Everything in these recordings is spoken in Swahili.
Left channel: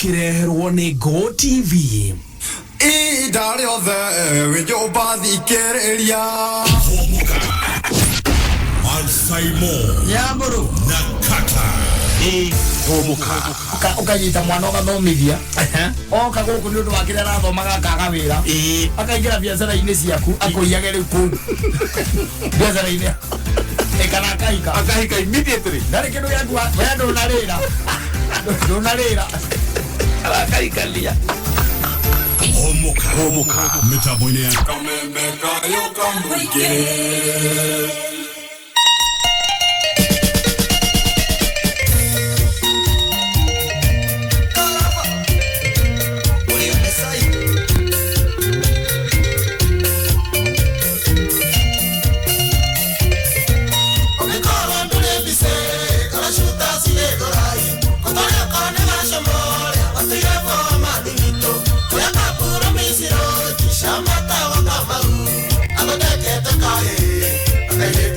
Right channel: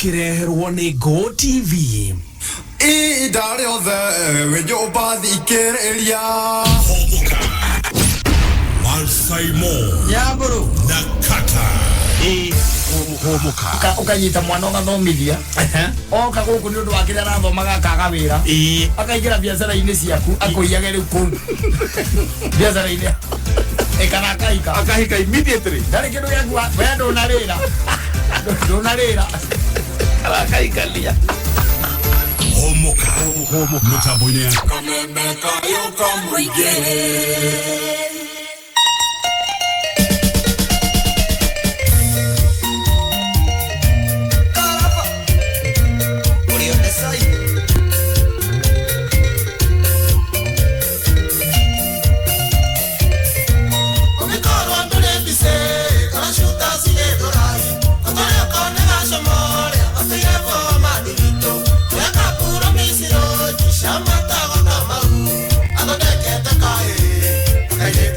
ukireherwo ni Go TV. Idare othe wejo bathikiriria Humuka Mansaimo Yamburu na Kattaj Humuka ukanyita mwana ugathomithia oka guku ni undu wa kiria arathomaga akaga wira akaingira biacara-ini ciaku akuiage riu kuu biacara-ini ekana akahika Immediately. ndari kindu giaku we ndunarira akaikalia Humuka mitambo-ini ya Hey,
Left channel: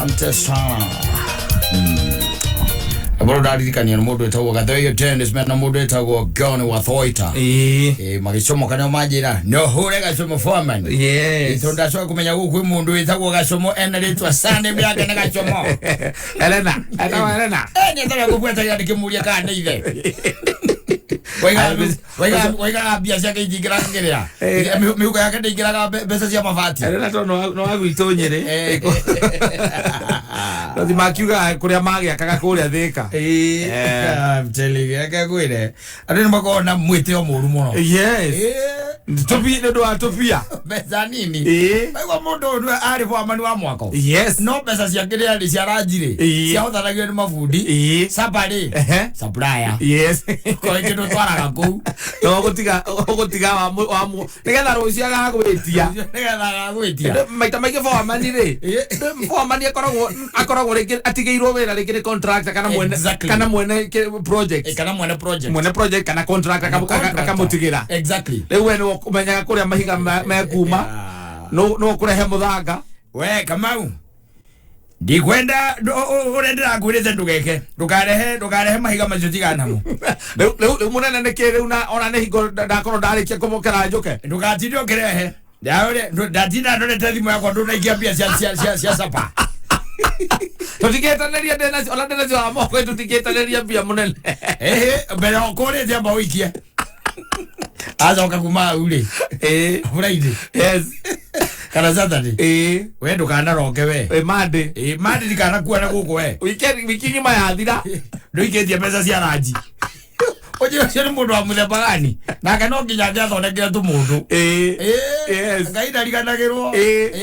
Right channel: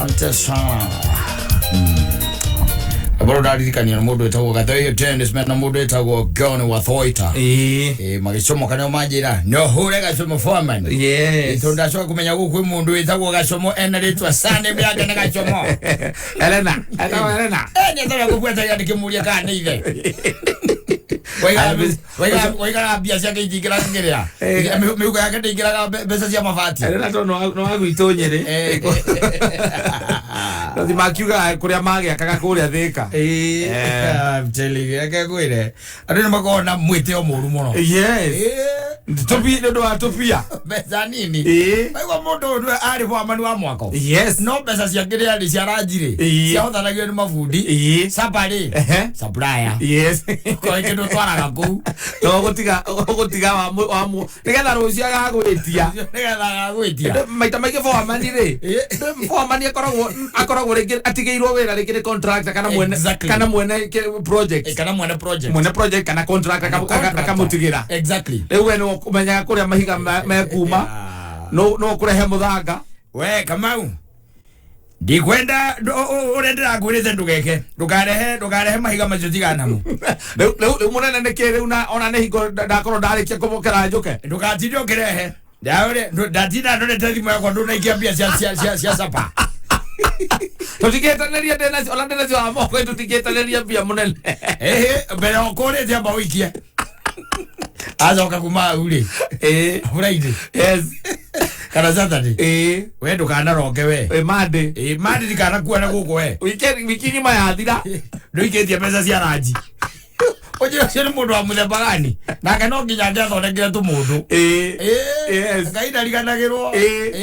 asante sana. Aboro ndaririkania no mundu etagwo Gathoyo tennis man no mundu etagwo Gone wa Thoita. Magicomo kana majira no hure gacomo foreman. Ito ndacoka kumenya guku mundu etagwo gacomo ritwa sane byake na gacomo. Elena. Nyetara gubweta ya ndikimuria kana ithe. Waiga biacara ke igira ngerea. Miuga yake ndigira besa cia mabati. Elena to no agwitonyere. Ndio makiuga kuria magi akaga kuria thika. I'm telling you, akakwire. Ari mbakona mwite o muru muno. Yes. Topi ndo atopia. Besa nini? Waiga mundu ndo ari kwa manu wa mwako. Yes. No besa cia kiria ri cia ranjire. Cia uthanagio ni mafundi. Sapari. Supplier. Yes. Ko ikindo twaraga ku. No gotiga wa mu. Nigetha rucia gagwitia. Nigetha gagwitia. Maita maingi for mani ri. For mani akoragwo ringi atigeirwo wira ringi ni contractor kana mwene project. Mwene project kana contractor akamutigira. Exactly. Riu eno kumenyaga kuria mahiga mekuma. No kurehe muthanga. We Kamau. Ndikwenda urendera ngwirite ndugeke. Ndukarehe mahiga macio tigana no. Riu munene nikiri ona nehingo ndakorwo ndarikia kumukera njuke. Ndukatinde ukirehe. Ndatinda ndorete thimu yakwa ndunaikia mbia cia sapa. Tutigetaneria ndena ona ndena cia moko tutigetaneria mbia munene. Mbere okore tia bawikie. Azoka kuma ule. Friday. Yes. Kana Saturday. We ndukana roke we. Monday. Monday dikana kuona guko we. Wiki ngima ya thira. Ndoiketie pesa cia ranji. Oje cio mundu wa muthemba gani? Nake no nginya ngiathondekera tu mundu. Yes. Ngai ndariganagirwo.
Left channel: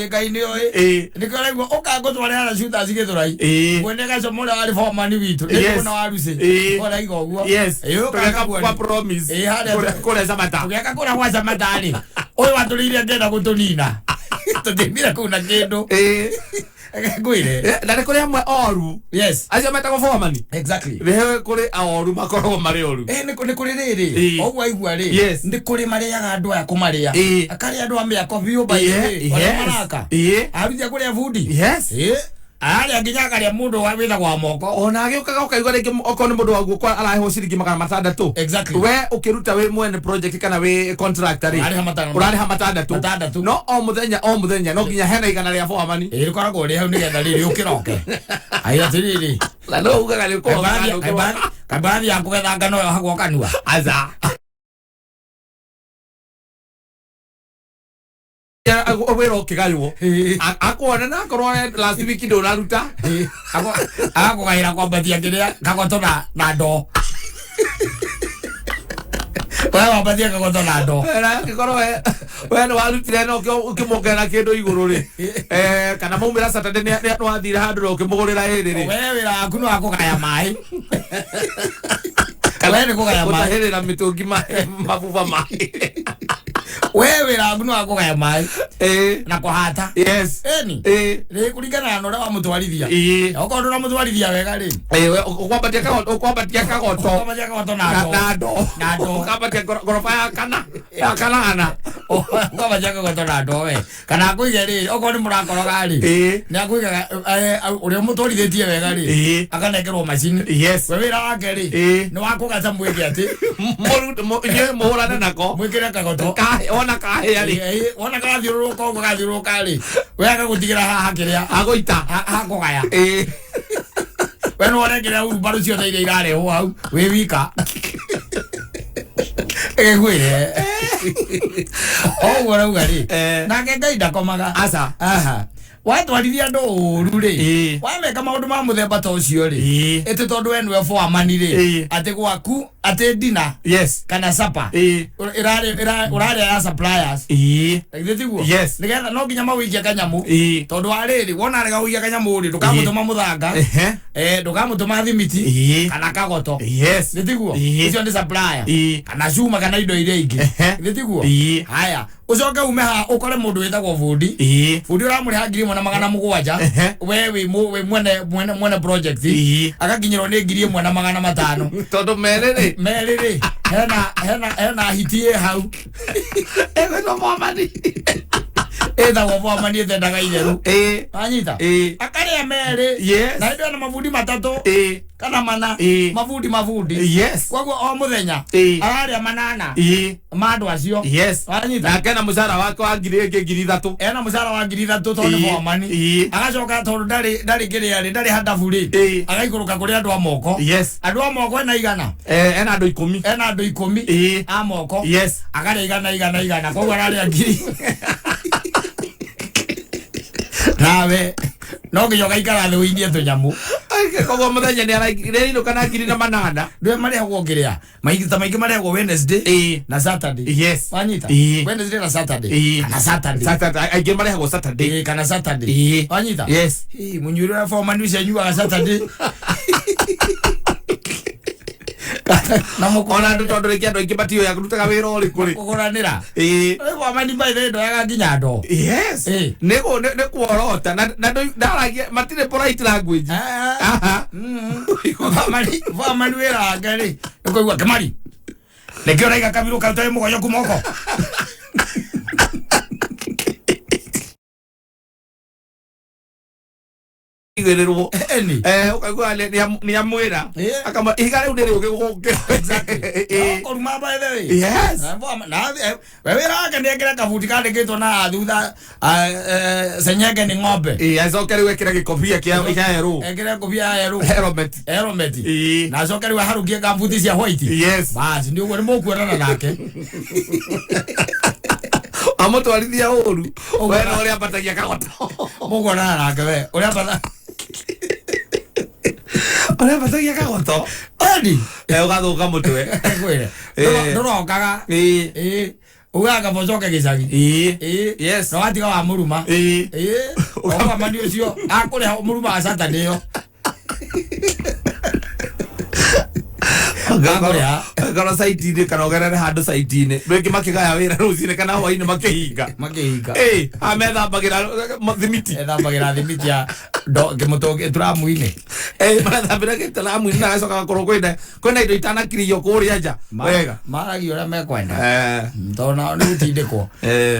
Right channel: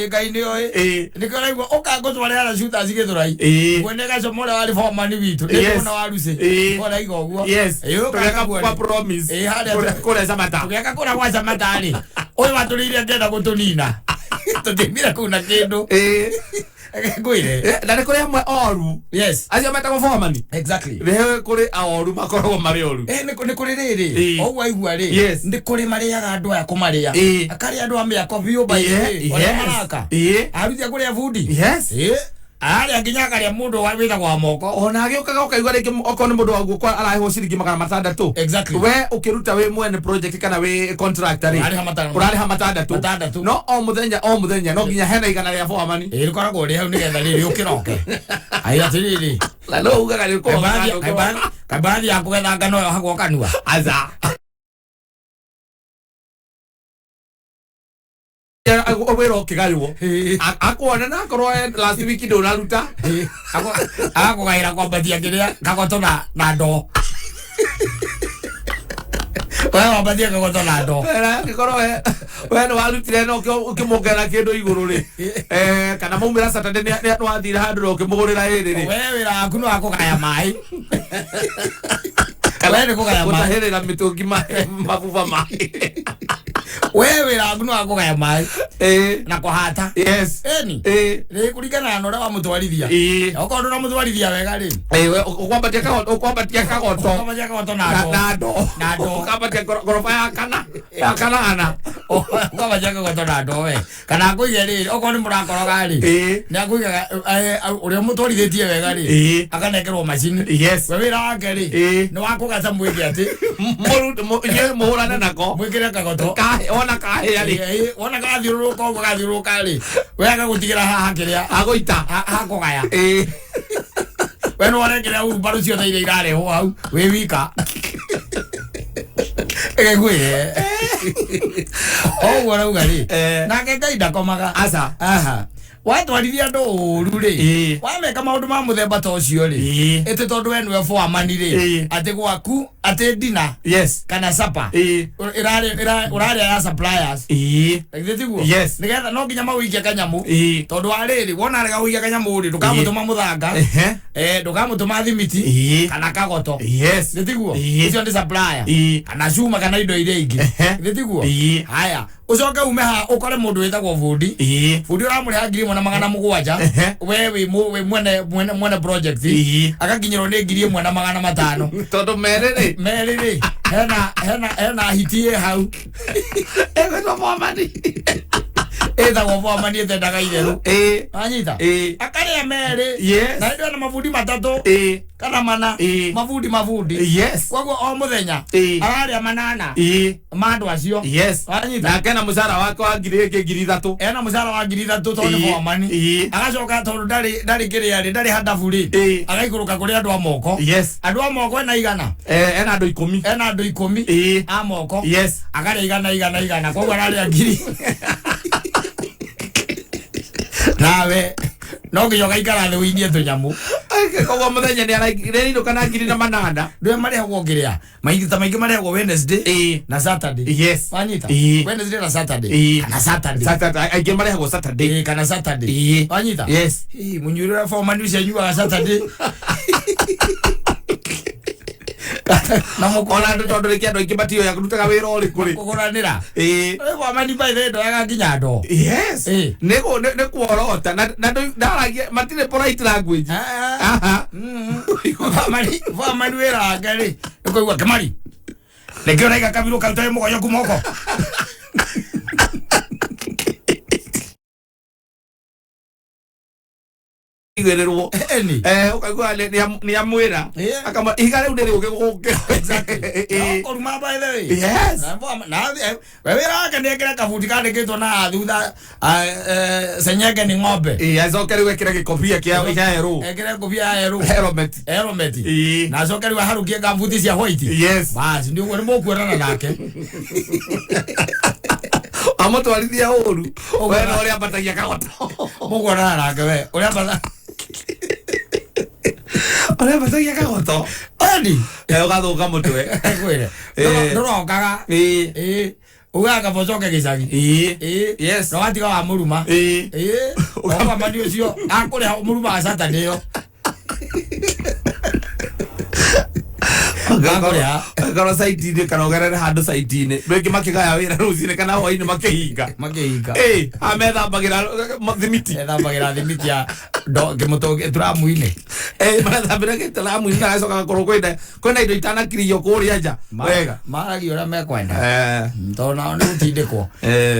Ngai ni oi. Niko raigua ukango tware ara shooters githurai. Kwende gacomo ria wari forman witu. Ndikona waruce. Ora igo guo. Yes. Tukaka promise. Kore samata. Tukaka kora kwa samata ri. Oyo waturire ngenda gutunina. Tutimira kuna kindu. Gwire. Ndare kore amwe oru. Yes. Acio metagwo forman. Exactly. Rehe kore oru makoragwo mari oru. Ni kuri riri. O waigua ri. Yes. Ndi kuri mariaga andu aya kumaria. Akari andu amia coffee by. Maraka. Arutia kuri foodi. Yes. Ari anginya kari mundu wa witha kwa moko. Ona agiukaga ukaigwa ringi okone mundu waguo kwa arahe ciringi 600. Exactly. We ukiruta we mwene project kana we contractor ri. Urari hamatandatu. No o muthenya no nginya hena igana ria forman. Rikoragwo ri hau nigetha riri ukiroke. Ai atiriri. La no ugaga ri ko. Kabari ya kugetha ngano yo hagwo kanua. Aza. Wero kigayo akona na korwa last week ndo naruta ako gaira kwa badia kiria kagoto na ndo wewe badia kagoto na ndo era korwa wewe warutire no ukimogera kindu iguru ri kana maumira Saturday ni wathira handu ukimugurira iri ri wewe ra kuno akugaya mai wewe kugaya mai utahirira mitungi mabuba mai wewe ra kuno akugaya mai na kuhata. Yes. Eni ri kuringana na ora wa mutwarithia okorwo na mutwarithia wega ri ukwambatia kagoto na ndo ukwambatia gorofa ya kana ukwambatia kagoto na ndo we kana kuige ri okorwo ni murakoroga ri ni akuiga uria mutwarithitie wega ri akanekerwo macini. Yes. We wira wake ri ni wakugata mwike ati muhurane nako mwikire kagoto ona kahe ari ona gathiuruka ri we agagutigira haha kiria agoita hakugaya we no warengira mbaru ciothe iria irarehwo hau we wika gwire o rauga ri nake Ngai ndakomaga aca watwarithia andu uru ri wameka maundu ma muthemba ta ucio ri ete tondu we niwe forman ri ati gwaku ati dina kana sapa urari ya suppliers egithiguo nigetha no nginya mawikia kanyamu tondu ariri wona rega wikia kanyamu ri ndukamutuma muthanga ndukamutuma thimiti kana kagoto githiguo icio ni supplier kana cuma kana indo iria ingi githiguo haya ucoke ume ha ukore mundu witagwo fundi uramuriha 1,700 wewe mwene project akakinyirwo ni 1,500 tondu meriri hena hitie hau ewe no forman Eda kwa mani ndaga itheru. Anyita. Akare mere. Na ndio na mafundi matatu. Kana mana. Mafundi. Yes. Kwa o muthenya. Ararĩa manana. Mandu acio. Yes. Anyita. Na kana musara wako wa ngiri 3. Ena musara wa ngiri 3 tondu kwa mani. Agacoka tondu ndari ngiri ndari hadabu ri. Agaikuruka kuri andu a moko. Yes. Andu a moko ena igana. Ena andu 10. Ena andu 10. A moko. Yes. Agare igana. Kwa ararĩa ngiri. Nawe no ngiyoga ikara thu inie tunyamu kogo muthenya ni araigire kana ngiri na manana ndwe marehwo ngiria maingi marehwo Wednesday na Saturday. Yes. Wanyita Wednesday na Saturday kana Saturday aige marehwo Saturday kana Saturday. Wanyita yes. Munyurira for manu cenyu Saturday na mukona ndu tondu riki andu ingibatio ya kurutaga wira uri kuri kuguranira kwa mani by the ndo yaga nginya ndo. Yes. Nego ne kuorota na ndaragia matire polite language. Kwa mani wira ngari nikuigua kamari lekio na ikakabiro kaltaye mugoyo kumoko igwererwo ukagwa ni amwira akama igare ndere ugeguke exactly oruma by the way. Yes. Na wewe raka ndekera kafuti kande keto na thutha senyege ni ng'ombe azokeri wekira gikobia kia hero ekira kobia hero helmet na azokeri wa harukia kafuti cia white. Yes. Basi ndio ngone mokuerana nake amoto alithia uru wewe uri abatagia kagota mokuerana nake we uri abata ore batagia kagoto ani ugathuka mutwe kwire ndoro kaga ugaga bocoke gicagi yes no atiga wa muruma kwa mani ucio akure muruma asata niyo Gana site ni kana ogerere handu site ni rwingi makigaya wira rucine kana hwaini makihinga ametha bagira thimiti ya do kimutoge turamuine mathambira gitaramu na gacoka gakoro kwenda indo itanakirio kuria nja wega maragi ora mekwenda ntona ni gutindikwo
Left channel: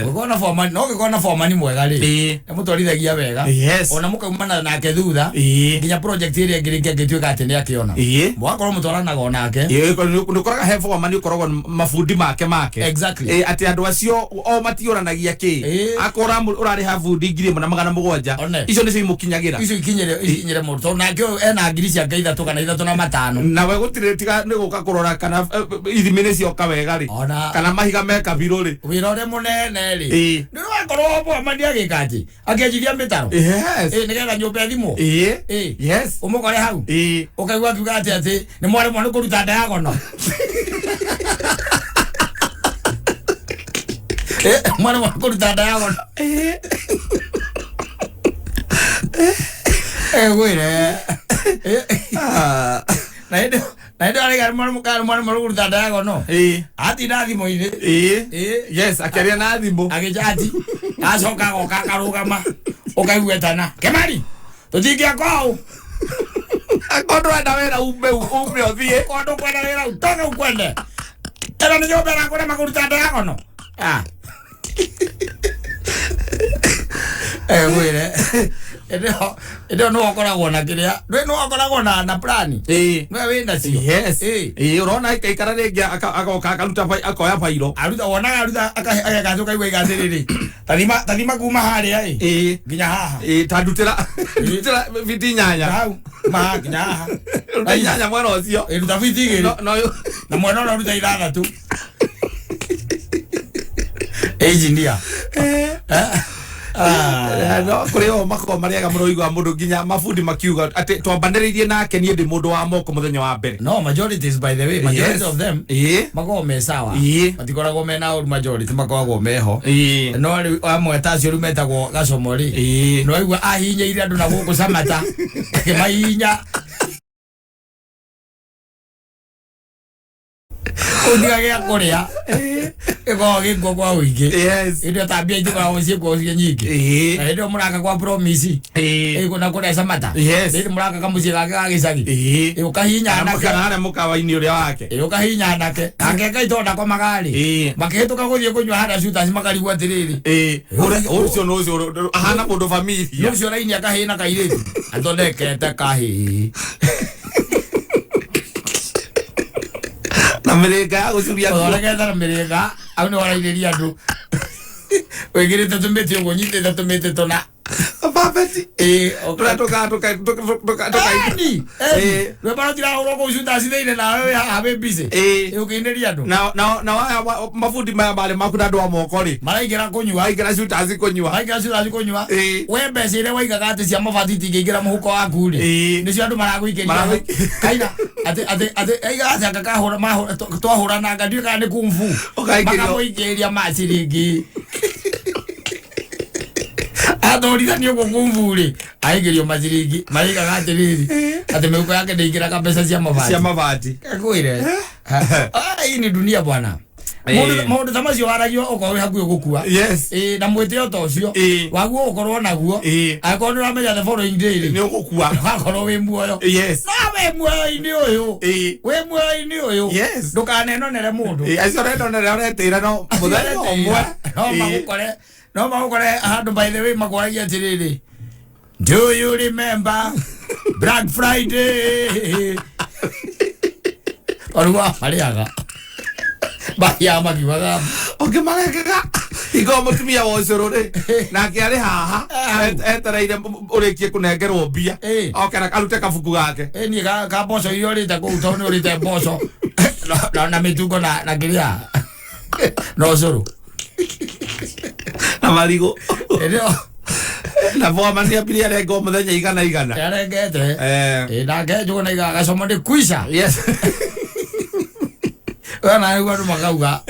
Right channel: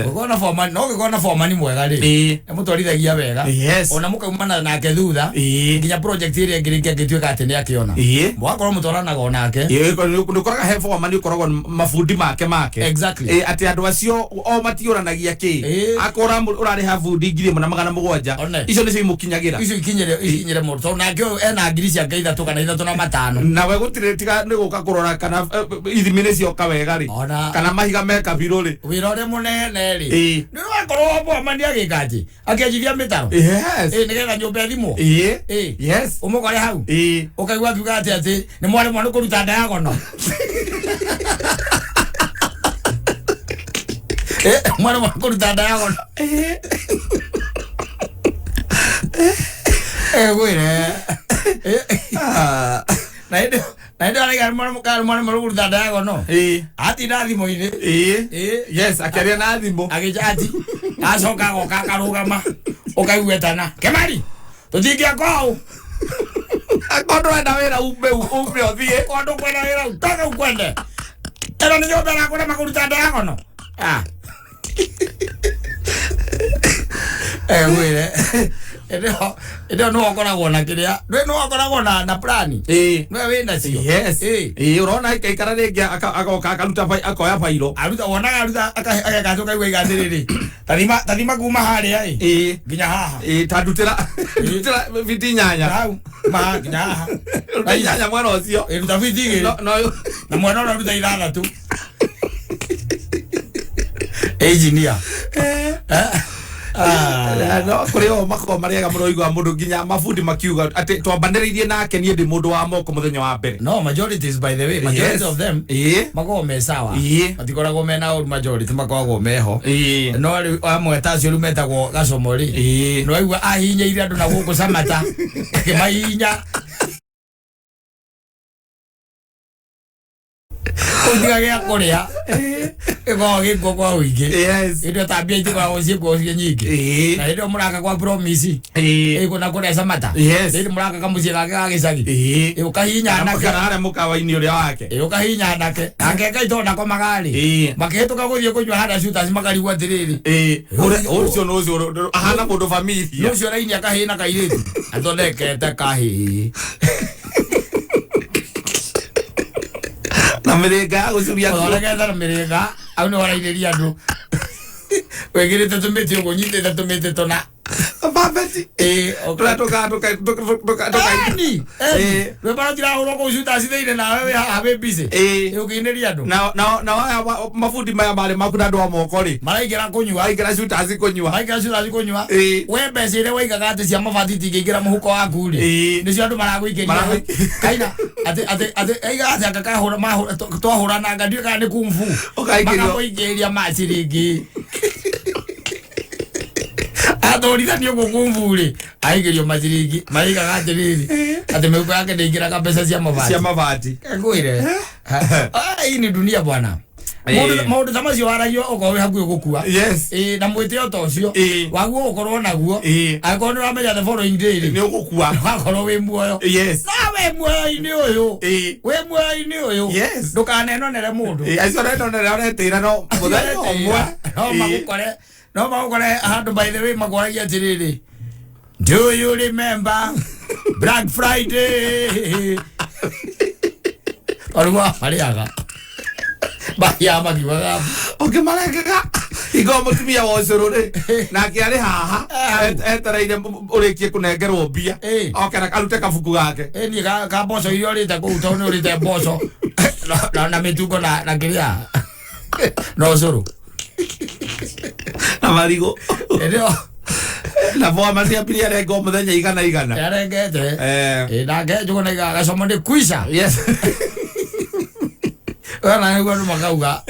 gukona forman no gukona forman mwega ri mutwarithagia wega ona mukaumana nake thutha nginya project iri ngirikia gituika ati ni akiona mwakorwo mutwaranaga onake ndukoraga he forman ukoragwo mafundi make exactly ati andu acio o matioranagia ki akora urari ha fundi ngiri na 700 icio ni cimukinyagira icio ikinyire muto nake ena ngiri cia ngai 3 kana 3 na 5 na we gutire tiga ni guka kurora kana ithimire cio kawega ri kana mahiga meka biruri wira ore munene ri ni wakorwo bo mandia gikaji akiajithia mitaro nigetha nyumba thimo yes umukore hau ukaigua kiuga ati ni mwari mwana kuruta ndayagono mwana kuruta ndayagono wire na ndio ali mwana kuruta ndayagono ati ndathimo ine yes akiaria na thimo agijati acoka goka karugama ukaigwetana kemari tutingia kwao akondo enda wira umbe othie kondo kwenda wira utoke ukwende tena ni jobe na kuna makuruta ndayagono wire Ede no akoragwo na kiria no akoragwo na plan no wenda cio yes urona ikara ringi agoka akaruta akoya failo aruta wonaga aruta akagacoka igwe igathiriri tathima kuma haria nginya haha tandutira viti nyanya hau nginya haha nyanya mwana ucio ruta viti igiri na mwana ora ruta 6 engineer no kuri o mako mariaga muroigwa mundu nginya mafundi makiuga ati twambaniririe nake nie ndi mundu wa moko muthenya wa mbere no majorities by the way majority of them mako me sawa matikoragwo mena oru majority makoragwo meho no ari amwe tacio ru metagwo gacomori no aigua ahinya ire andu na guku samata mahinya undiga gya kuria ego giko kwa wiki Yes. ndio tabia hizo kwa usiku nyingi na ndio muraka kwa promise kuna kuna samata ndio muraka kama muzika kage sagi ukahinya na kana mukawa-ini uria wake ukahinya nake angeka itonda kwa magari maketuka guthie kunywa hada shuta simakari gwa tiriri ucio no ucio ahana mundu familia ucio raini akahina kairitu athondekete kahi na mirega ucuria thondekete mirega au no waraireria andu wegirite tumiti ugo nyitite tumiti tona babeti toka ni we bara tira horo ko shuta sithine na we have busy ukinderia andu na mafundi maya male makuna ndo amoko ri maraigera kunywa aigera shuta azikunywa we mbecire waigaga ati cia mabati tingigira muhuko waku ri nicio andu maraguikeria kaina ate aiga ati akakahura twahura na ngadio kana ni kumfu makamuikeria maciringi athorithania gugumvuri aigerio maciringi maigaga atiriri ati meuko yake ndingira kabesa cia mabati ngwire hii ni dunia bwana Maudu tamacio waragio ukorwo hakuo gukua na mwitio to cio waguo ukorwo naguo akorwo ni uramenya the following day ni ugukua akorwo wi muoyo na we muoyo-ini uyu we muoyo-ini uyu ndukanenonere mundu acio renonere uretira no muthenya umwe no magukore handu by the way magwaragia atiriri do you remember Black Friday orwa mariaga bahia magiwaga okay marekaga igo mutumia wocoro ri nake ari haha etereire urikie kunengerwo mbia okera karute kabuku gake ni ka boso iyo rita ku tono urite boso na mituko na kiria no zoro na marigo ndio na voa masia piria rego muthenya igana yarengete na ngejo na iga gacomo ndi kuisha wana yugo ndo makauga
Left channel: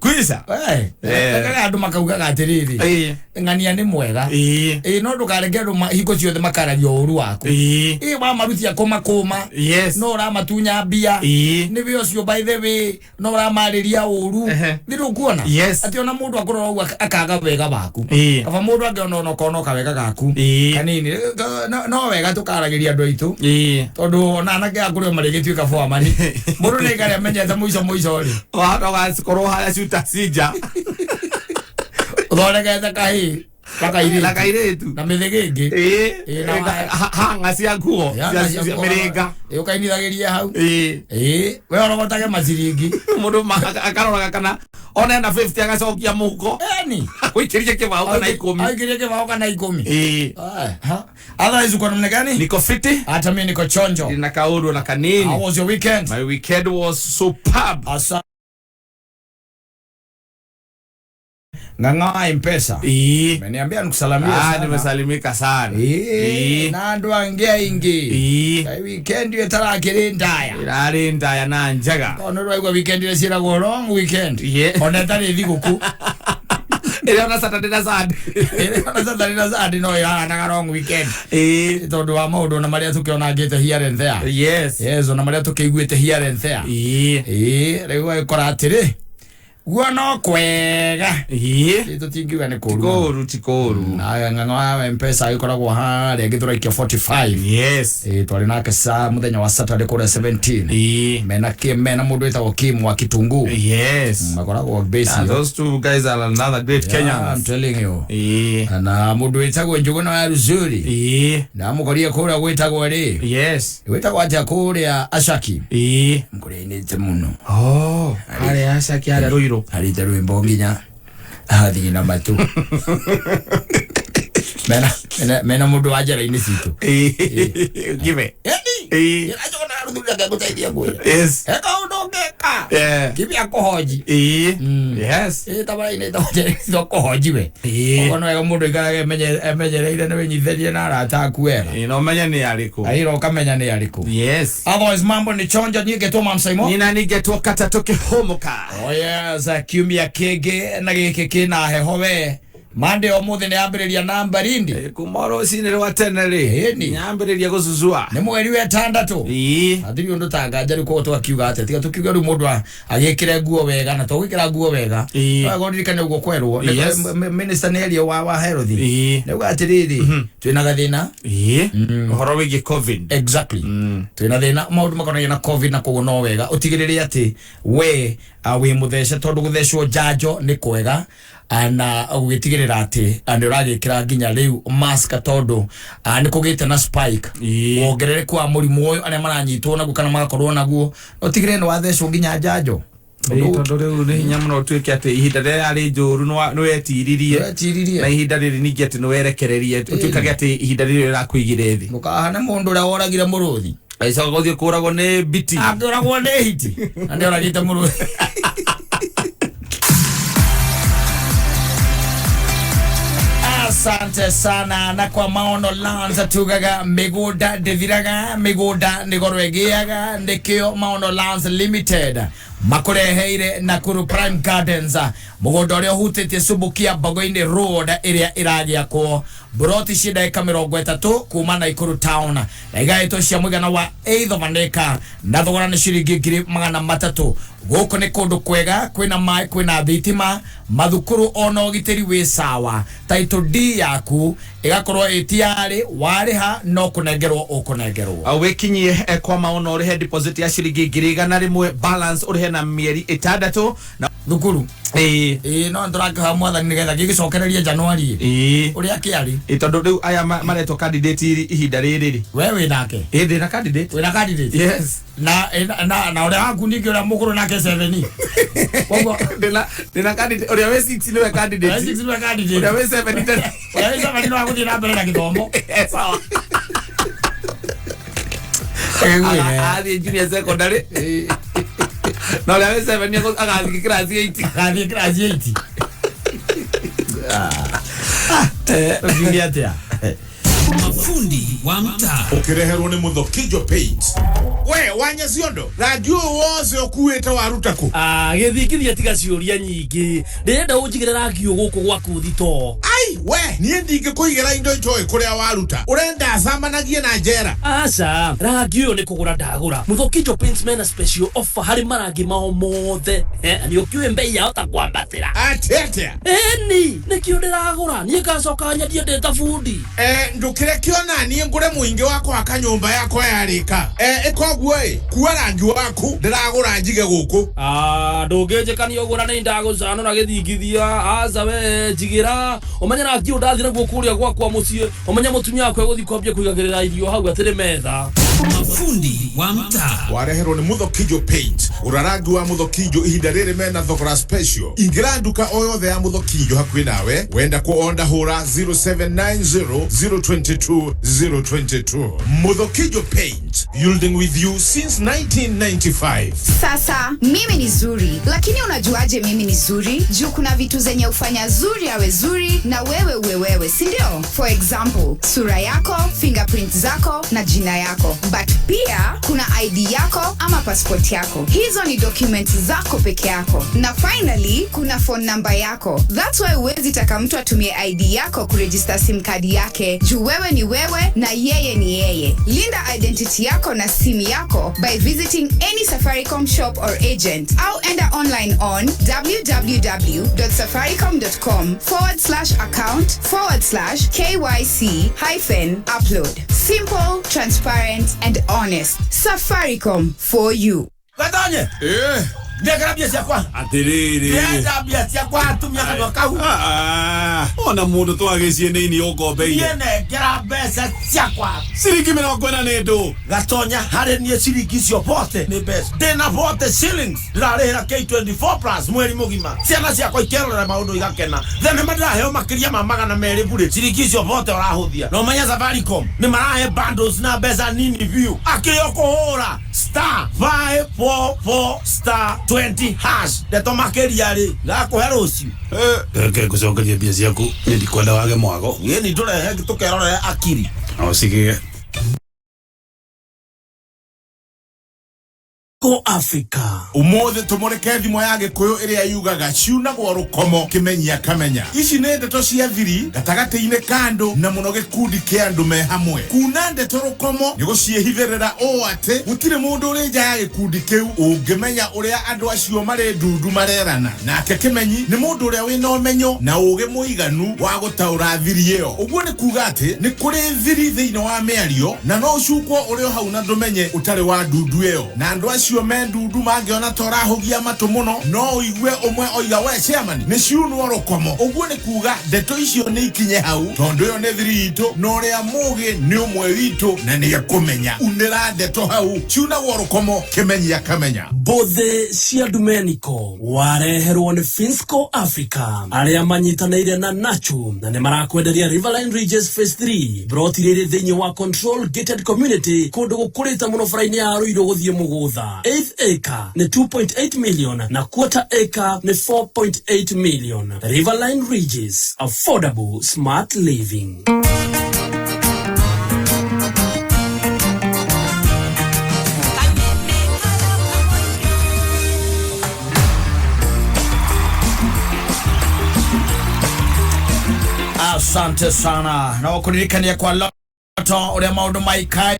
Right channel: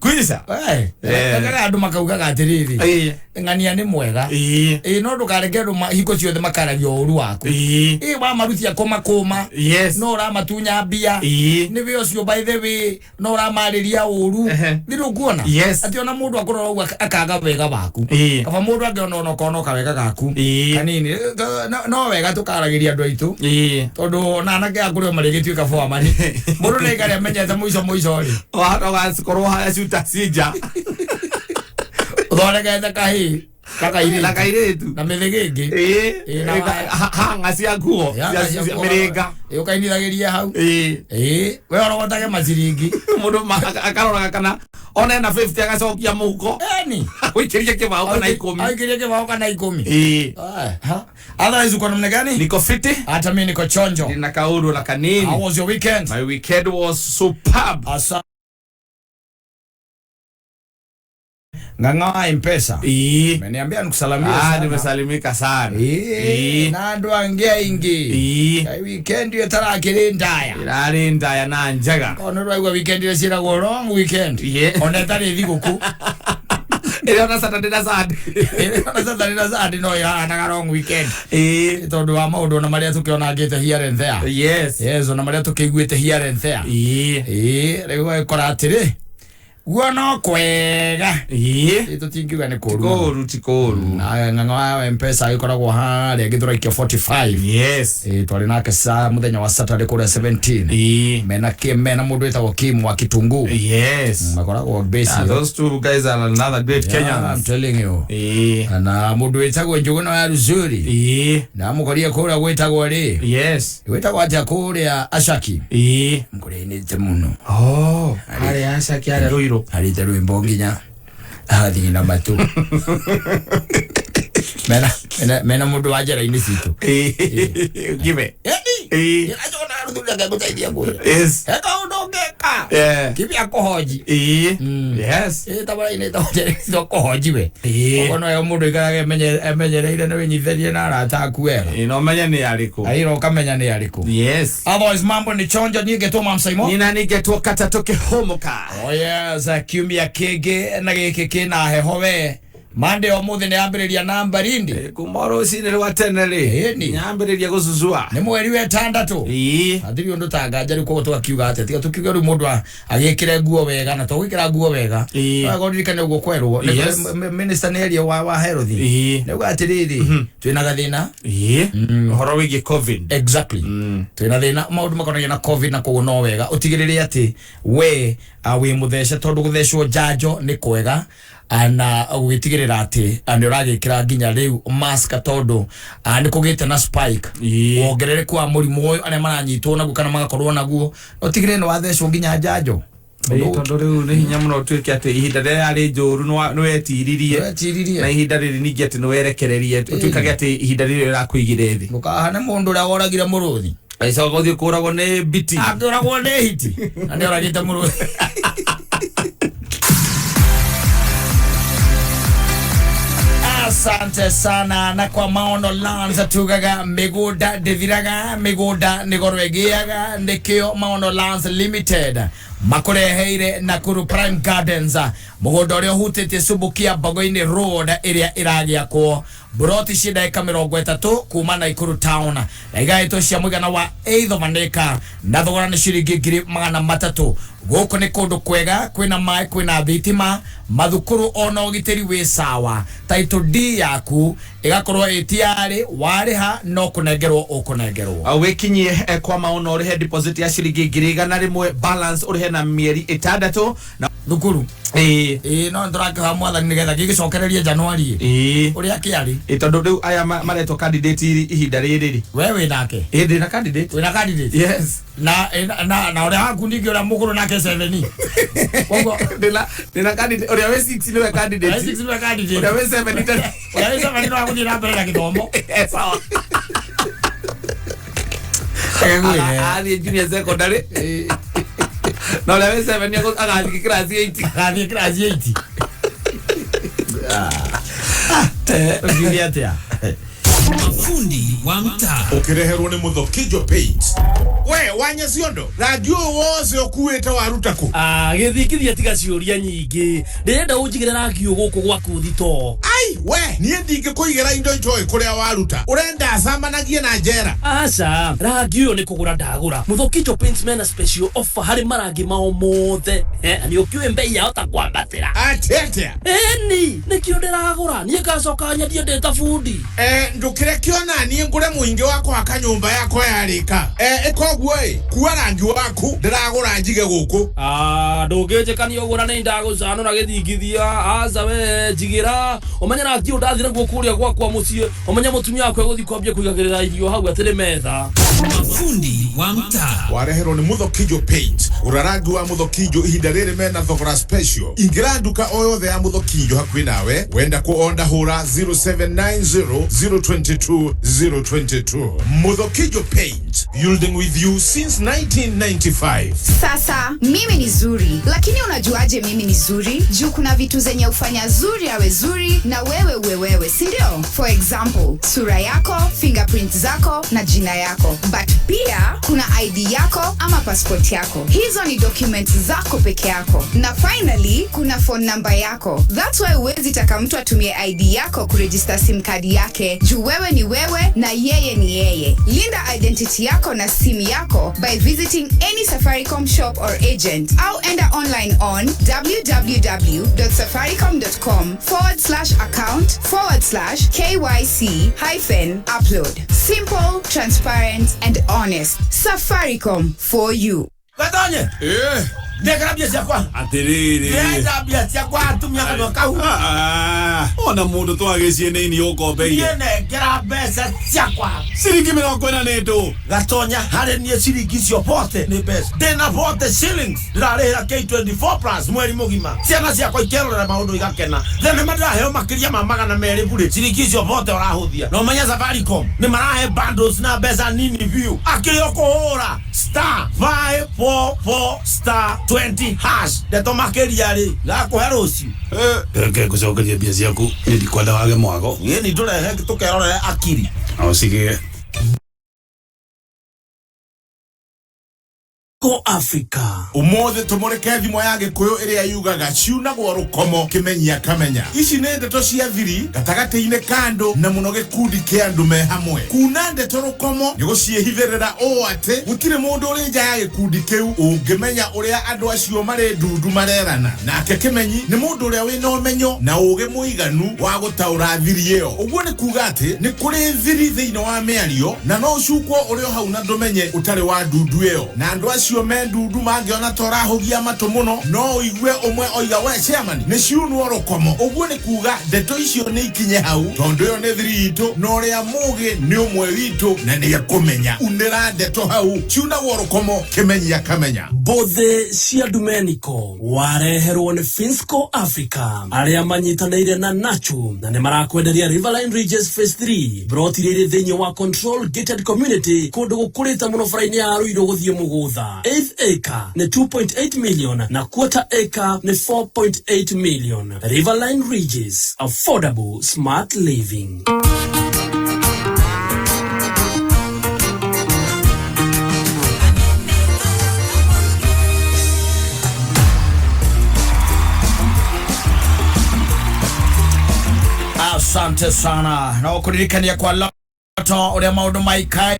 kuisha ndaga andu makauga gatiriri ngania ni mwega no ndukareke andu hiko ciothe makaragio uru waku ba marutia koma no ra matunya mbia ni we ucio by the way no ra mariria uru ni rukuona ati ona mundu akorwo akaga wega baku kaba mundu angiona no kono kawega gaku kanini no wega tukaragiria andu aitu tondu na anake akuryo marigituika foamani mundu ni gari amenyete muico ri watoga sikoro haya shuta sija uthondekete kahi kakairitu na mithigigi hanga cia nguo cia miringa ukainithagiria hau we orogotage maciringi mundu akaroraga kana ona na 50 agacokia muhuko wikirie kibao kana 10 aikirie kibao kana 10 otherwise uko namna gani? Niko fiti, hata mimi niko chonjo. Nina kauru na kanini. How was your weekend? My weekend was superb. Nganga M-Pesa. Meniambia nikusalimia sana. Nimesalimika sana. Na ndo angia ingi. Weekend yo tarakire ndaya. Irari ndaya na njaga. Ono rwa weekend ile sira go long weekend. Ona tari thiguku. Ile ona Saturday na Sunday. Ile ona Saturday na Sunday no ya na long weekend. Tondu wa maundu na maria tukiona ngite here and there. Yes, ona maria tukiguite here and there. Rewa koratire. Guano kwega tutingiuga ni koru tikoru na nganga M-Pesa ikoragwo ha regithura ikio 45 twari nake sa muthenya wa Saturday kore 17 mena mundu etagwo Kim wa Kitungu makoragwo base those two guys are another great Kenyans. I'm telling you na mundu etagwo Njuguna ya Ruzuri na mukoria kora gwetagwo ri gwetagwo aja kuria Ashaki mukorinite muno ari Ashaki ari ruiro harite rwimbo nginya hathi na matu mena mundu wa njera-ini citu give ajona ruthuria ngagutethia kuira eka undu ngeka kibi akohoji tabara-ini ndo kohoji we ono yo mundu ikarage emenyereire na winyitherie na arata aku wega ino menya ni ariku airo ukamenya ni ariku otherwise mambo ni chonjo ningetwo Mansaimo nina ningetwo Kattaj Humuka kiumia kingi na giki kina heho we Monday omuthi ni ambiriria namba rindi kumoro sine rwa tenere nyambiriria gusuzua ni mweri wa 6 athiri undu tangaja ri ko twakiuga ate tiga tukiuga ri mundu agikire nguo wega na twikira nguo wega agondirikane ugo kwerwo minister nerio wa health ni gwatiriri twina gathina horo wigi covid exactly twina thina maundu makonaga na covid na kogo no wega utigirire ati we wi muthece tondu guthecwo janjo ni kwega ana ugitigirira ati andi uragikira nginya riu mask tondu ni kugite na spike wongerere kwa murimu uyu aria maranyitwo naguo kana magakorwo naguo utigire ni wathecwo nginya janjo tondu riu ni hinya muno twike ati ihinda riri ari njuru no wetiririe na ihinda riri ningi ati no werekererie twikage ati ihinda riri rirakuigire thi ukahana mundu uria woragire muruthi aica gothie kuragwo ni biti akuragwo ni hiti andi uragite muruthi Asante sana na kwa maono lanza tugaga migunda ndithiraga migunda nigorwegiaga nikio maono lanza limited makureheire Nakuru Prime Gardens mugunda uria hutete Subukia Bagoini Road iria iragia ko broti shida eka 30 kuma Nakuru town na igaito cia mugana wa 8 of an acre na thogora ni ciringi 300 goko ni kundu kwega kwina mai kwina thitima mathukuru ona ugiteri wi sawa title D yaku igakorwo etiari wariha no kunengerwo ukunengerwo wikinyie kwa maono urihe deposit ya ciringi 100 balance urihe na mieri 6 na thukuru no ndurakiha mwathani nigetha gigicokererie Januari uria kiari tondu riu aya mareto candidate ihinda riri wewe nake ndina candidate wina candidate yes na uria waku ningi uria mukuru nake 7 kogo ndina candidate uria we 6 niwe candidate 6 niwe candidate uria we 7 ndina uria we 7 no akuthi na mbere na githomo sawa ali junior secondary no uria we 7 ni agathi class 8 Julieta mafundi wa mtaa ukireherwo ni Muthokijo Paint we wanya ciondo radio wose okuwete warutako githikithia tiga ciuria nyingi ndirenda unjigire radio guku gwaku thito ai we nie ndinge kuigera indo njoy kuria waruta urenda samanagie na njera aca radio ni kugura ndagura Muthokijo Paint mena special offer hari marangi mao mothe ni ukiwe mbei ya ota kwambatira atete ni kio ndiragura nie gacoka nyendie ndeta fundi ndukire kiona nie ngure muingi wako akanyumba yako yarika ikoguo kuwa rangi waku ndiragura njige guku ndungijikania ugura ni ndaguzano na githingithia aza we jigira umenya rangi undathira guo kuria gwakwa mucie umenya mutumia wako guthi kwambia kuigagirira irio hau atire metha mafundi wa mtaa wareherwo ni Muthokijo Paint urarangi wa Muthokijo ihinda riri mena thogora special ingira nduka o yothe ya Muthokijo hakuhi nawe wenda ku onda hura 0790022022 Muthokijo Paint building with you since 1995. Sasa mimi ni zuri, lakini unajuaje mimi ni zuri? Juu kuna vitu zenye ufanya zuri awe zuri na wewe, si ndio? For example, sura yako, fingerprint zako na jina yako. But pia kuna ID yako ama passport yako. Hizo ni documents zako peke yako. Na finally, kuna phone number yako. That's why huwezi taka mtu atumie ID yako kuregister SIM card yake. Juu wewe ni wewe na yeye ni yeye. Linda identity yako na simu yako by visiting any Safaricom shop or agent. Au enda online on www.safaricom.com/account/KYC-upload. Simple, transparent, and honest. Safaricom for you. Gatonye ndekera bia ciakwa atiriri ndekera bia ciakwa atumia kana kau ona mundu twagicie nini ukombeire ndekera mbeca ciakwa ciringi 40 ndu Gatonya hari nie ciringi cio pote ni mbeca ndina pote shillings ndarihira K24 plus mweri mugima ciana ciakwa ikerora maundu igakena thene madraheo makiria ma 200 bure ciringi cio pote urahuthia no menya Safaricom ni marahe bundles na mbeca nini view akio kuhura *544*20 hash ndeto makeria ri gakuhe rucio keke kucokeria mbia ciaku ni ndikwenda wage mwago ni ndurehe tukerorera akiri au sige Ko Africa. Umothe tumureke thimo ya Gikuyu iria yugaga ciunagwo rukomo kimenyia kamenya. Ici nĩ ndeto cia thiri gatagati-inĩ kando na muno gikundi kia andu me hamwe. Kuna ndeto rukomo nĩ guciehithĩrĩra o ate gutire mundu uri nja ya gikundi kiu ungimenya uria andu acio mari ndundu marerana. Nake kimenyi nĩ mundu uria wina umenyo na uge muiganu wa gutaura thiri iyo. Uguo nĩ kuga ati nĩ kuri thiri thĩinĩ wa mĩario na no ucukwo uri hau na ndumenye utari wa ndundu iyo. Na andu acio me ndundu mangiona torahugia matu muno no igue umwe oiga we chairman nĩ ciunwo rukomo. Uguo nĩ kuga ndeto icio nĩ ikinye hau tondu yo nĩ thiri itu no uria mugi nĩ umwe witu na nĩ akumenya unira ndeto hau ciunagwo rukomo kimenyia kamenya. Bothe cia Domenico wareherwo nĩ Finsco Africa aria manyitanĩire na Nacho na nĩ marakwenderia Riverline Ridges Phase 3 brotirĩrĩ thĩinĩ wa Control Gated Community kũndũ gũkũrĩte mũno bara-inĩ ya Ruiru gũthiĩ mũgũtha. Acre ni 2.8 million na quarter acre ni 4.8 million. Riverline Ridges, affordable smart living. Asante sana na wakuririkania kwa loto uria maundu maikai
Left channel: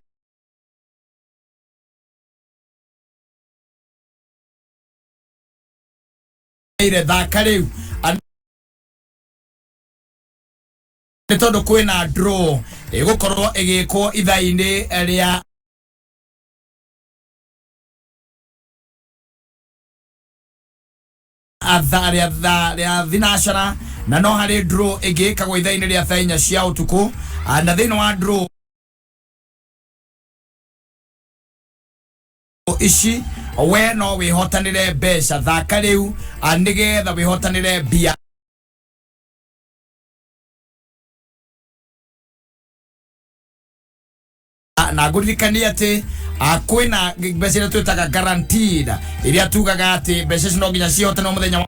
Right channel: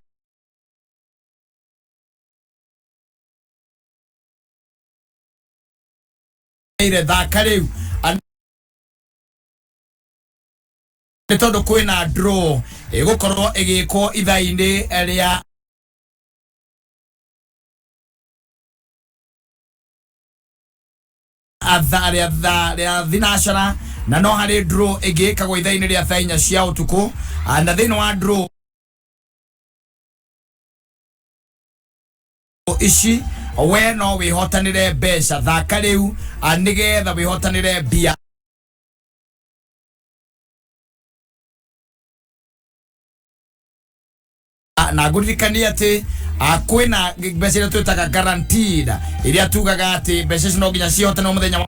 ire thaka riu nĩ tondu kwĩna draw ĩgũkorwo ĩgĩkwo ithaa-inĩ rĩa thinacara na no harĩ draw ĩgĩkagwo ithaa-inĩ rĩa thaa 4 cia ũtukũ na thĩinĩ wa draw ici we no wihotanire mbeca thaka riu nigetha wihotanire mbia na nguririkania ati kwina mbeca iria twitaga guaranteed iria tugaga ati mbeca ici no nginya cihotane muthenya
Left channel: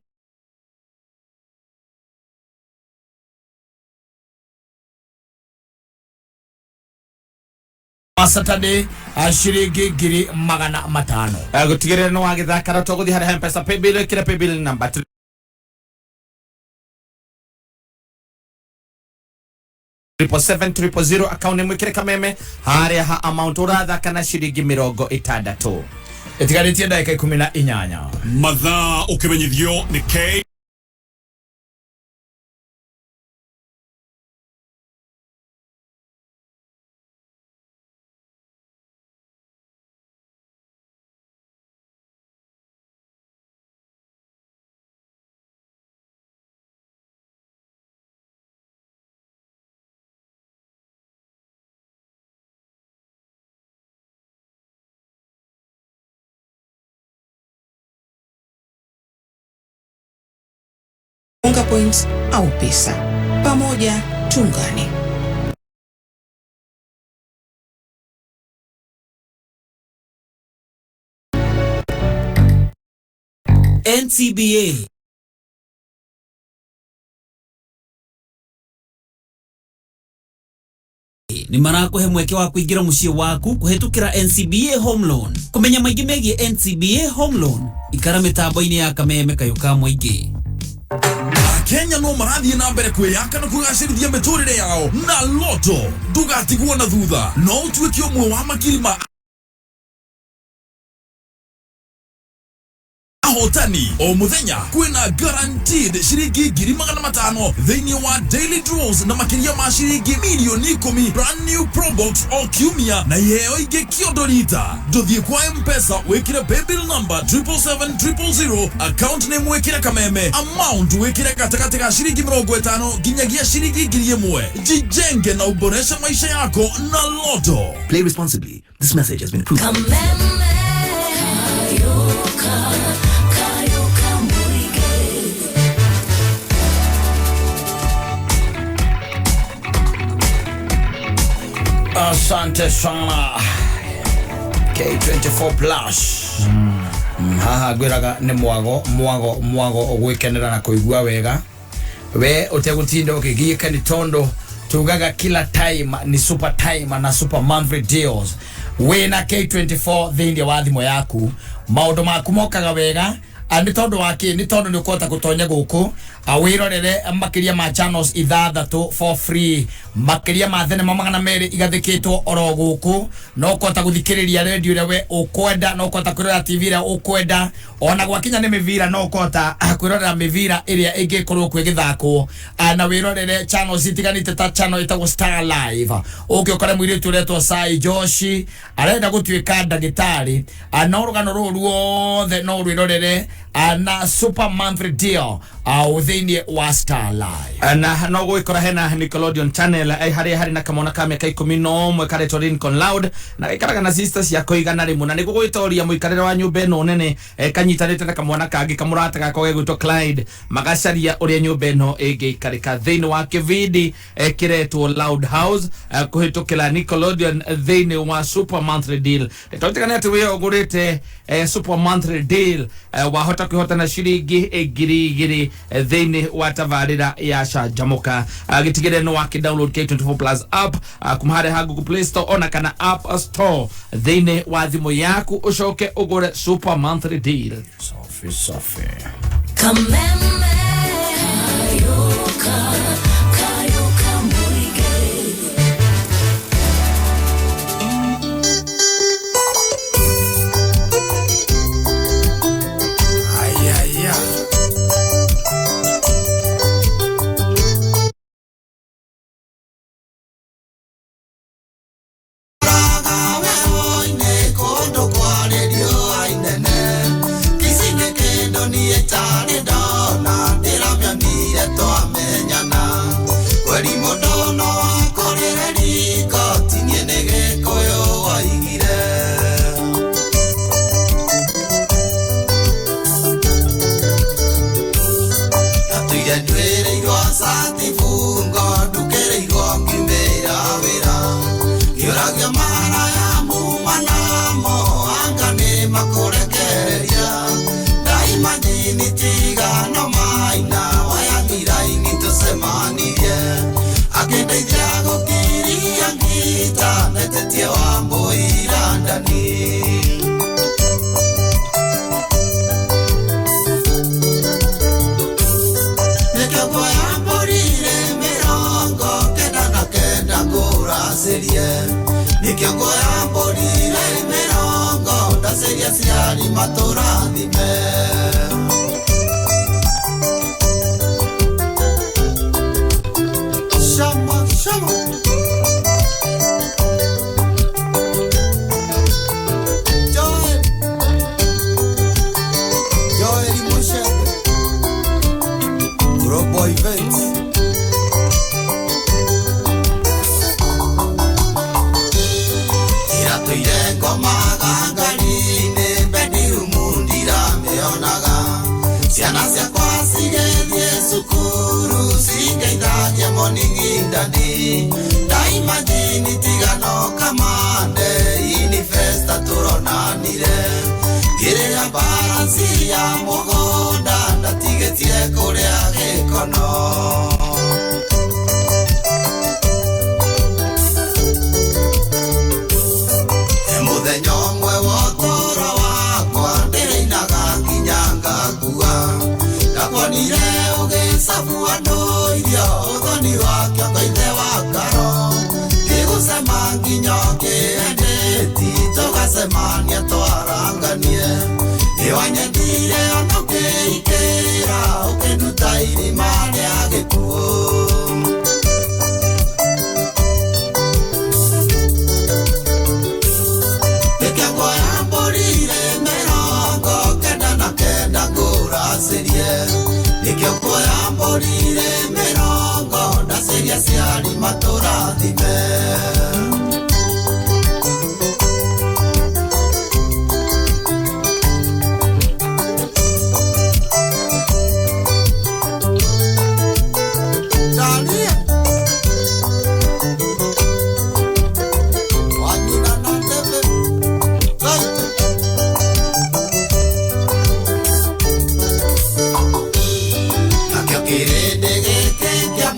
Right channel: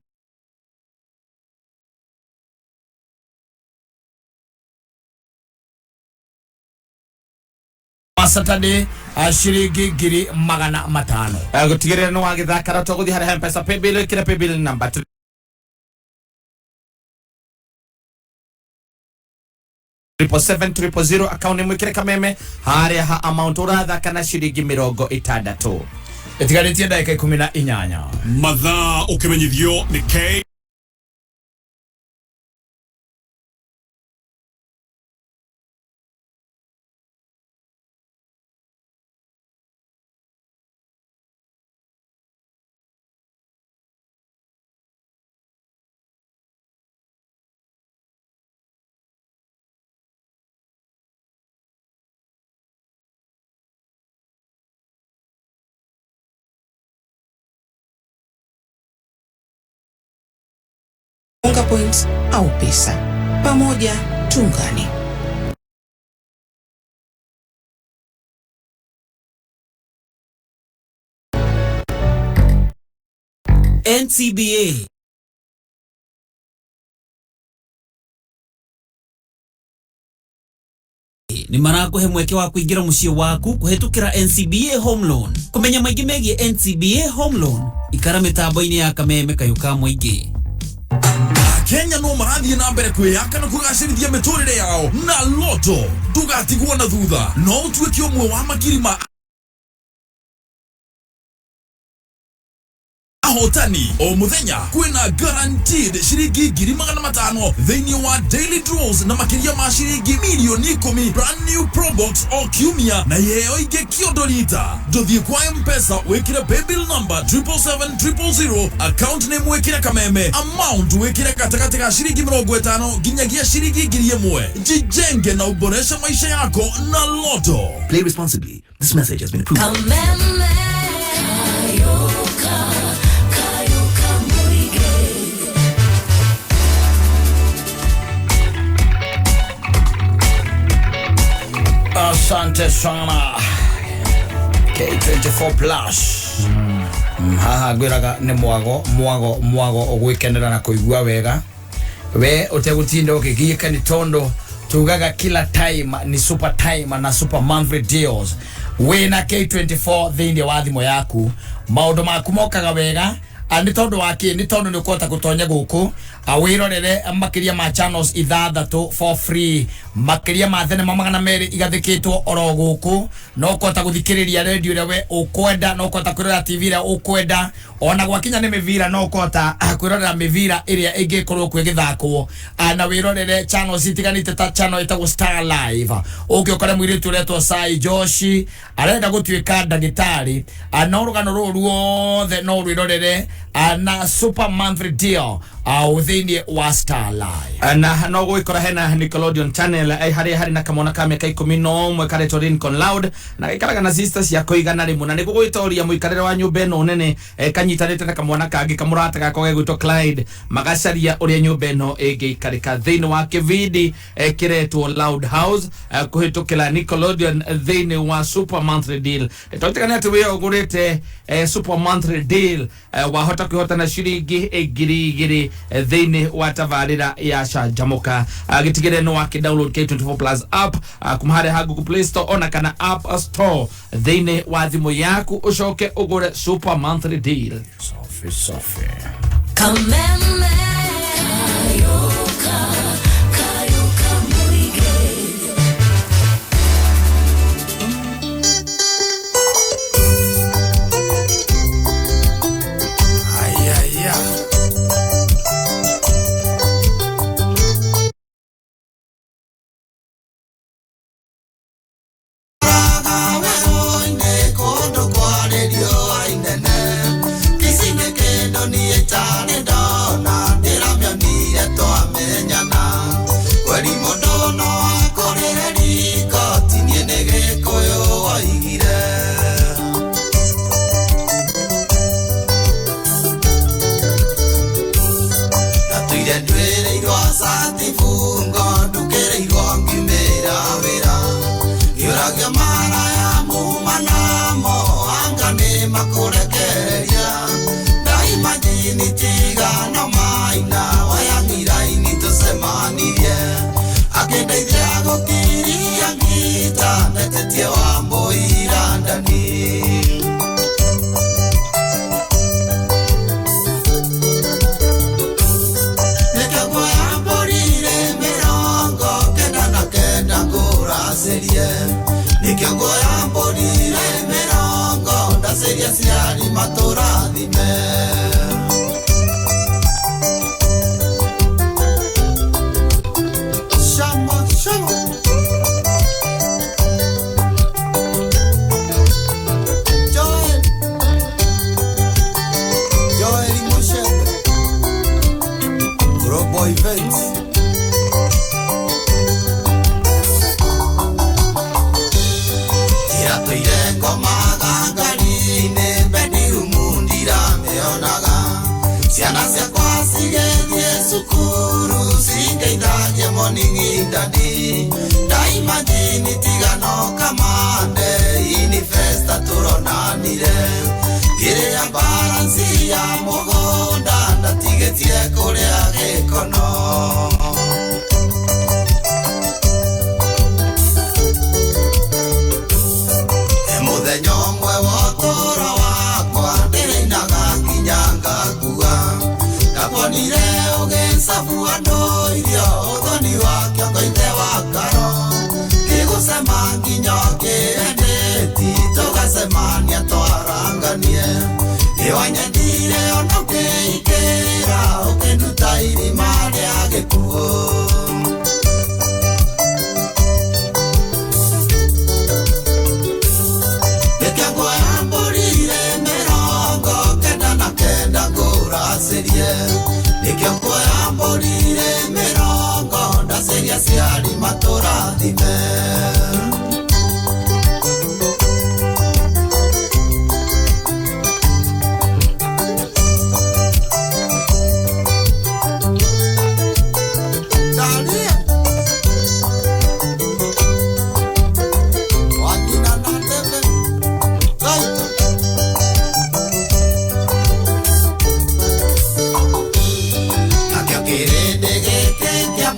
Saturday shiringi ngiri 500 gutigirira no wagithakara to guthi hari M-Pesa paybill kira paybill number 77700 account mwikire kameme hari ha amount urathaka na shiringi 60 itigaritie ndagika 18 mathaa ukimenyithio ni K Humuka Points au pesa. Pamoja tuungane. NCBA ni marakuhe mweke wa kuingira muciĩ waku kuhetukira NCBA Home Loan. Kumenya maingĩ megie NCBA Home Loan ikara mitambo-inĩ ya kameme kayuka muingĩ. Kenya no marathie na mbere kwiyaka na kugacirithia miturire yao na loto ndugatigwo na thutha no utuike umwe wa makirima ahotani o muthenya kwina guaranteed shiringi 500,000 thĩinĩ wa daily draws na makiria ma shiringi milioni 10 brand new probox o kiumia na yeo ingĩ kiondorita nduthie kwa M-Pesa wikire paybill number 77700 account name wikire kameme amount wikire katikati ga shiringi 50 nginyagia shiringi 1,000 jijenge na uboresha maisha yako na loto. Play responsibly. This message has been approved. Asante sana K24 plus haha gwiraga ni mwago ogwikenera na kuigua wega we utegutinda ukigiika ni tondo tugaga kila time ni super time na super monthly deals wena K24 thindi wa thimo yaku maundu maku mokaga wega ani tondu waki ni tondu ni kwota gutonya guku awirorere makiria ma channels ithathatu for free makiria ma thenema magana meri igathikitwo oro guku no kwota guthikiriria radio rewe ukwenda no kwota kwirora TV ria ukwenda ona gwakinya ni mivira no kwota kwirorera mivira iria ingikorwo kwigithakwo na wirorere channels itiganite ta channel itago Star Live ukikora mwiritu uretwo Sai Joshi arenda gutuika ndagitari no rugano ruothe no rwirorere na super monthly deal within wa Star Live na no gwikora hena Nickelodeon channel hari na kamona ka miaka 11 karetwo Lincoln Loud na ikaraga na sisters ya koigana rimwe na niguo gwitoria muikarire wa nyumba eno nene kanyitanite na kamwana kangi kamurata gakoge gwitwo Clyde magacaria uria nyumba eno ingiikarika thini wa kividi kiretwo Loud House kuhitukira Nickelodeon thini wa super monthly deal toitikana ati we ogurite super monthly deal wahota kuhotana shiringi ngiri thini wa tavarira ya Shajamoka gitigire no download K24 Plus app kumhare ha Google Play Store ona kana App Store thini wa thimo yaku ucoke ugure super monthly deal sofi Kameme Kayoka Muige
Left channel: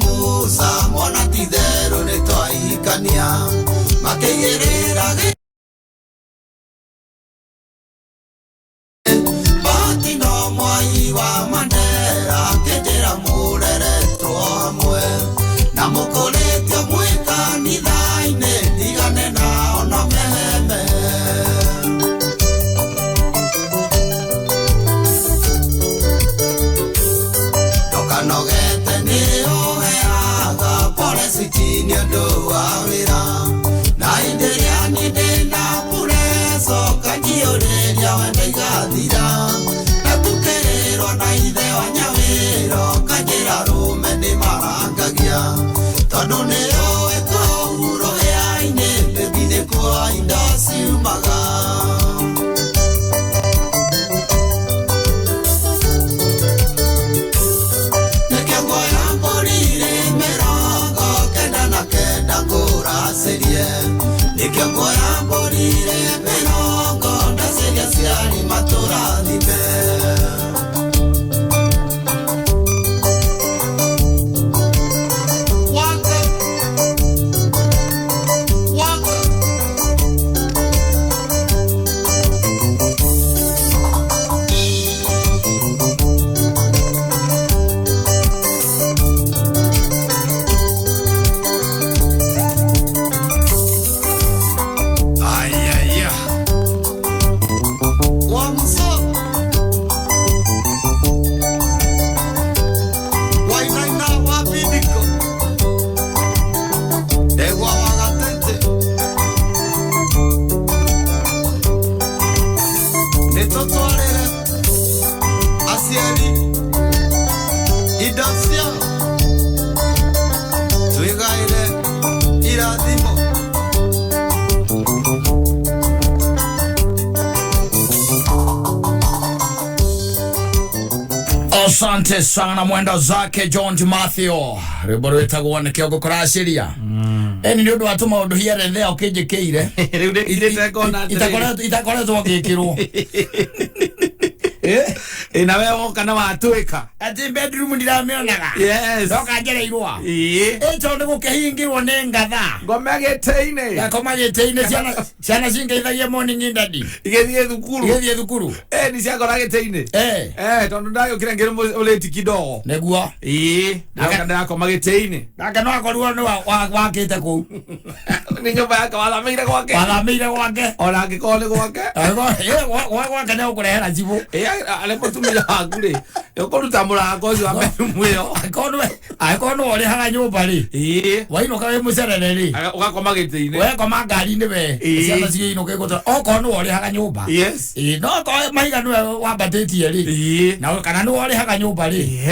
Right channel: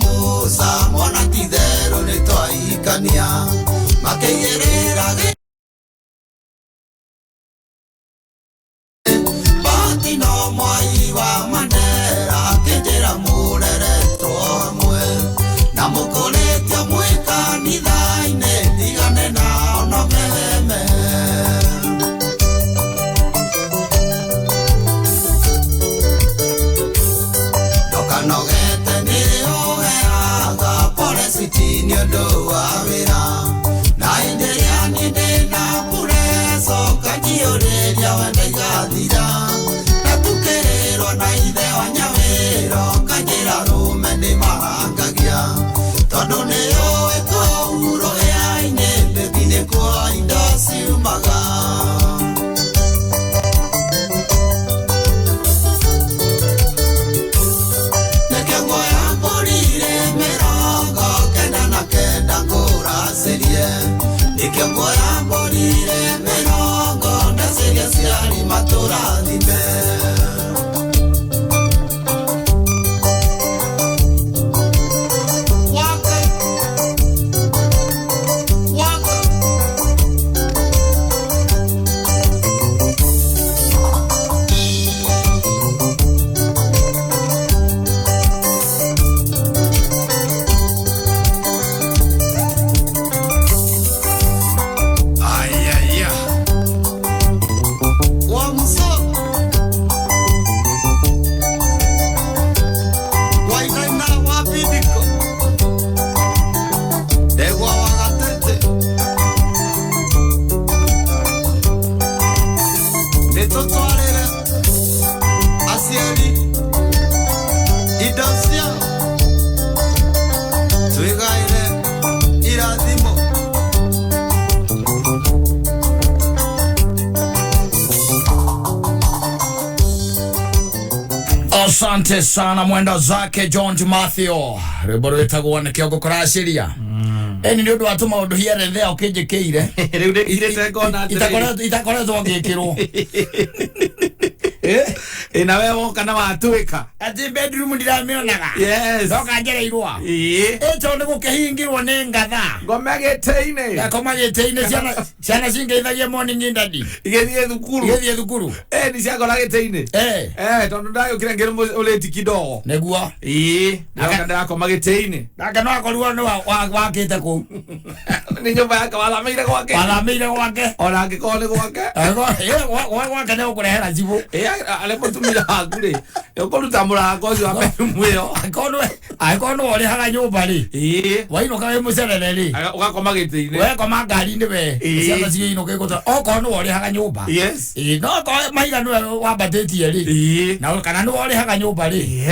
Musa mwana tidero ni twaikania aciari indo ciao twigaire irathimo. Asante sana mwenda zake John Matthew. Riboro etagwo ne kiogo kurashiria. Eni ndio atuma undu hiere thea ukijikiire. Riu ndikirite ngona itakoretwo ngikirwo. Na wewe woka na watwika ati bedroom ndiramionaga. Yes. Doka njereirwa. Eto ni gukihingirwo ni ngatha. Ngomegeteine. Gakomageteine ciana cingeithagia morning indadi. Igethie thukuru. Ni ciakorageteine. Tondu ndagukire ngire uleti kidogo. Neguo. Naka ndakomageteine. Naka no akorwo ni wakite ku. Ni nyumba yake wathamire gwake. Ona ngikone gwake. Gwake ne ukurehera jibu. Ale mutumira waku ri ukuruta muranga ucio wa bedroom iyo akono ori haga nyumba ri waino kawe mucerere ri ugakoma giti-ini we koma ngari-ini we ciana cio inuke guta okono ori haga nyumba no ko maiga no wambatĩtie ri na kana no ori haga nyumba ri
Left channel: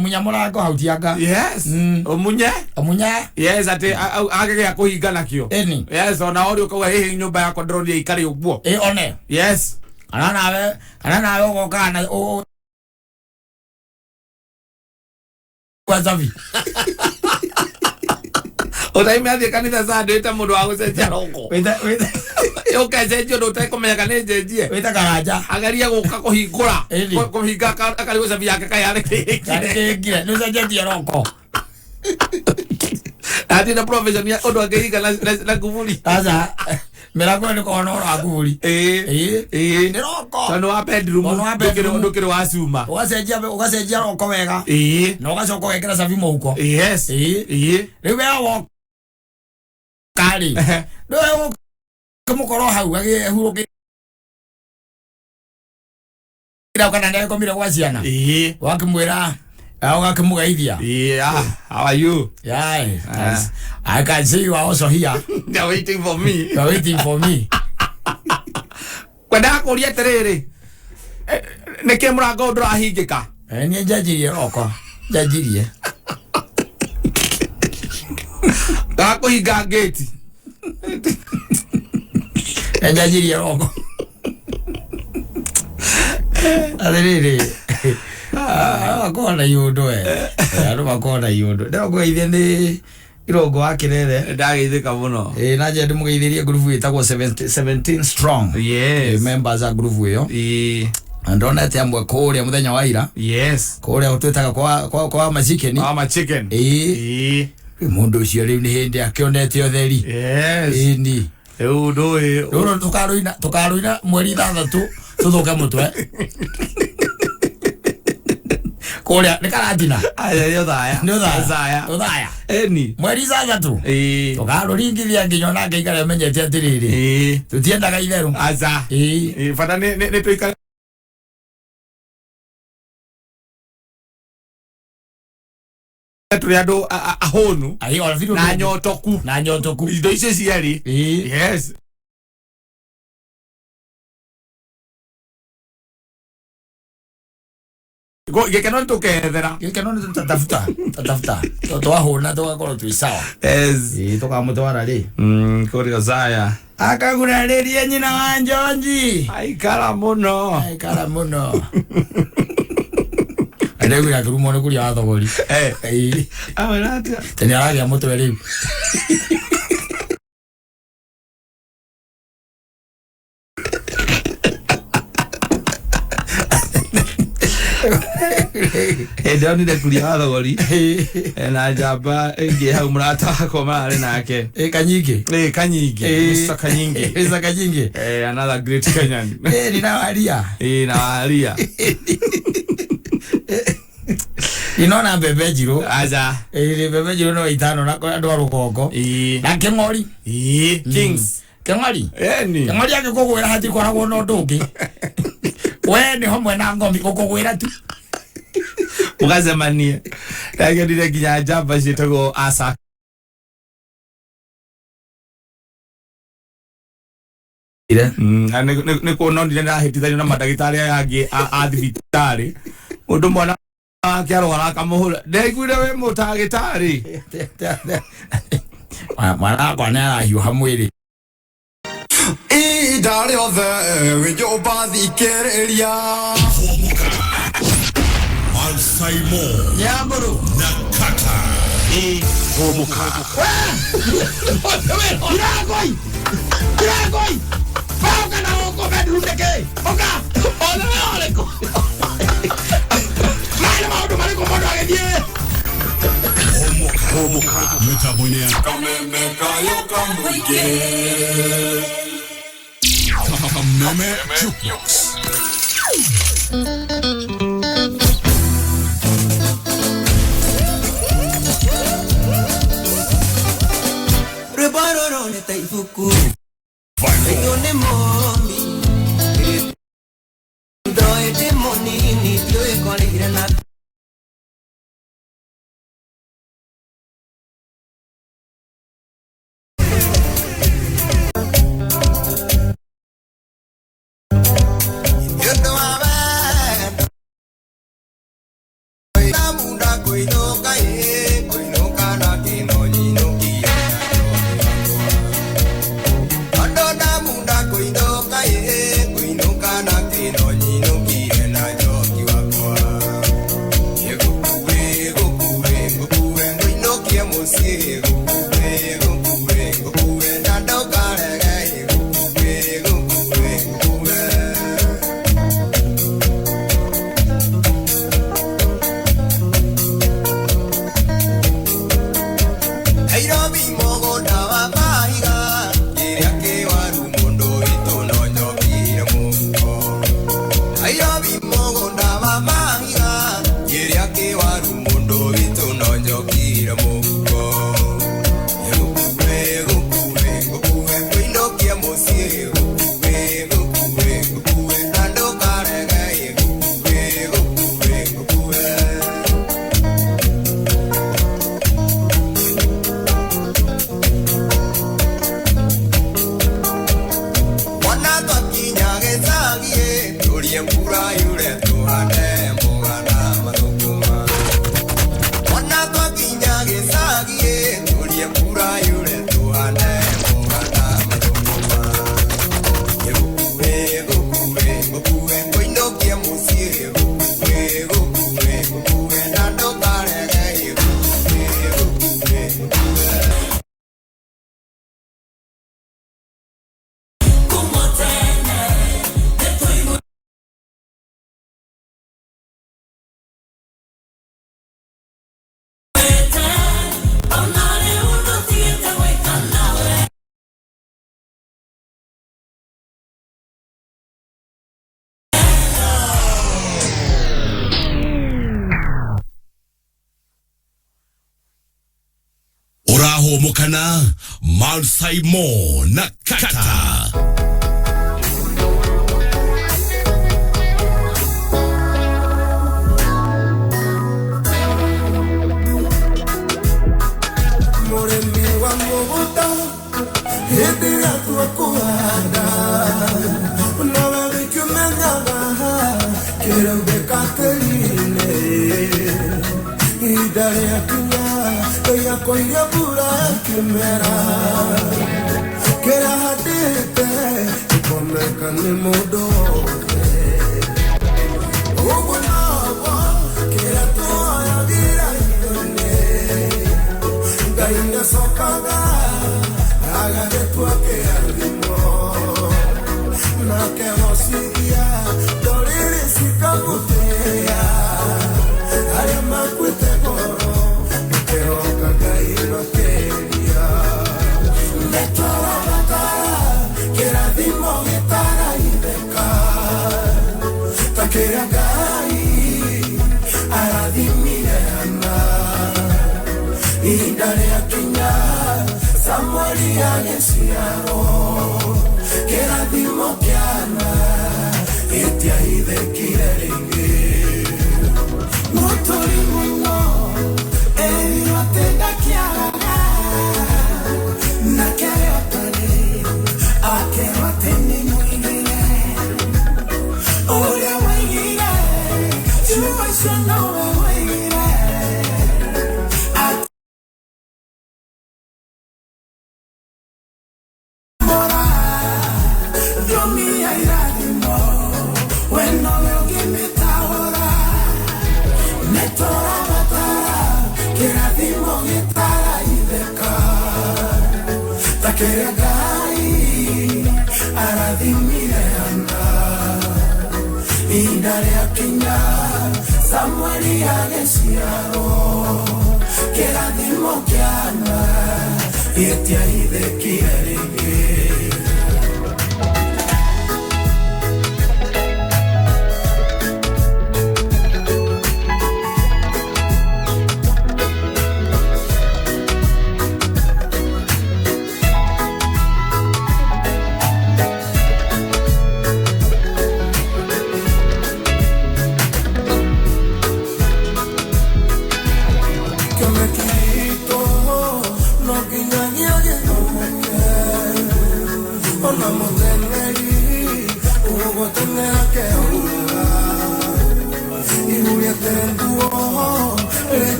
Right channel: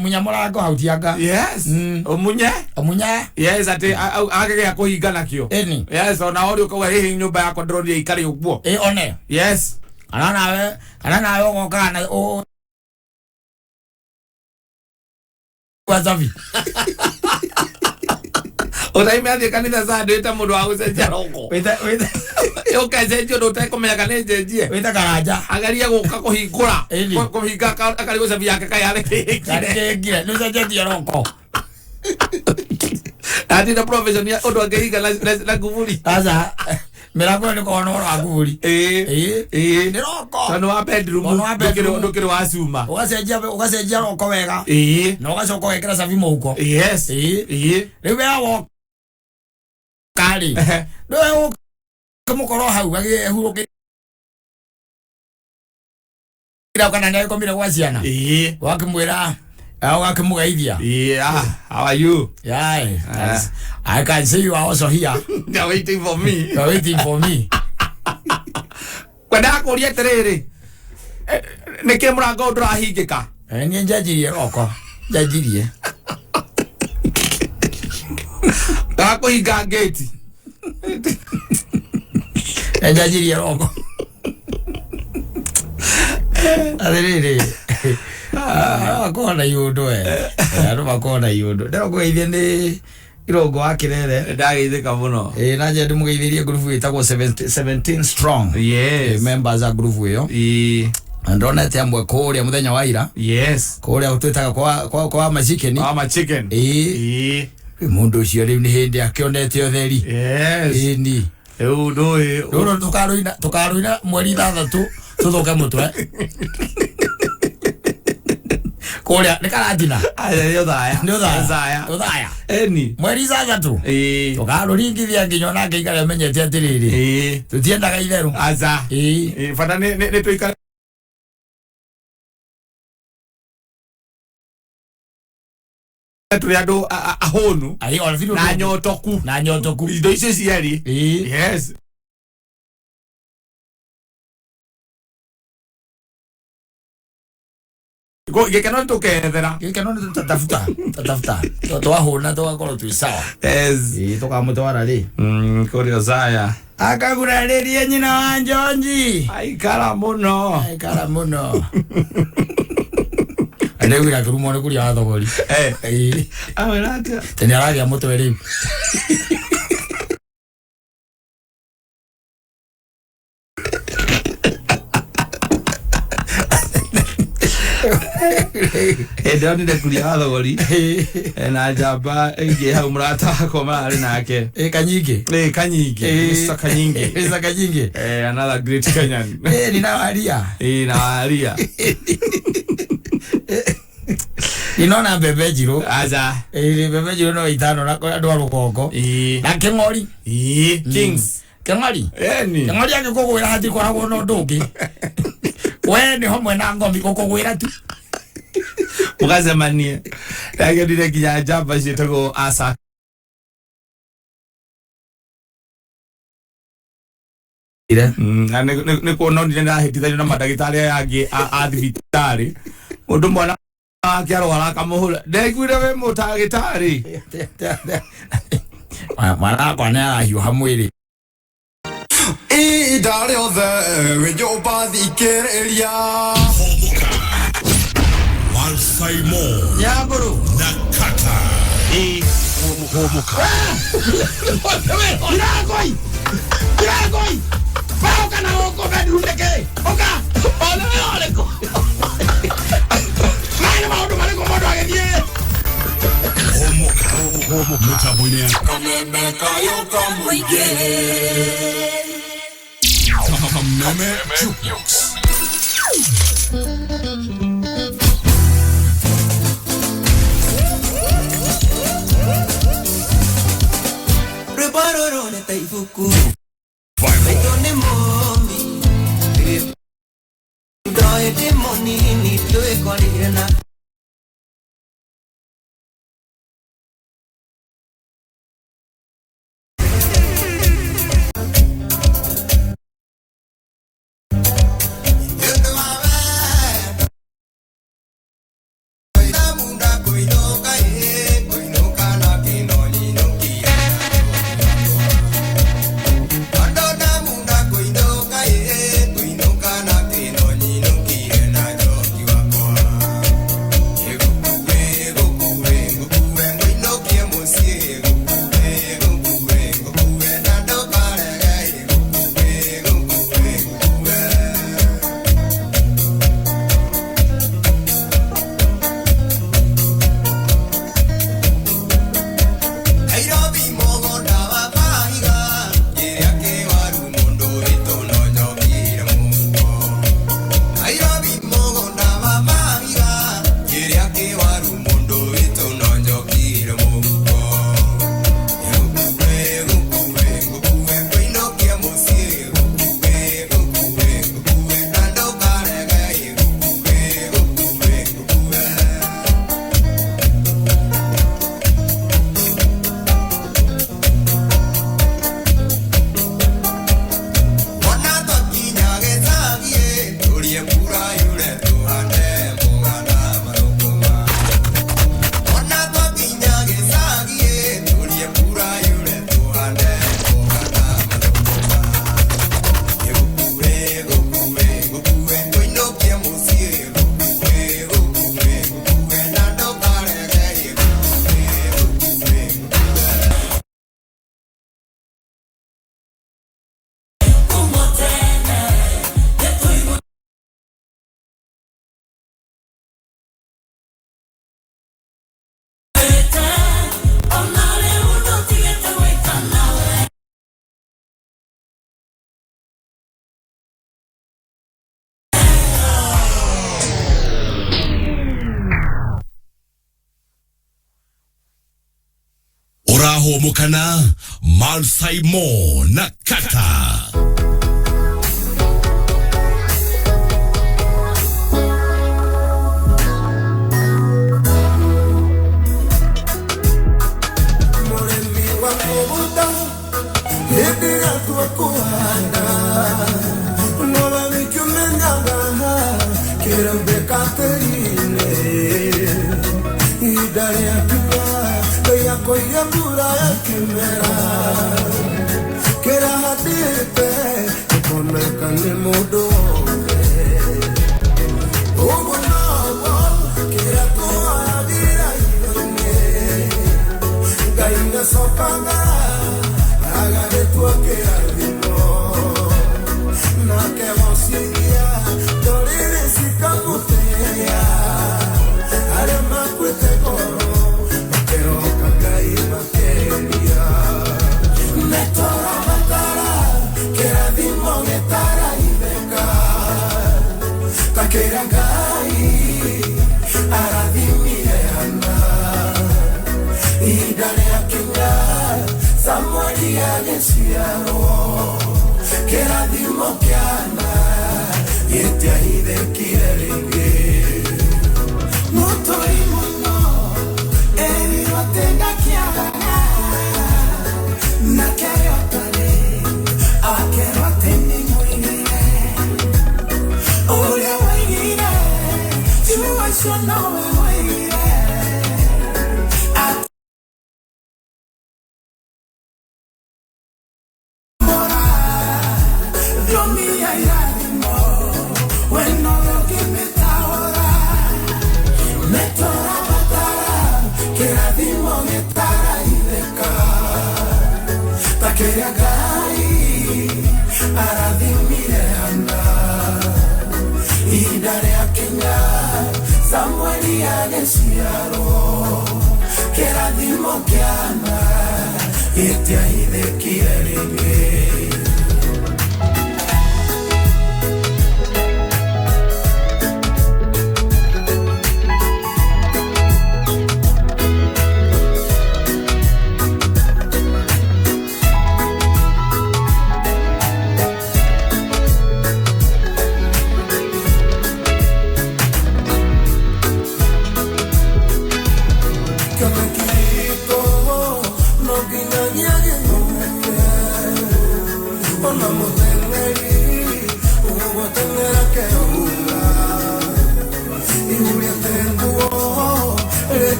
munya murango hau tianga omunya ati agege kuhinga nakio ona ori ukauga hihi nyumba yako ndĩronire ikari ũguo one Ana nawe ugokana wazavi. Utaime athi kanitha sandu ita mundu wa gucenjia roko. Wita ukacenjia ndu utakumenya kana njenjie. Wita karaja. Agaria guka kuhingura. Kuhinga akari gucabi yake kayare kingire. Nusa njenjia roko. Ati na profession ya undu angehinga na kuvuli. Sasa mirago ni kono ro aguri ni roko tano wa bedroom ndukiro wa suma ugacenjia roko wega na ugacoka wekera savi muhuko riu yawo kari ndu kumukoro hau agihuruki ira kana ndai komira kwa ciana wakimwira wakamugaithia how are you? I can see you are also here. You're waiting for me. Kwenda kuria terere neke murango ndurahingika ni njajirie roko njajirie kuhinga gate njajirie roko aderere akona yundu andu makona yundu ndĩrokũgeithia nĩ irongo wa kirere ndageithĩka mũno na nje ndĩmũgeithĩrie group ĩtagwo 17 strong members a group ĩyo ndonete amwe kũrĩa mũthenya wa ira kũrĩa twĩtaga kwa machicken mũndũ ũcio rĩu nĩ hĩndĩ akĩonete ũtheri ni rĩu ndũĩ tũkarũina mweri 6 tũthũke mũtwe Korea ni karatina yo thaya eni mweri 3 tukarũringithia nginya na ngeikara menyete atiriri tutiendaga itheru fata ni tuikara tuli andu ahonu na nyotoku indo icio cieri gikeno tukethera gikeno tatafuta twahuna tugakorwo twi sawa tukamutwara ri kuria Zaya akaguraririe nyina wa Njonji aikara muno Ndegwira kirumo ni kuria athogori tene aragia mutwe riu ndio ni kuria athogori na jamba ingi hau murata wako mari nake kanyingi Mr. Kanyingi another great Kenyan ni nawaria inona bebe jiro bebe jiro no itano na andu a rugongo na King'ori Kings King'ori agikugwira hati koragwo no ndungi we ni hamwe na ngomi gukugwira tu mugacemanie ndagethire nginya njamba ciĩtagwo asa nä kuononire ndahätithanio na mandagätarä aya angä a thibitarä mundu mwana akiarwara kamuhura ndegwire we mutagitari mwana kwa nara hiuha mwiri Idare othe wijoba thikereria Humuka, Mansaimo, Nyamburu na Kattaj. Humuka. Iragoi Pauka na oko bedrundeke Oka Ole ko Mwana maudu maliko modu agedie Humuka, Mutabunia. Kameme Jukebox. Rebaroro ne taifuku Vibe. ne momi Doi de moni ni tue kore na Humuka na Mansaimo na Kattaj. Koya pura kimera kera hadite kome kane modo ogo no kera toya vira ine gaina sopanga aga de tua que alimo na que vosigia dorire sikamutea ale makwite koro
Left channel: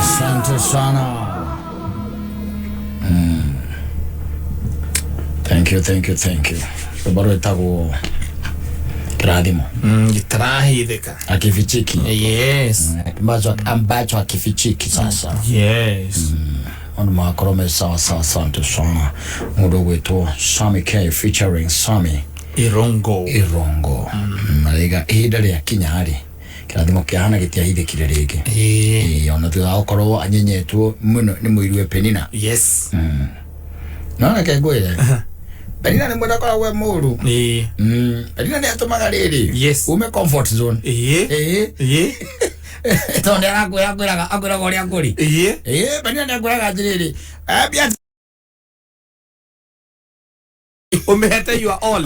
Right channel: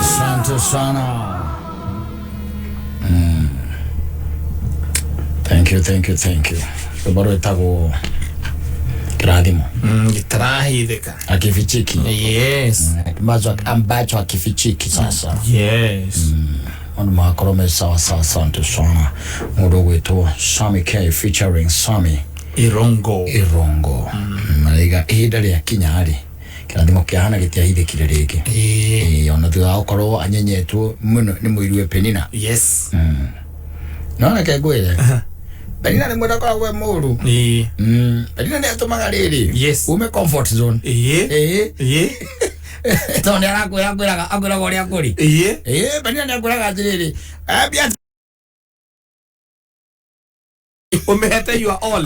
Asante sana. Thank you. Baro itago kirathimo. Gitarahithika. Akifichiki. Yes. Ambacho akifichiki sasa. Yes. Ono makorome sawa asante sana. Mudo wetu Sami K featuring Sami Irongo. Mariga hidari ya kinyari. Kirathimo kiahana gitiahithikire rigi. Ona thutha ukorwo anyenyetu muno ni muirwe Penina. Yes. Nona kegwire. Penina ni mwenda kora we muru. Penina ni atumaga riri. Yes. Ume comfort zone. Tonde akwiraga ori akuri. Penina ni akwiraga riri. Abia Umehete you are all.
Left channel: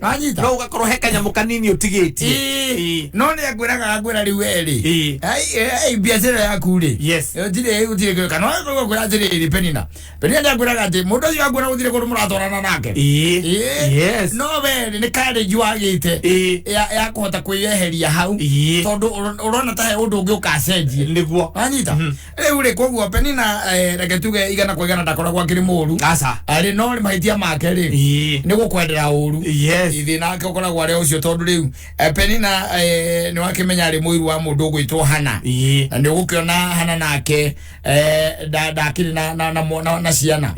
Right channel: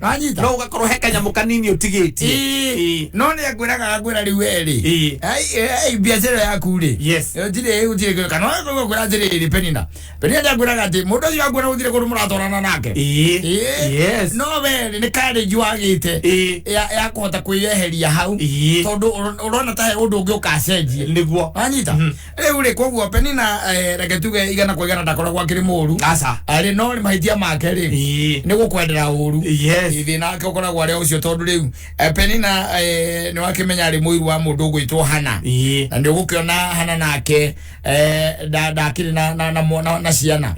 Kanyita. No ugakorwo heka nyamu kanini utigiti. No ni akwira riu eri. Ai biashara yaku ri. Yes. Utire kana no akwira riri Penina. Penina ni akwira ati mundu ucio akwira utire kundu muratorana nake. Yes. No we ni kare juagite. Ya kuhota kwiyeheria hau. Tondu urona ta undu ungi ukacenjie. Niguo. Kanyita. Riu ri koguo Penina reke tuge igana kwa igana ndakoragwo akiri muru. Asa. Ari no ni mahitia make ri. Ni gukwendera uru. Yes. Ithina ake ukoragwo ari ucio tondu riu Penina ni wakimenya ari muiru wa mundu ugwitwo Hana. Na ni gukiona Hana nake ndakiri na ciana.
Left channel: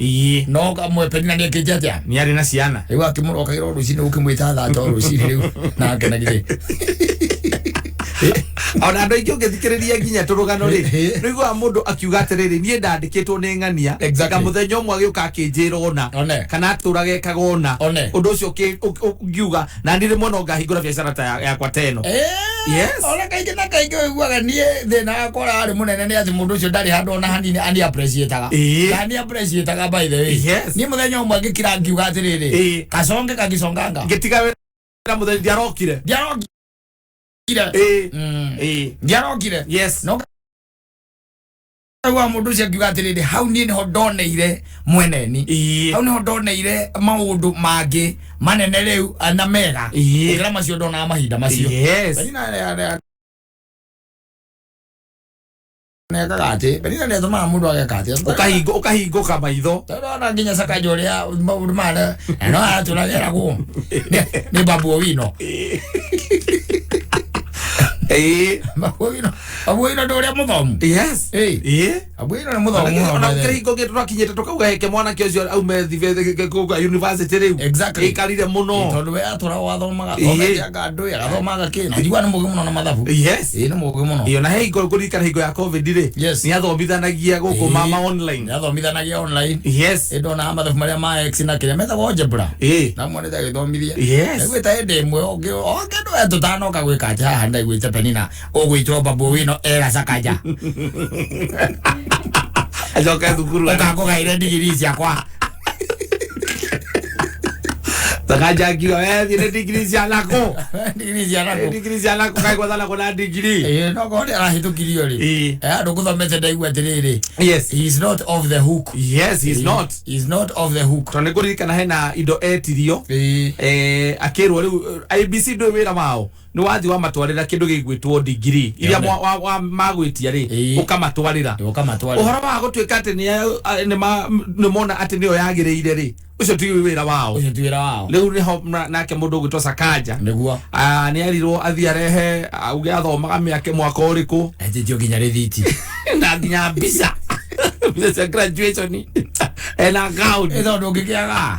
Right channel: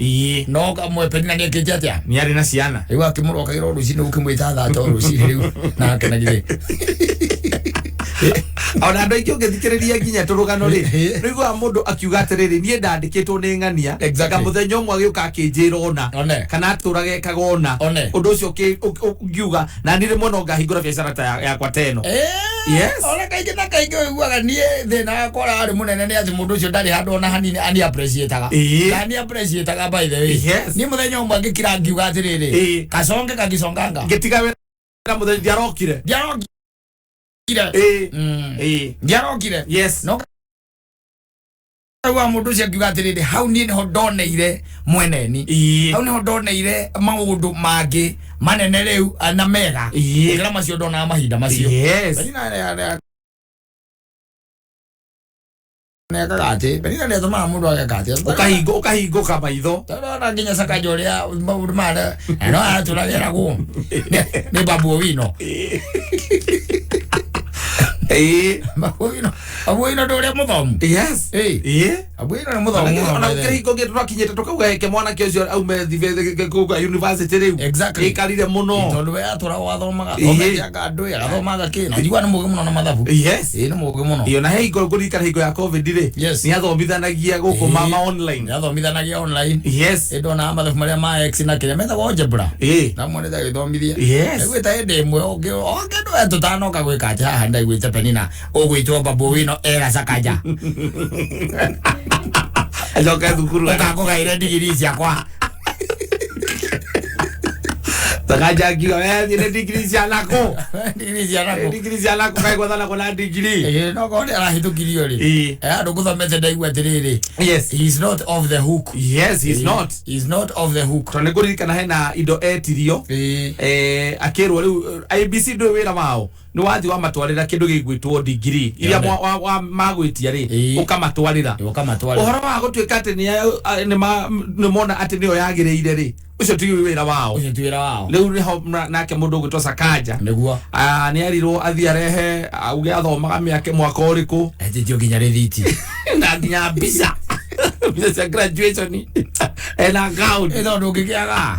No kamwe Penina ni akije atia. Ni ari na ciana. Riu akimuroka iro rucini ukimwita thato rucini riu nake na gire. Ona andu aingi ungithikiriria nginya turugano ri niguo mundu akiuga atiriri nie ndandikitwo ni ng'ania muthenya umwe agiuka akinjira ona kana aturage kagona undu ucio ukiuga na ni rimwe no ngahingura biacara ta yakwa teno. Yes. Ona kaingi na kaingi uiguaga nie thina yakora ari munene ni ati mundu ucio ndari handu ona hanini ani appreciataga. Ani appreciataga by the way. Yes. Ni muthenya umwe ngikira ngiuga atiriri kasonge kagisonganga ngitiga wera muthenya ndiarokire. Ndiarokire. Yes. No wa mundu ucio akiuga atiriri hau nie niho ndoneire mweneni. Hau niho ndoneire maundu mangi manene rĩu na mega ngira macio ndona mahinda macio neka gati penina ndio tuma mundu agekati ukahinguka maitho tondå nginya Sakaja ũrĩa maũndũ mara no atũragĩra guo nĩ babu wino babu wino ndũrĩa mũthomu babu wino nĩ mũthomu ona ũkĩhingo gĩtũ kinyĩte tukauga heke mwanake ũcio aume kuga university rĩu ikarire mũno tondũ we atũragwo athomaga thometianga andũ athomaga kĩna njigua nĩ mũgĩ mũno na mathabu nĩ mũgĩ mũno iyo na hingo kũririkana hingo ya covid rĩ nĩ athomithanagia gũkũ mama online nĩ athomithanagia online ndona mathabu marĩa ma x na kĩrĩa metagwo algebra na mwana agĩthomithia gwĩta hĩndĩ ĩmwe ũngĩndũ we tũtanoka gwĩka atĩ haha ndaiguĩte penina ũgwĩtwo babu wino era Sakaja acoka thukuru ũkakũgaire ndigiri ciakwa Sakaja akiuga we thiĩ ndigiri cia nako ndigiri cia nako kaigua thana na ndigiri no kone arahĩtũkirio rĩ andũ gũthomete ndaigua atĩrĩrĩ he is not off the hook he is not off the hook tondũ nĩ kũririkana hena indo etirio akĩrwo rĩu IBC ndũĩ wĩra wao nĩ wathi wa matwarĩra kĩndũ gĩgwĩtwo degree iria magwĩtia rĩ ũkamatwarĩra ũhoro wa gũtuĩka atĩ nĩ mona atĩ nĩyo yagĩrĩire rĩ ucio ti wĩra wao rĩu nĩho nake mũndũ ũgwĩtwo Sakaja nĩ erirwo athiĩ arehe auge athomaga mĩaka mwaka ũrĩkũ etĩtio nginya rĩthiti na nginya mbica cia graduation ena gown tondũ ũngĩkĩaga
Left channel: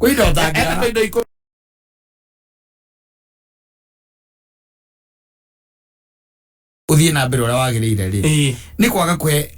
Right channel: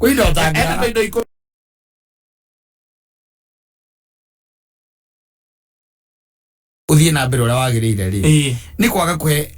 kwĩ indo ũtangĩaga uthie na mbere ũrĩa wagĩrĩire rĩ nĩ kwaga kwe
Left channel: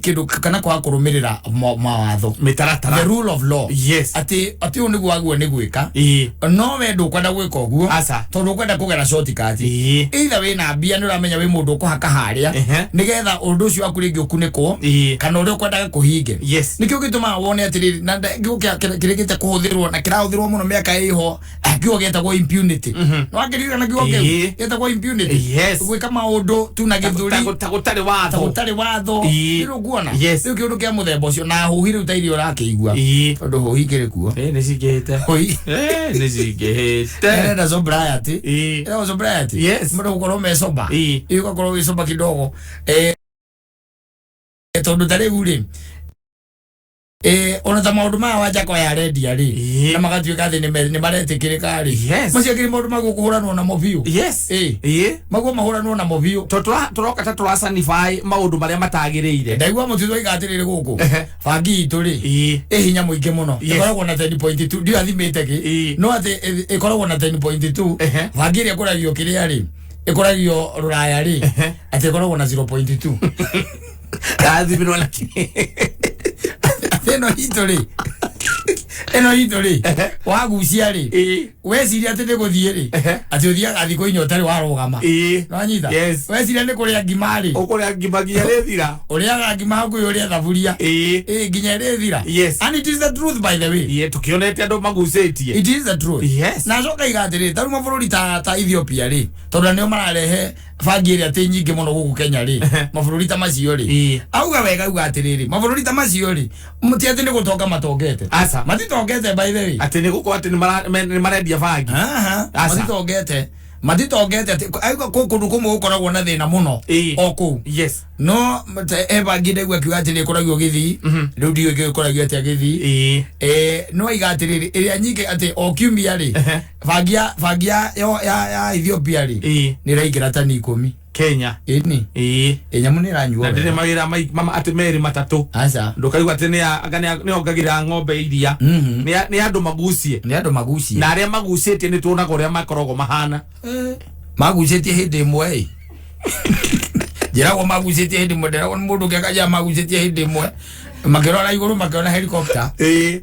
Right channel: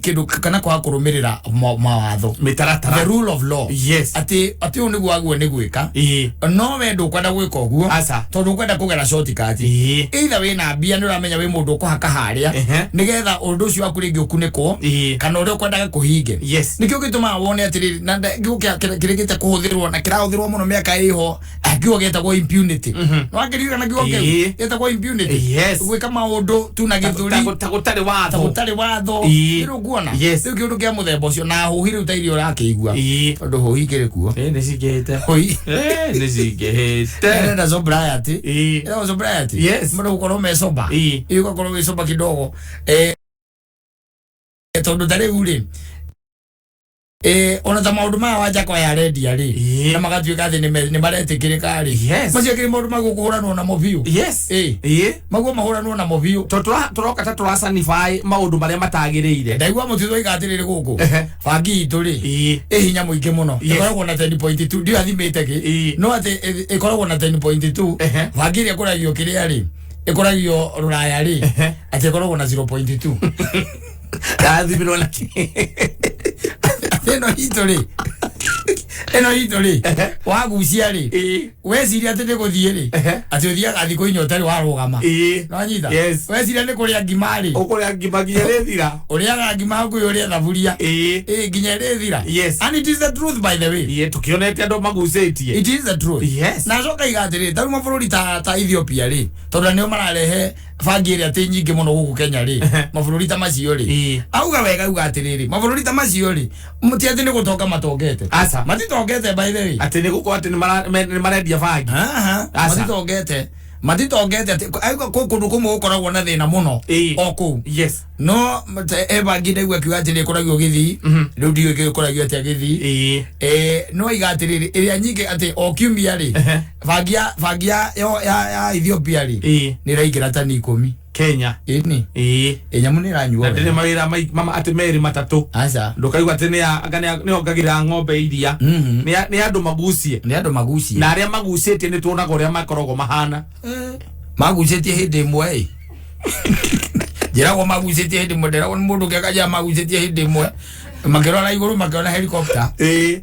kĩndũ kana kwaga kũrũmĩrĩra mawatho mĩtaratara the rule of law atĩ ũyũ nĩguo waguo nĩ gwĩka no we ndũkwenda gwĩka ũguo tondũ ũkwenda kũgera shortcut either wĩna mbia nĩ ũramenya wĩ mũndũ ũkũhaka harĩa nĩgetha ũndũ ũcio waku rĩngĩ ũkunĩkwo kana ũrĩa ũkwendaga kũhinge nĩkĩo gĩtũmaga wone atĩrĩrĩ na kĩrĩkĩte kũhũthĩrwo na kĩrahũthĩrwo mũno mĩaka ĩho kiugo gĩtagwo impunity wakĩririkana kiugo kĩu gĩtagwo impunity gwĩka maũndũ tu na gĩthũri ta gũtarĩ watho Iro kuona rĩu kĩũndũ kĩa mũthemba ũcio na hũhi rĩu ta irio ũrakĩigua tondũ hũhi kĩrĩ kuo nĩ cingĩhĩte hũhi nĩ cingĩhĩte na sobriety mũndũ gũkorwo me soba ũgakorwo wĩ soba kidogo tondũ ta rĩu rĩ ona ta maũndũ maya wanja kwa redia rĩ na magatuĩka atĩ nĩ maretĩkĩrĩka rĩ macio kĩrĩ maũndũ ma gũkũhũranwo namo biũ maguo mahũranwo namo biũ tũroka ta tũrasanify maũndũ marĩa matagĩrĩire ndaigua mũtitũ oiga atĩrĩrĩ gũkũ bangi itũ rĩ hinya mũingĩ mũno ĩkoragwo na 10.2 ndio athimĩte kĩ no atĩ ĩkoragwo na 10.2 bangi ĩrĩa ĩkoragio kĩrĩa rĩ ĩkoragio rũraya rĩ atĩ ĩkoragwo na 0.2 athimirwo na eno hito rĩ wagucia rĩ weciria atĩ nĩ gũthiĩ rĩ atĩ ũthiaga thikũ inya ũtarĩ warũgama no nyita weciria nĩ kũrĩa ngima rĩ ũkũrĩa ngima nginya rĩthira ũrĩaga ngima hakuhĩ ũrĩa thaburia nginya rĩthira and it is the truth by the way tukionete andũ magucĩtie it is the truth na coka iga atĩrĩ tarĩ mabũrũri ta Ethiopia rĩ tondũ nĩo mararehe bangi ĩrĩa atĩ nyingĩ mũno gũkũ Kenya rĩ mabũrũri ta macio rĩ auga wega auga atĩrĩrĩ mabũrũri ta macio rĩ mũti atĩ nĩ gũtonga matongete matitongete by the way atĩ nĩ gũkorwo atĩ nĩ marendia bangi matitongete atĩ auga kũndũ kũmwe gũkoragwo na thĩna mũno o kũu no bangi ndaigua akiuga atĩ nĩ ĩkoragio Gĩthii rĩu ndiũĩ ĩkoragio atĩa Gĩthii no aiga atĩrĩrĩ ĩrĩa nyingĩ atĩ o kiumia rĩ bangi ya Ethiopia rĩ nĩ ĩraingĩra tani 10 Kenya nyamu nĩ ĩranyua na ndĩrĩ mawĩra atĩ merĩ matatũ ndũkaigua atĩ nĩ ongagĩrĩra ng'ombe iria nĩ andũ magucie na arĩa magucĩtie nĩ tuonaga ũrĩa makoragwo mahana magucĩtie hĩndĩ ĩmwe njĩragwo magucĩtie hĩndĩ ĩmwe nderagwo nĩ mũndũ kĩakaja magucĩtie hĩndĩ ĩmwe makĩrora igũrũ makĩona helicopter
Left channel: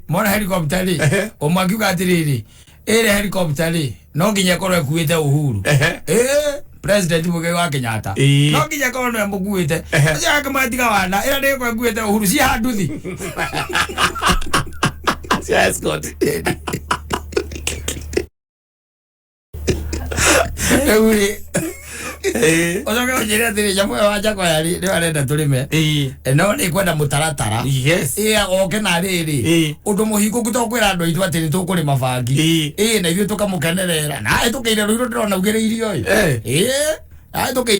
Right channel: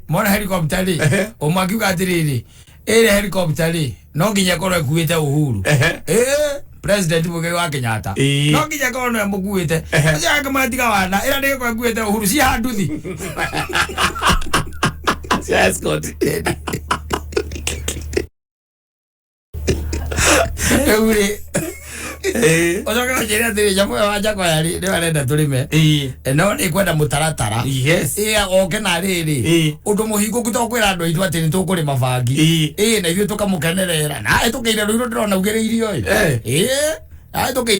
mona helicopter rĩ ũmwe akiuga atĩrĩrĩ ĩrĩa helicopter rĩ no nginya korwo ĩkuĩte Uhuru President Mugabe wa Kenyatta no nginya korwo nĩ mũkuĩte aja kama tiga wana ĩrĩa ndĩkorwo ĩkuĩte Uhuru ci handuthi escort Eure Ocoke njire atiri nyamu wa Jakwa yari ni arenda tulime no ni kwenda mutaratara oke na riri undu muhingu gutokwira andu itu ati ni tukurima bangi na ithu tukamukenerera na tukeire ruiro ndirona ugiriirio tukeire.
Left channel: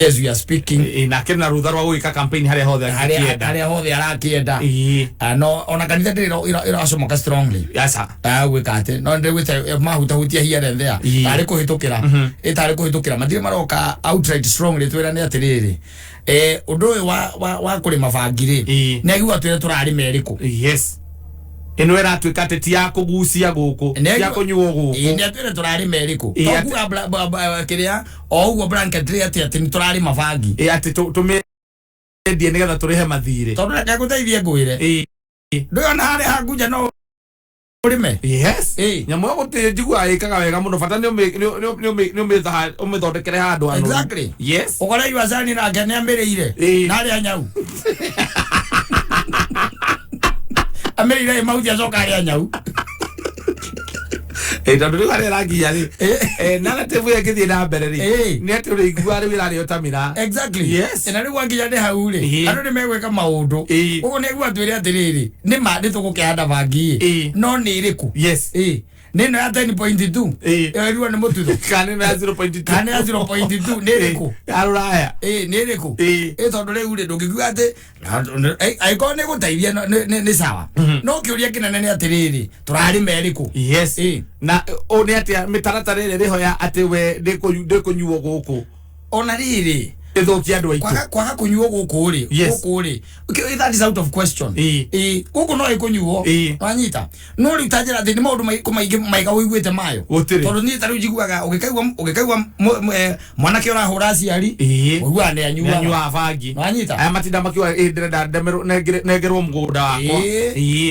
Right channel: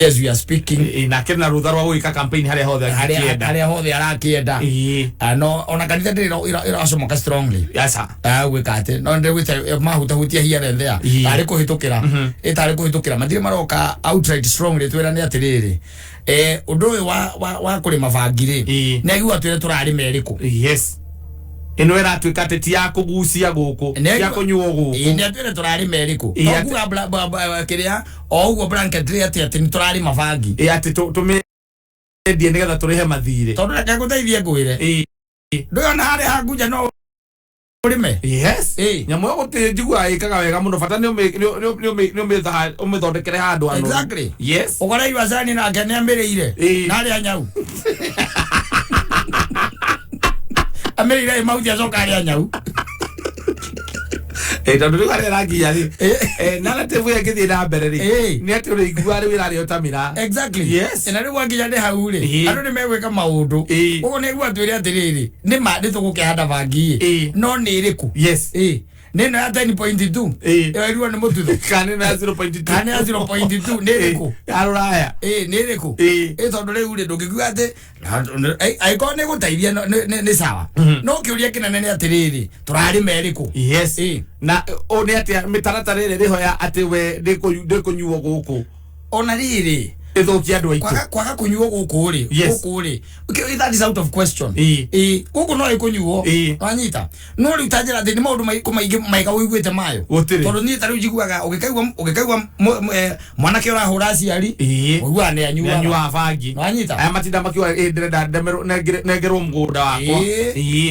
As we are speaking na kena rutha rwa gwika campaign haria hothe arakienda no ona kanitha ndiro iracomoka strongly yasa gwika ati no ndigwite mahutahutia here and there ari kuhitukira itari kuhitukira mathire maroka outright strongly twira ni atiriri undu uyu wa kurima bangiri negua twire turari meriku ino era twika teti ya kugucia guku ya kunyuo guku ni atwire turari meriku tokuga kiria oguo blanket ati ni turari mabangi ati tume ndie nigetha turihe mathire tondu reke guteithie ngwire ndio na hari hakuja no urime nyamu yo gutijigua ikaga wega muno bata ni umithondekere handu anu exactly ukore iwazani na ngene amiriire na ari anyau Amerira mauthi acoka ari anyau tondu riu ari ranginya ri narrative ya ngithie na mbere ri ni ati uri igua ri wira ri utamira exactly na riu wanginya ni hau ri andu ni megwika maundu uguo ni igua twire atiriri ni ma ndi tugukihanda bangi no ni iriku nino ya 10.2 iriwa ni mututhu kane na 0.2 ni iriku aruraya ni iriku tondu riu ri ndungigua ati aiko ni guteithia ni sawa no kiuria kinene ni atiriri turari meriku na oni ati mitaratara iri riho ya ati we ndikunyuo guku ona riri ithukia andu aitu kwaga kunyuo guku ri that is out of question guku no ikunyuo wanyita no ri utajira thini maundu maigi maiga wiguite mayo tondu ni tari ujiguaga ugikaigwa mwanake urahura aciari wigua ni anyua bangi wanyita aya matinda makiwa ndirenda negerwo mugunda wakwa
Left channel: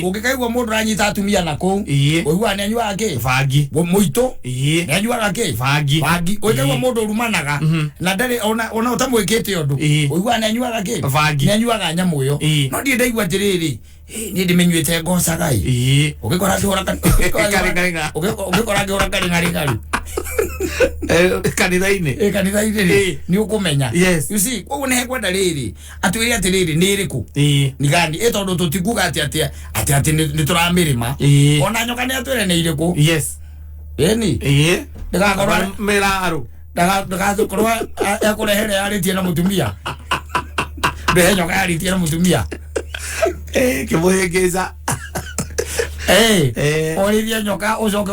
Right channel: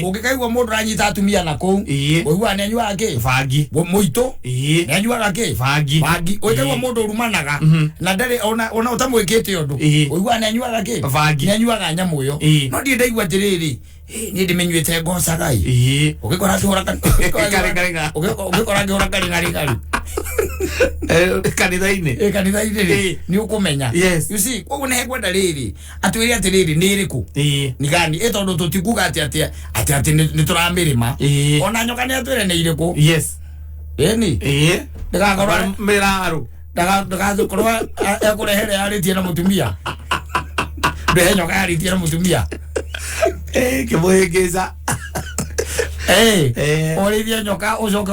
ugikaigwa mundu ranyita atumia nako wigua ni anyua ke bangi muito ni anyua ke bangi ugikaigwa mundu urumanaga na ndari ona mwikite undu uigua ni anyuaga ki bangi ni anyuaga nyamu yo no ndi ndaigua tiriri ni ndimenyuite ngoca gai ugikora ngihora ugikora ngihora ngari kanitha-ini ni ukumenya you see koguo ni hekwenda riri atwiri atiriri ni iriku ni gani tondu tutikuga ati ni turamirima ona nyoka ni atwire ni iriku ni ndagakorwa miraru ndagakorwa akurehere aritie na mutumia ndehe nyoka aritie na mutumia kimuhingica orithia nyoka ucoke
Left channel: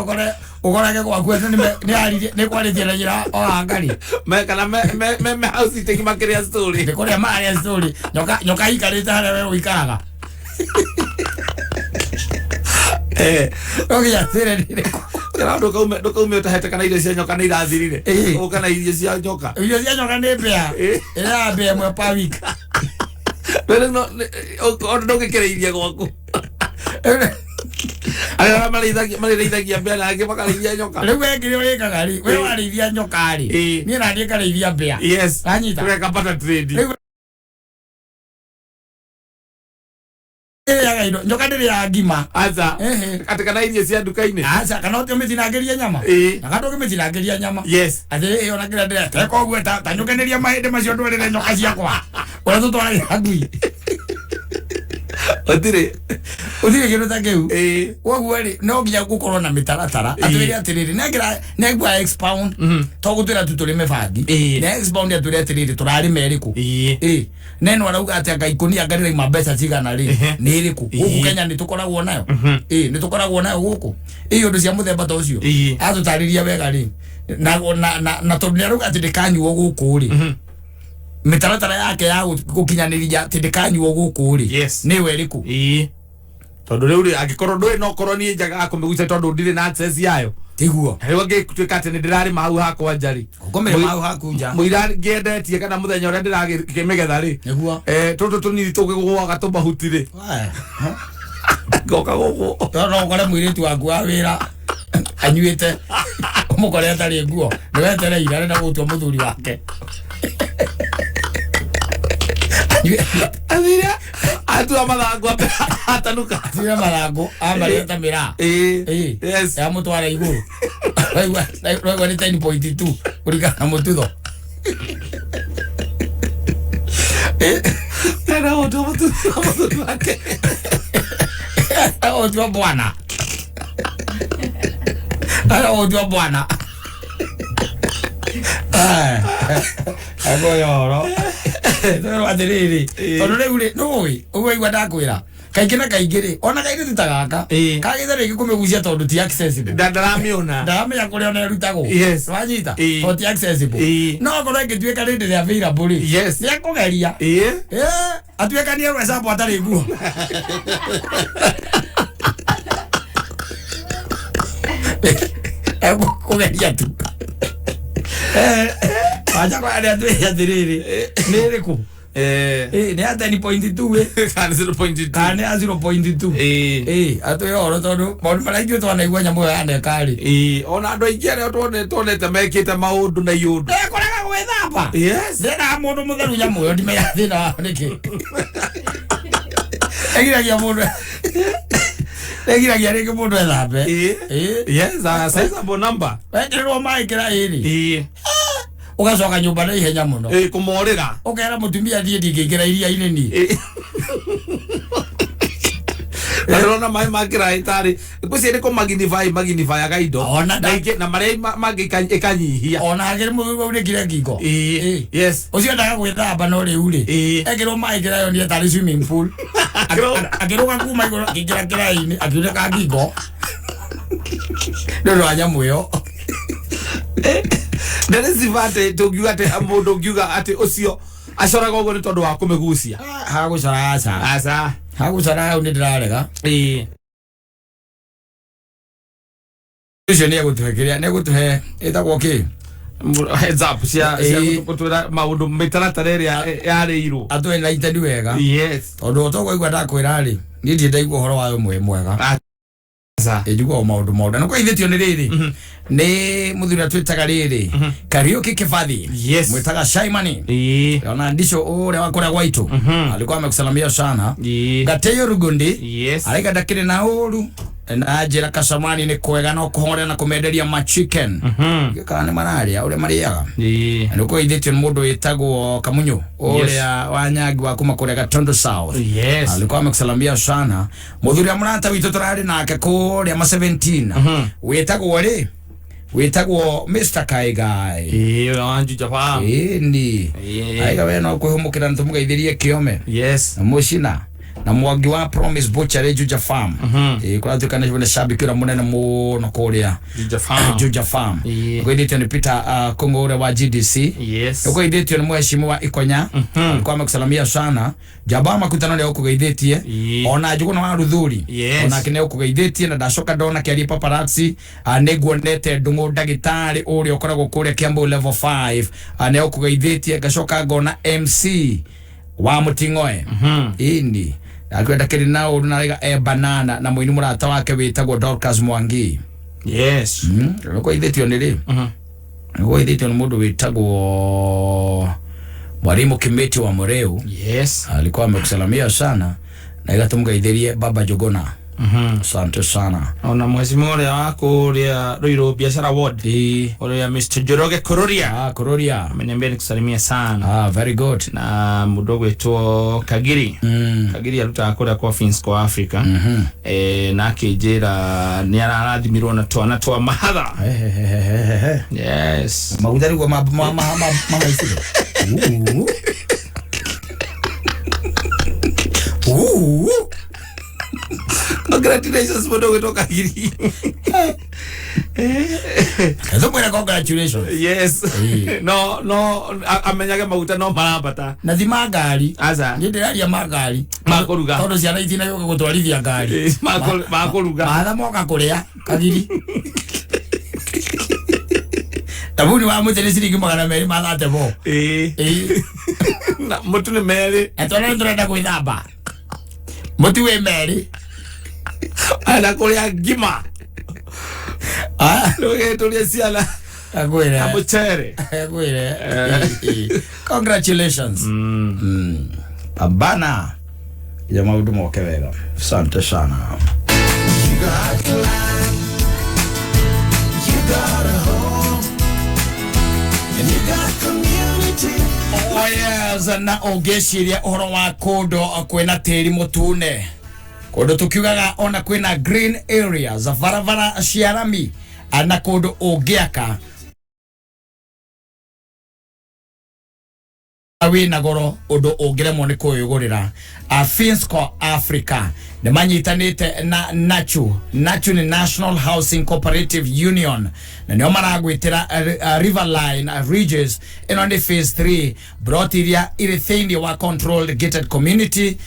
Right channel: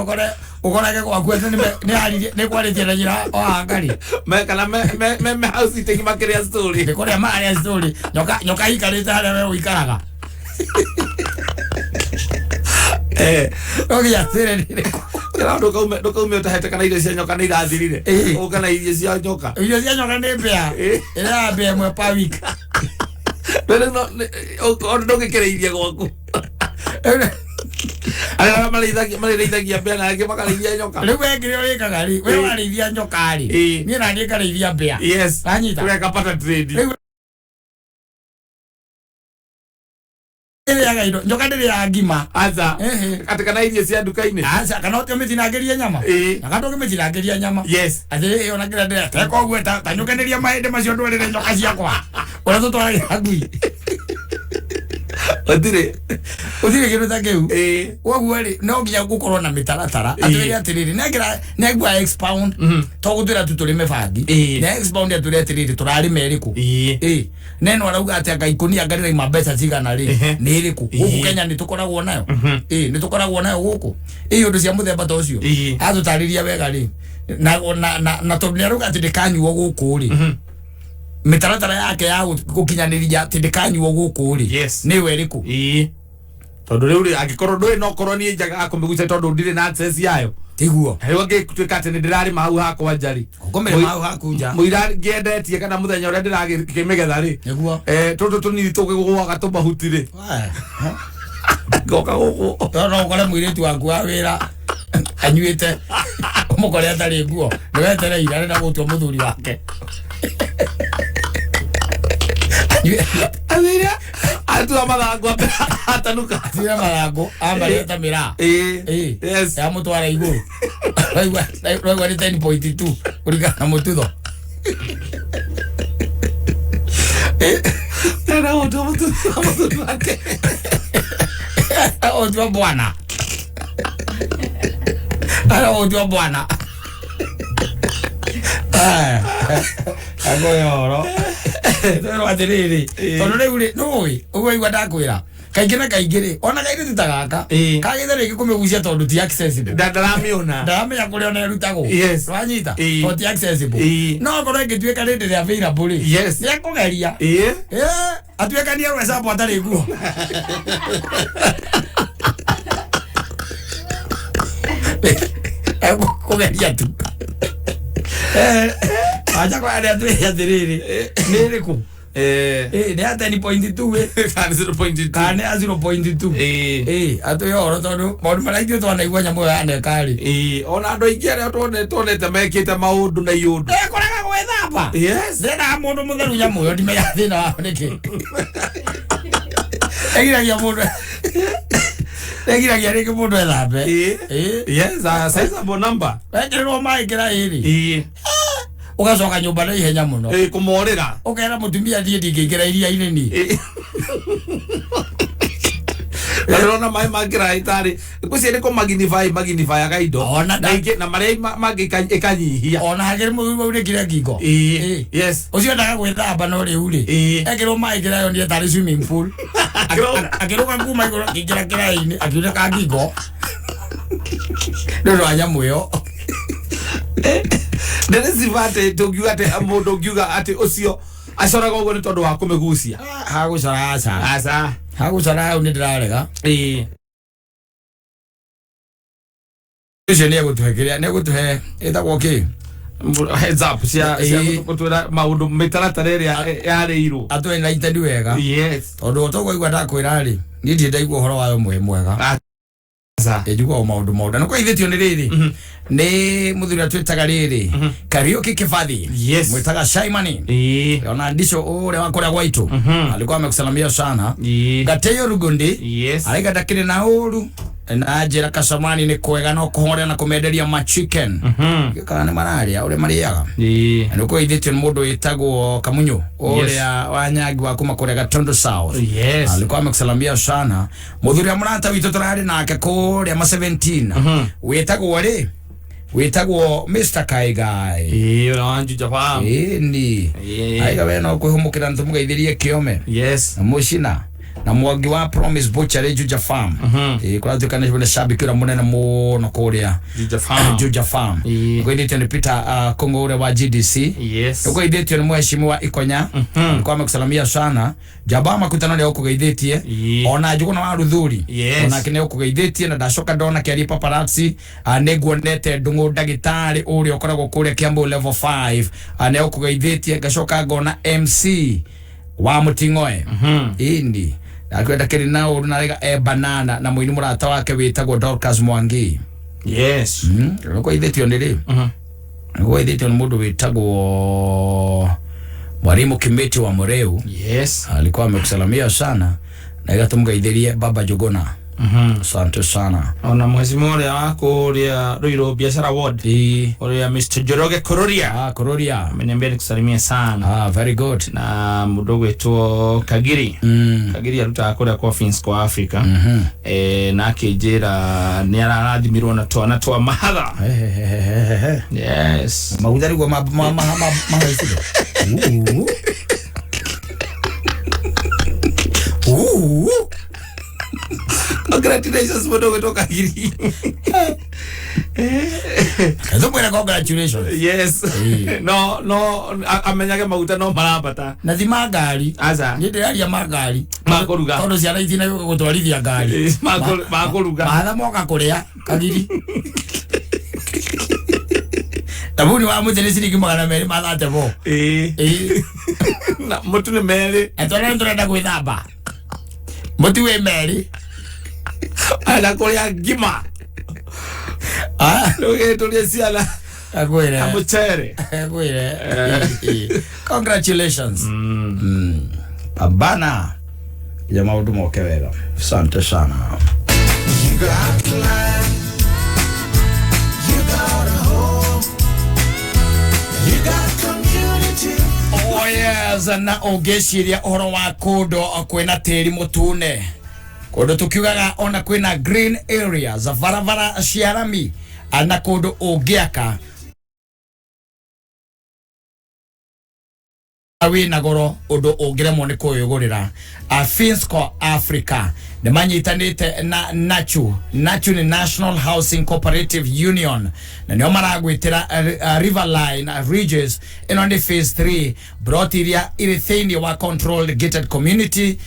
ukorage gwaku ni kwaritie na njira o ngari kana me house teki makiria story ni kuria maria story nyoka ikarite haria we uikaraga okia sire ni kira nduka utahete kana irio cia nyoka ni irathirire ukana irio cia nyoka ni bea ira bea mwe pa week pero no ndugikireirie gwaku ara mareithagia bea na angĩ makarĩithia nyoka rĩu wekire ũrĩkaga rĩ we warĩithia nyoka rĩ niĩ naniĩ ngarĩithia bea anyita tukapata trade nyoka ndĩrĩ ya ngima aza ati kana irio cia nduka-inĩ aca kana ũtĩmĩtinangĩria nyama na kana ũgĩmĩtinangĩria nyama atĩ ona kĩrĩa ndĩreka teka ũguo ta nyũkanĩria mahĩndĩ macio ndwarĩre nyoka ciakwa ũrĩa tũtwaragia ngui Otire kĩndũ ta kĩu koguo rĩ no nginya gũkorwo na mĩtaratara atwĩre atĩrĩrĩ negua expound to gũtwĩra tu tũrĩme bangi na expound atwĩre atĩrĩrĩ tũrarĩma ĩrĩkũ neno arauga atĩ anga ikonia ngari ma mbeca cigana rĩ nĩ ĩrĩkũ gũkũ Kenya nĩ tũkoragwo nayo nĩ tũkoragwo nayo gũkũ ũndũ cia mũthemba ta ũcio atũtarĩria wega rĩ na tondũ nĩ arauga atĩ ndĩkanyuo gũkũ rĩ mitaratara yake ya gukinyanĩria atĩ ndĩkanyuo gũkũ rĩ nĩ we ĩrĩkũ tondu riu ri angikorwo ndui no korwo ni njaga kumiguca tondu ndire na access yayo tiguo hewa ngituika ati ni ndirari mau hakwa njari ukomere mau haku nja muira ngendetie kana muthenya uria ndirakimegetha ri niguo tondu tunini tugigwaga tumahuti ri goka guku no kore muiritu waku wa wira anyuite umukore atari nguo ni wetereire arenda gutua muthuri wake atu amathangwa atanuka Tira marango amareta mira. Yes. Ya mutwara iguru. Rwa ni 10.2 kulingana na mututho. Era otro wake. Otro bwana. Era otro bwana. Agoyoro. Toro atiriri. Toro reure noi. Uwe igwadakwira. Kaingina kaingire. Ona kaire tutagaka. Kagethe rigi kumegucia tondu ti accessible. Ndaramiona. Ndaramenya kuria ona rutago. Yes. Wanyita. To ti accessible. No korwo ngituika rindi ria available. Yes. Ni akugeria. Atuika ni rwa sapo atari nguo. Kugeria tu. Acha kwa ada tu ya diriri. Niriku. Ni hata ni 0.2 Kani 0.2. Kani 0.2. Ato yoro tondu maundu maraingio twana igwa nyamu ya ne kari. Ona ando ingere tonete mekite maundu na yundu. Koraga gwethamba. Yes. Ndena mundu mutheru nyamu yo ndime ya thina niki. Egiragia mundu. Egiragia riki mundu ethambe. Yes, a sizable number. Wendirwo mai kira iri. Ugacoka nyumba na ihenya muno. Kumorira. Ukera mutumia thie ndingĩingĩra iria-inĩ ni. Rona mai magira itari. Kusi ni ko magnify agaido. Na mare magi ikanyihia. Ona hagere mu uri kire ngingo. Yes. Ucio ndaga gwithamba no riu ri. Ekirwo mai kira yo ni tari swimming pool. Akirwo kuma igoro kira kira-ini akire ka ngingo. Ndio anyamu yo. Nderesivate togiuga ate amodo giuga ate ocio acora gogo ni tondu wa kumegucia hagucora asa hagucora undi ndirarega icio ni gutuhekeria ni gutuhe etagwo ki heads up cia gutwira maundu mitaratara iria yareirwo atwe na itedi wega. Yes. Tondu otogwa ndakwira ri ni ndaigua uhoro wayo mwega ejugwa maundu no kwa ithitio ni riri ni muthuri atwitaga riri Karaoke Kifathi. Yes. Mwitaga Shaimani. Ona ndisho ule wakorea gwaitu alikuwa amekusalamia sana. Gateyo Rugundi. Yes. Alika dakire na uru na ajira Kasamani ni kwega no kuhore na kumenderia ma chicken. Kana ni mararia ule mariaga. Ni kwa ithitio ni mundu witagwo Kamunyu ule wanyagi wa kuma kuria Gatondo South. Yes. Alikuwa amekusalamia sana. Muthuri amurata witu turari nake kuria ma 17 witagwo ri witagwo Mr. Kaigai. Ona Juja Farm. Ndi. Aiga we no kuhumukira ntumugeithirie kiome. Yes. Mushina na mwangi wa Promise Butcher Juja Farm. Kwa tukana jibone shabiki ura munene muno kuria Juja Farm. Kwa iditio ni Peter Kongo ure wa GDC. Yes. Kwa iditio ni mheshimiwa Ikonya. Alikuwa amekusalamia sana. Jabama kutana leo kugeithitie. Ona juko na waruthuri. Ona kine kugeithitie na ndacoka ndona kiari paparazzi neguonete ndungu ndagitari uri okoragwo kuria Kiambu level 5 aneo kugeithitie ngacoka ngona MC wa Mutingoe. Indi akwenda kiri nao runarega banana na muini murata wake witagwo Dorcas Mwangi. Yes. Kwa ithitio ni ri kwa ithitio ni mundu witagwo Mwalimu Kimeti wa Moreu. Yes. Alikuwa amekusalamia sana na igatumgeithirie Baba Jogona. Asante sana. Ona mwezi mmoja wako ulia Ruiru Biashara Ward. Ulia Mr. Joroge Kororia. Kororia. Ameniambia nikusalimia sana. Very good. Na mudogo wetu Kagiri. Kagiri alutaka kuria kwa Finsko Africa. Na akijera ni ararathimirwo na twana mahatha. Yes. Magudari kwa mama isigo. Congratulations mudogo wetu Kagiri. Congratulations. Yes. No amenyage maguta no marabata. Na thi magari. Aza. Ndiraria magari. Makoruga. Tondo ciana itina yuko gutwarithia ngari. Makoruga. Mahatha moka kuria Kagiri. Tabuni wa mutele ciringi 200 mathate bo. Na mutu ni meri. Etona ndurenda gwithamba. Mutu we meri. Ala kuria ngima. Loge tulia siala. Agwire. Amuchere. Agwire. Congratulations. Pambana. ya maundu moke wega. Asante sana. You got land, you got a home, and you got community. Oh yes, na ongeciria uhoro wa kundo kwina tiri mutune. Kundo tukiugaga ona kwina green areas, varavara cia rami, na kundo ungiaka awina goro undu ungiremwo ni kuyugurira. Finsco Africa ni manyitanite na Nachu ni National Housing Cooperative Union, na nio maragwitira Riverline Ridges ino ni phase 3 brought iria iri thiini wa controlled gated community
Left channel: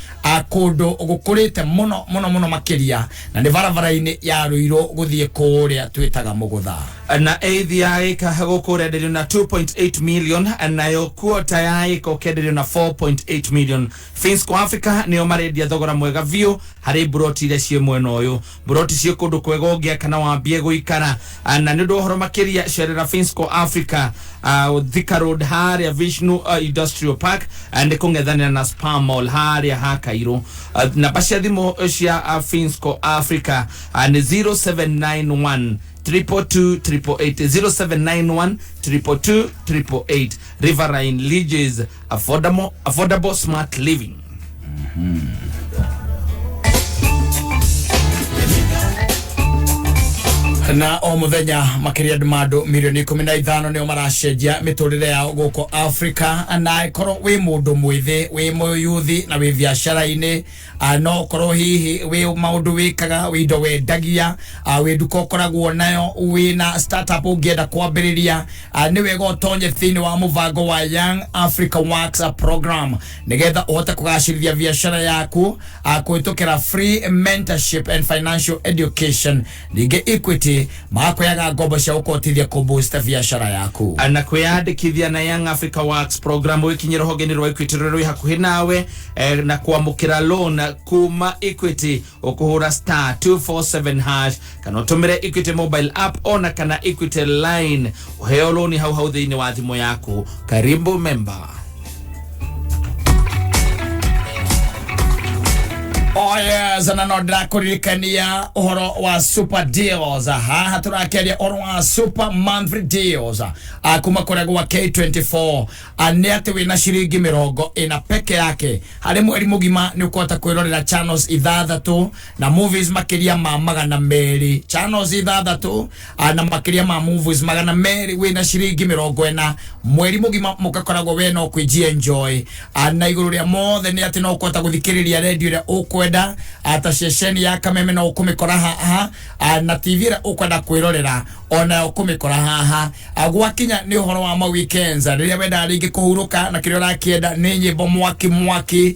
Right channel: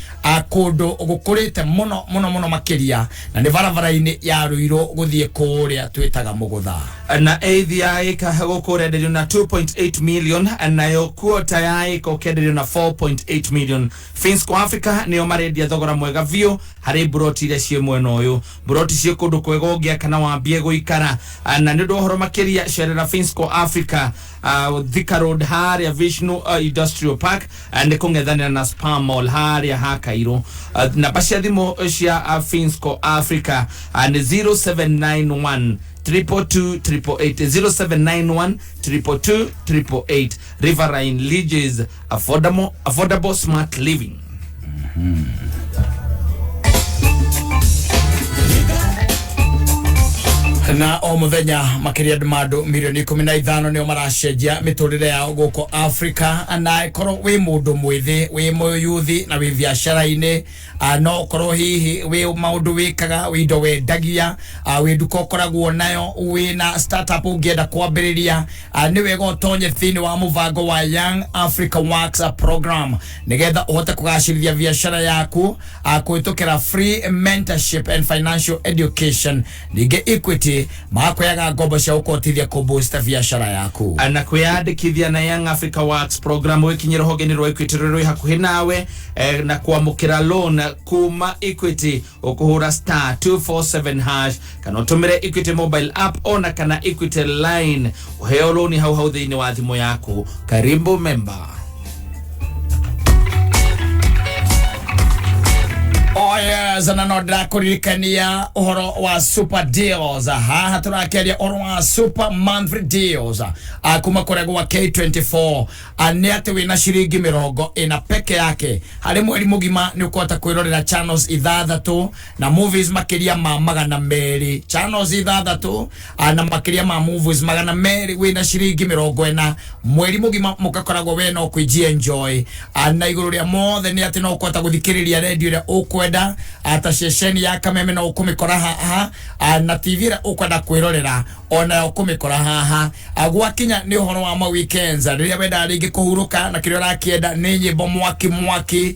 kundu gukurite muno makiria, na ni varavara-ini ya Ruiro guthie kuria twitaga Mugutha. Na ADI kahagokoredelio na 2.8 million nayo kuota yai kokedelio na 4.8 million. Finsco Africa nio marendia thogora mwega view hari broti ile cie mweno uyu. Broti cie kundu kwega ugia kana wambie guikara, na ndio horo makiria sherera Finsco Africa Thika Road haria Vishnu Industrial Park and kungethania na Spam Mall haria ha Kairo. Na basi thimo cia Finsco Africa and 0791 222 0791 Riverine Ridges, affordable smart living. Na o muthenya makiria andu milioni 15 nio maracenjia miturire yao guko Africa, na ikoro wi mundu mwithi wi muyuthi na wi biashara-ini, no korwo hihi wi maundu wikaga wi ndo wendagia wi nduka ukoragwo nayo wi na startup ungienda kwambiriria, ni wega utonye thini wa muvango wa Young Africa Works program nigetha uhote kugacirithia biashara yaku kuitukira free mentorship and financial education. Ninge Equity makoyaga ngombo cia ukotithia kuboost biashara yaku. Na kwiyandikithia na Young Africa Works program wikinyira hogeni rwa Equity ruri hakuhi nawe, na kwamukira loan kuma Equity ukuhura *247# kana utumire Equity mobile app ona kana Equity line uheo loan hau thiini wa thimu yaku. Karibu member. Oh yes, na no ndakuririkania uhoro wa super deals. Haha turakiaria uhoro wa super monthly deals kuma kurego wa K24. Ni ati wina ciringi 40 peke yake hari mweri mugima ni ukota kwirorera channels ithathatu na movies makiria ma 200. Channels ithathatu na makiria ma movies 200 wina ciringi 40 mweri mugima mukakoragwo we no kwijia enjoy. Na iguru ria mothe ni ati no ukota guthikiriria radio ria ukwenda ata sesheni ya kameme na ukumikora haha, na TV ra ukwenda kwirorera ona ukumikora haha. Gwakinya ni uhoro wa ma weekends riria wenda ringi kuhuruka na kirio rakienda ni nyimbo mwaki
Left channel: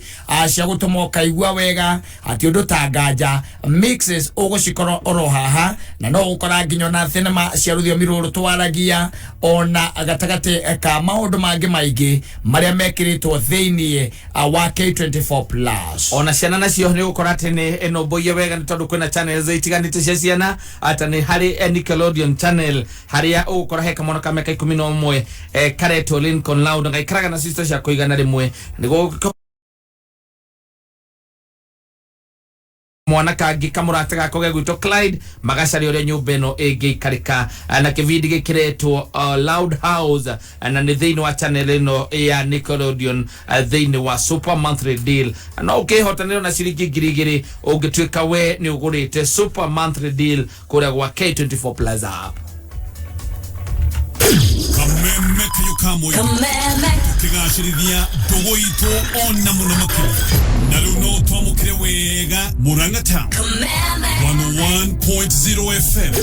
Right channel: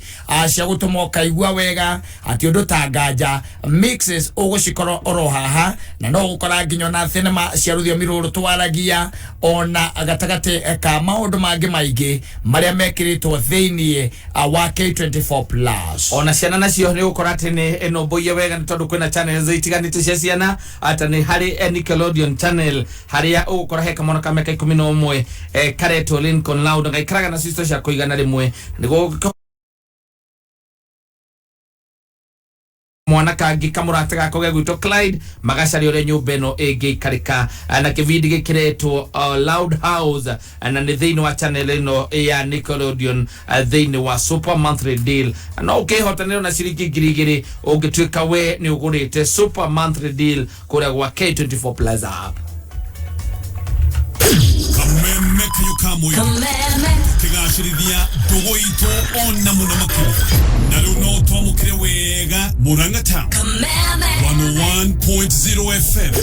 cia gutuma kaigua wega ati undu tangaja mixes ugucikoro oro haha, na no gukora nginyo na cinema cia ruthio miruru twaragia ona gatagate ka maundu mangi maingi maria mekiritwo thiini wa K24 plus. Ona ciana nacio ni gukora ati ni eno boye wega ni tondu kwina channels itiganite cia ciana, ata ni hari Nickelodeon channel haria ugukora heka mwana ka meka 11 kareto Lincoln Loud ngaikaraga na sister cia kuigana rimwe nigo mwana kangi kamurate gako gegwito Clyde magacari ore nyumba eno igikarika na kivindi gikiretwo Loud House na ni thiini wa channel eno ya Nickelodeon thiini wa super monthly deal. No ukihotanira na ciringi 2000 ungituika we ni ugurite super monthly deal kuria gwa K24 plus app. Kameme kayukamwe kigashirithia dogo ito ona muna makiri na luno twamukire wega Murang'a Town 101.0 FM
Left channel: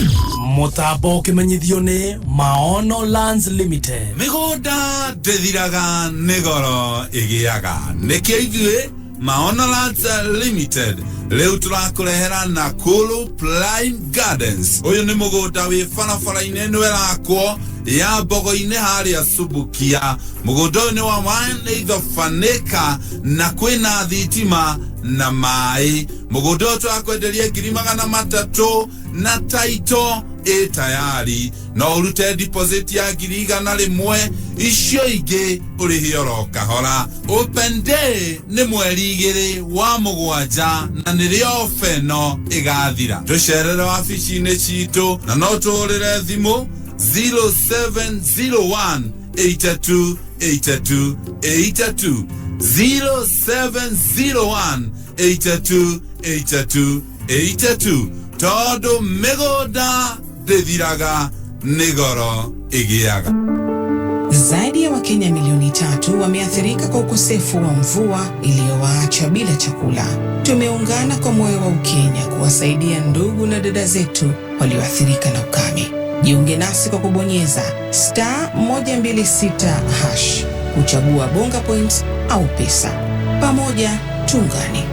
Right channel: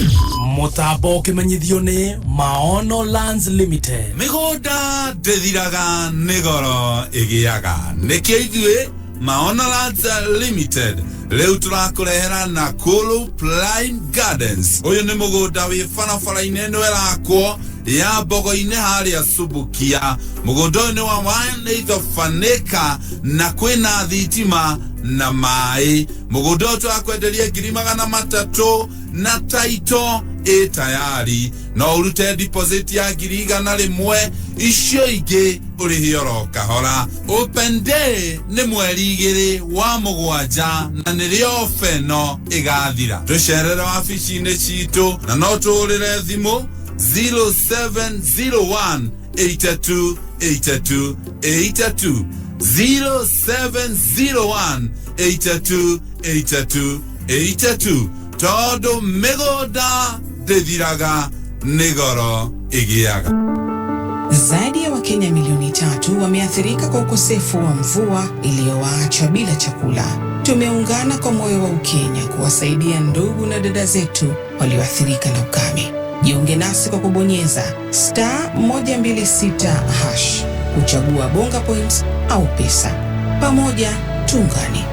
Mutambo kimenyithio ni Maono Lands Limited. Migoda ndethiraga nigoro igiaga nikio ithue Maono Lands Limited leo turakurehera Nakuru Prime Gardens. Uyu ni mugunda wi barabara-ini ino irakwo ya Mbogo-ini haria Subukia. Mugunda ni wa 1/8 acre na kwina thitima na mai. Mugunda twakwenderia 300,000 na taito tayari no urute deposit ya 100,000 icio ingĩ ũrĩ hioro kahora. Open Day nĩ mweri 2 wa Mũgwanja na nĩrĩo feno ĩgathira. Tũcerere wabici-inĩ citũ na no tũhũrĩre thimũ 0701 82 82 82 0701 82 82 82 tondũ mĩgũnda ndĩthiraga nĩ goro ĩgĩaga. Zaidi ya Wakenya milioni 3 wameathirika kwa ukosefu wa mvua iliyowaacha bila chakula. Tumeungana kwa moyo wa Ukenya kuwasaidia ndugu na dada zetu walioathirika na ukame. Jiunge nasi kwa kubonyeza *126# kuchagua bonga points au pesa. Pamoja tuungane.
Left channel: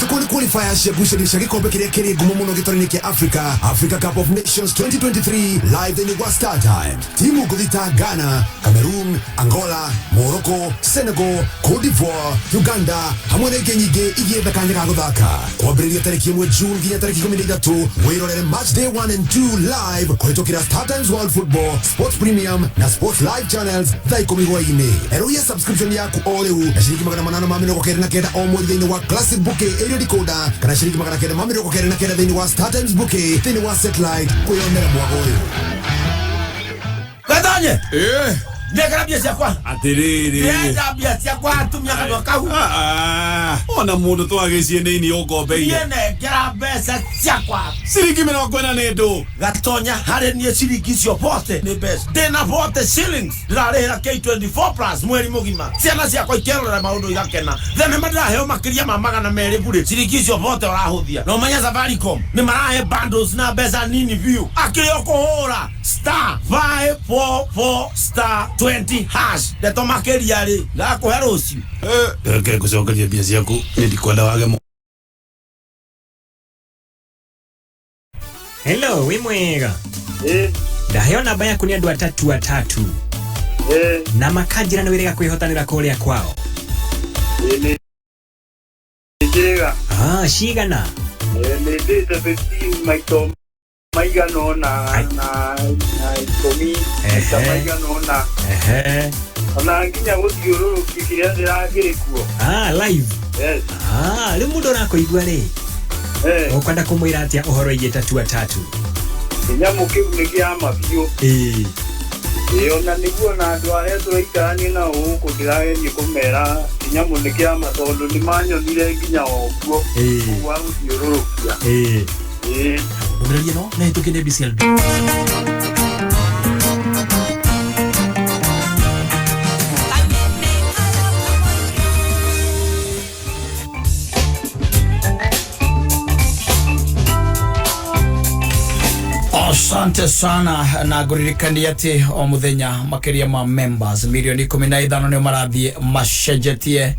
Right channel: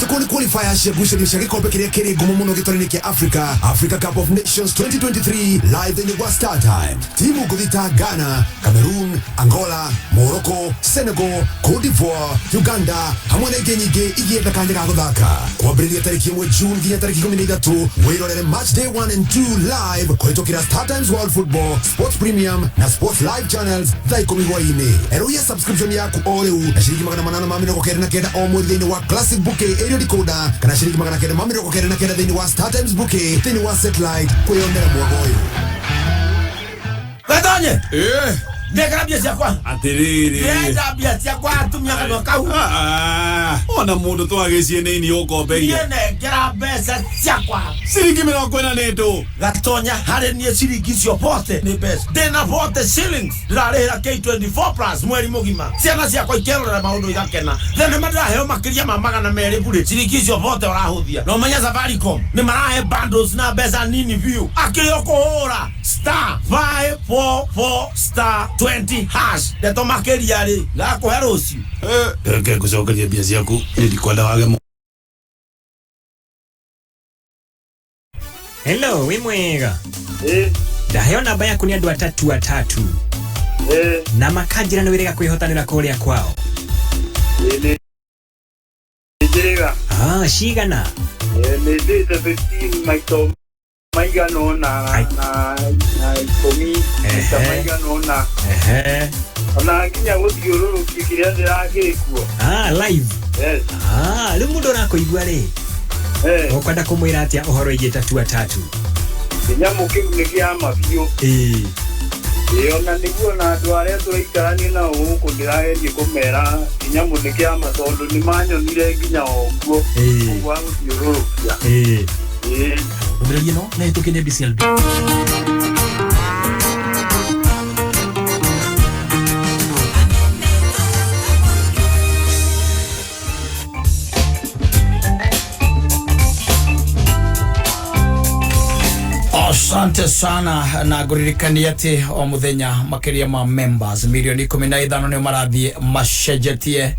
Tukuni qualifiers ya gushalisha kikombe kile gumu muno gitarani kia Africa Cup of Nations 2023 live in the Star Time. Timu kudita Ghana, Cameroon, Angola, Morocco, Senegal, Cote d'Ivoire, Uganda, hamwe na igenyige igienda kanya ka guthaka. Kwambĩrĩria tarĩki 1 June nginya tarĩki 13 wĩrorere match day 1 and 2 live kũhĩtũkĩra Star Times World Football, Sports Premium na Sports Live Channels thaa 10 hwaĩ-inĩ. Eruia subscription yaku o rĩu na ciringi 899 o mweri thĩinĩ wa Classic Bouquet area decoder kana ciringi 999 thĩinĩ wa Star Times Bouquet thĩinĩ wa satellite kwĩyonera mwago ũyũ. Gatonye ndekera bia ciakwa atiriri ndenda bia ciakwa atumia kana kau ona mundu twagĩcie nini ũkombeire ndekera mbeca ciakwa ciringi 40 nĩndũ Gatonya harĩ niĩ ciringi cio pote nĩ mbeca ndĩna pote shillings ndĩrarĩhĩra K24 plus mweri mũgima ciana ciakwa ikerorera maũndũ igakena thenema ndĩraheo makĩria ma 200 bure ciringi cio pote ũrahũthia no menya Safaricom nĩ marahe bundles na mbeca nini view akĩrĩ ũkũhũra *544*20# ndeto makĩria rĩ ngakũhe rũciũ reke ngũcokerie mbia ciaku nĩndikwenda wage mũno. Hello, we mwega. Ndaheo namba yaku nĩ andũ atatu. Na makanjĩra nĩ wĩrĩga kwĩhotanĩra kũrĩa kwao. Cigana? Nĩ ndĩte 15 maito maigano na ikomi maigano na ona nginya gũthiũrũrũkia kĩrĩa ndĩrakĩrĩ kuo. Live? Yes. Rĩu mũndũ ũrakũigua rĩ? Ũkwenda kũmwĩra atĩa ũhoro igĩ atatu? Kĩnyamũ kĩu nĩ kĩa mabiũ. Ona nĩguo na andũ arĩa tũikaranie nao gũkũ ndĩrageria kũmera kĩnyamũ nĩ kĩa ma tondũ nĩ manyonire nginya ũguo wa gũthiũrũrũkia. Ndũmĩrĩrie no na hĩtũkĩre DCLB. Asante sana na nguririkania ati o muthenya makiria ma members milioni 15 nĩ marathie macenjetie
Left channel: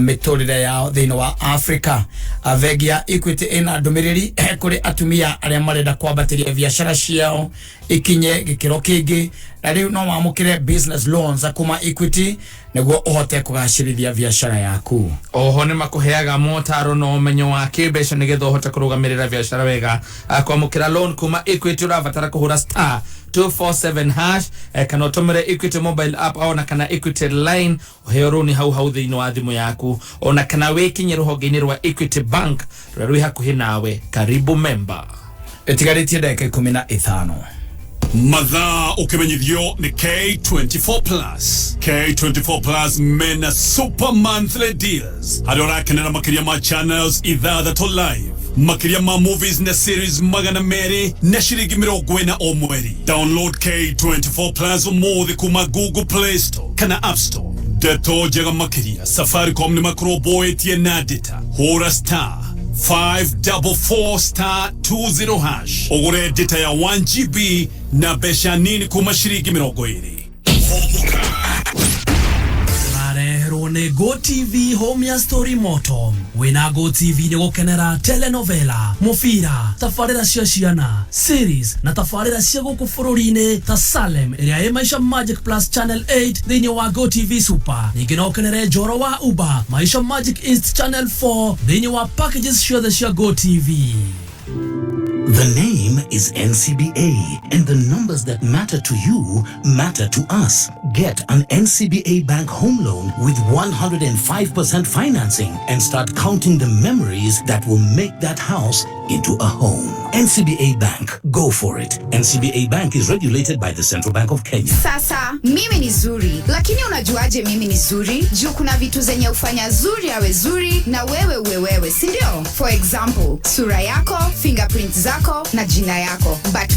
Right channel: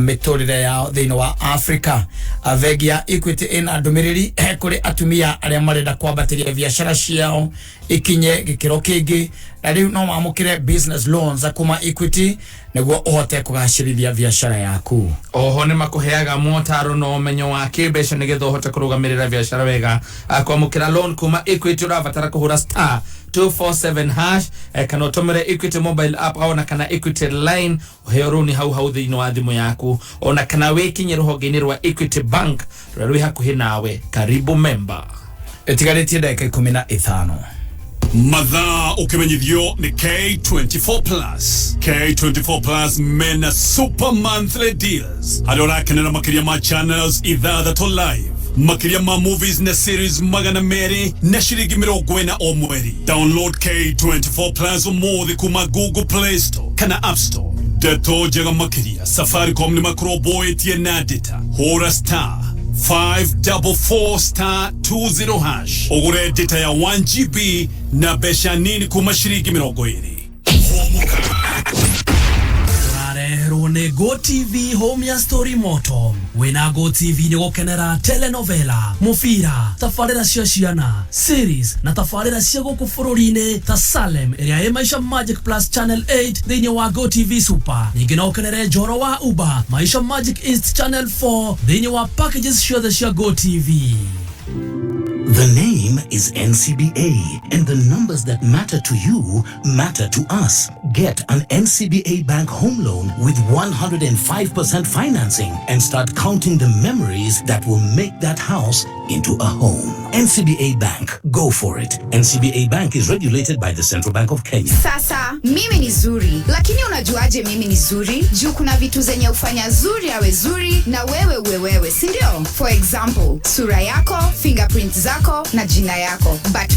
miturire yao thĩinĩ wa Africa. Avegia Equity ina ndumiriri kuri atumia arĩa marenda kwambatĩria biashara ciao ikinye gikiro kĩngĩ na rĩu no wamũkĩre business loans kuma Equity nĩguo ũhote kũgacĩrithia biashara yaku. Oho nĩ makũheaga motaro na ũmenyo wa kĩmbeca nĩgetha ũhote kũrũgamĩrĩra biashara wega. Kwamũkĩra loan kuma Equity ũrabatara kũhũra *247# kana ũtũmĩre Equity mobile app ona kana Equity line ũheo rũni hau thĩinĩ wa thimũ yaku ona kana wĩkinye rũhonge-inĩ rwa Equity Bank rũrĩa rwĩ hakuhĩ nawe. Karibu member. Ĩtigarĩtie ndagĩka 15. Mathaa ũkĩmenyithio nĩ K24 Plus. K24 Plus mena super monthly deals. Harĩa ũrakenera makĩria ma channels ithathatũ live. Makĩria ma movies na series 200 na ciringi 40 o mweri. Download K24 Plus ũmũthĩ kuma Google Play Store kana App Store. Ndeto njega makĩria Safaricom nĩ makũrũmbũĩtie na data. Hũra *544*20# ugure data ya 1GB na besha nini kuma shiringi 20. Wareherwo nĩ Go TV home ya story moto. Wĩna Go TV nĩ gũkenera telenovela, mũbira, tabarĩra cia ciana, series na tabarĩra cia gũkũ bũrũri-inĩ ta Salem ĩrĩa ĩ Maisha Magic Plus Channel 8 thĩinĩ wa Go TV Super. Ningĩ no ũkenere Njoro wa Uba, Maisha Magic East Channel 4 thĩinĩ wa packages ciothe cia Go TV. The name is NCBA, and the numbers that matter to you matter to us. Get an NCBA Bank home loan with 105% financing and start counting the memories that will make that house into a home. NCBA Bank, go for it. NCBA Bank is regulated by the Central Bank of Kenya. Sasa mimi ni zuri, lakini unajuaje mimi ni zuri? Juu kuna vitu zenye ufanya zuri awe zuri na wewe uwe wewe, si ndio? For example, sura yako, fingerprints zako na jina yako. But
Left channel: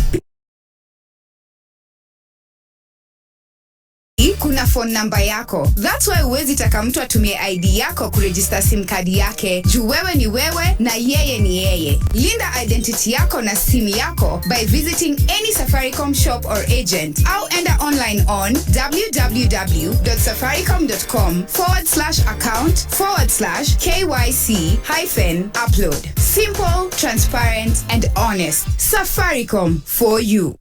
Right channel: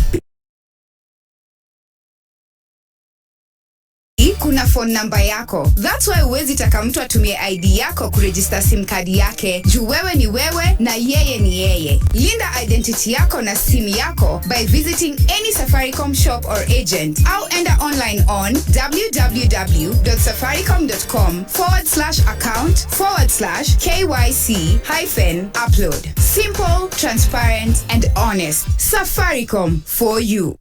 kuna phone number yako. That's why huwezi taka mtu atumie ID yako kuregister SIM card yake. Juu wewe ni wewe na yeye ni yeye. Linda identity yako na simu yako by visiting any Safaricom shop or agent. Au enda online on www.safaricom.com/account/KYC-upload. Simple, transparent and honest. Safaricom for you.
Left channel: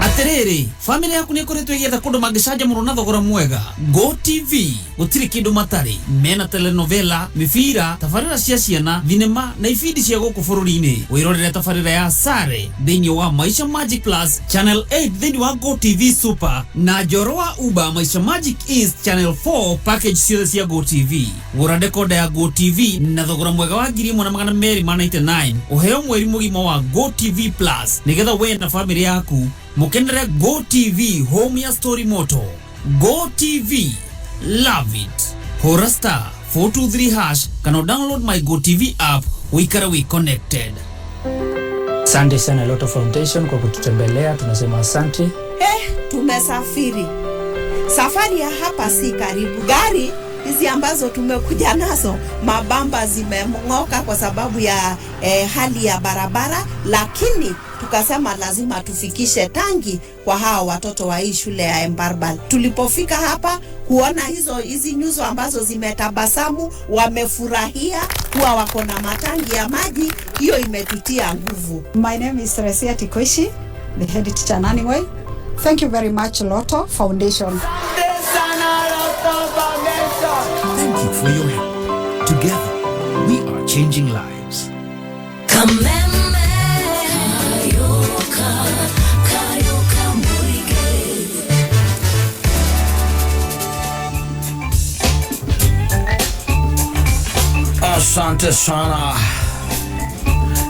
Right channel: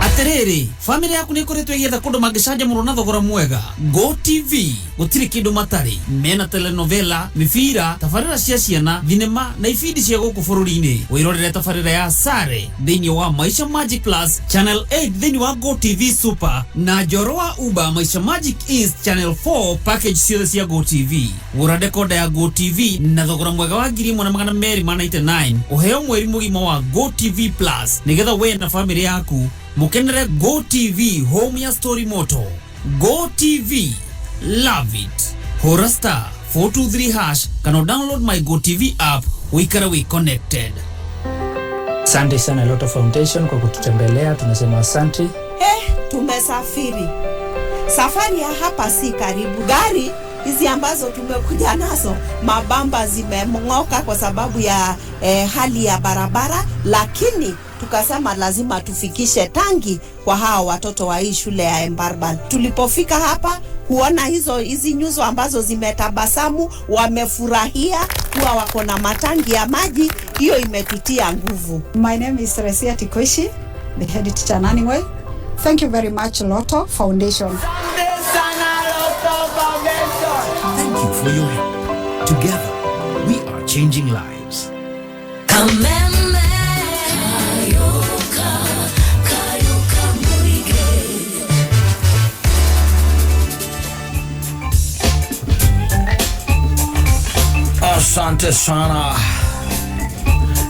Aterere, family yaku ni ikoretwo igitha kundu mangicaja muno na thogora mwega. Go TV gutiri kindu matari. Mena telenovela, mifira, tafarira cia ciana, thinema na ifindi cia guku bururi-ini. Wirorere tafarira ya Sare thiini wa Maisha Magic Plus Channel 8 thiini wa Go TV Super na Njorowa Uba Maisha Magic East Channel 4 package ciothe cia Go TV. Gura dekoda ya Go TV na thogora mwega wa 1299 uheo mweri mugima wa Go TV Plus nigetha we na family yaku mukenere Go TV home ya story moto. Go TV, love it. Hora star 423# kana download my Go TV app wikara we connected. Asante sana Loto Foundation kwa kututembelea, tunasema asante. Tumesafiri. Safari ya hapa si karibu. Gari hizi ambazo tumekuja nazo mabamba zimemngoka kwa sababu ya hali ya barabara, lakini tukasema lazima tufikishe tangi kwa hawa watoto wa hii shule ya Embarban. Tulipofika hapa kuona hizi nyuso ambazo zimetabasamu, wamefurahia kuwa wako na matangi ya maji, hiyo imetutia nguvu. My name is Resia Tikoishi, the head teacher Naniway. Thank you very much Loto Foundation. Thank you for your help. Together, we are changing lives. Asante sana.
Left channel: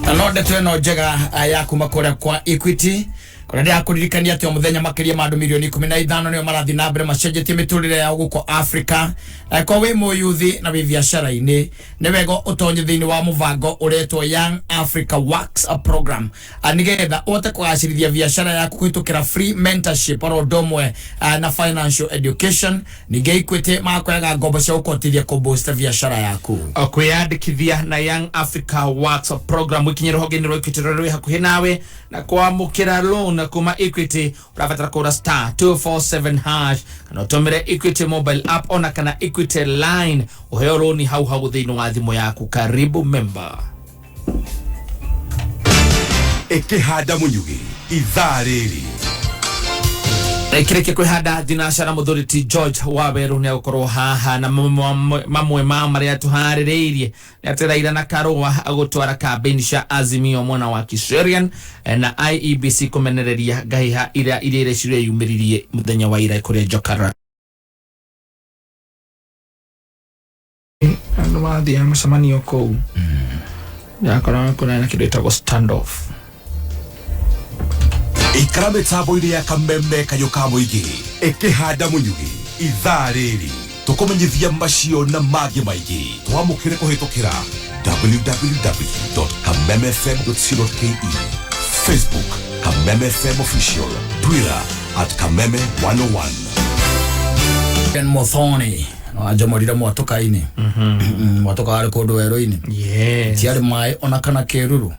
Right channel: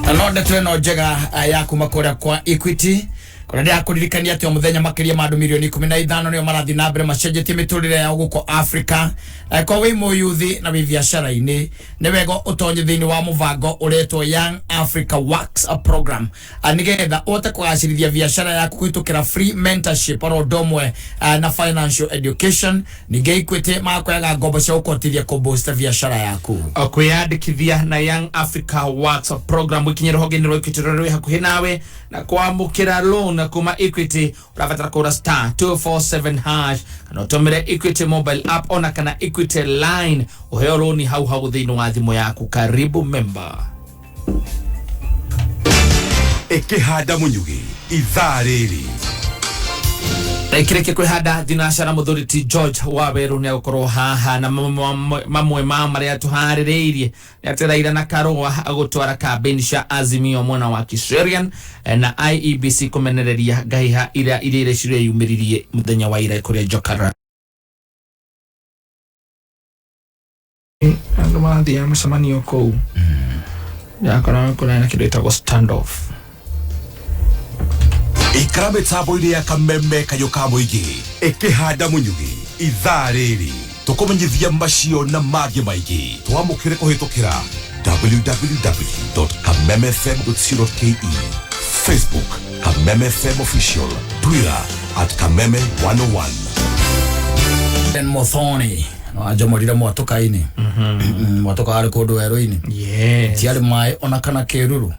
Anode tweno jega yaku makora kwa Equity. Kuna ndia kuririkania ati omuthenya makiria mandu milioni 15 nio marathi na mbere macenjetie miturire ya guko Africa. Kwa wi muyuthi na biashara-ini ni wego utonye thiini wa muvango uretwo Young Africa Works program. Anigetha uhote kugacirithia biashara yaku kuhitukira free mentorship oro ndomwe na financial education. Ninge Equity makoyaga ngombo cia gukotithia kuboost biashara yaku. Kwiyandikithia na Young Africa Works program wikinyira hoge-ini rwa Equity rwi hakuhi nawe na kwamukira loan kuma Equity urabatara kura star 247# kana utumire Equity mobile app ona kana Equity line uheo loan hau thiini wa thimu yaku. Karibu member. Ikihanda munyugi ithaa riri Ekireke kwihanda dinashara muthuriti George Waweru ni gukorwo haha na mamwe ma maria tuhaririirie ni atiraira na karua agutwara campaign cia Azimio mwana wa Kiserian na IEBC kumenereria ngaiha ire cire yumiririe muthenya wa ira kuria Jokara ando mathi ya mshamanio kou ya kuna kitu itago standoff ikarabe tabo-ini ya kameme kayoka muingi ikihanda munyugi ithaa riri tukumenyithia macio na mangĩ maingĩ twamũkĩre kũhĩtũkĩra www.kamemefm.co.ke, Facebook Kameme FM Official, Twitter @Kameme101. Ben Mothoni ajamorira mwatoka-ini mwatoka ari kundu werũ-ini tiari mai ona kana keruru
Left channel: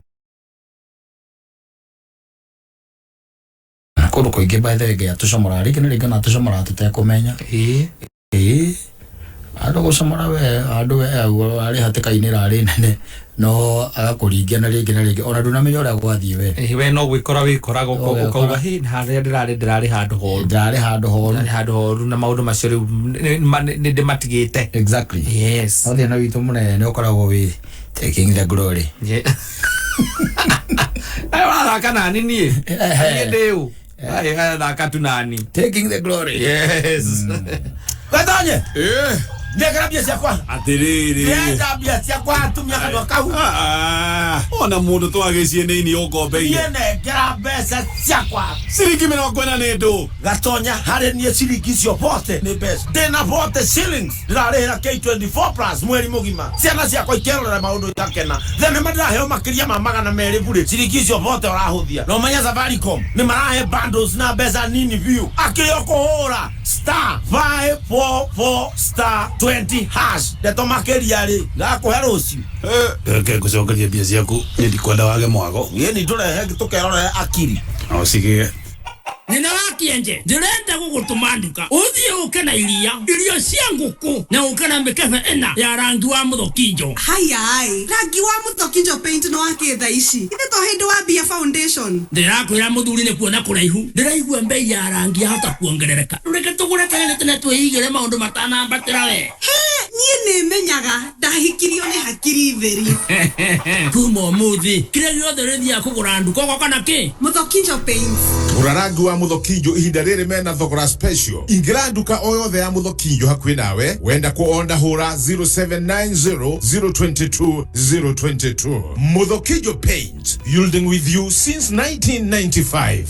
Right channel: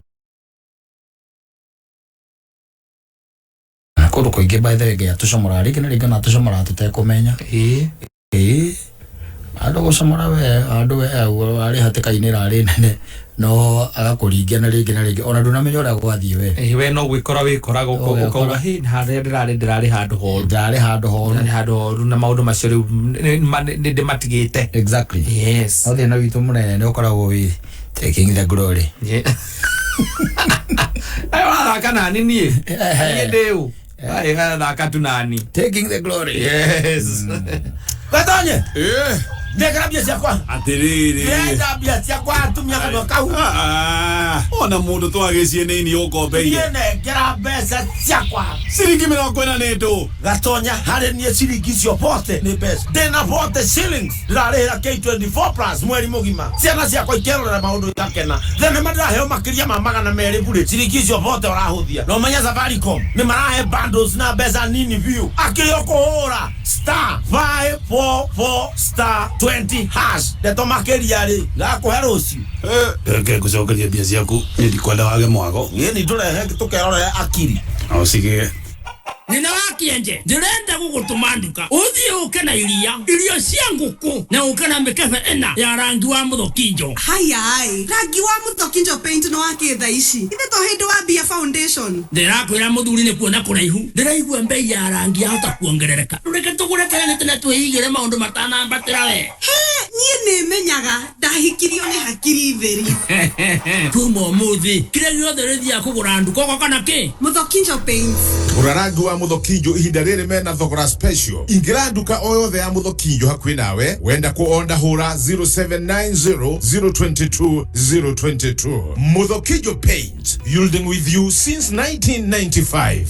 kundu kuingi by the way ya tucomora rigi ni na tucomora tutekumenya andu gucomora we andu we ari hatĩka-ini rari nene no agakuringia na rigi ona ndunamenya uria gwathie we no gwikora wikoraga ukauga hi harĩa ndirari handu horu na maundu macio riu ni ndimatigite. Exactly, yes. Othia na witu munene ni ukoragwo wi taking the glory. Ayo thaka nani nie. Ndeu. Ai thaka tu nani. Taking the glory. Yes. Katonye. Ndekera bia ciakwa. Atiriri. Ndenda bia ciakwa atumia kana kau. Ona mundu twagecie nini ukombeire. Ndekera mbeca ciakwa. Ciringi 40 ndu. Gatonya hari nie ciringi cio bote ni mbeca. Ndena bote shillings. Ndarĩhĩra K24 plus mweri mugima. Ciana ciakwa ikerorera maundu yakena. Thene madiraheo makiria ma 200 bure. Ciringi cio bote ũrahuthia. No menya Safaricom ni marahe bundles na mbeca nini view. Akĩrĩa kũhũra *544*20 hash. Ndeto makiria rĩ gakũhe rũciũ. Ke kucokeria bia ciaku ndikwenda wage mwago. Ni tũrehe tũkerorera akiri. O sige. Nina wakienje ndĩrenda gũgũtũma nduka ũthiĩ ũke na irio cia ngũkũ na ũke na mĩkebe ĩna ya rangi wa mũthokinjo. Hayai, rangi wa mũthokinjo paint no wakĩtha ici ithe to hĩndĩ wa Bia Foundation. Ndĩrakwĩra mũthuri nĩ kuona kũraihu ndĩraigua mbei ya rangi yahota kuongerereka. Reke tũgũre tene twĩigĩre maũndũ matanambatĩra we. Niĩ nĩmenyaga ndahikirio nĩ hakiri theri. Kuma ũmũthĩ kĩrĩa gĩothe rĩthiaga kũgũra nduka ũgoka na kĩ? Mũthokinjo paint. Gũra rangi wa Muthokinjo ihinda rĩrĩ mena thogora special. Ingĩra nduka o yothe ya Muthokinjo hakuhĩ nawe wenda kuonda hũra 0790022022. Muthokinjo Paint, yielding with you since 1995.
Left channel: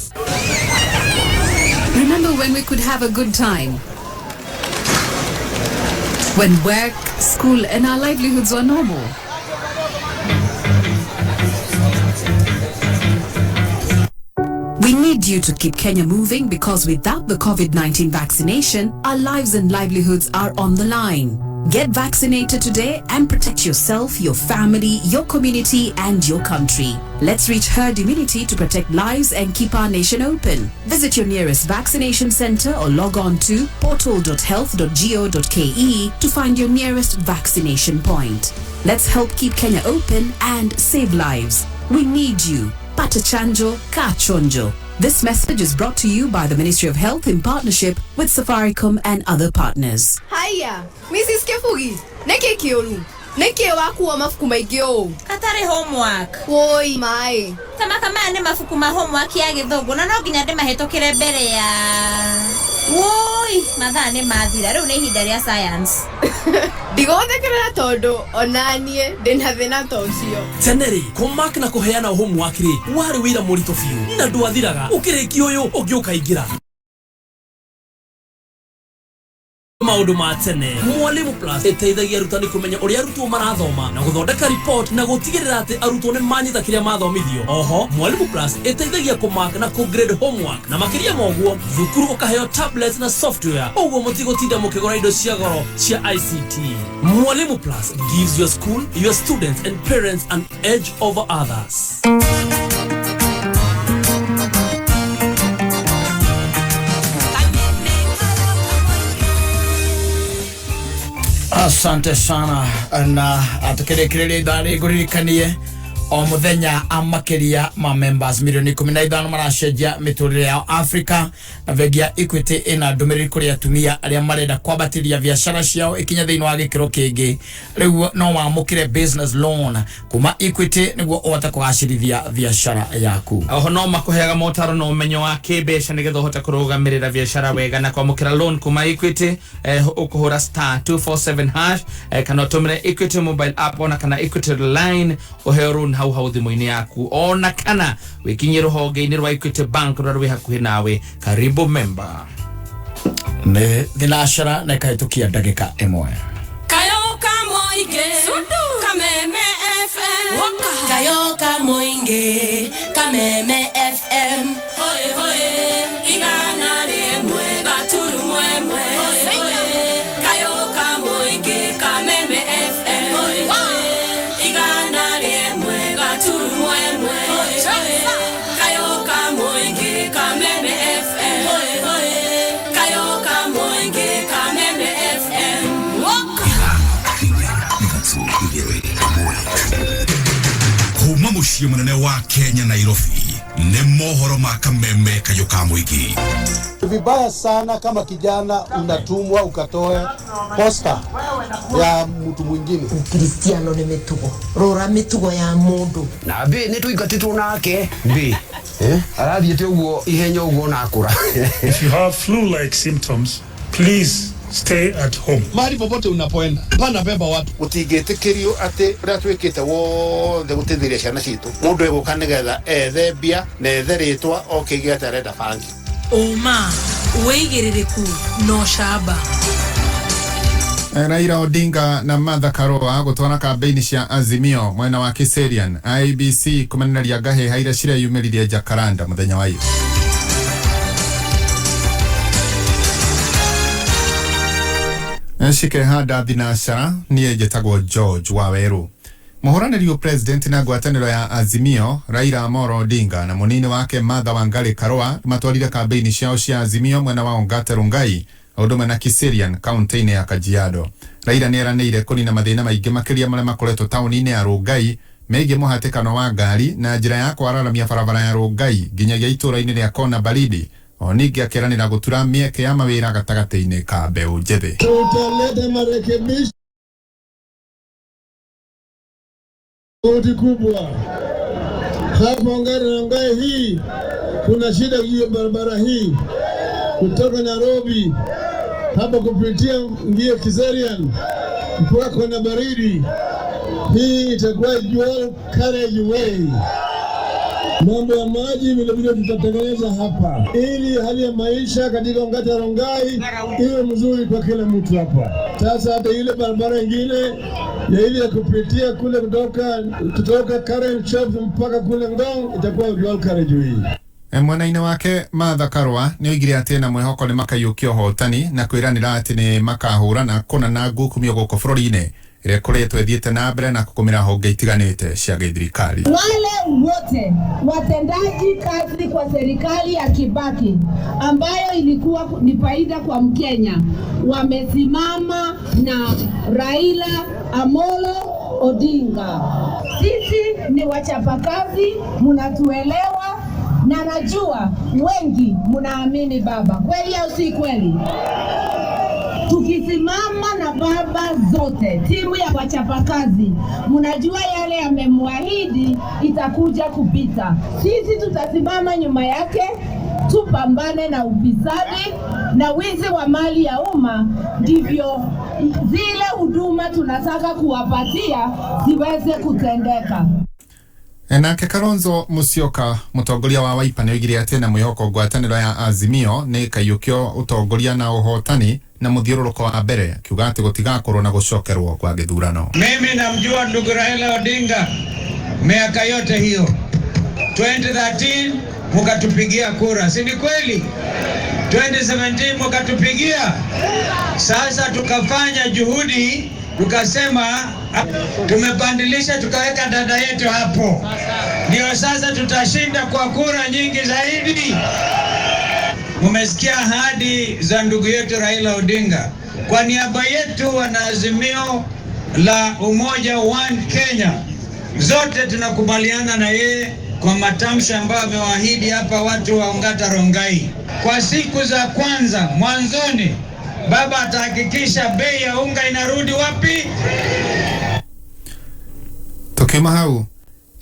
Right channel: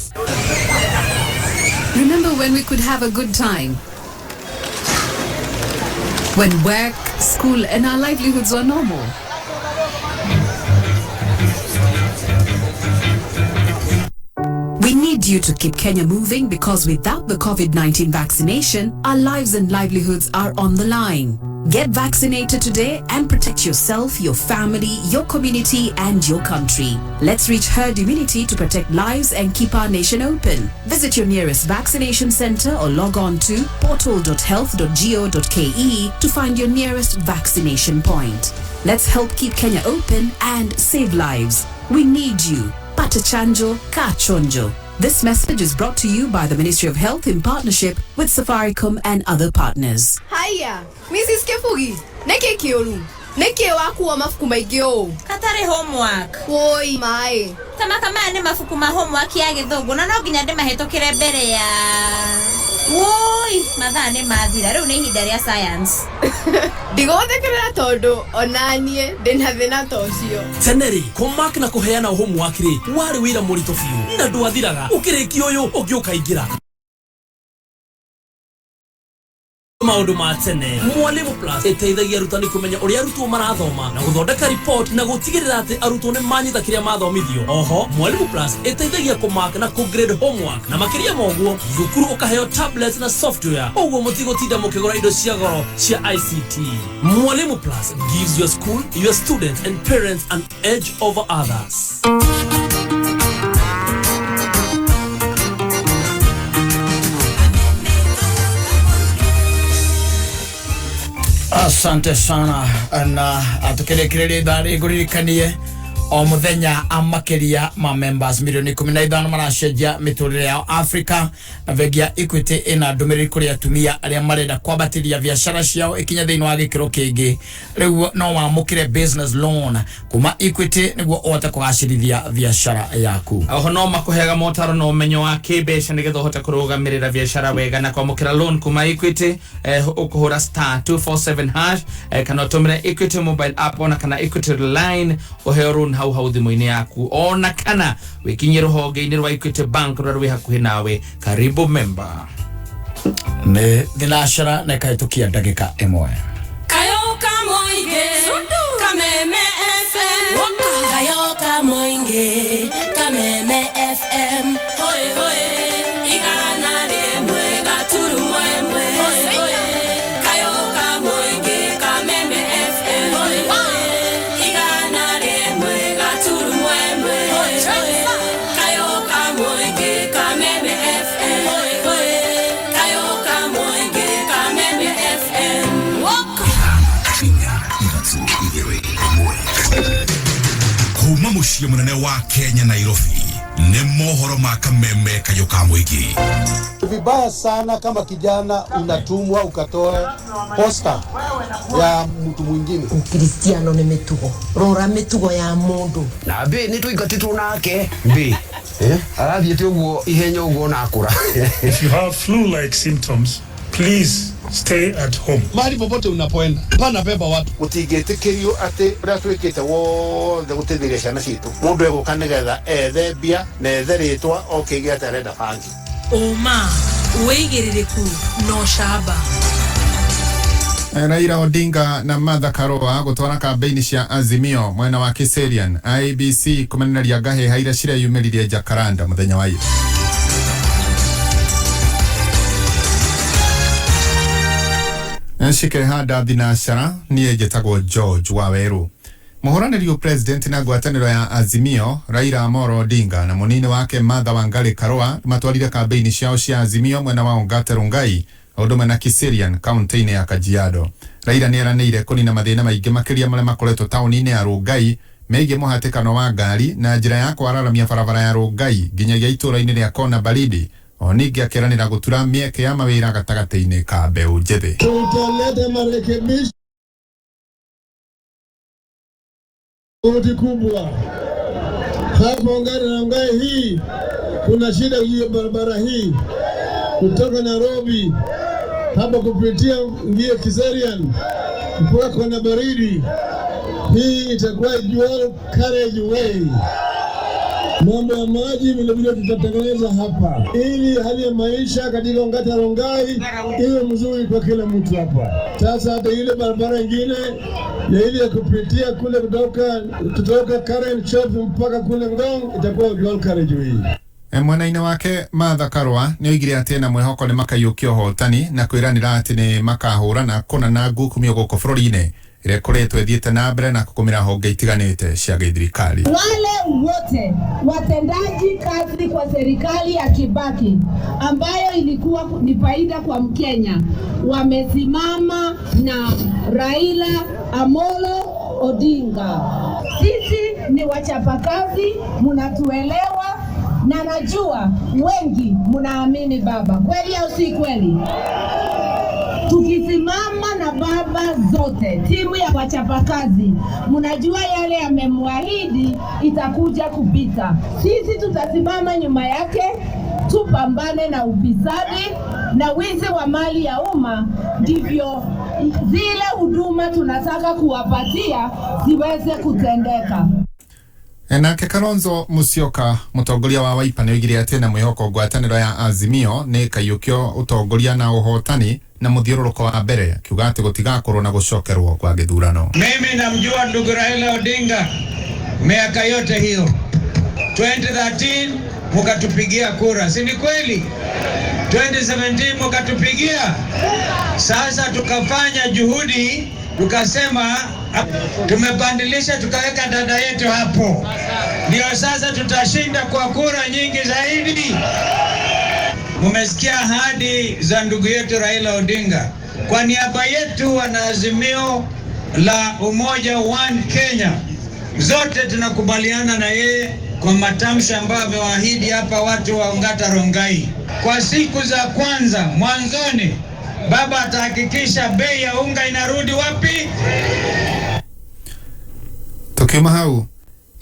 Remember when we could have a good time? When work, school and our livelihoods were normal? We need you to keep Kenya moving because without the COVID-19 vaccination, our lives and livelihoods are on the line. Get vaccinated today and protect yourself, your family, your community, and your country. Let's reach herd immunity to protect lives and keep our nation open. Visit your nearest vaccination center or log on to portal.health.go.ke to find your nearest vaccination point. Let's help keep Kenya open and save lives. We need you. Pata chanjo, ka chonjo. This message is brought to you by the Ministry of Health in partnership with Safaricom and other partners. Haya, Mrs. Kefugi, neke kiolu. Neke wakuwa mafuku maigyo. Katari homework. Woi mai. Kama ni mafuku ma homework ya githogo na no ginya ndĩmahĩtũkĩre mbere ya. Woi, mathaa nĩ mathira rĩu nĩ ihinda rĩa science. Ndigothekerera tondu onanie ndĩna thĩna tocio. Teneri, kumark na kuheana homework ri wari wĩra mũritũ biũ na ndwathiraga ũkĩrĩkia ũyũ ũngĩũka ingĩra. Maũndũ ma tene Mwalimu Plus ĩteithagia arutani kũmenya ũrĩa arutwo marathoma na gũthondeka report na gũtigĩrĩra atĩ arutwo nĩ manyita kĩrĩa mathomithio. Oho Mwalimu Plus ĩteithagia kũmark na kũgrade homework na makĩria moguo thukuru ũkaheo tablet na software ũguo mũtigũtinda mũkĩgũra indo cia goro cia ICT. Mwalimu Plus gives your school, your students and parents an edge over others. Asante sana na atukirekereria idari nguririkanie o muthenya amakiria ma members milioni 15 maracenjia miturire ya Africa na vengia Equity ina ndumiriri kuri atumia aria marenda kwambatiria biashara ciao ikinya thiini wa gikiro kingi riu no mamukire business loan kuma Equity niguo uhote kugacirithia biashara yaku. Oho no makuheaga motaro no umenyo wa kibeca nigetha uhote kurugamirira biashara wega na kwamukira loan kuma Equity ukuhura *247 hash kana utumire Equity mobile app ona kana Equity line uheo loan hau thimu-ini yaku ona kana wikinye ruhonge-ini rwa Equity Bank rwa rwi hakuhi nawe. Karibu member. Ne thinacara na kaitukia ndagika imwe. Kayoka moige Kameme FM Kayoka moige Kameme FM Hoye hoye Igana lemwe Gaturu mwemwe Hoye Kayoka moige Kameme FM Hoye hoye Igana lemwe Gaturu mwemwe Hoye Kayoka moige Kameme FM Hoye hoye Kayoka moige Kameme FM Kuma muciĩ mũnene wa Kenya Nairobi nĩ mohoro ma kameme kayo ka mũingĩ. Vibaya sana kama kijana unatumwa ukatoe posta ya mtu mwingine. Ukristiano ni mitugo. Rora mitugo ya mundu. Na be ni tuingatitwo nake. Be. Arathiete uguo ihenya uguo na akura. If you have flu-like symptoms, please stay at home. Mahali popote unapoenda, pana beba watu. Utigetekerio ate ratwekete wothe gutetheria ciana citu. Mundu eguka nigetha ethe mbia na ethe ritwa okigeta renda banki. Oma, uigiririku no shaba. Raila Odinga na Martha Karua gutwara kampeni cia Azimio mwena wa Kiserian. IBC kumeneria gahe haira ciria yumiririe Jacaranda muthenya wa iyo. Nshike hada thinashara niye jetagwo George Waweru. Muhuranĩri president na ngwatanĩro ya Azimio Raila Amolo Odinga na munini wake Martha Wangari Karua matwarire kampeni ciao cia Azimio mwena wa Ongata Rongai ũndũmwe na Kiserian kaunti-inĩ ya Kajiado. Raila nĩeranĩire kũnina mathĩna maingĩ makĩria marĩa makoretwo taũni-inĩ ya Rongai megiĩ mũhatĩkano wa ngari na njĩra ya kwararamia barabara ya Rongai nginyagia itũũra-inĩ rĩa Kona Baridi. O ningĩ akĩranĩra gũtura mĩeke ya mawĩra gatagatĩ-inĩ ka mbeũ njĩthĩ. Tutaleta marekebisho kubwa hapa Rongai hii. Kuna shida hiyo barabara hii kutoka Nairobi hapa kupitia ngie Kiserian mpaka Kona Baridi. Hii itakuwa dual carriageway. Mambo ya maji vile vile tutatengeneza hapa ili hali ya maisha katika Ongata Rongai iwe mzuri kwa kila mtu hapa. Sasa hata ile barabara nyingine ya ile ya kupitia kule kutoka Karen Church mpaka kule Ngong itakuwa dual carriageway. Mwena-inĩ wake Martha Karua nĩoigire atĩ na mwĩhoko nĩ makaiyũkia ũhotani na kwĩranĩra atĩ nĩ makahũrana kũnana ngukumio gũkũ bũrũri-inĩ ĩrĩa ĩkoretwo ĩthiĩte na mbere na kũgũmĩra honge itiganĩte cia gĩthirikari. Wale wote watendaji kazi kwa serikali ya Kibaki ambayo ilikuwa ni faida kwa Mkenya wamesimama na Raila Amolo Odinga. Sisi ni wachapakazi, mnatuelewa na najua wengi mnaamini baba. Kweli au si kweli? Tukisimama na baba zote, timu ya wachapakazi, mnajua yale amemwahidi itakuja kupita. Sisi tutasimama nyuma yake, tupambane na ufisadi na wizi wa mali ya umma, ndivyo zile huduma tunataka kuwapatia ziweze kutendeka. Nake Kalonzo Musyoka mutongoria wa Wiper nĩoigire atĩ na mwĩhoko ngwatanĩro ya Azimio nĩ kaiyũkio utongoria na ũhotani na mũthiũrũrũko wa mbere, akiuga atĩ gũtigakorwo na gũcokerwo kwa gĩthurano. Mimi namjua ndugu Raila Odinga miaka yote hiyo. 2013 mukatupigia kura, si ni kweli? 2017 mukatupigia. Sasa tukafanya juhudi, tukasema tumebandilisha, tukaweka dada yetu hapo. Ndio sasa tutashinda kwa kura nyingi zaidi. Mumesikia ahadi za ndugu yetu Raila Odinga. Kwa niaba yetu wana Azimio la Umoja One Kenya, zote tunakubaliana na yeye kwa matamshi ambayo amewaahidi hapa watu wa Ongata Rongai. Kwa siku za kwanza mwanzoni, baba atahakikisha bei ya unga inarudi wapi? Tukiuma hau,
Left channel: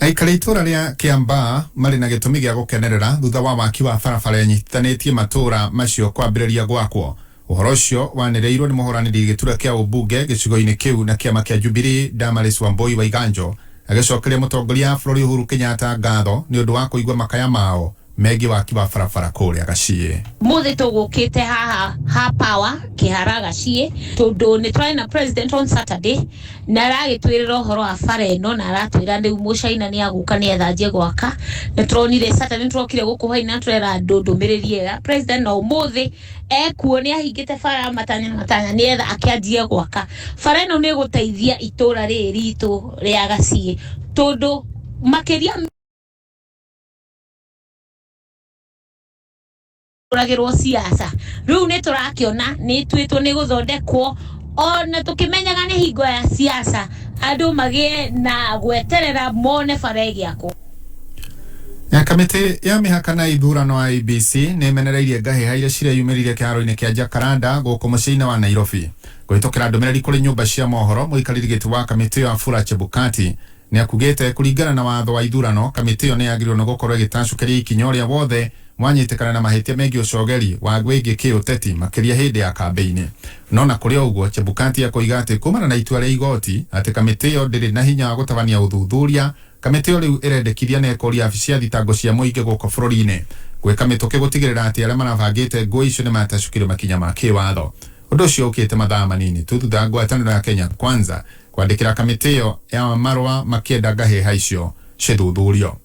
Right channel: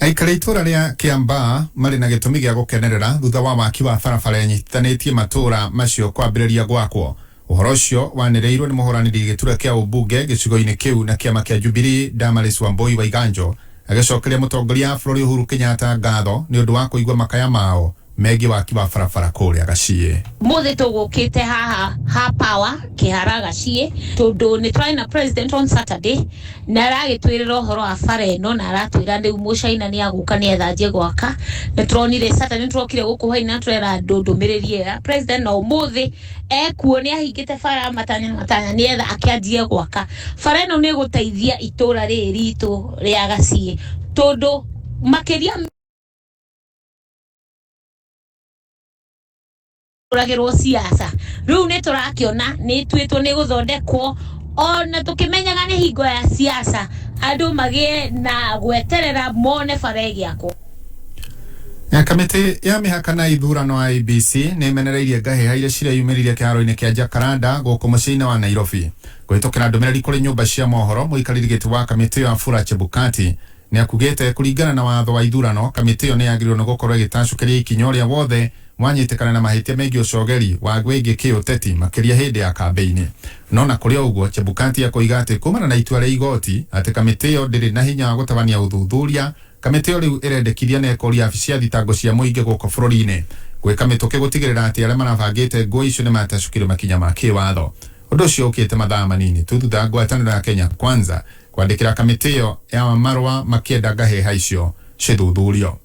aikari itũra rĩa Kiambaa marĩ na gĩtũmi gĩa gũkenerera thutha wa waki wa barabara nyitithanĩtie matũra macio kwambĩrĩria gwakwo. Ũhoro ũcio wanĩrĩirwo nĩ mũhũranĩri gĩturwa kĩa ũmbunge gĩcigo-inĩ kĩu na kĩama kĩa Jubilee Damaris Wambui wa Iganjo, agĩcokeria mũtongoria wa bũrũri Uhuru Kenyatta ngatho nĩ ũndũ wa kũigua makaya mao megiĩ waki wa barabara kũrĩa Gaciĩ. Mothe tũgũkĩte ha power kĩhara Gaciĩ tondũ nĩ twarĩ na president on Saturday na aragĩtwĩrĩra ũhoro wa bara ĩno na aratwĩra rĩu mũcaina nĩ agũka nĩ ethanjie gwaka. Nĩ turonire Saturday nĩ turokire gũkũ hwainĩ turera andũ ndũmĩrĩri ĩyo president no mũthĩ ekuo nĩ ahingĩte bara matanya nĩ etha akĩanjie gwaka. Bara ĩno nĩ ĩgũteithia itũra rĩrĩ ritũ rĩa Gaciĩ tondũ makĩria turagirwo siasa riu ne turakiona ni twitwo ni guthondekwo ona tukimenyaga ni hingo ya siasa andu magie na gweterera mone faregi yako. Kamiti ya mihaka na ithurano wa IEBC nĩ imenereirie ngahĩha iria cireyumĩririe kĩharo-inĩ kĩa Jacaranda gũkũ mũciĩ-inĩ wa Nairobi. Kũhĩtũkĩra ndũmĩrĩri kũrĩ nyũmba cia mohoro, mũikarĩri gĩtĩ wa kamĩtĩ ĩyo Wafula Chebukati nĩ akugĩte kũringana na watho wa ithurano, kamĩtĩ ĩyo nĩ yagĩrĩirwo nĩ gũkorwo ĩgĩtacũkĩria ikinya ũrĩa wothe mwanyitĩkana na mahĩtia megiĩ ũcogeri wa gwĩgiĩ kĩũteti makĩria hĩndĩ ya kambĩini. No na kũrĩ ũguo, Chebukati akoiga atĩ kumana na itua rĩa igoti atĩ kamĩtĩ ĩyo ndĩrĩ na hinya wa gũtabania ũthuthuria. Kamĩtĩ ĩyo rĩu ĩrendekithia na ĩkoria abici cia thitango cia mũingĩ gũkũ bũrũri-inĩ gwĩka mĩtũkĩ gũtigĩrĩra atĩ arĩa marabangĩte ngũĩ icio nĩ matacũkĩrio makinya ma kĩwatho. Ũndũ ũcio ũkĩte mathaa manini tu thutha wa ngwatanĩro ya Kenya Kwanza kwandĩkĩra kamĩtĩ ĩyo ya marũa makĩenda ngahĩha icio cithuthurio.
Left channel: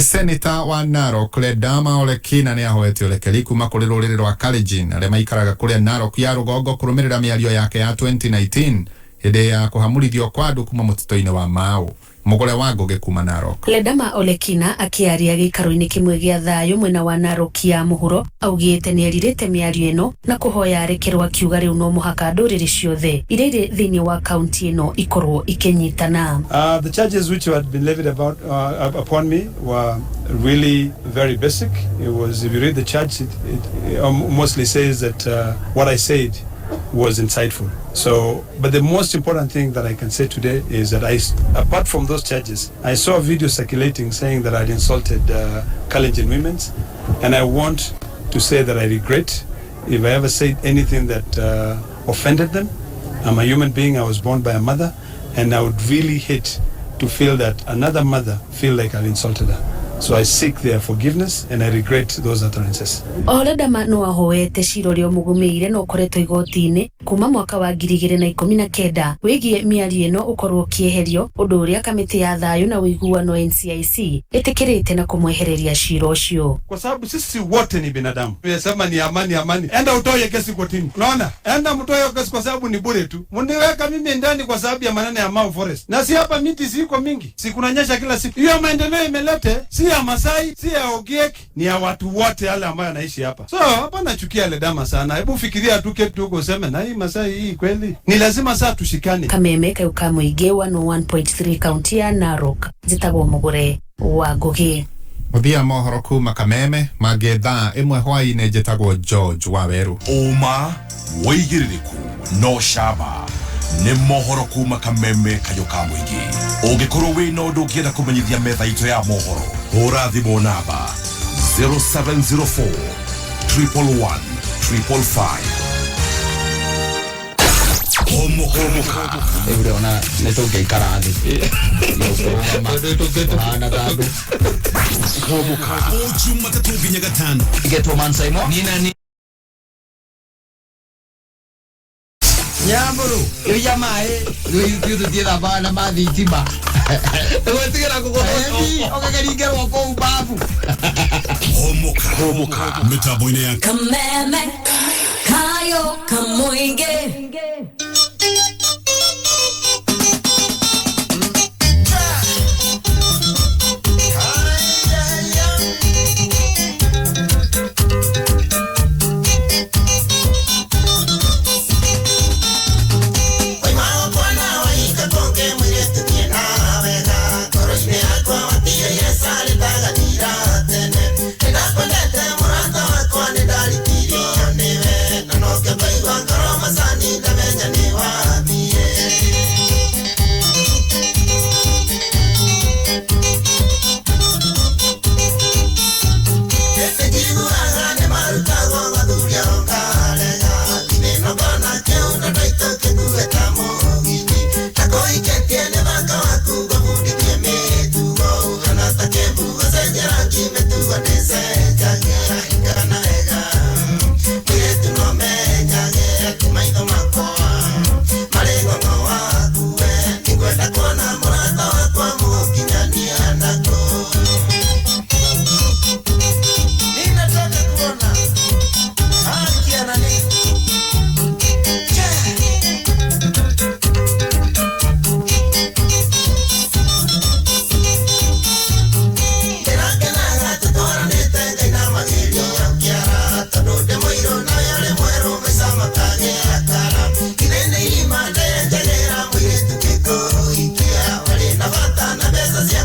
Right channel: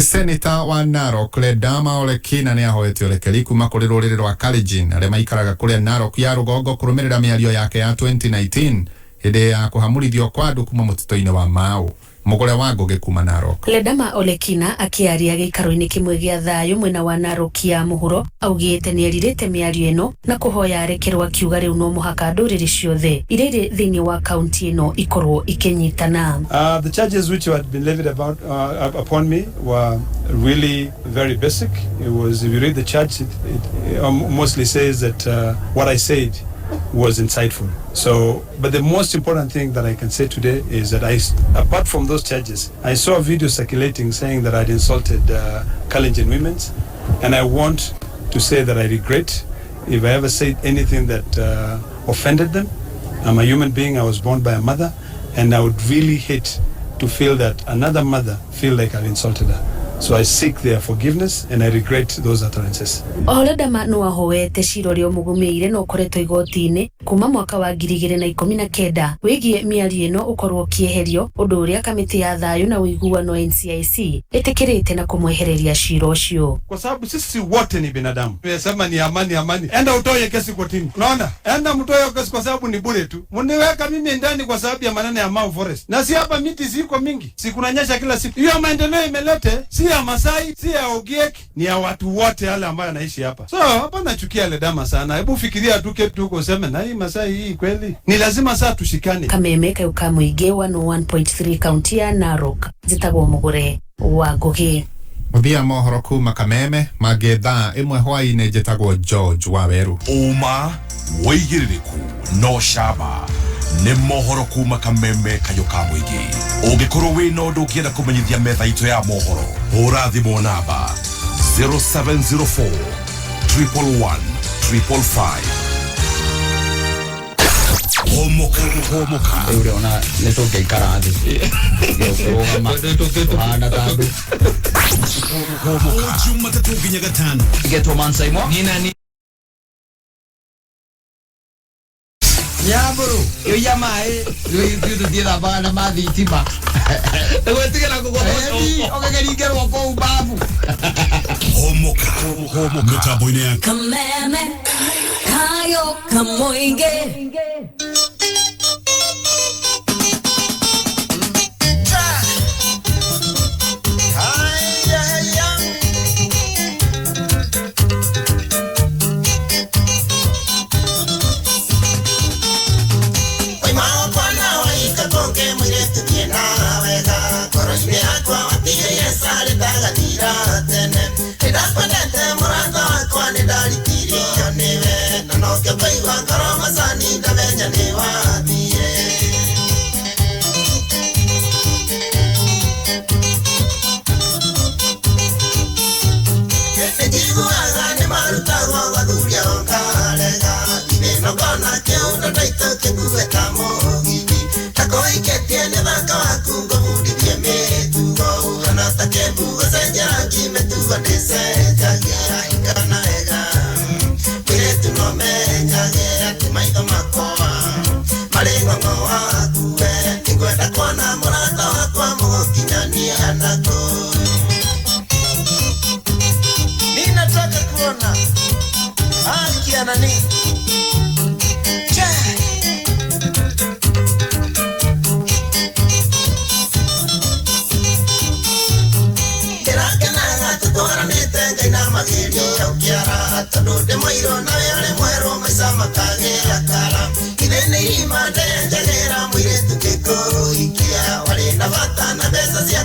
Seneta wa Narok Ledama Ole Kina nĩ ahoete ũrekeri kuma kũrĩ rũrĩrĩ rwa Kalenjin arĩa maikaraga kũrĩa Narok ya rũgongo kũrũmĩrĩra mĩario yake ya 2019 hĩndĩ ya kũhamũrithio kwa andũ kuma mũtitũ-inĩ wa Mau. Mugore wa Ngoge kuma Narok. Ledama Ole Kina akiaria gĩikaro-inĩ kĩmwe gĩa thayũ mwena wa Narok ya mũhuro augĩte nĩ erirĩte mĩario ĩno na kũhoya arekerwo akiuga rĩu no mũhaka ndũrĩrĩ ciothe iria irĩ thĩinĩ wa kaunti ĩno ikorwo ikĩnyitana. The charges which had been levied upon me were really very basic. It was, if you read the charge, it mostly says that what I said was insightful. So, but the most important thing that I can say today is that apart from those charges, I saw a video circulating saying that I'd insulted Kalenjin women, and I want to say that I regret if I ever said anything that offended them. I'm a human being. I was born by a mother, and I would really hate to feel that another mother feel like I've insulted her. So I seek their forgiveness and I regret those utterances. Ledama no ahoete ciro rĩo mũgũmĩire no koretwo igoti-inĩ kuma mwaka wa 2019 wĩgiĩ mĩario ĩno ũkorwo kĩeherio, ũndũ ũrĩa kamĩtĩ ya thayũ na ũiguano NCIC ĩtĩkĩrĩte na kũmwehereria ciro ũcio. Kwa sababu sisi wote ni binadamu. Tunasema ni amani. Enda utoe kesi kotini. Unaona? Enda mtoe kesi kwa sababu ni bure tu. Mniweka mimi ndani kwa sababu ya maneno ya Mau Forest. Na si hapa miti siko mingi. Si kunanyesha kila siku. Hiyo maendeleo imelete si ya Masai, si ya Ogiek, ni ya watu wote wale ambao wanaishi hapa. So hapa nachukia Ledama sana. Hebu fikiria tu ketu huko useme na hii Masai hii kweli. Ni lazima saa tushikane. Kameme kayuka mũingĩ wa 1.3 kaunti ya Narok zitagwo Mugore wa Ngoge. Muthia mohoro kuma Kameme mangĩ thaa ĩmwe hwaĩ-inĩ njĩtagwo George Waweru. Uma wĩigĩrĩrĩku no caba nĩ mohoro kuma Kameme kayuka mũingĩ. Ũngĩkorwo wĩ na ũndũ ũngĩenda kũmenyithia metha itũ ya mohoro, hũra thimũ namba 0704 111 555. Humuka. Ule ona nĩtũngĩikara thĩ. Tũhanda tandũ. Jumatatu nginya gatano. Getwo Mansaimo. Nina Nyamburu, yo yamae, yo tutira bana madhitima. Wetigera kugohothi, ogegerigero kwa ubavu. Humuka. Mitambo-inĩ ya Kameme kayuka mũingĩ.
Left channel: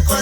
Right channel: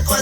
Kwa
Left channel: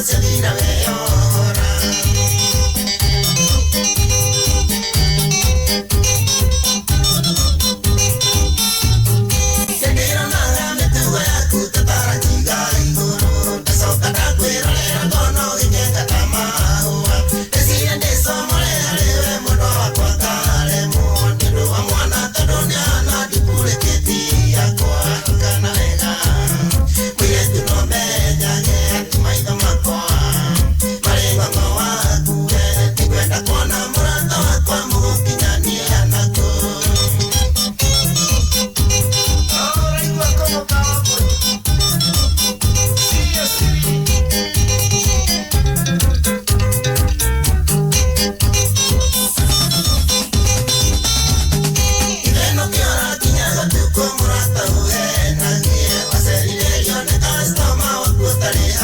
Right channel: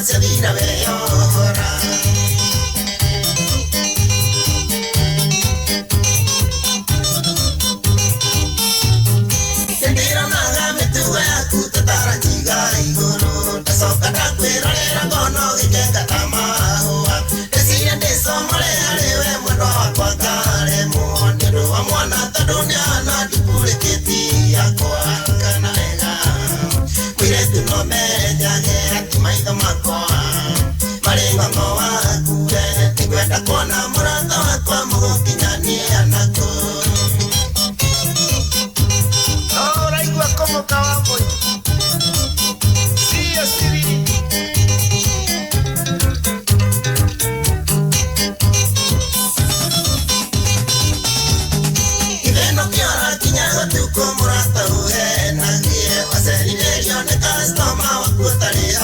Tare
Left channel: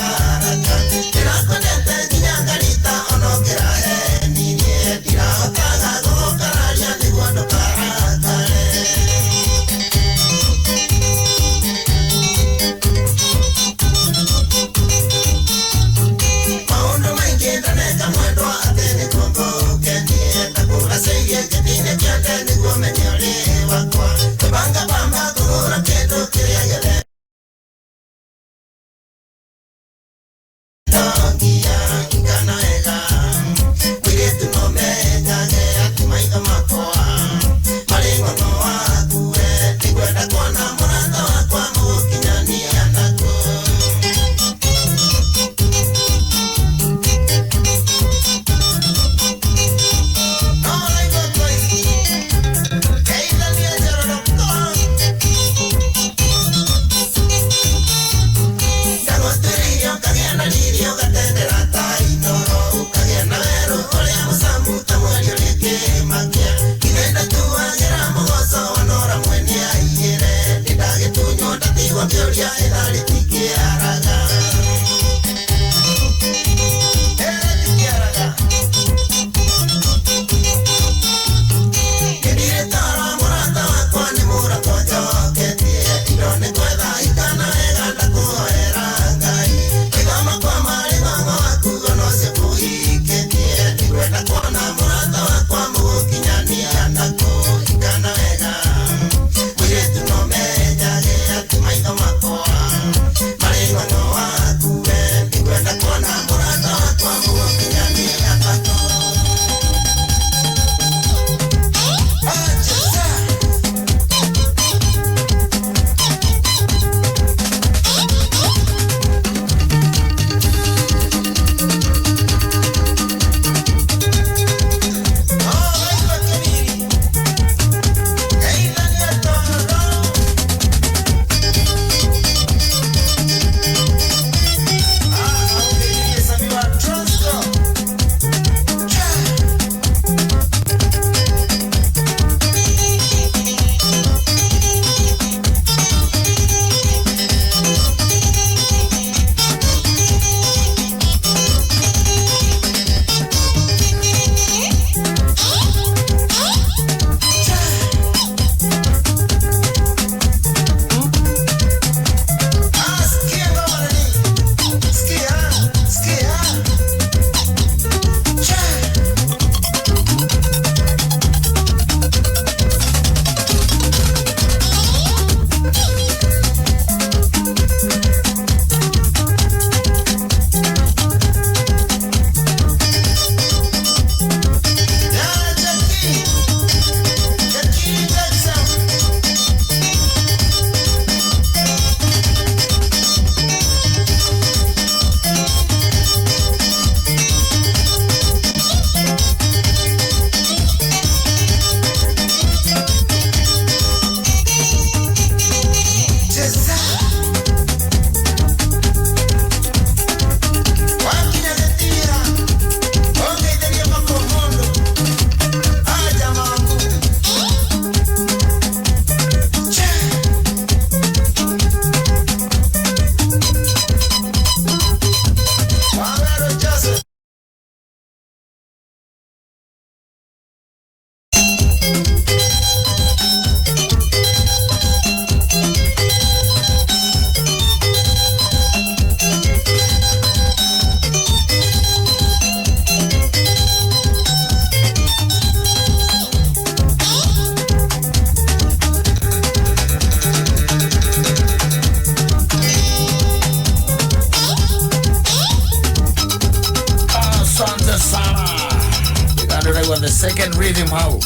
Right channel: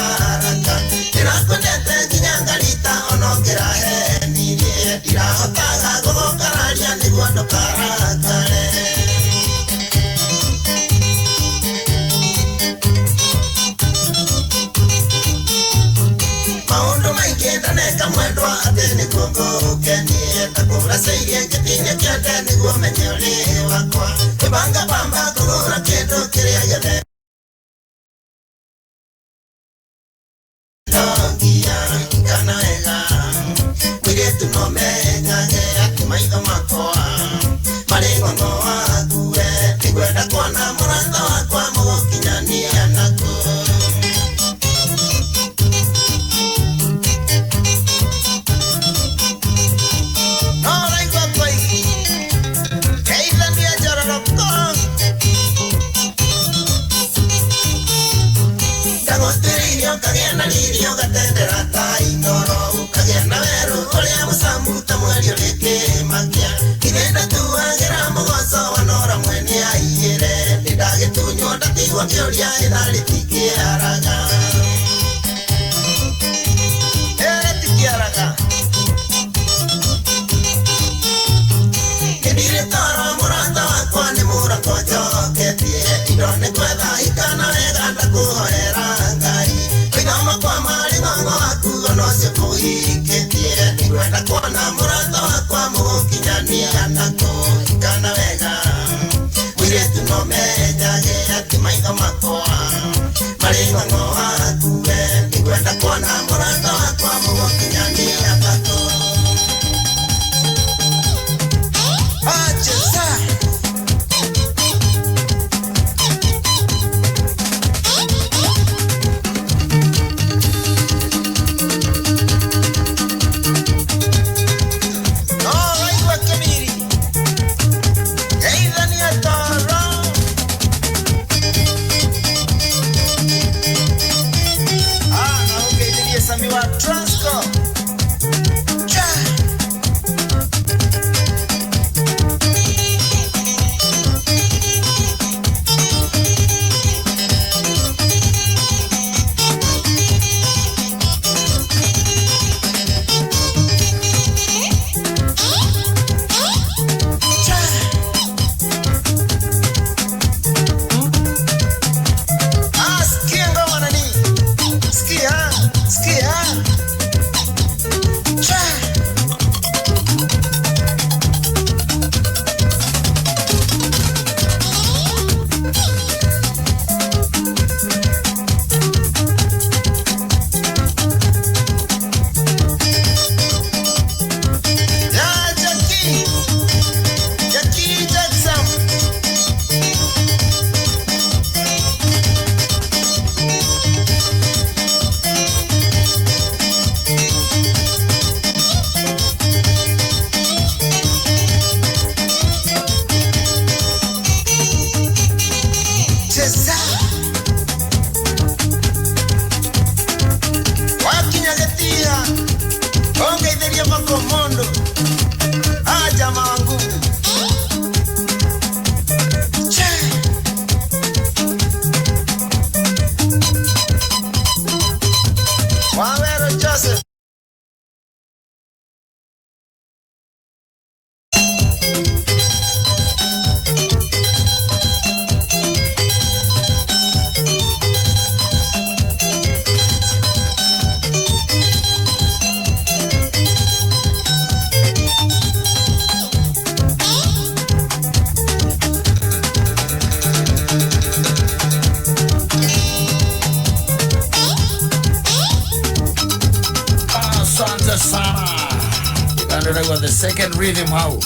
second rhythm how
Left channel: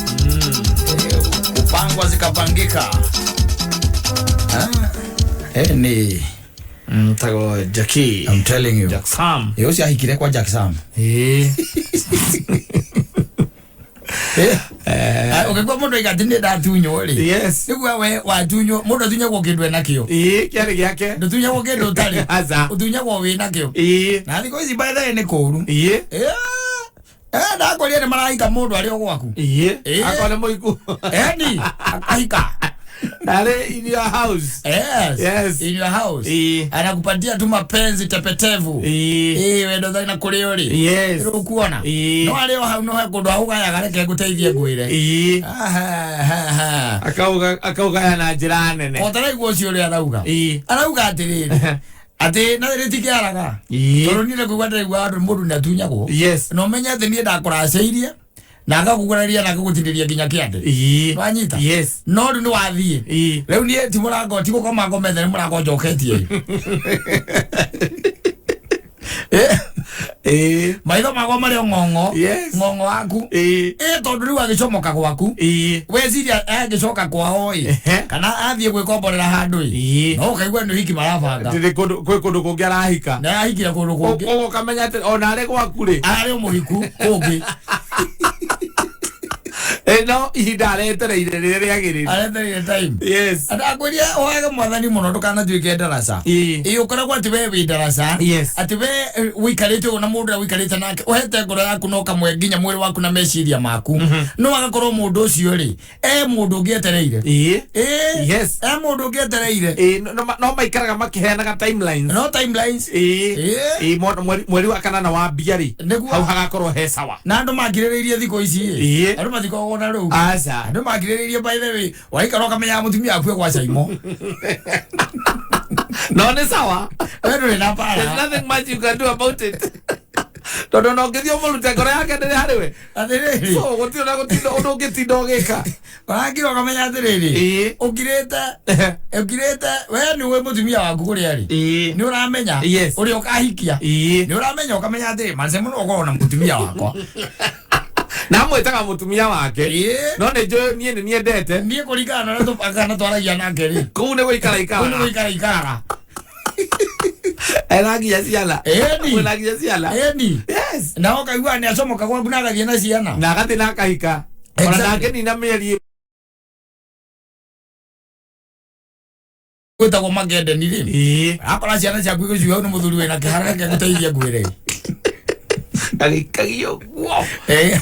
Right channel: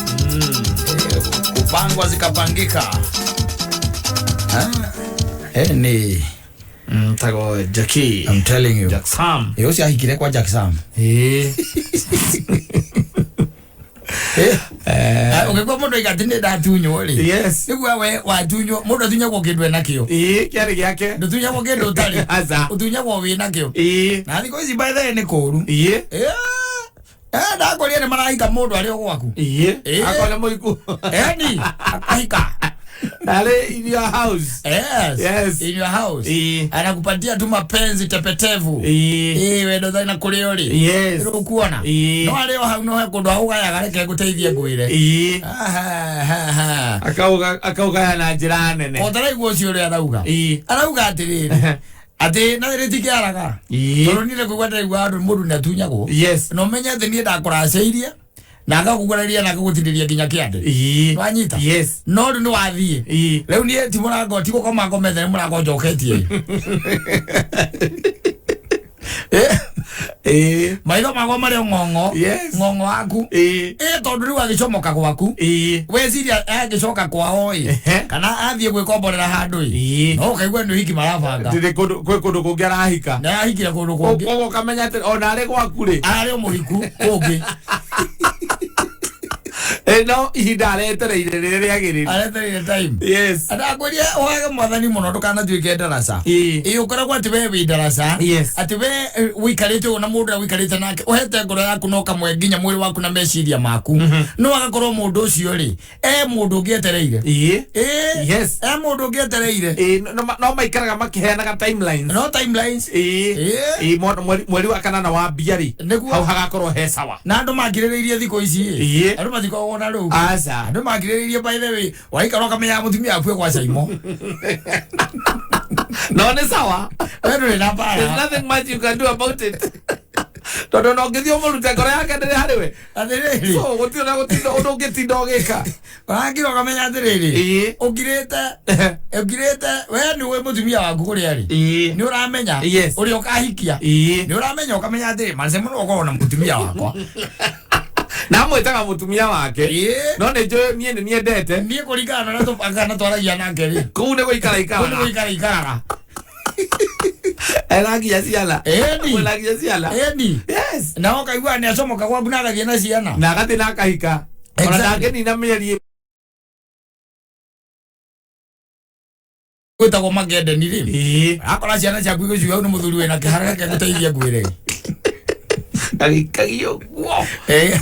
kupangwa zikapangika. Ni tago Jackie, I'm telling you. Jack Sam. Yosi ahikire kwa Jack Sam. Ungekuwa mundu igatinde ndatunyo ri. Yes. Niguo we watunyo mundu tunyo kwa kindu enakio. Kiari giake. Ndutunyo kwa kindu utari. Aza. Utunyo kwa wina kio. Na thiko ici by the way ni kuru. Ndakoria ni maraika mundu ari ogwaku. Akole muiku. Ni akaika. Ale in your house. Yes. In your house. Anakupatia tu mapenzi tepetevu. Wendo zaina kuriori. Yes. Ukuona. No aleo hauno kundu auga ya gareke guteithie ngwire. Akauga ya na njira nene. Otara iguo cio ri arauga. Arauga atiriri. Ati na ritike araga. Toro nile kugwata igwa mundu natunyagwo. Yes. No menya ati ni ndakuraciirie. Na ngakuguraria na ngagutiriria nginya kiande. Wanyita. Yes. No ndu wathie. Riu ni ti murango ti gukoma ngomete murango njoketie. Maitho mago mari ngongo. Yes. Ngongo aku. Tondu riu agicomoka gwaku. Weciria agicoka kwao kana athie gwikomborera handu no ukaigua ndu hiki marabanga. Ndire kundu kungi arahika. Na ahikira kundu kungi. Kogo kamenya ati ona ari gwaku ri. Ari muhiku kungi. No ihinda aretereire rĩrĩa rĩagĩrĩru. Aretereire time. Yes. Ndakwĩria wage mwathani mũno ndũkanatuĩke ndaraca. Ũkoragwo atĩ we wĩ ndaraca. Yes. Atĩ we wĩikarĩte ũguo na mũndũ ũrĩa wĩikarĩte nake ũhete ngoro yaku no kamwe nginya mwĩrĩ waku na meciria maku. No agakorwo mũndũ ũcio rĩ mũndũ ũngĩetereire. Yes. Mũndũ ũngĩetereire. No maikaraga makĩheanaga timelines. No timelines. Mweri wa kanana wa mbia rĩ hau hagakorwo he sawa. Na andũ makirĩrĩirie thikũ ici andũ mathikagwo na rĩu. Aca. Andũ makirĩrĩirie by the way waikara ũkamenya mũtumia akue kwa Saimo. No nĩ sawa. Wewe na para. There's nothing much you can do about it. Tondu no ngithio mũrute ngoro yake ndĩrĩ harĩ we. Atirĩrĩ. So gũtirĩ na gũtinda ũndũ ũngĩtinda ũgĩka. Wagira ũkamenya atĩrĩrĩ. Ũkirĩte we nĩ we mũtumia waku kũrĩa rĩ. Nĩ ũramenya ũrĩa ũkahikia. Nĩ ũramenya ũkamenya atĩrĩ Mansaimo no ũkorwo na mũtumia wakwa. Na mwĩtaga mũtumia wake. No nĩ njũĩ niĩ nĩ niendete. Niĩ kũringana na tũpangana twaragia nake rĩ. Kũu nĩ gũikara ikaraga. Kũu nĩ gũikara ikaraga. Elagia ciana. Elagia ciana. Yes. Na ũkaigua nĩ acomoka gwaku na agathiĩ na ciana. Na agathiĩ na akahika. Ona nake nina mĩeri gwĩtagwo Magedeni rĩ. Akora ciana ciaku igĩciuga nĩ mũthuri wĩna kĩhara gĩake gũteithia ngwĩre. Agĩikagio guo.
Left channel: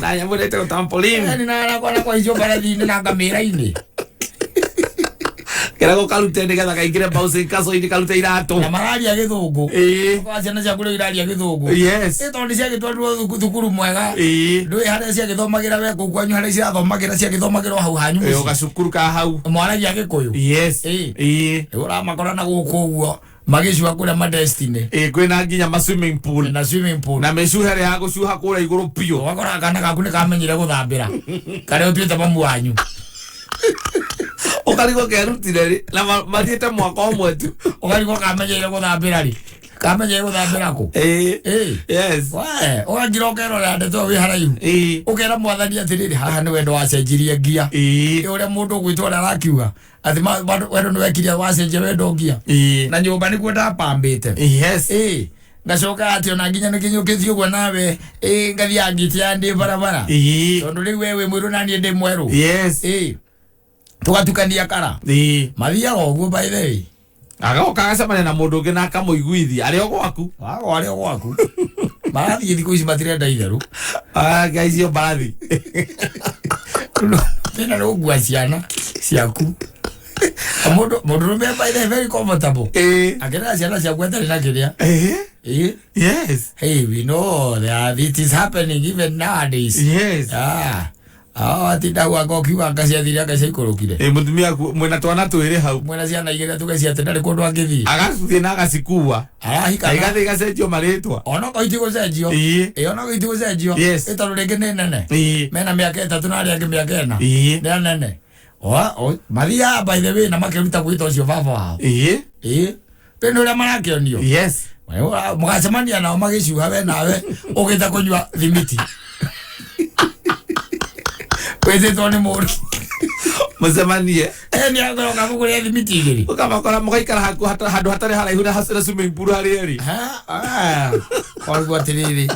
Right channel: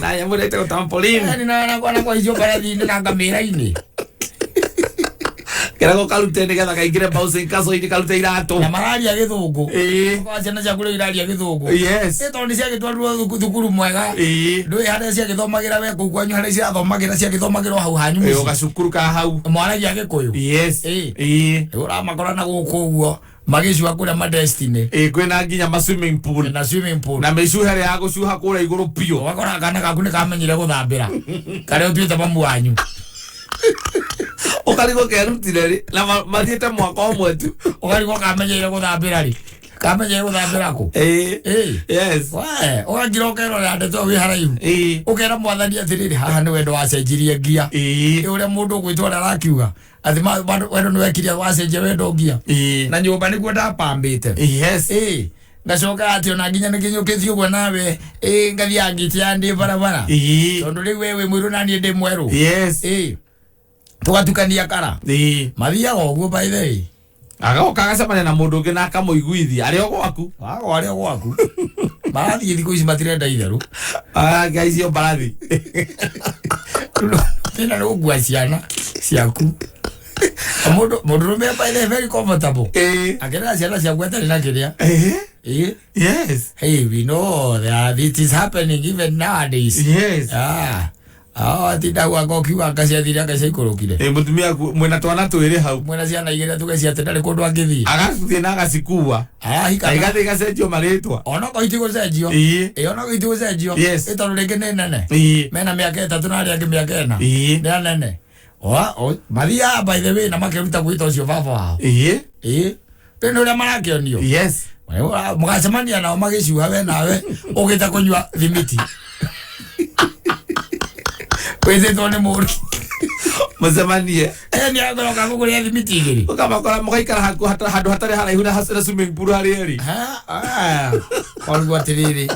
Na nyamũ ĩretagwo trampoline. Na kwa icio mbarathi-inĩ na ngamĩra-inĩ. Kĩrago karute nĩgetha kaingĩre bouncing castle-inĩ karute iratũ. Na mararia gĩthũngũ. Kwa ciana ciaku rĩu iraria gĩthũngũ. Yes. Tondũ ciagĩtwarirwo thukuru mwega. Ndũĩ harĩa ciagĩthomagĩra we kũu kwanyu harĩa cirathomagĩra ciagĩthomagĩrwo hau hanyu mũciĩ. Gacukuru ka hau. Mwaragia Gĩkũyũ. Yes. Ũramakora na gũkũ ũguo. Magĩcua kũrĩa ma Destiny. Kwĩna nginya ma swimming pool. Na swimming pool. Na mĩcuha ya gũcuha kũrĩa igũrũ biũ. Ũgakora kana gaku nĩ kamenyire gũthambĩra. Karĩa ũtuĩte mamu wanyu. Ũkarigwo kerutire rĩ na mathiĩte mwaka ũmwe tu. Ũkarigwo kamenyeire gũthambĩra rĩ. Kamenyeire gũthambĩra kũ? Yes. Ũgagira ũkerora ndeto wĩ haraihu. Ũkera mwathani atĩrĩrĩ haha nĩ wendo wacenjirie ngia. Ũrĩa mũndũ ũgwĩtwara arakiuga. Athi wendo nĩ wekire wacenjia wendo ngia. Na nyũmba nĩguo ndapambĩte. Yes. Ngacoka ati ona nginya nĩkinyũkĩtie ũguo nawe ngathi angĩtia ndĩ barabara. Tondũ rĩu wewe mwĩrũ na niĩ ndĩ mwerũ. Yes. Tũgatukania kara. Mathiaga ũguo by the way. Agoka agacemania na mũndũ ũngĩ na akamũiguithia arĩ o gwaku. Arĩ o gwaku. Mbarathi thikũ ici matirenda itherũ. Guys yo mbarathi. Tena nĩ ũgua ciana ciaku. Mũndũrũme by the way very comfortable. Akĩrera ciana ciaku atarĩ na kĩrĩa. Yes. Hey, we know that it is happening even nowadays. Yes. Atinda gwaka ũkiuga ngaciathire agaciaikũrũkire. Mũtumia mwĩna twana twĩrĩ hau. Mwĩna ciana igĩrĩ tũgaciate ndarĩ kũndũ angĩthiĩ. Agacithiĩ na agacikuua. Arahika. Igathiĩ igacenjio marĩtwa. Ona ko itigũcenjio. Ona ko itigũcenjio. Tondũ rĩngĩ nĩ nene. Mena mĩaka 3 na arĩa angĩ mĩaka 4. Nĩ nene. Mathiaga by the way na makĩruta gwĩta ũcio baba wao. Nĩ ũrĩa marakĩonio. Yes. Mũgacemania nao magĩciuga we nawe ũgĩta kũnyua thimiti. Weze tone mori. Mzamanie. Ni agora ngakugure thimiti igiri. Ukamakora mugaikara handu hatari haraihu na hasira swimming pool hari eri. Orgo atiriri.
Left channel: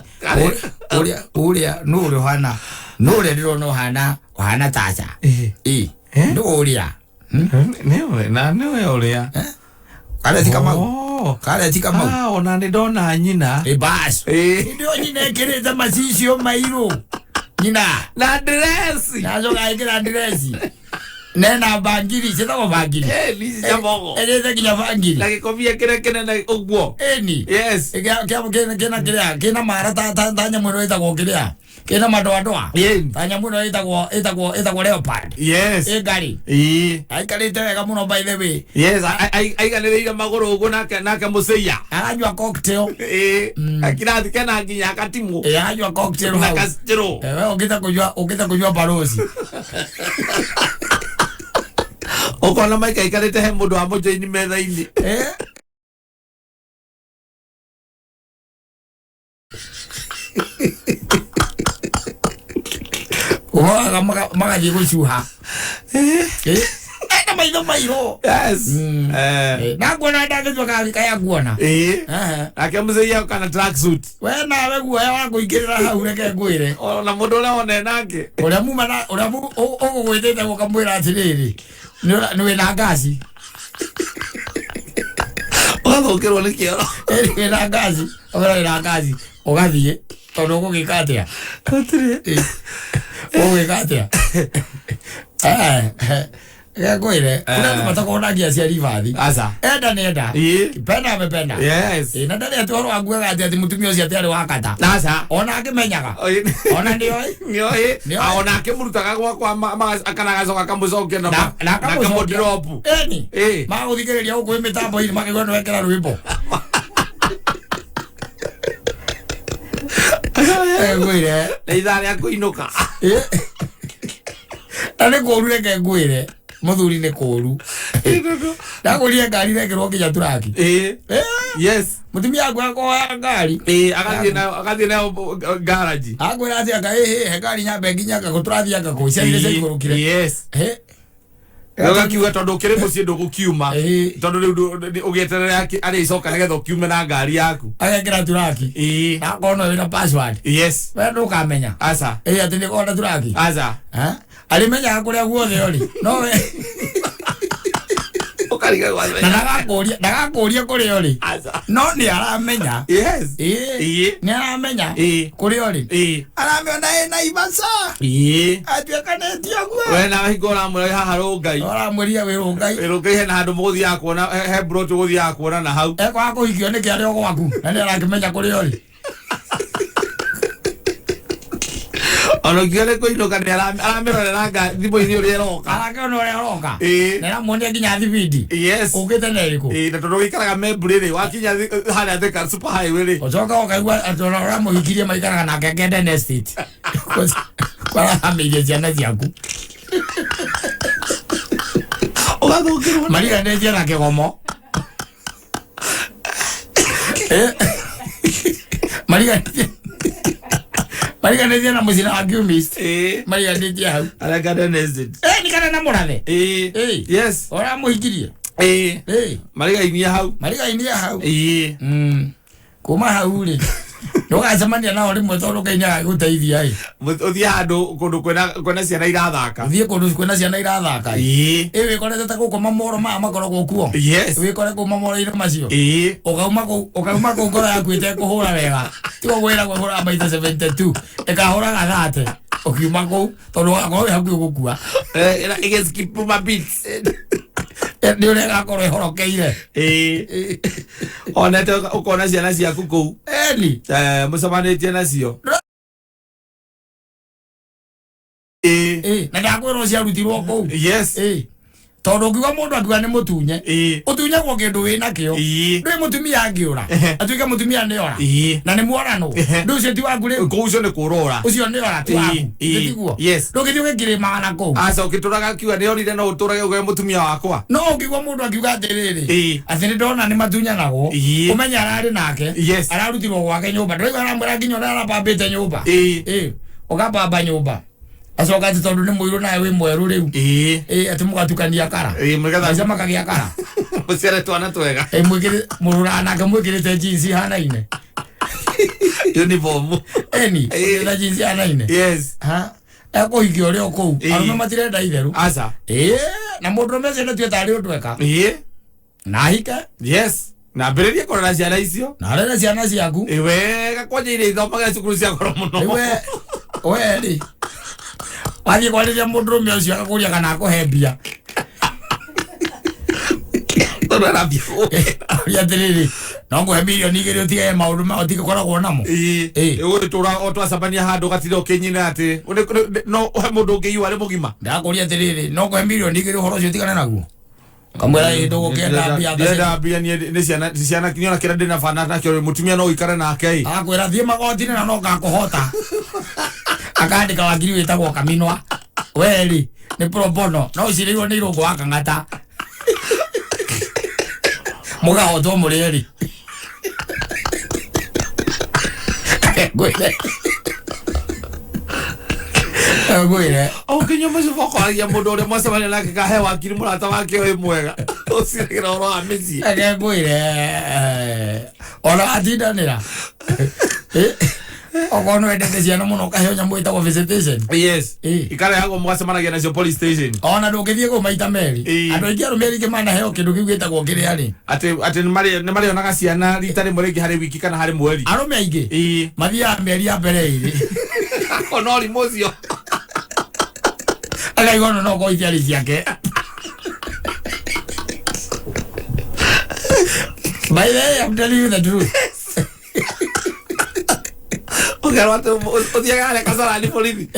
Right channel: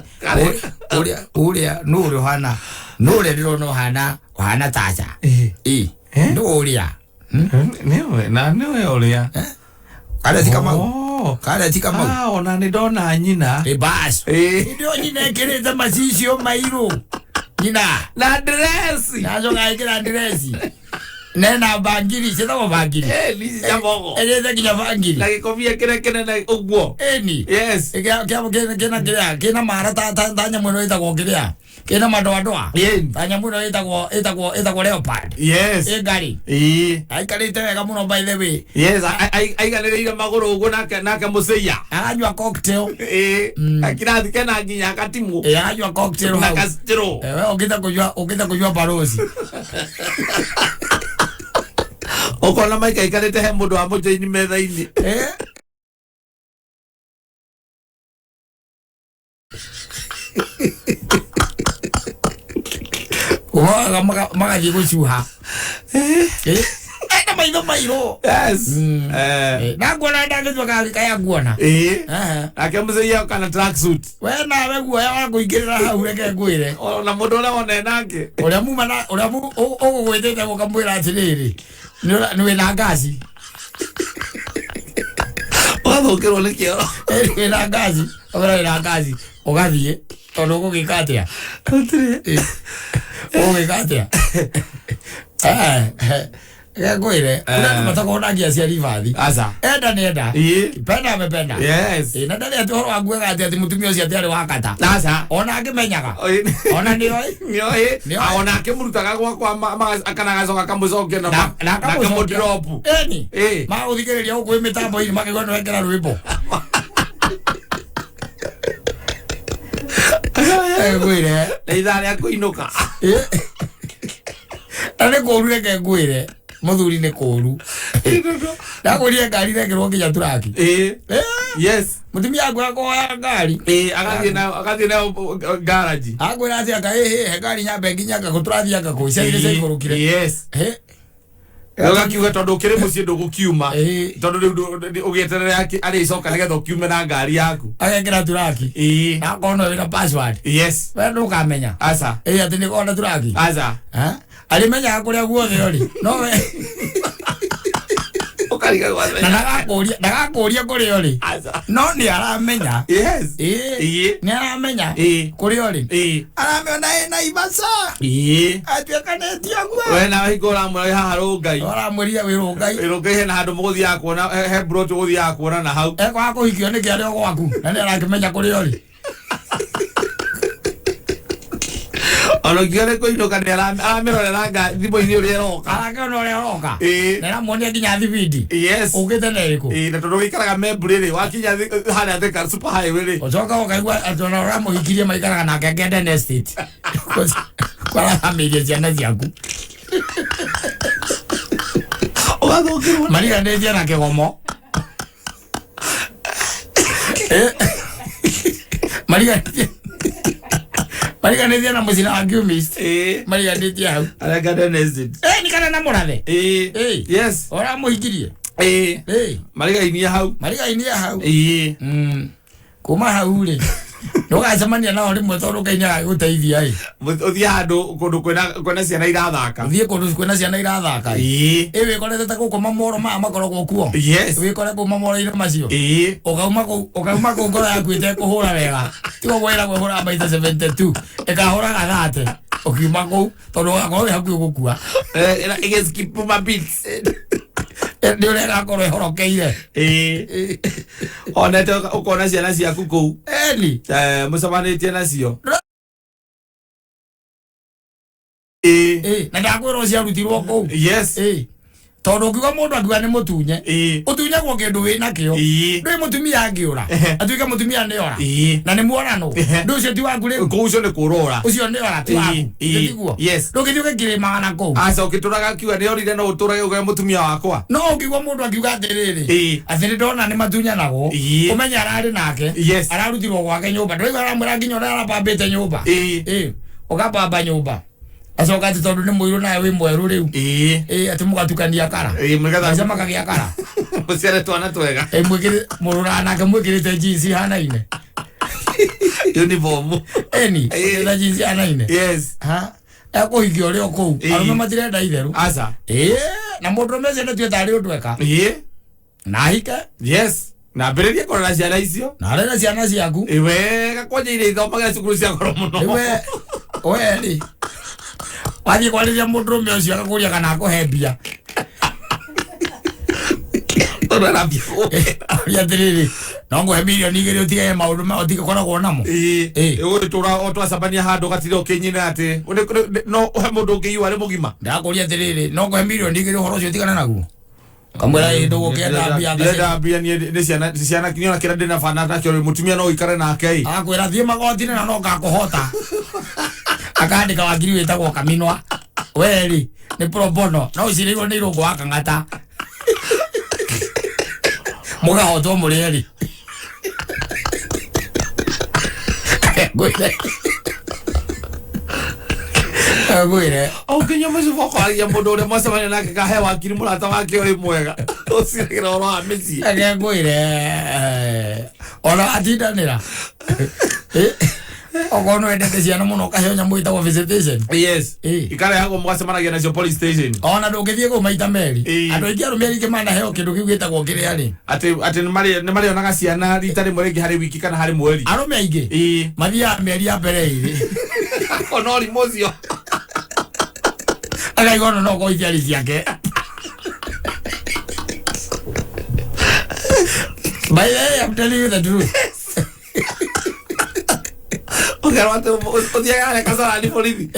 Uria nuru hana. Nuru ndirono hana tacha. Nuria. Newe uria. Kale tikama. Kale tikama. Ona ni dona nyina. Bas. Ndio nyina kereza masisio mairo. Nyina. Na dress. Nazo ngaikira dress. Nena bangiri, sitako bangiri. Lisi jamogo. Eleza kinya bangiri. Lagi kofia kene na ugwo. Ni. Yes. Kena mara tanya mwono itako kirea. Kena madoa. Tanya mwono itako leopard. Yes. Gari. Aikalite wega muno by the way. Yes, aikalite magoro ugwo naka museya. Ajwa cocktail. Akirathi kena nginya akatimu. Ajwa cocktail. Nakastro. Ukita kujua parosi. Okona maika ikarete he mundu wa mujoini metha-ini. Oga magathi gucuha. Na maitho mairo. Yes. Na ngona ndagithwa kaya nguona. Ake muzeia kana track suit. We nawe guoya wa kuingirira hau reke ngwire. Ona mundu uria wone nake. Uria muma na uria ugugwitite gukamwira atiriri. Niwe na ngaci. Ugathukirwo ni kioro. Niwe na ngaci. Ora na ngaci. Ugathie. Tondu gugika atia. Gutire. Ugika atia. Ngwire. Kuna matakona ngia cia rivathi. Asa. Enda ni enda. Penda amependa. Yes. Na ndani atoro aguaga ati mutumia ucio ati ari wa kata. Asa. Ona akimenyaga. Ona ni oi. Ona akimurutaga gwakwa akanagacoka kamucokia na kamudropu. Maguthikiriria guku mitambo ini makigona wekera rwimbo. Ngwire. Na ithari akuinuka. Ane koru reke ngwire. Muthuri ni koru. Ndagurie ngari rekerwo nginya turaki. Yes. Mutumia agwa ngari. Agathie na garage. Agwira ati aka he ngari nyambe nginya guturathia ngako cia igurukire. Yes. Yoga kiuga tondu kiri mucii ndugukiuma. Tondu riu ugieterera ari icoka nigetha ukiume na ngari yaku. Agekira turaki. Na kono wina password. Yes. We ndukamenya. Asa. Ati ni kona turaki. Asa. Alimenya kuria guothe ori. No we. Ukariga gwathe. Ndagakuria kuria ori. No ni aramenya. Yes. Ni aramenya. Kuria ori. Aramenya na ibasa. Atuika netia gwa. We na hingora muri haha rungai. Ora muria we rungai. Rungai he na handu muguthia kuona he brought guthia kuona na hau. Eko akuhikio ni kiario gwaku. Na ni arakimenya kuria ori. Ono kiale ko ino kana aramero na nga thibo ini uri roka. Arakona uri roka. Na muone nginya thibidi. Yes. Ugite na iriku. Na tondu ikaraga membrane wakinya hana theka super highway ri. Ocoka ukaigua atona ura muhikirie maikaraga na Ngengende Estate. Kwara amirie ciana ciaku. Ugathukirwo. Mariga ndeje na kigomo. Mariga ndeje na muzina wa Gumist. Mariga ndeje hau. Ngengende Estate. Ni kana na murathe. Yes. Ora muhikirie. Mariga inia hau. Mariga inia hau. Kuma hau ri. Ndugacemania nao rimwe tondu Ngai guteithia uthia handu kundu kwena ciana irathaka. Uthie kundu kwena ciana irathaka. Wikorete ta gukoma moro makoragwo kuo. Yes. Wikore kuma moro-ini macio. Ukauma kuu ngoro yaku itekuhura wega. Tigo gwira kwihura maita 72. Ikahuraga 30. Ukiuma kuu tondu wakorwo wi hakuhi gukua. Igeskip my beats. Ni uri gakorwo ihorokeire. Onete ukona ciana ciaku kuu. Ni. Mucemanitie nacio. Na ndakwirwo ciarutirwo kuu. Yes. Tondu ngiuga mundu akiuga ni mutunye. Utunye gwo kindu wina kio. Ndui mutumia angiura. Atuike mutumia ni ora. Na ni muorano. Ndu cio ti waku ri. Kuu ucio ni kurora. Ucio ni ora ti waku. Ndiguo. Yes. Ndugithio gikirima kuu. Asa ukituraga kiuga ni orire no uturage ugae mutumia wakwa. No ukigwa mundu akiuga atiriri. Atiri ndona ni matunyanago. Umenya arari nake. Yes. Ararutirwo gwake nyumba. Ndui aramwira nginya ora arapambite nyumba. Ukapamba nyumba. Asoka ati tondu ni muiru na we mweru riu. Ati mugatukania kara. Mugatha sema kagia kara. Muciare twana twega. Mwikire murura na kamwikirite jeans hanaine. Uniform. Eni. Na jeans hanaine. Yes. Ha. Eko higio rio kou. Arume matirenda itheru. Asa. Na mundu mece na tueta ri utweka. Na hika. Yes. Na bereria korora ciana icio. Na rera ciana ciaku. Wega kwonyeire ithomaga cukuru cia goro muno. We wathie kwariria mundurume ucio akakuria kana akuhe mbia. Ya tiriri no nguhe milioni 2 utige maundu ma utige koragwo namo. Uyu tura otwacabania handu gatire ukinyina ati no he mundu ungiiwa ri mugima. Ndakuria tiriri no nguhe milioni 2 uhoro ucio utigane naguo. Kamwira indu gukenda mbia ndenda mbia ni ciana kinyona kira ndina bana nakio mutumia no ikare nake akwira thie magotine na no ngakuhota akandika wakiri witagwo Kaminwa weri ni pro bono no ucirirwo ni irungu wa Kang'ata mugahotwo murieri Agwire. Okinya mucibo kwaria mundu uria mwacemania nake kahe wakiri murata wake oi mwega. Ucigira oro amici. Agwire. Ora atindanira. Ogono endete ciana muno kaheo nyamu itagwo visitation. Yes. Ikare hago mwacemanagia nacio police station. Ona ndungithie ku maita meri. Andu aingi arumeri ke mana heo kindu kiu gitagwo kiria ri. Ati ni mari onaga ciana rita rimwe ringi hari wiki kana hari mweri. Arume aingi. Mathia meri ya mbere iri. Onori mocio. Ala igono no go itiari ciake. By the way, I'm telling you the truth. Otiaga kasara ni polisi.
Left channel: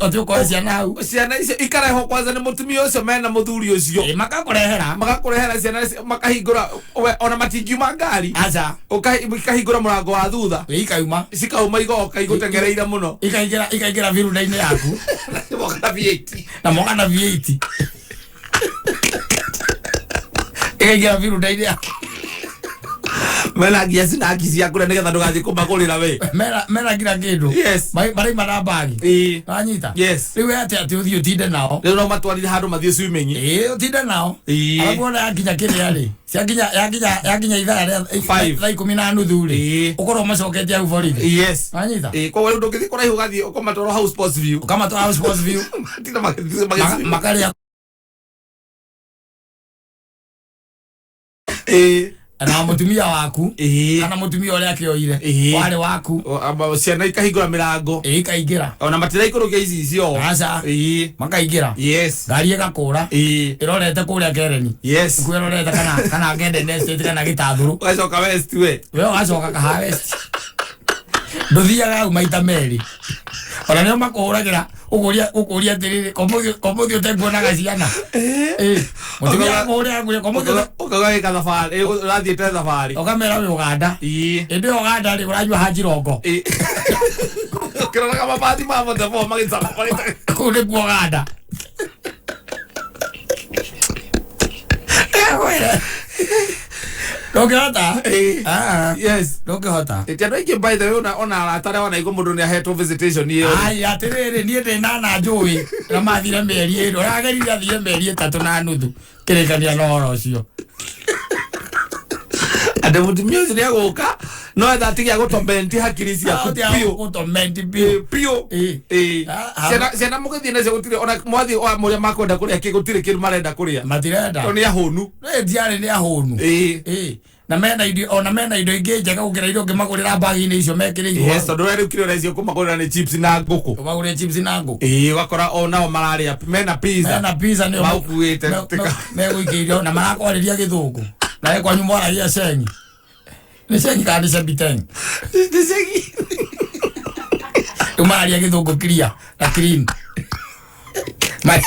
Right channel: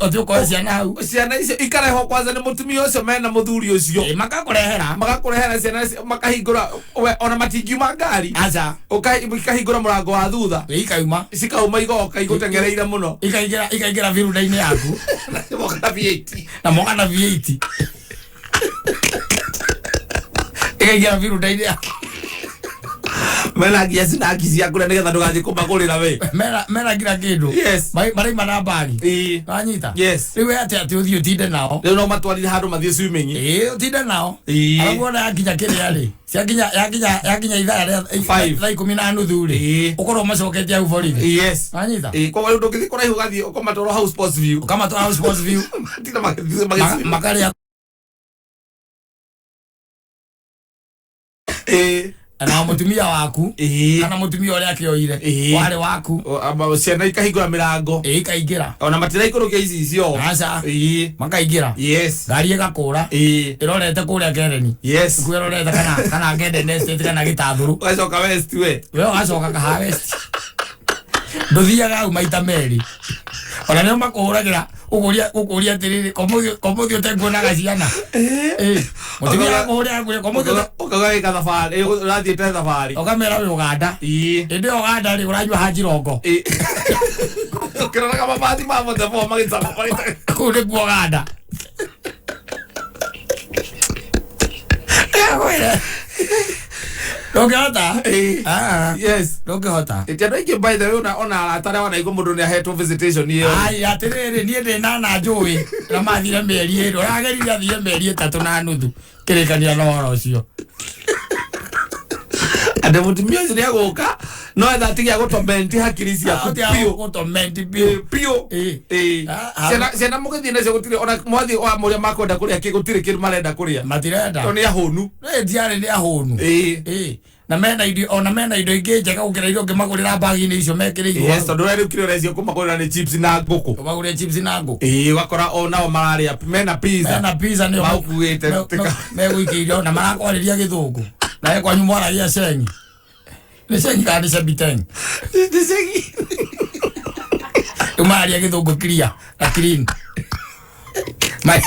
Otiuko ciana hau. Ciana icio ikare ho kwanza ni mutumia ucio mena muthuri ucio. Magakurehera ciana makahingura ona matingiuma ngari. Acha. Ukahingura murango wa thutha. Ikauma. Cikauma igoka igutengereira muno. Ikaingira viruda-ini yaku. Na moka na V8. Ikaingira viruda-ini yaku. Mela giasi na kisia kule ngetha ndugathi kumagurira we. Mela kila kindu. Yes. Mari marabagi. Anyita. Yes. Riwe ati uthio utinde nao. Riu no matwarire handu mathie swimming. Utinde nao. Alafu ona yakinya kiria ri. Yakinya ithaa ria 5:30 ri. Ukorwo macoketie au borithi. Yes. Anyita. Kwa wewe ndugithi kuraihu gathi ukomatwara house sports view. Ukamatwara house sports view. Tina makaria. Na mutumia waku kana mutumia uria akioire wale waku ciana ikahingura mirango ikaingira ona matira ikurukia ici icio aca makaingira yes ngari igakura irorete kuria Kereni yes kwirorete kana ngende nestate kana Gitathuru ugacoka west we ugacoka kaha west nduthiaga au maita meri ona nio makuhuragira ukuria tiriri komuthi utenguonaga ciana mutumia akuhuria nguria komuthi ukagaika thabari urathiite thabari ukamera wi Uganda indi Uganda ri uranyua hajirongo ukiroraga mabati ma motebo magicamakorite kuri ku Uganda Dogata? Yes. Dogata. Etiano iki by the way ona atara wana iko mundu ni ahetwo visitation iyo. Ai atiriri nie ndi na njui. Na mathire meri iro. Ragerire athire meri 3 na nuthu. Kirikania no horo ucio. Ande mutumia ucio ni aguka no etha tigia gutomenti hakiri ciaku pio gutomenti pio ciana mugithi nacio gutire ona mwathi wa muria makwenda kuria gutire kindu marenda kuria matirenda ni ahunu ndiare ni ahunu na mena indo ingi njega gukira irio ngimagurira bagi-ini icio mekiriirwo yes tondu rä kire recio kumagurira ni chips na nguku kumagurira chips na nguku wakora onao mararia mena pizza nio makuite meguikiirio na marakwariria githungu na ekwa nyumwara gia sengi ni sengi kandi sebiteng ni sengi umaria githungu clear na clean mai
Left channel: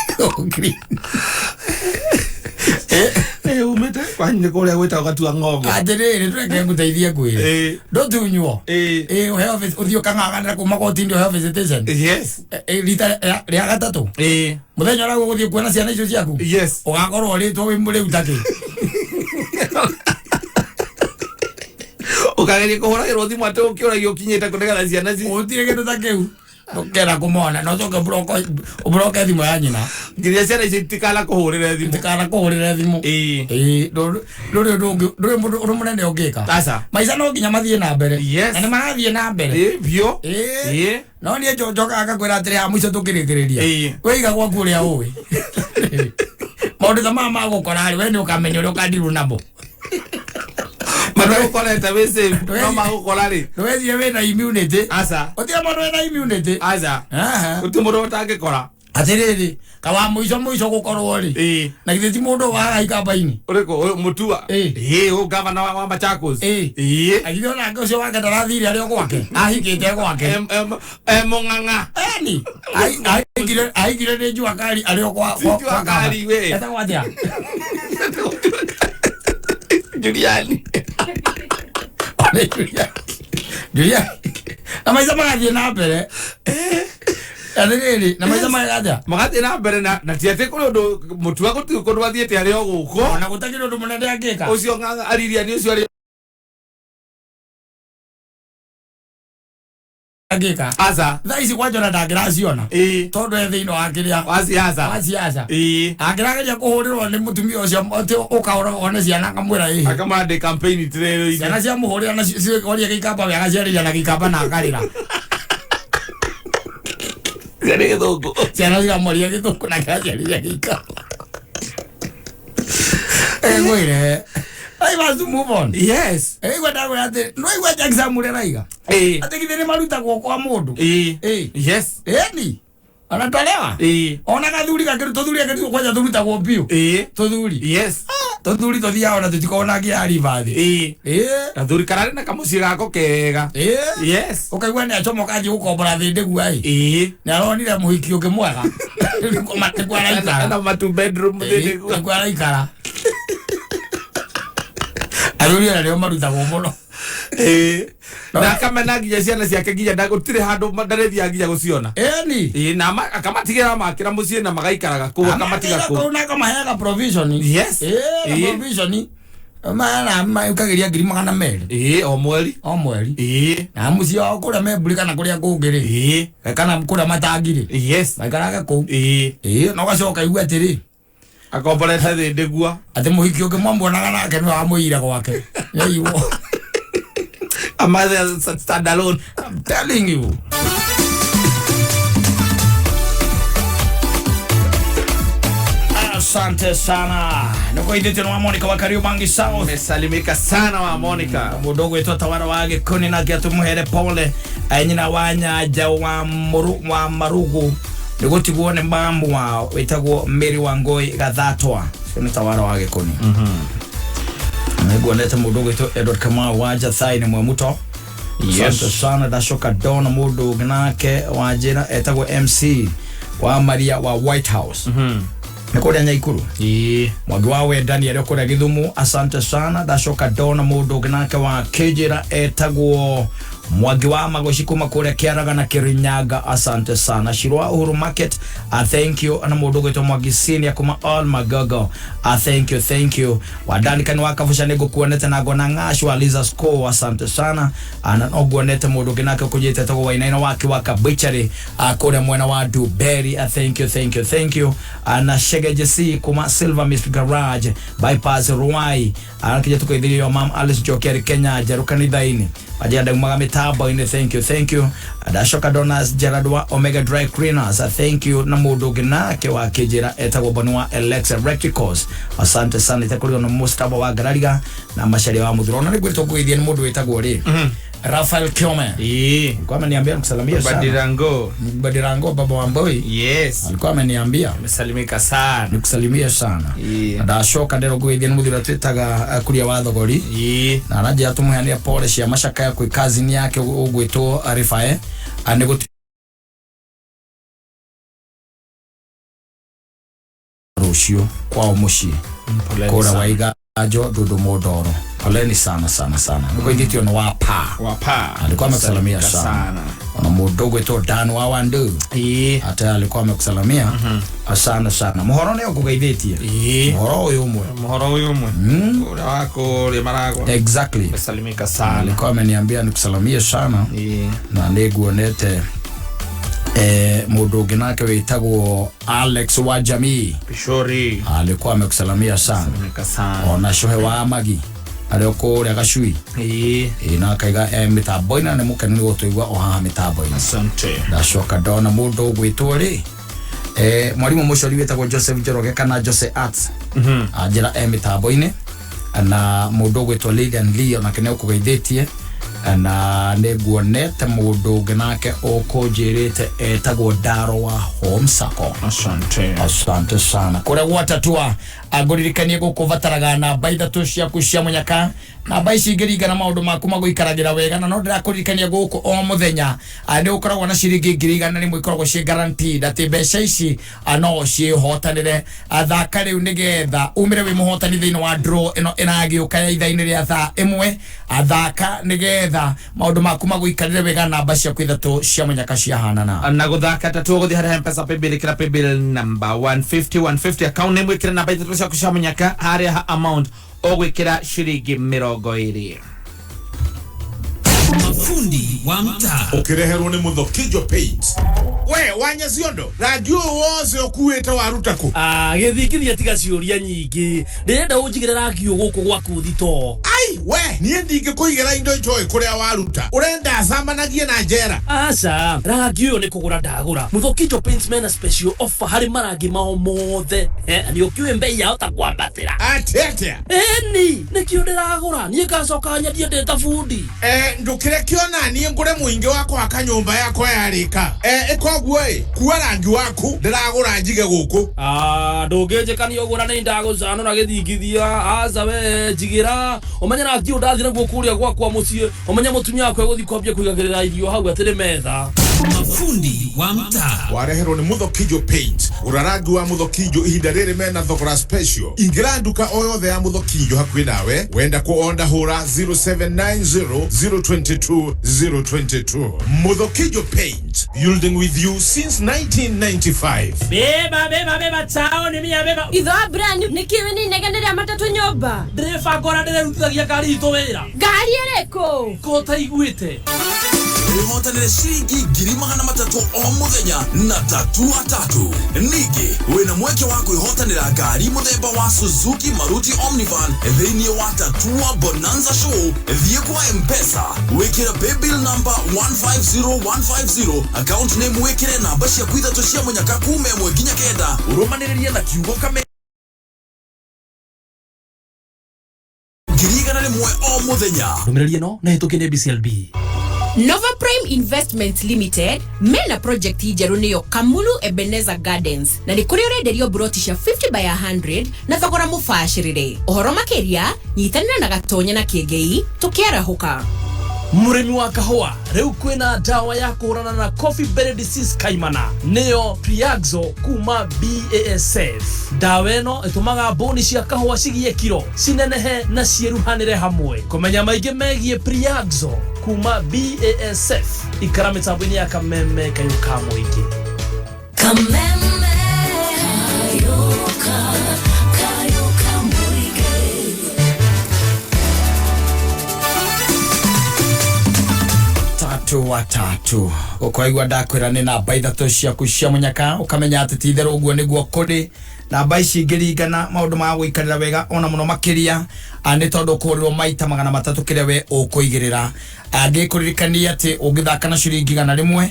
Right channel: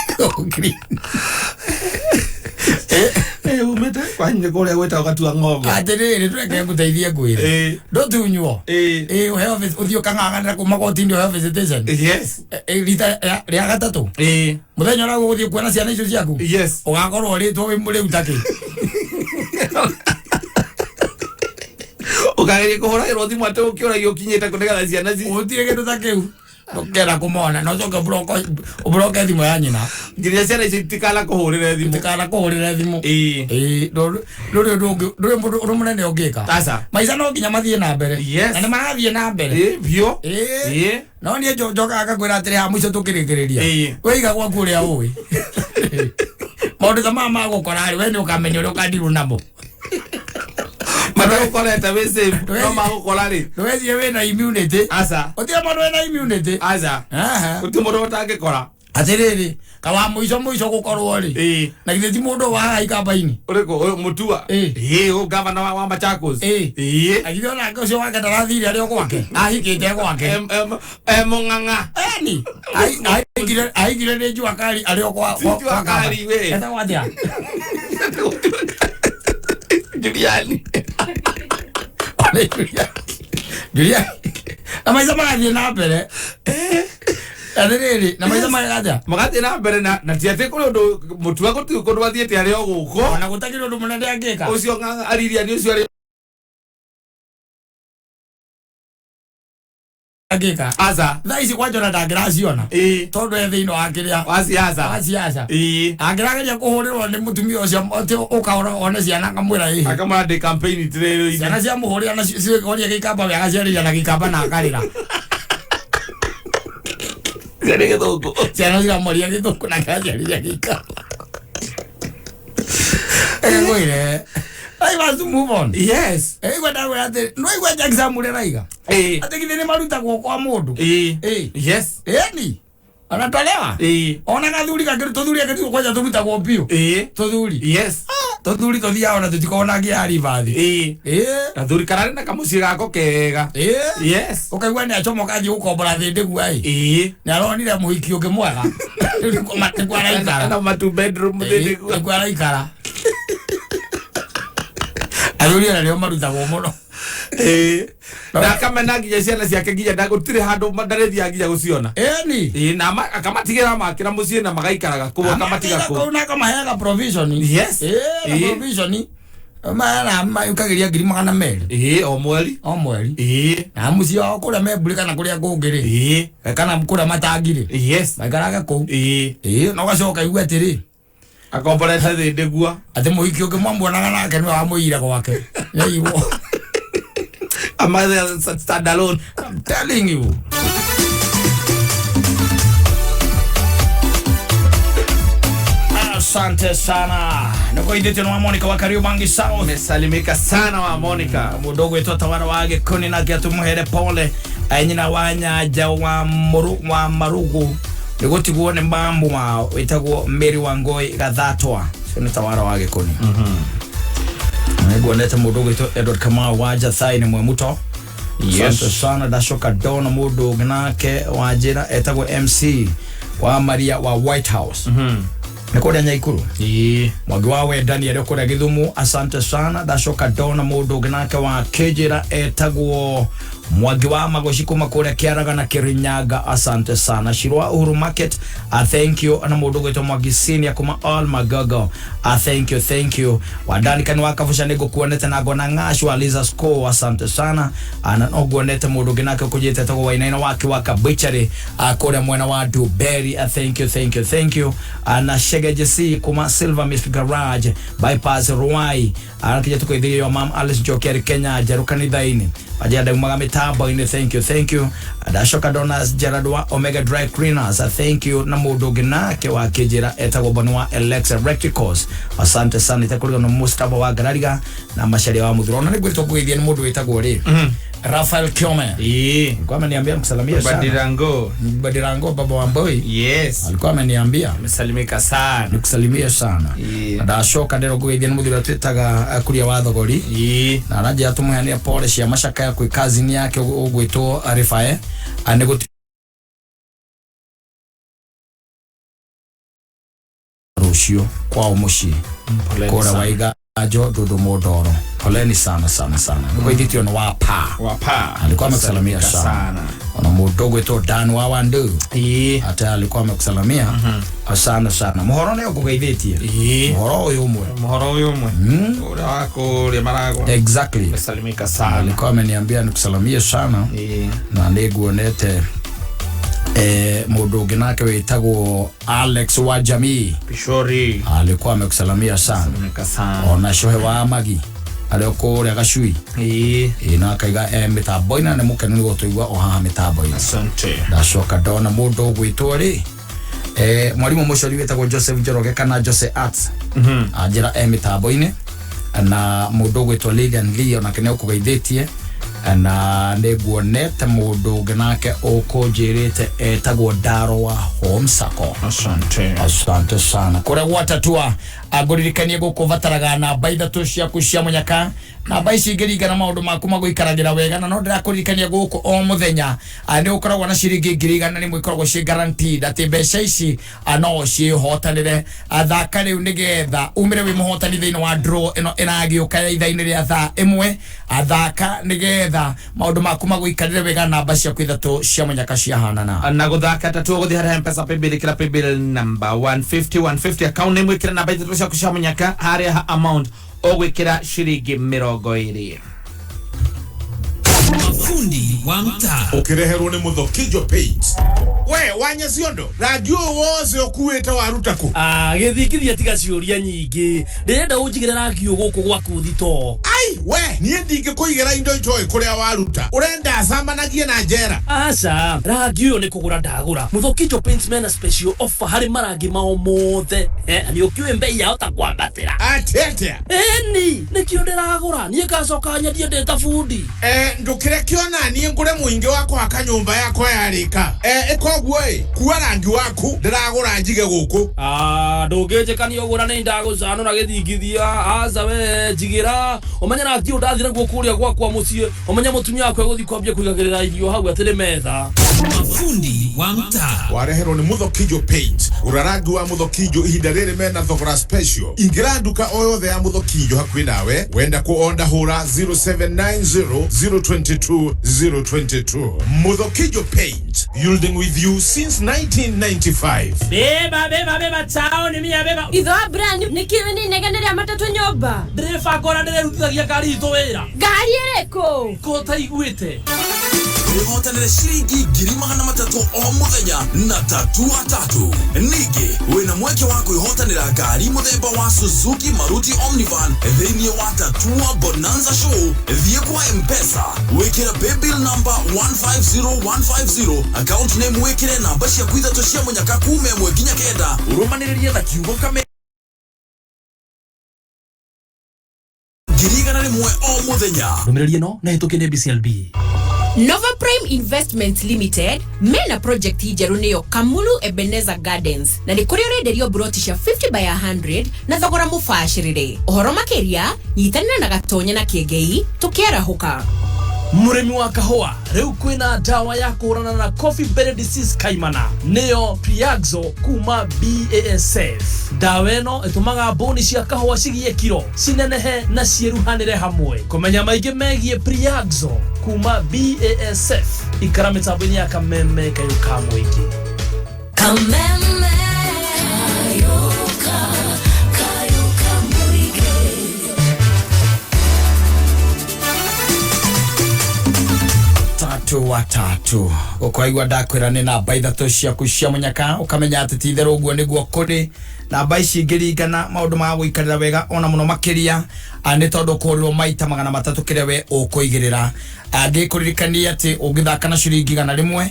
clean umete kwanye kuria gwita gatua ng'ongo atiriri tweke nguteithie ngwire ndutunywo uheo uthio kang'ang'anira kuma gotindi uheo visitation yes rita ria gatatu muthenya ura guthie kuona ciana icio ciaku yes ugakorwo ritwo wi muri utaki ukageria kuhuragirwo thimu ati ukiuragio kinyite kunegana ciana ci utire kindu ta kiu Kera kumona no zoke broke thimu ya nyina ngiria ciana ici tikala kuhurire thimu nduri mundu munene ungika asa maica no nginya mathie na mbere na ni marathie na mbere bio no nie njoka akakwira atiri ha muico tukirikiriria weiga gwaku uria ui maundu ta mama gukora ri we ni ukamenya uria ukandiru namo Mara ukoleta wese no magukora ri wezie wena immunity asa utia mundu wena immunity asa uti mundu utangikora atiriri kawa muico gukorwo ri na githeti mundu wa ikamba-ini uriko mutua o governor wa Machakos agithiona ngocio wake ndarathire ario gwake ahikite gwake mung'ang'a ni aigire ni njua kari ario kwa kari we eta gwatia Juliani na maica magathie na mbere athiriri na maica magathie na mbere na tiate kuri undu mutua guti kundu wathiete ario guko na gutakire undu munene angika ucio ng'ang'a ariria ni ucio ari angika asa thaa ici kwanjona ndangiraciona tondu thiini wa kiria wa siasa angirageria kuhurirwo ni mutumia ucio ati ukaona one ciana ngamwira akamande campaign tirero ciana cia muhurira na cioria gikamba wega ciarĩria na gikamba na akarĩra gari githungu ciana ciamoria githungu na ciarĩria gikamba ngwire I want to move on. Yes. Gwenda ati no igwa exam ule raiga. Ati githini maruta kwa mundu. Yes. Ni. Anatolewa. Ona gathuri gakiru tuthuri gakiru kwaja turuta kwa pio. Tuthuri. Yes. Tuthuri tuthia ona tutikona gia rivathi. Gathuri karari na kamuci gako kega. Yes. Ukaigwa ni achomoka ji ukombora thinde guai. Ni aronire muhiki ungi mwega. Kwa matu araikara. Na matu bedroom thinde guai. Kwa araikara. Aruria leo maruta muno na kama nagiye ciana ciake nginya ndagutire handu ndarethia nginya guciona ni na akamatigira makira mucie na magaikaraga ku akamatiga ku na kama hela provision yes provision ma ukagiria ngiri magana meri o mweri na mucie o kuria memburi kana kuria kungiri kana kuria matangiri yes maikaraga ku no gacoka igwa atiri akomborete thinde gua ati muhiki ungi mwambonaga nake ni wa muira gwake yeiwo amazing stand alone I'm telling you asante sana niko indete no Monica wa Kariubangi South umesalimika sana wa Monica mudogo wetu tawara wage koni na kia tumuhere pole nyina wanyaja wa marugu nigutigwo ne mbambu wa wetagwo Mary Wangoi Gathatwa sio tawara wage koni niguonete mudogo wetu Edward Kamau waja thai ni mwemuto yes sana dashoka dona mudogo nake wajira etagwo MC wa Maria wa White House Nikoria Nyaikuru mwagi wawe Daniel Kuria Githumu asante sana dashoka dona mudogo nake wa Kejira etagwo mwagi wa magoshiko makuria Kiaraga na Kirinyaga asante sana Shirwa Uhuru Market thank you ana mudogo to mwagi senior kuma all magago thank you wadani kan wakafusha nego kuoneta na gona ngashu aliza score asante sana ana ogoneta mudogo nake kujeta to wainaina wake wakabichari akora mwana wa Duberry thank you ana Shegejesi kuma Silver Mist Garage bypass Ruai ana kija tukoidhiyo mam Alice Jokeri Kenya jarukani daini ajada magame tabo ine thank you adashoka donas Jaradwa Omega Dry Cleaners thank you na mudogo nake wa Kejira etagwo bonwa Alexa Recticals asante sana itakurio no Mustafa wa Garariga na mashari wa Muthurona ni gwito kuithia ni mundu etagwo ri Rafael Kiome kwa ameniambia msalimia sana Badirango baba wa Mboi yes alikuwa ameniambia msalimika sana nikusalimia sana adashoka ndero kuithia ni muthura twitaga kuria wa thogori na anaje atumhania pole cia mashaka kwa kazi ni yake ugwitwo Arifae anego rushio kwa umushi kora waiga ajo dudu modoro poleni sana niko iditio no wapa alikuwa amekusalimia sana na mudogo eto Dan wa Wandu hata alikuwa amekusalimia sana muhoro ne ukugaithetie muhoro uyu umwe ura wako ri marago exactly amesalimika sana alikuwa ameniambia nikusalimia sana na niguonete Mundu ungi nake witagwo Alex wa jamii Pishori alikuwa amekusalamia sana. Ona shohe wa magi aliyoko ria gacui na kaiga mitambo ina ne mukenu ni gutuigwa oha mitambo ina. Asante. Ndacoka ndona mundu gwitwo ri mwalimu mucori witagwo Joseph Njoroge kana Jose Arts ajira mitambo ine na mundu gwitwo Lilian Lee ona kene ukugeithitie na neguonete mundu ungi nake ukunjirite etagwo Ndaro wa Homsako. Asante sana kuria gwatatua aguririkanie gukuvataraga namba 3 ciaku cia munyaka namba ici ingĩringana maundu maku magũikaragira wega na no ndĩrakuririkania gũkũ o muthenya nĩ ũkoragwo na ciringi 100 nĩ mwĩkoragwo ciĩ guaranteed atĩ mbeca ici no ciĩhotanĩre thaka rĩu nĩgetha umĩre wĩ mũhotani thĩinĩ wa draw ĩno ĩragĩũka ya ithaa-inĩ rĩa thaa 1 thaka nĩgetha maundu maku magũikarĩre wega namba ciaku 3 cia munyaka ciahanana na gũthaka tatu gũthiĩ harĩa M-Pesa paybill kĩra paybill number 150 account name wĩkĩra namba 3 ciaku cia munyaka harĩa amount ogwikira shiringi 20 mafundi wa mtaa ukireherwo ni Muthokijo Paint. We wanya ciondo radio wose okuwete warutako githikithia tiga ciuria nyingi ndirenda unjigire radio guku gwaku thito. Ai we nie ndinge kuigera indo njoi kuria waruta urenda samanagie na njera. Aca radio ni kugura ndagura Muthokijo Paint mena special offer hari marangi mao mothe ni ukiwe mbei yao ta kwambatira atete ni kio ndiragura nie gacoka nyendie ndeta fundi ndukire kiona nie ngure muingi wako akanyumba yako yarika ikoguo kuwa rangi waku ndiragura njige guku ndunginjikani ugura ni ndagucano na githingithia aza we jigira omanya rangi undathira guo kuria gwakwa mucie omanya mutumia wako guthi kwambia kuigagirira irio hau atire metha mafundi wa mtaa wareherwo ni Muthokijo Paint urarangi wa Muthokijo ihinda riri mena thogora special ingira nduka o yothe ya Muthokijo hakuhi nawe wenda kuonda hura 0790022022 Muthokijo Paint building with you since 1995. Beba chao ni mia beba itho brand nikiwe ni negenderia matatu nyomba driver gora ndirutithagia gari ito wira gari ereko kota iguite Ihotanire shiringi 300 o muthenya na tatu. Nigi wina mweke wa kuihotanira ngari muthemba wa Suzuki Maruti Omnivan thĩinĩ wa Tatua Bonanza Show. Thiĩ kwa M-Pesa wĩkĩra paybill number 150150 account name wĩkĩre namba ciaku 3 cia munyaka kuma 1 nginya 9 urumanĩrĩrie na kiugo kame ngirigana rĩmwe o muthenya. Ndũmĩrĩri ĩno na hĩtũkĩre BCLB. Nova Prime Investment Limited mena project ijeru niyo Kamulu Ebenezer Gardens na ni kuri urenderio broti cia 50 by 100 na thogora mubashirire uhoro makiria nyitanira na gatonya na kiengei tukiarahuka Murimi wa kahua rĩu kwĩna dawa ya kũhũrana na coffee berry disease kaimana niyo Priaxo kuma BASF. Dawa ĩno ĩtũmaga boni cia kahua cigie kiro cinenehe na cieruhanĩre hamwe. Kũmenya maingĩ megie Priaxo kuma BASF ikara mĩtambo-inĩ ya Kameme kayuka mũingĩ. Kameme kayuka mũingĩ. Watatu ukwaigua ndakwira ni namba 3 ciaku cia munyaka ukamenya ati titherũ guo niguo kuri namba ici ngĩringana maundu ma gũikarĩra wega ona muno makiria nĩ tondũ kũrĩrwo maita 300 kĩrĩa we ũkũigĩrĩra angĩkũririkania ati ũngĩthaka na ciringi 100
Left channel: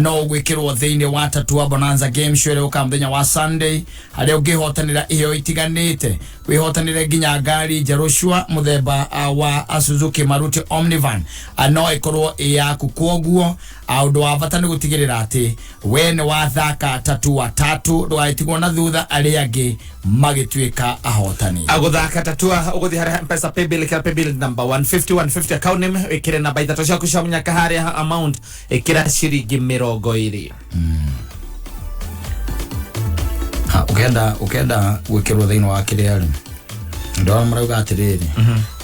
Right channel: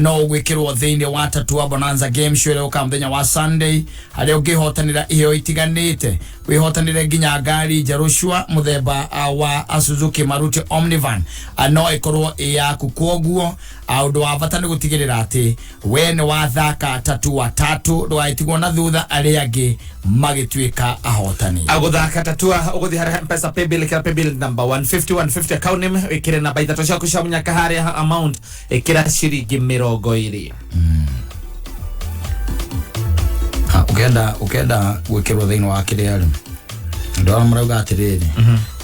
no ũgwĩkĩrwo thĩinĩ wa Tatua Bonanza game show ĩrĩa ũka mũthenya wa Sunday harĩa ũngĩhotanĩra iheo itiganĩte wĩhotanĩre nginya ngari njerũ muthemba wa Suzuki Maruti Omnivan no ĩkorwo yaku kwoguo ũndũ wa bata nĩ gũtigĩrĩra atĩ we nĩ wathaka Tatua 3 ndũgaitigwo na thutha arĩa angĩ magĩtuĩka ahotani. Agũthaka Tatua ũgũthiĩ harĩa M-Pesa paybill kĩra paybill number 150 account name wĩkĩre namba 3 ciaku cia munyaka harĩa amount ĩkĩra ciringi 20. Ukenda gwĩkĩrwo thĩinĩ wa kĩrĩa rĩ ndona marauga atĩrĩrĩ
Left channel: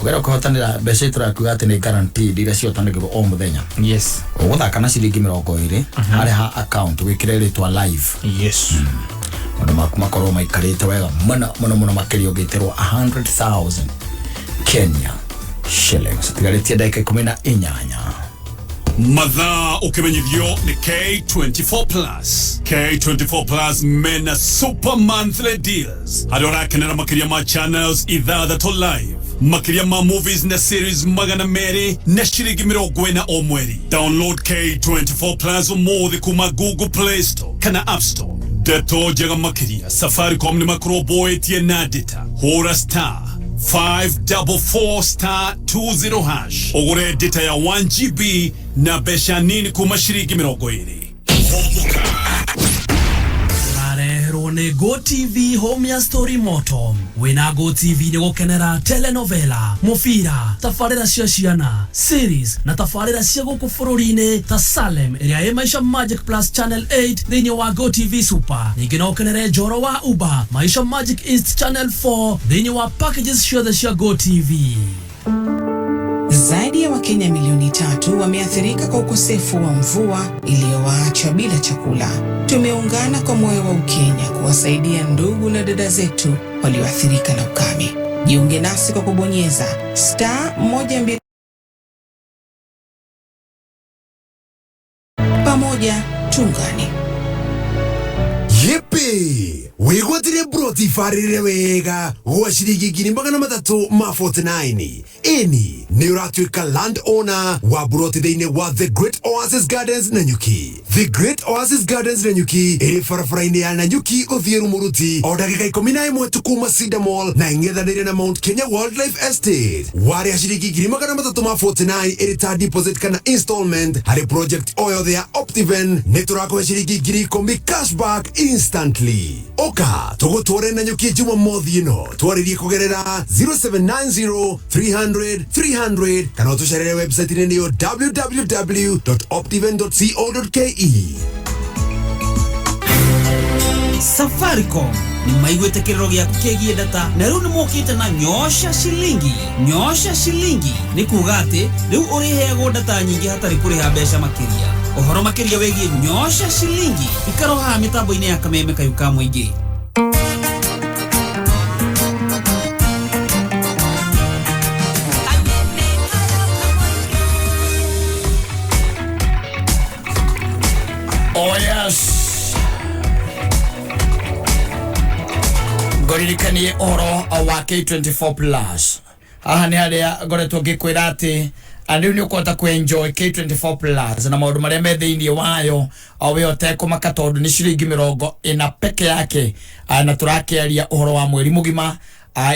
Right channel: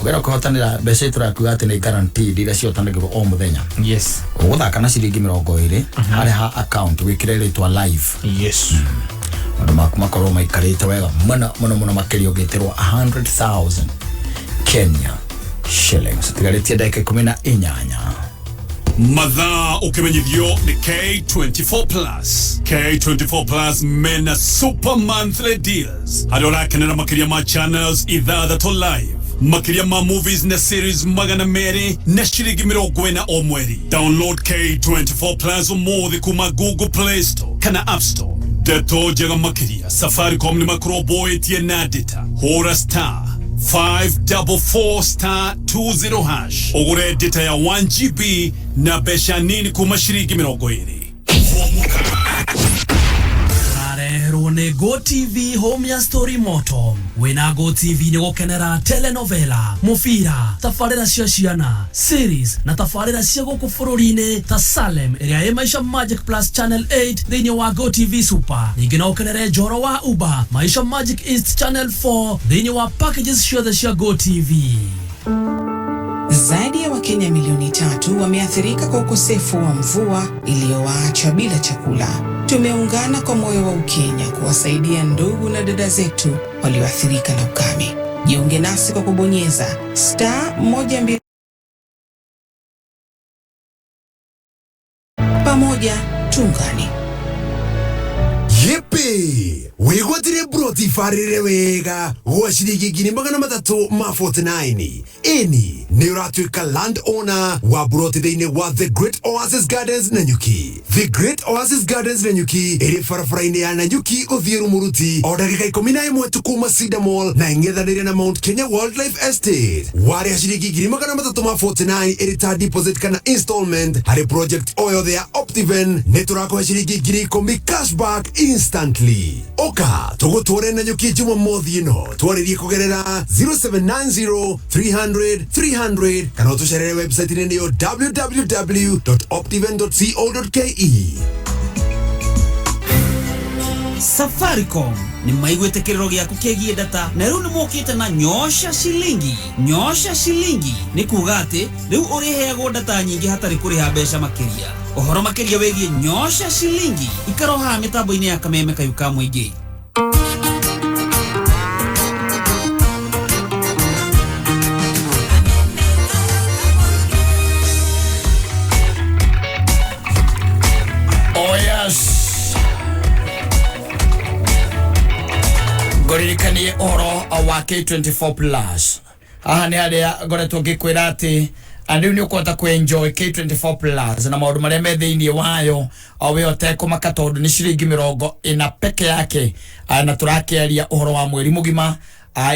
ukenda kũhotanĩra mbeca itũrakuga atĩ nĩ guaranteed iria ciotanagĩrwo o mũthenya. Yes. Ũgũthaka na ciringi 20 harĩa account wĩkĩre rĩtwa live. Yes. Maũndũ maku makorwo maikarĩte wega mũno makĩria ũngĩtĩrwo 100,000 Kenya shillings. Tigarĩtie ndagĩka 18. Madha ukimenyithio ni K24 Plus. K24 Plus mena super monthly deals. Adora kenera makiria ma channels ithathatũ live. Makiria ma movies na series magana meri na shiringi mirongo ĩna o mweri. Download K24 Plus umuthi kuma Google Play Store kana App Store. Deto jaga makiria Safaricom ni makroboetie na data. Hora star 544*20 hash. Ogure data ya 1GB na besha nini kuma shiringi mirongo ĩrĩ. Arehero ni Go TV home ya story moto. Wina Go TV ni gukenera telenovela, mufira, tafarira cia ciana, series na tafarira cia guku bururi-ini ta Salem iria ĩ Maisha Magic Plus Channel 8 thĩinĩ wa Go TV Super. Ningĩ no ũkenere Njoro wa Uba, Maisha Magic East Channel 4 thĩinĩ wa packages ciothe cia Go TV. Zaidi ya Wakenya milioni 3 wameathirika kwa ukosefu wa mvua iliyowaacha bila chakula. Tumeungana kwa moyo wa Ukenya kuwasaidia ndugu na dada zetu walioathirika na ukame. Jiunge nasi kwa kubonyeza *120. Pamoja tuungane. Yepe! Wegotire broti farire wega gwa shiringi 349. Eni ni uratuika land owner wa broti thĩinĩ wa The Great Oasis Gardens Nanyuki. The Great Oasis Gardens Nanyuki ĩrĩ barabara-inĩ ya Nanyuki gũthiĩ Rumuruti o ndagĩka 11 tu kuma Cedar Mall na ing'ethanĩire na Mount Kenya Wildlife Estate. Warĩha shiringi 349 ĩrĩ ta deposit kana installment harĩ project o yothe ya Optiven nĩ tũrakũhe shiringi 10,000 cashback instantly. Oka tugutware Nanyuki Jumamothi ĩno twarĩrie kugerera 0790 300 300 kana ũtũcerere website-inĩ nĩyo www.optiven.co.ke. Safaricom ni maigwete kiroro gyaku kĩgiĩ data na rĩu nĩ mokĩte na nyosha shilingi. Nyosha shilingi ni kuga atĩ rĩu ũrĩheagwo data nyingĩ hatarĩ kũrĩha mbeca makĩria. Ũhoro makĩria wĩgiĩ nyosha shilingi ikaro haha mĩtambo-inĩ ya kameme kayu ka mũingĩ. Oh yes. Ngoririkanie oro wa K24 Plus. Aha ni aria ngoretwo ngikwira ati andu ni ukota kuenjoy K24 Plus na maundu maria me thiini wayo awe otekumaka tondu ni shiringi 40 peke yake na turakiaria uhoro wa mweri mugima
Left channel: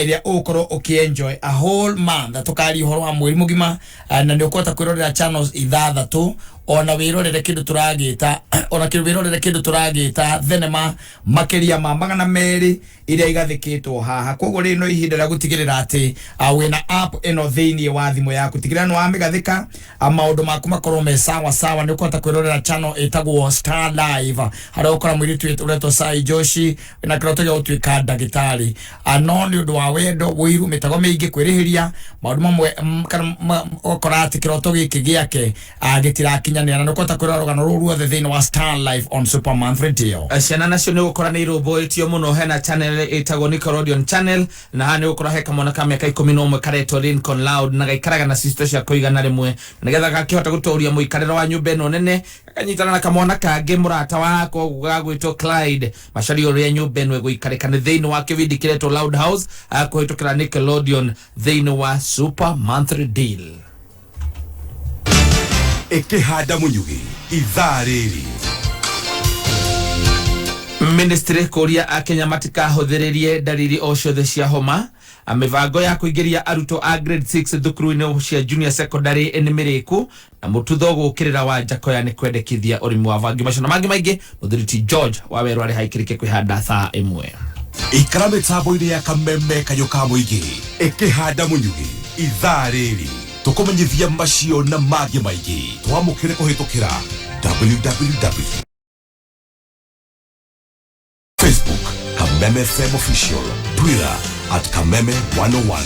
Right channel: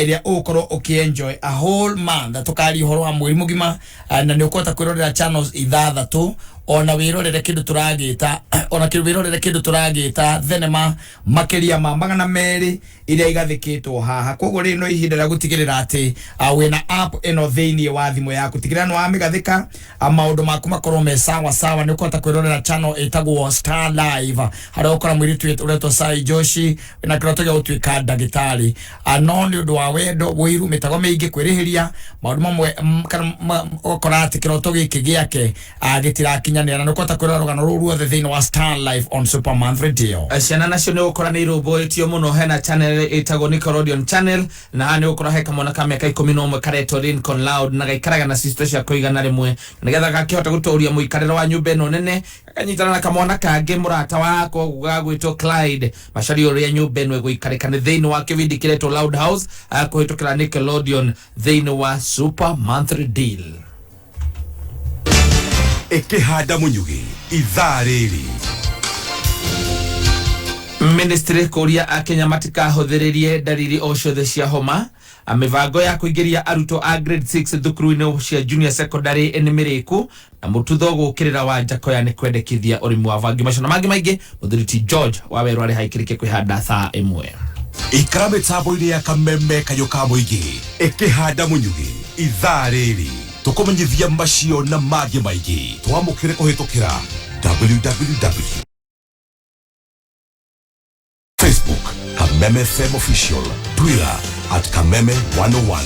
iria ukorwo ukienjoy a whole month tukari uhoro wa mweri mugima na ni ukota kwirorera channels ithathatu ona wirorere kindu turagita ona wirorere kindu turagita thenema makiria ma magana meri iria igathikitwo haha koguo ri no ihinda rĩa gutigirira ati wina app ino thiini wa thimu yaku tigirira no amigathika maundu maku makorwo me sawa sawa ni ukota kwirorera channel itagwo Star Live haria ukora mwiri twetu ureto Sai Joshi na kiroto gya utwika ndagitari no ni undu wa wendo wiru mitago meingi kwirihiria maundu mamwe ukora ati kiroto giki giake gitirakinya na nukota kwirora rugano ruothe thiini wa Star Live on Super Month Radio. Ciana nacio ni gukora ni roboetio muno hena channel itago Nickelodeon channel na hani gukora heka mwana ka miaka 11 kareto Lincoln Loud na gaikaraga na sister cia kuigana rimwe nigetha gakihota gutoria muikariro wa nyumba ino nene kanyitana na kamwana kangi murata wako gagwitwo Clyde macari uri nyumba ino guikarika ni thiini wa kivindi kireto Loud House akuhitukira Nickelodeon thiini wa Super Month Deal. Ekehada Munyugi ithaa rĩrĩ. Ministry kuria akenya matikahũthĩrĩrie dalili o ciothe cia homa mivango ya kuingĩria arutwo a grade 6 thukuru-inĩ cia junior secondary nĩ mĩrĩku na mũtutho gũkĩrĩra wa Jakoya nĩ kwendekithia ũrĩmi wa vangi macio na mangĩ maingĩ mũthuriti George wa Werũ arĩ haikĩrĩke kwĩhanda thaa 1. Ikara mĩtambo-inĩ ya kameme kayũ ka mũingĩ Ekehada Munyugi ithaa rĩrĩ tukumenyithia macio na mangĩ maingĩ twamũkĩre kũhĩtũkĩra www. Facebook Kameme FM Official, Twitter @Kameme 101.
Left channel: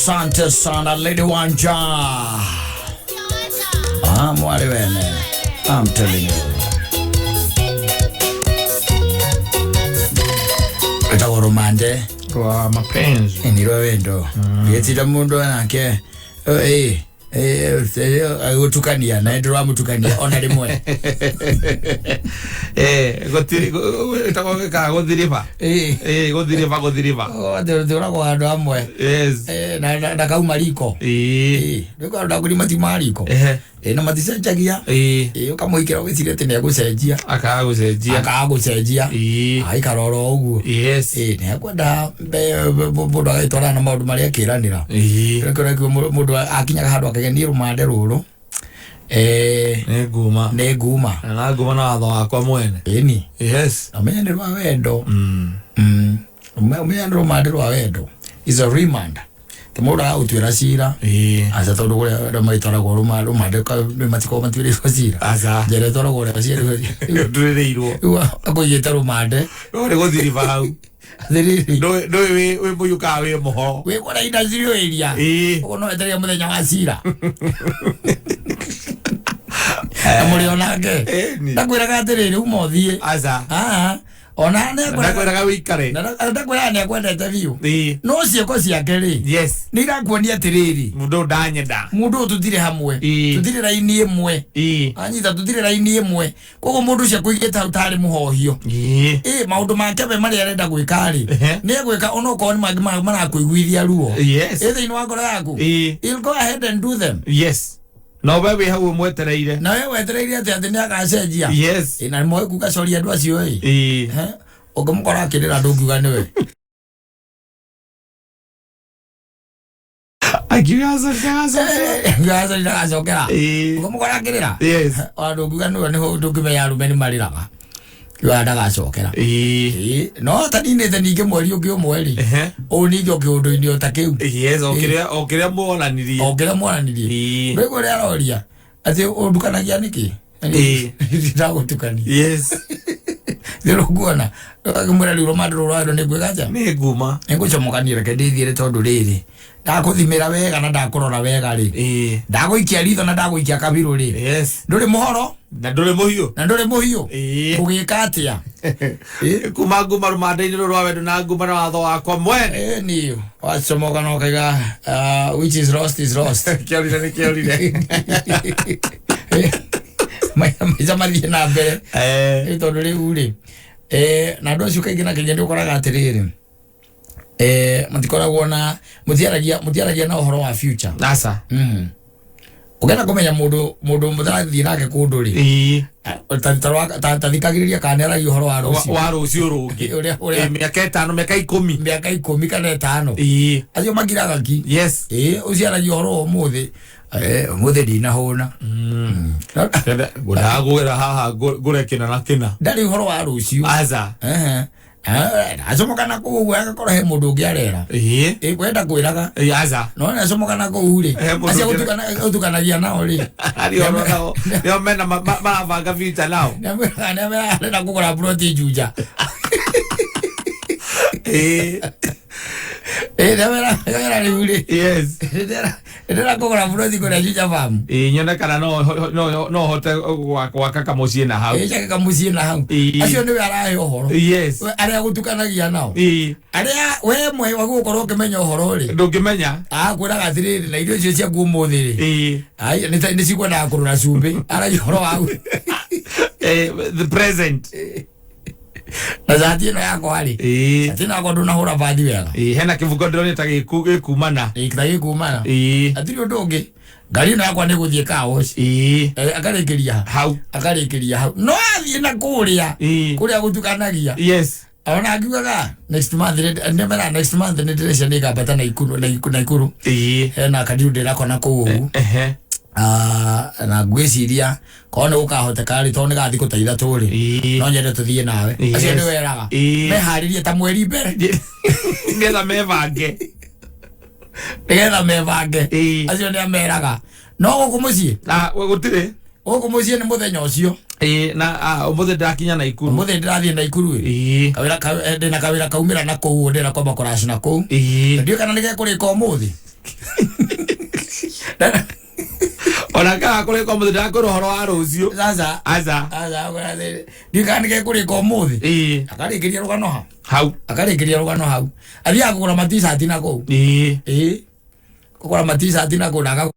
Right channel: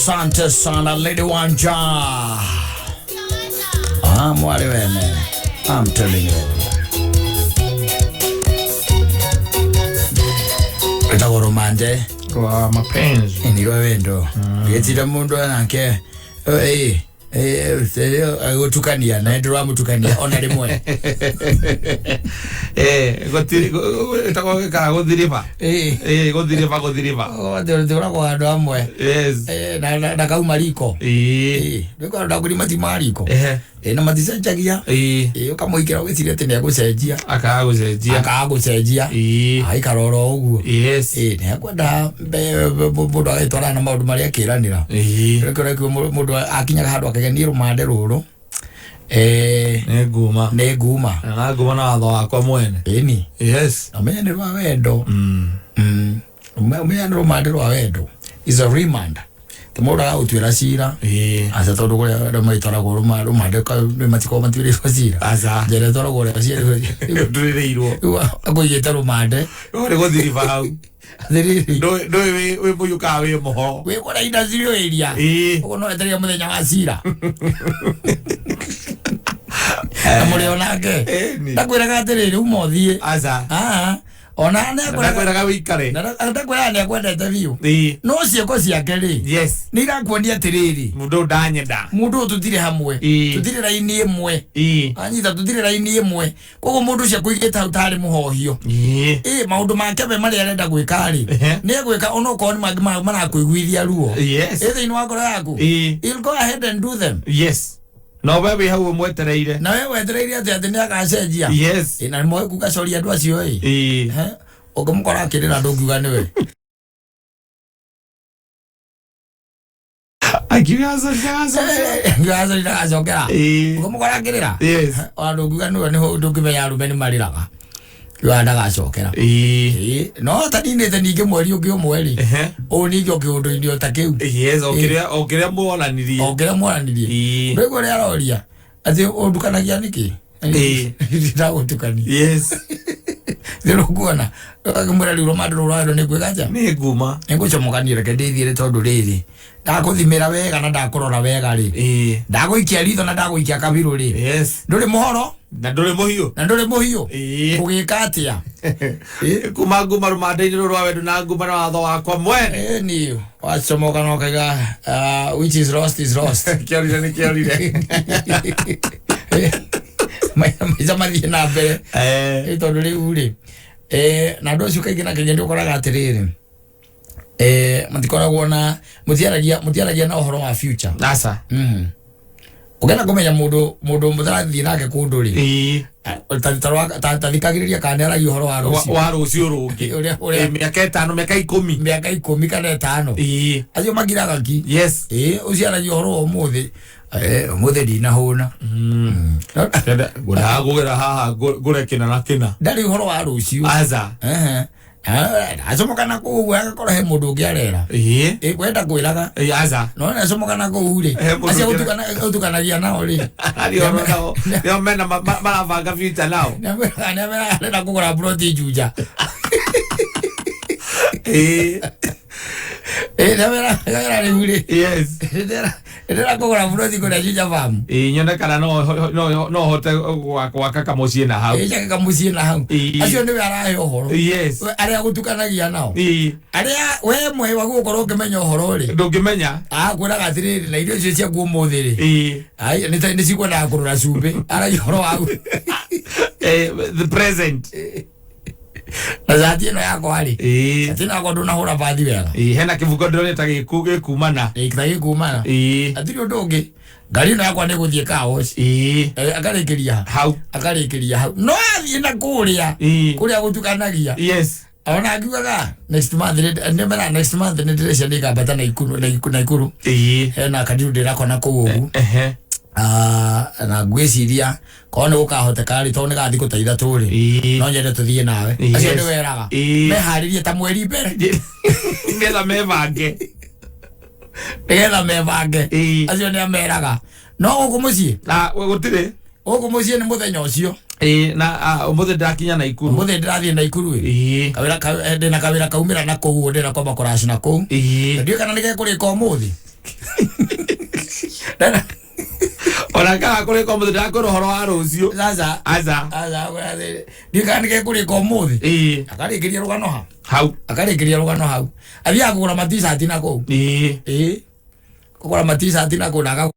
Asante sana Lady Wanja. Mwari wene. I'm telling you. Itago romande. Kwa mapenzi. Ndiro wendo. Yetira mundu anake. Utukania na ndiro amutukania ona rimwe. Gotiri itago ka godiriva. Godiriva. Ndiro kwa ndo amwe. Yes. Na kauma liko. Ndiko ndo kuri matimariko. Na maticenjagia. Ukamuikira wicire tene agucenjia. Akagucenjia. Aikaroro uguo. Yes. Ne akwenda mundu agaitora na maundu maria akiranira. Rekore mundu akinyaga handu akagenia rumande ruru. Neguma. Na watho wakwa mwene. Eni. Yes. Amenya ni rwa wendo. Amenya ni rumande rwa wendo. Is a reminder. Temora utwira cira. Asa tondu guria maitora go rumande ka matiko matwire cira. Asa. Jere tora go cira. Ndurireirwo. Agoyeta rumande. Ore gothiriva hau. No we muyuka we moho. We kora ina zirio area. Uno eteria muthenya wa cira. Amuri onake. Ndakwira gatiriri umothie. Asa. Ona ne kwenda wikare. Ndakwira ne kwenda interview. No cieko ciake ri. Yes. Ni ndakuonia atiriri. Mundu ndanyenda. Mundu tutire hamwe. Tutire raini imwe. Anyita tutire raini imwe. Kogo mundu cia kuigita utari muhohio. Maundu make be mari arenda gwika ri. Ni gwika ono ko ni magi mara kuiguithia ruo. Yes. Either ino ngoro yaku. You'll go ahead and do them. Yes. No wewe hau mwetereire. Na wewe wetereire ati ni akacenjia. Yes. Na moyo kugacoria andu acio ukamukora akirira ndungiuga niwe. Gaza ndagacokera. Ukamukora akirira. Yes. Ndungiuga niwe niho ndungimenya arume ni mariraga. Yo ndagacokera. No taninete ninge mweri ungi umweri. O ninge kiundu ini otakeu. Yes, okiria muonanirie. Ndego ria roria. Ati ondukanagia niki? Ndagutukania. Yes. Ndiro kuona. Akamura liro madro rwado ni gwegaja. Ni nguma. Ngucomokanire ke ndithire tondu riri. Ndakuthimira wega na ndakurora wega ri. Ndaguikia ritho na ndaguikia kabiru ri. Yes. Nduri muhoro. Na nduri muhiu. Kugika atia. Kuma nguma rumande-ini rwa wendo na nguma na watho wakwa mwene. Ni wacomoka no kaiga which is lost is lost. Kiorire. Maica mathie na mbere. Tondu riu ri. Na ndo cio kaingĩ na kaingĩ nĩ ũkoraga atĩrĩrĩ matikoragwo na mũtiaragia na ũhoro wa future. Asa. Ũgenda kũmenya mũndũ mũtarathiĩ nake kũndũ rĩ tathikagĩrĩria kana nĩaragia ũhoro wa rũciũ rũngĩ mĩaka 5 mĩaka 10 kana 5 acio magiraga ki. Yes. Ũciaragia ũhoro wa ũmũthĩ ũmũthĩ ndinahũna ngũgera haha ngũrekena na kĩna ndarĩ ũhoro wa rũciũ. Aca. Acomokana kũu ũguo agakorwo he mũndũ ũngĩ arera kwenda kwĩraga. Aca. No nĩ acomokana kũu rĩ acio ũtukanagia nao rĩ nĩo mena marabanga future nao nĩarenda kũgũra buroti Juja. Nĩwera rĩu rĩ. Yes. Ndĩrenda kũgũra buroti kũrĩa Juja farm. Nyonekana no hote gwaka kamũciĩ na hau. Kamũciĩ na hau. Acio nĩwe arahe ũhoro. Yes. Arĩa gũtukanagia nao. Arĩa we mwe wa gũkorwo ũkĩmenya ũhoro rĩ. Ndũngĩmenya. Kwĩraga atĩrĩrĩ na irio icio ciaku ũmũthĩ rĩ. Nĩ cikwendaga kũrora cumbĩ. Aragia ũhoro wau. The present. Na zati ĩno yakwa rĩ. Zati ĩno yakwa ndũnahũra bathi wega. Hena kĩbungo ndĩrona ta gĩkumana. Gĩkumana. Hatirĩ ũndũ ũngĩ. Ngari ĩno yakwa nĩ gũthiĩ car wash. Akarĩkĩria hau. No athiĩ na kũrĩa gũtukanagia. Yes. Ona akiugaga next month nĩ ndĩrecia nĩ ngambata Naikuru. Hena kandiru ndĩrakona kũu ũguo. Na ngwĩciria korwo nĩ gũkahoteka rĩ tondũ nĩ gathiĩ gũteitha tũrĩ no nyende tũthiĩ nawe. Acio nĩ weraga meharĩrie ta mweri mbere nĩgetha mebange. Acio nĩ ameraga no gũkũ mũciĩ gũtirĩ gũkũ mũciĩ nĩ mũthenya ũcio. Na ũmũthĩ ndakinya Naikuru. Ũmũthĩ ndĩrathiĩ Naikuru ndĩna kawĩra kaumĩra na kũu ndĩna kwamba kũracina kũu. Ndiũĩ kana nĩ gekũrĩka ũmũthĩ. Ona ka kuri ko muthi ndakoro horo wa rucio sasa aza ndikanike kuri ko muthi akarikiria rugano hau akarikiria rugano hau athia kugura matisati nako kugura matisati nako naga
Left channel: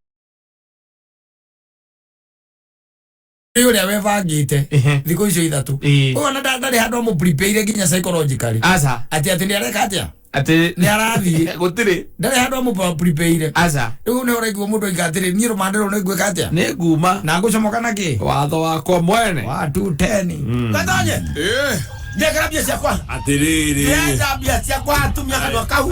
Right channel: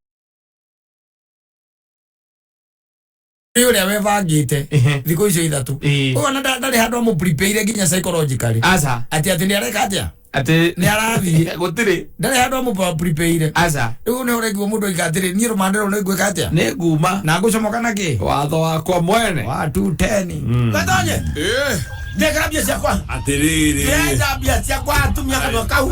Yule amevagite thiko icio ithatu ona ndari handu mu prepare ginya psychologically aza ati ndi areka atia ati ni arathi gutiri ndari handu mu prepare aza riu ne oregwo mundu igatiri ni rumandero ne gwika atia ne nguma na ngucomoka naki watho wakwa mwene wa 210 gatonye ndekera bia ciakwa atiriri ndekera bia ciakwa atumia kana kau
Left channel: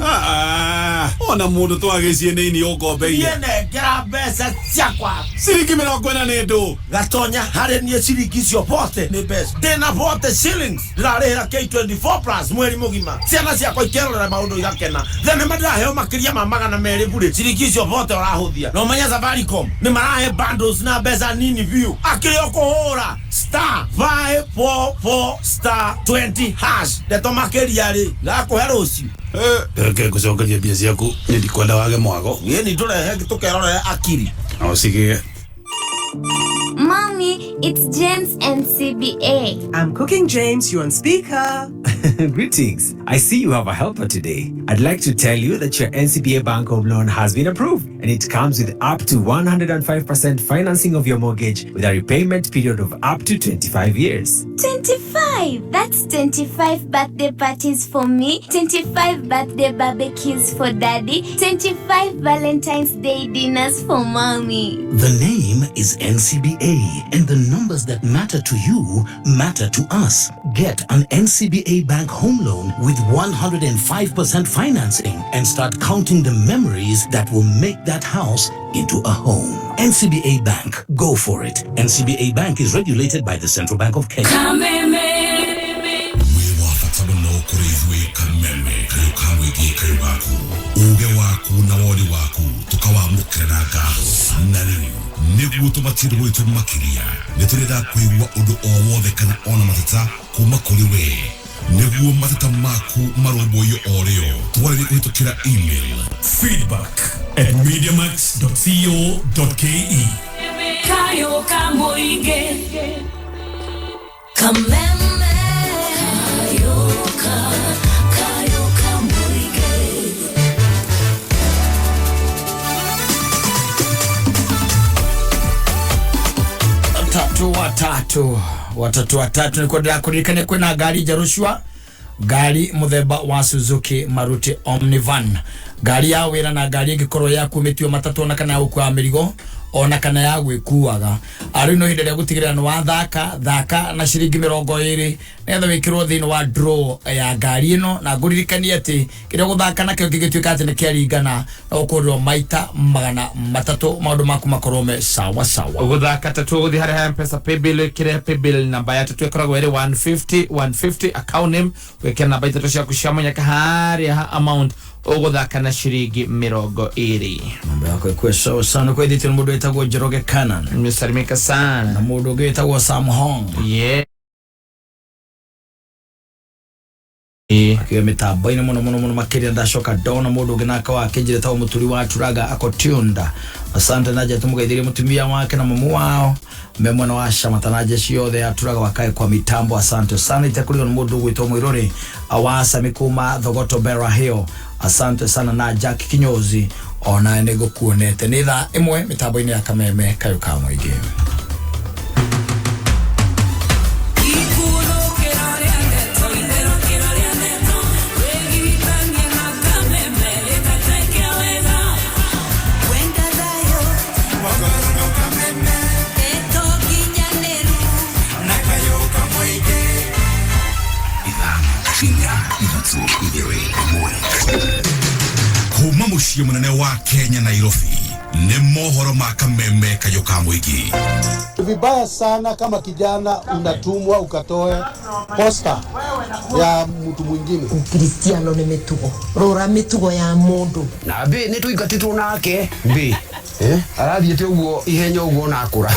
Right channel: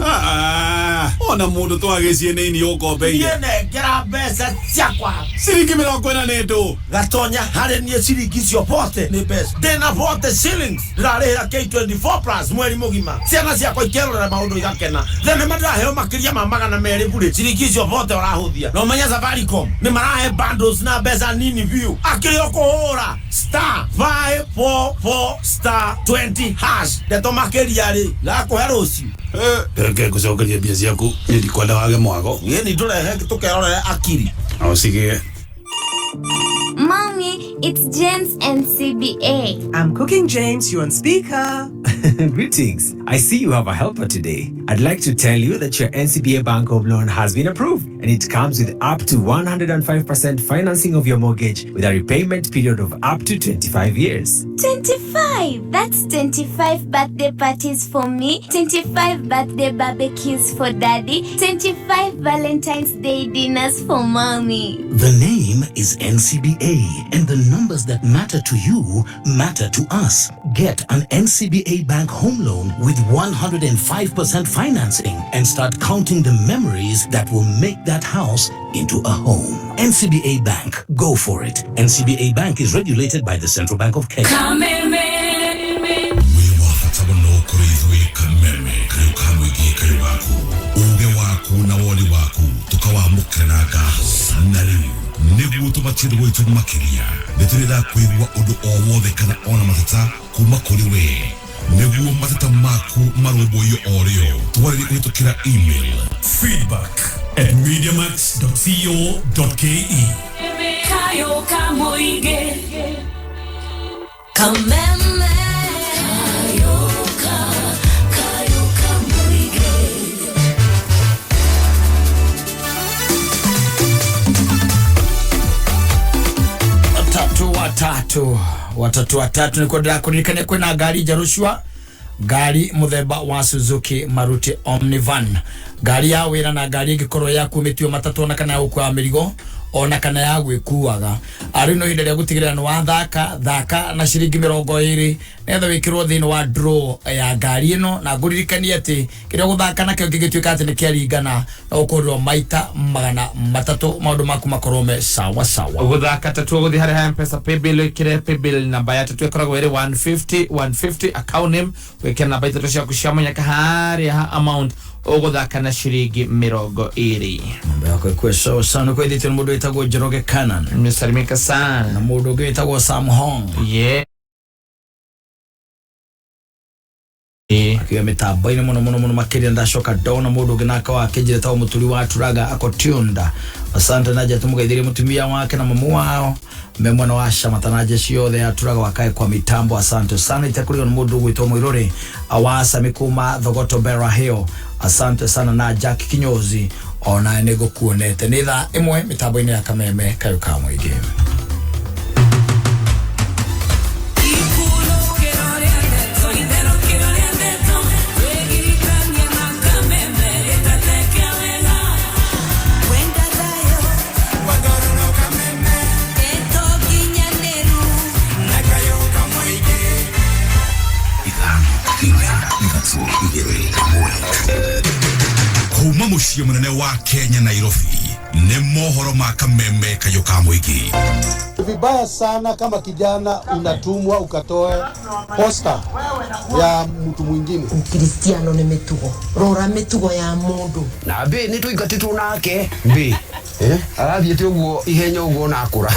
ona mundu twagicie nini ukombeire ndekera mbeca ciakwa ciringi 40 nĩ ndũ gatonya harĩ niĩ ciringi icio bote nĩ mbeca ndĩna bote shillings ndĩrarĩhĩra K24 plus mweri mũgima ciana ciakwa ikerorera maũndũ igakena thenema ndĩraheo makĩria ma 200 bure ciringi icio bote ũrahũthia no menya Safaricom nĩ marahe bundles na mbeca nini biũ akĩrĩ ũkũhũra *544*20 hash ndeto makĩria rĩ ndakũhe rũciũ reke ngucokerie mbia ciaku nĩ ndikwenda wage mwago ni tũrehe tũkerorere akiri ũcigie. Mommy, it's James and CBA. I'm cooking, James. You're on speaker. Greetings. I see you have a helper today. I'd like to tell you that your NCBA Bank Home Loan has been approved, and it comes with up to 105% financing of your mortgage with a repayment period of up to 25 years. 25? That's 25 birthday parties for me, 25 birthday barbecues for daddy, 25 Valentine's Day dinners for mommy. The name is NCBA, and the numbers that matter to you matter to us. Get an NCBA Bank Home Loan with 105% financing and start counting the memories that will make that house into a home. NCBA Bank, go for it. NCBA Bank is regulated by the Central Bank of Kenya. niguo tubatire gwitu makiria niturenda kuigua undu o wothe kana ona mateta kuma kuri we niguo mateta maku marumbuyo orio twarire kuhitukira email feedback@mediamax.co.ke kayo kamoige kameme kayo kamoige watatu niko ndakuririkania kwina ngari njarushwa ngari muthemba wa Suzuki Maruti Omnivan ngari ya wira na ngari ingikorwo yakumitio matatu ona kana gukua mirigo ona kana ya gwikuaga ari no hinde ya gutigirira no thaka na ciringi 20 netho wikirwo thini wa draw ya ngari ino na nguririkania ati kiria guthaka na kio gigituika ati ni kiaringana na ukorwo maita 300 maundu maku makorome sawa guthaka tatu guthi hari M-Pesa paybill kire paybill namba ya tatu ikoragwo iri 150 account name wekera namba itatu cia kuciamanya kahari ha amount uguthaka na ciringi 20 mambo yako ikwe sawa sana kwa edit mundu etagwo Njoroge Canan nimesalimika sana na mundu ungi etagwo Sam Hong akiwa mitambo-ini muno makiria ndacoka ndona mundu ungi naka wake njire tawo muturi wa turaga akotunda asante naje tumugeithirie mutumia wake na mamu wao memwana wa shamatanaje ciothe aturaga wakae kwa mitambo asante sana itakurio na mundu gwitwo Mwiruri awasa mikuma Thogoto Bera Hill asante sana na Jack Kinyozi ona nego kuonete ni thaa imwe mitambo-ini ya kameme kayo kamwe ige kuma muciĩ munene wa Kenya Nairobi nĩ mohoro ma kameme kayo ka muingi. Vibaya sana kama kijana unatumwa ukatoe posta ya mtu mwingine. Ukristiano ni mitugo. Rora mitugo ya mundu. Na be ni tuingatitwo nake. Be. Arathiete uguo ihenya uguo nakura.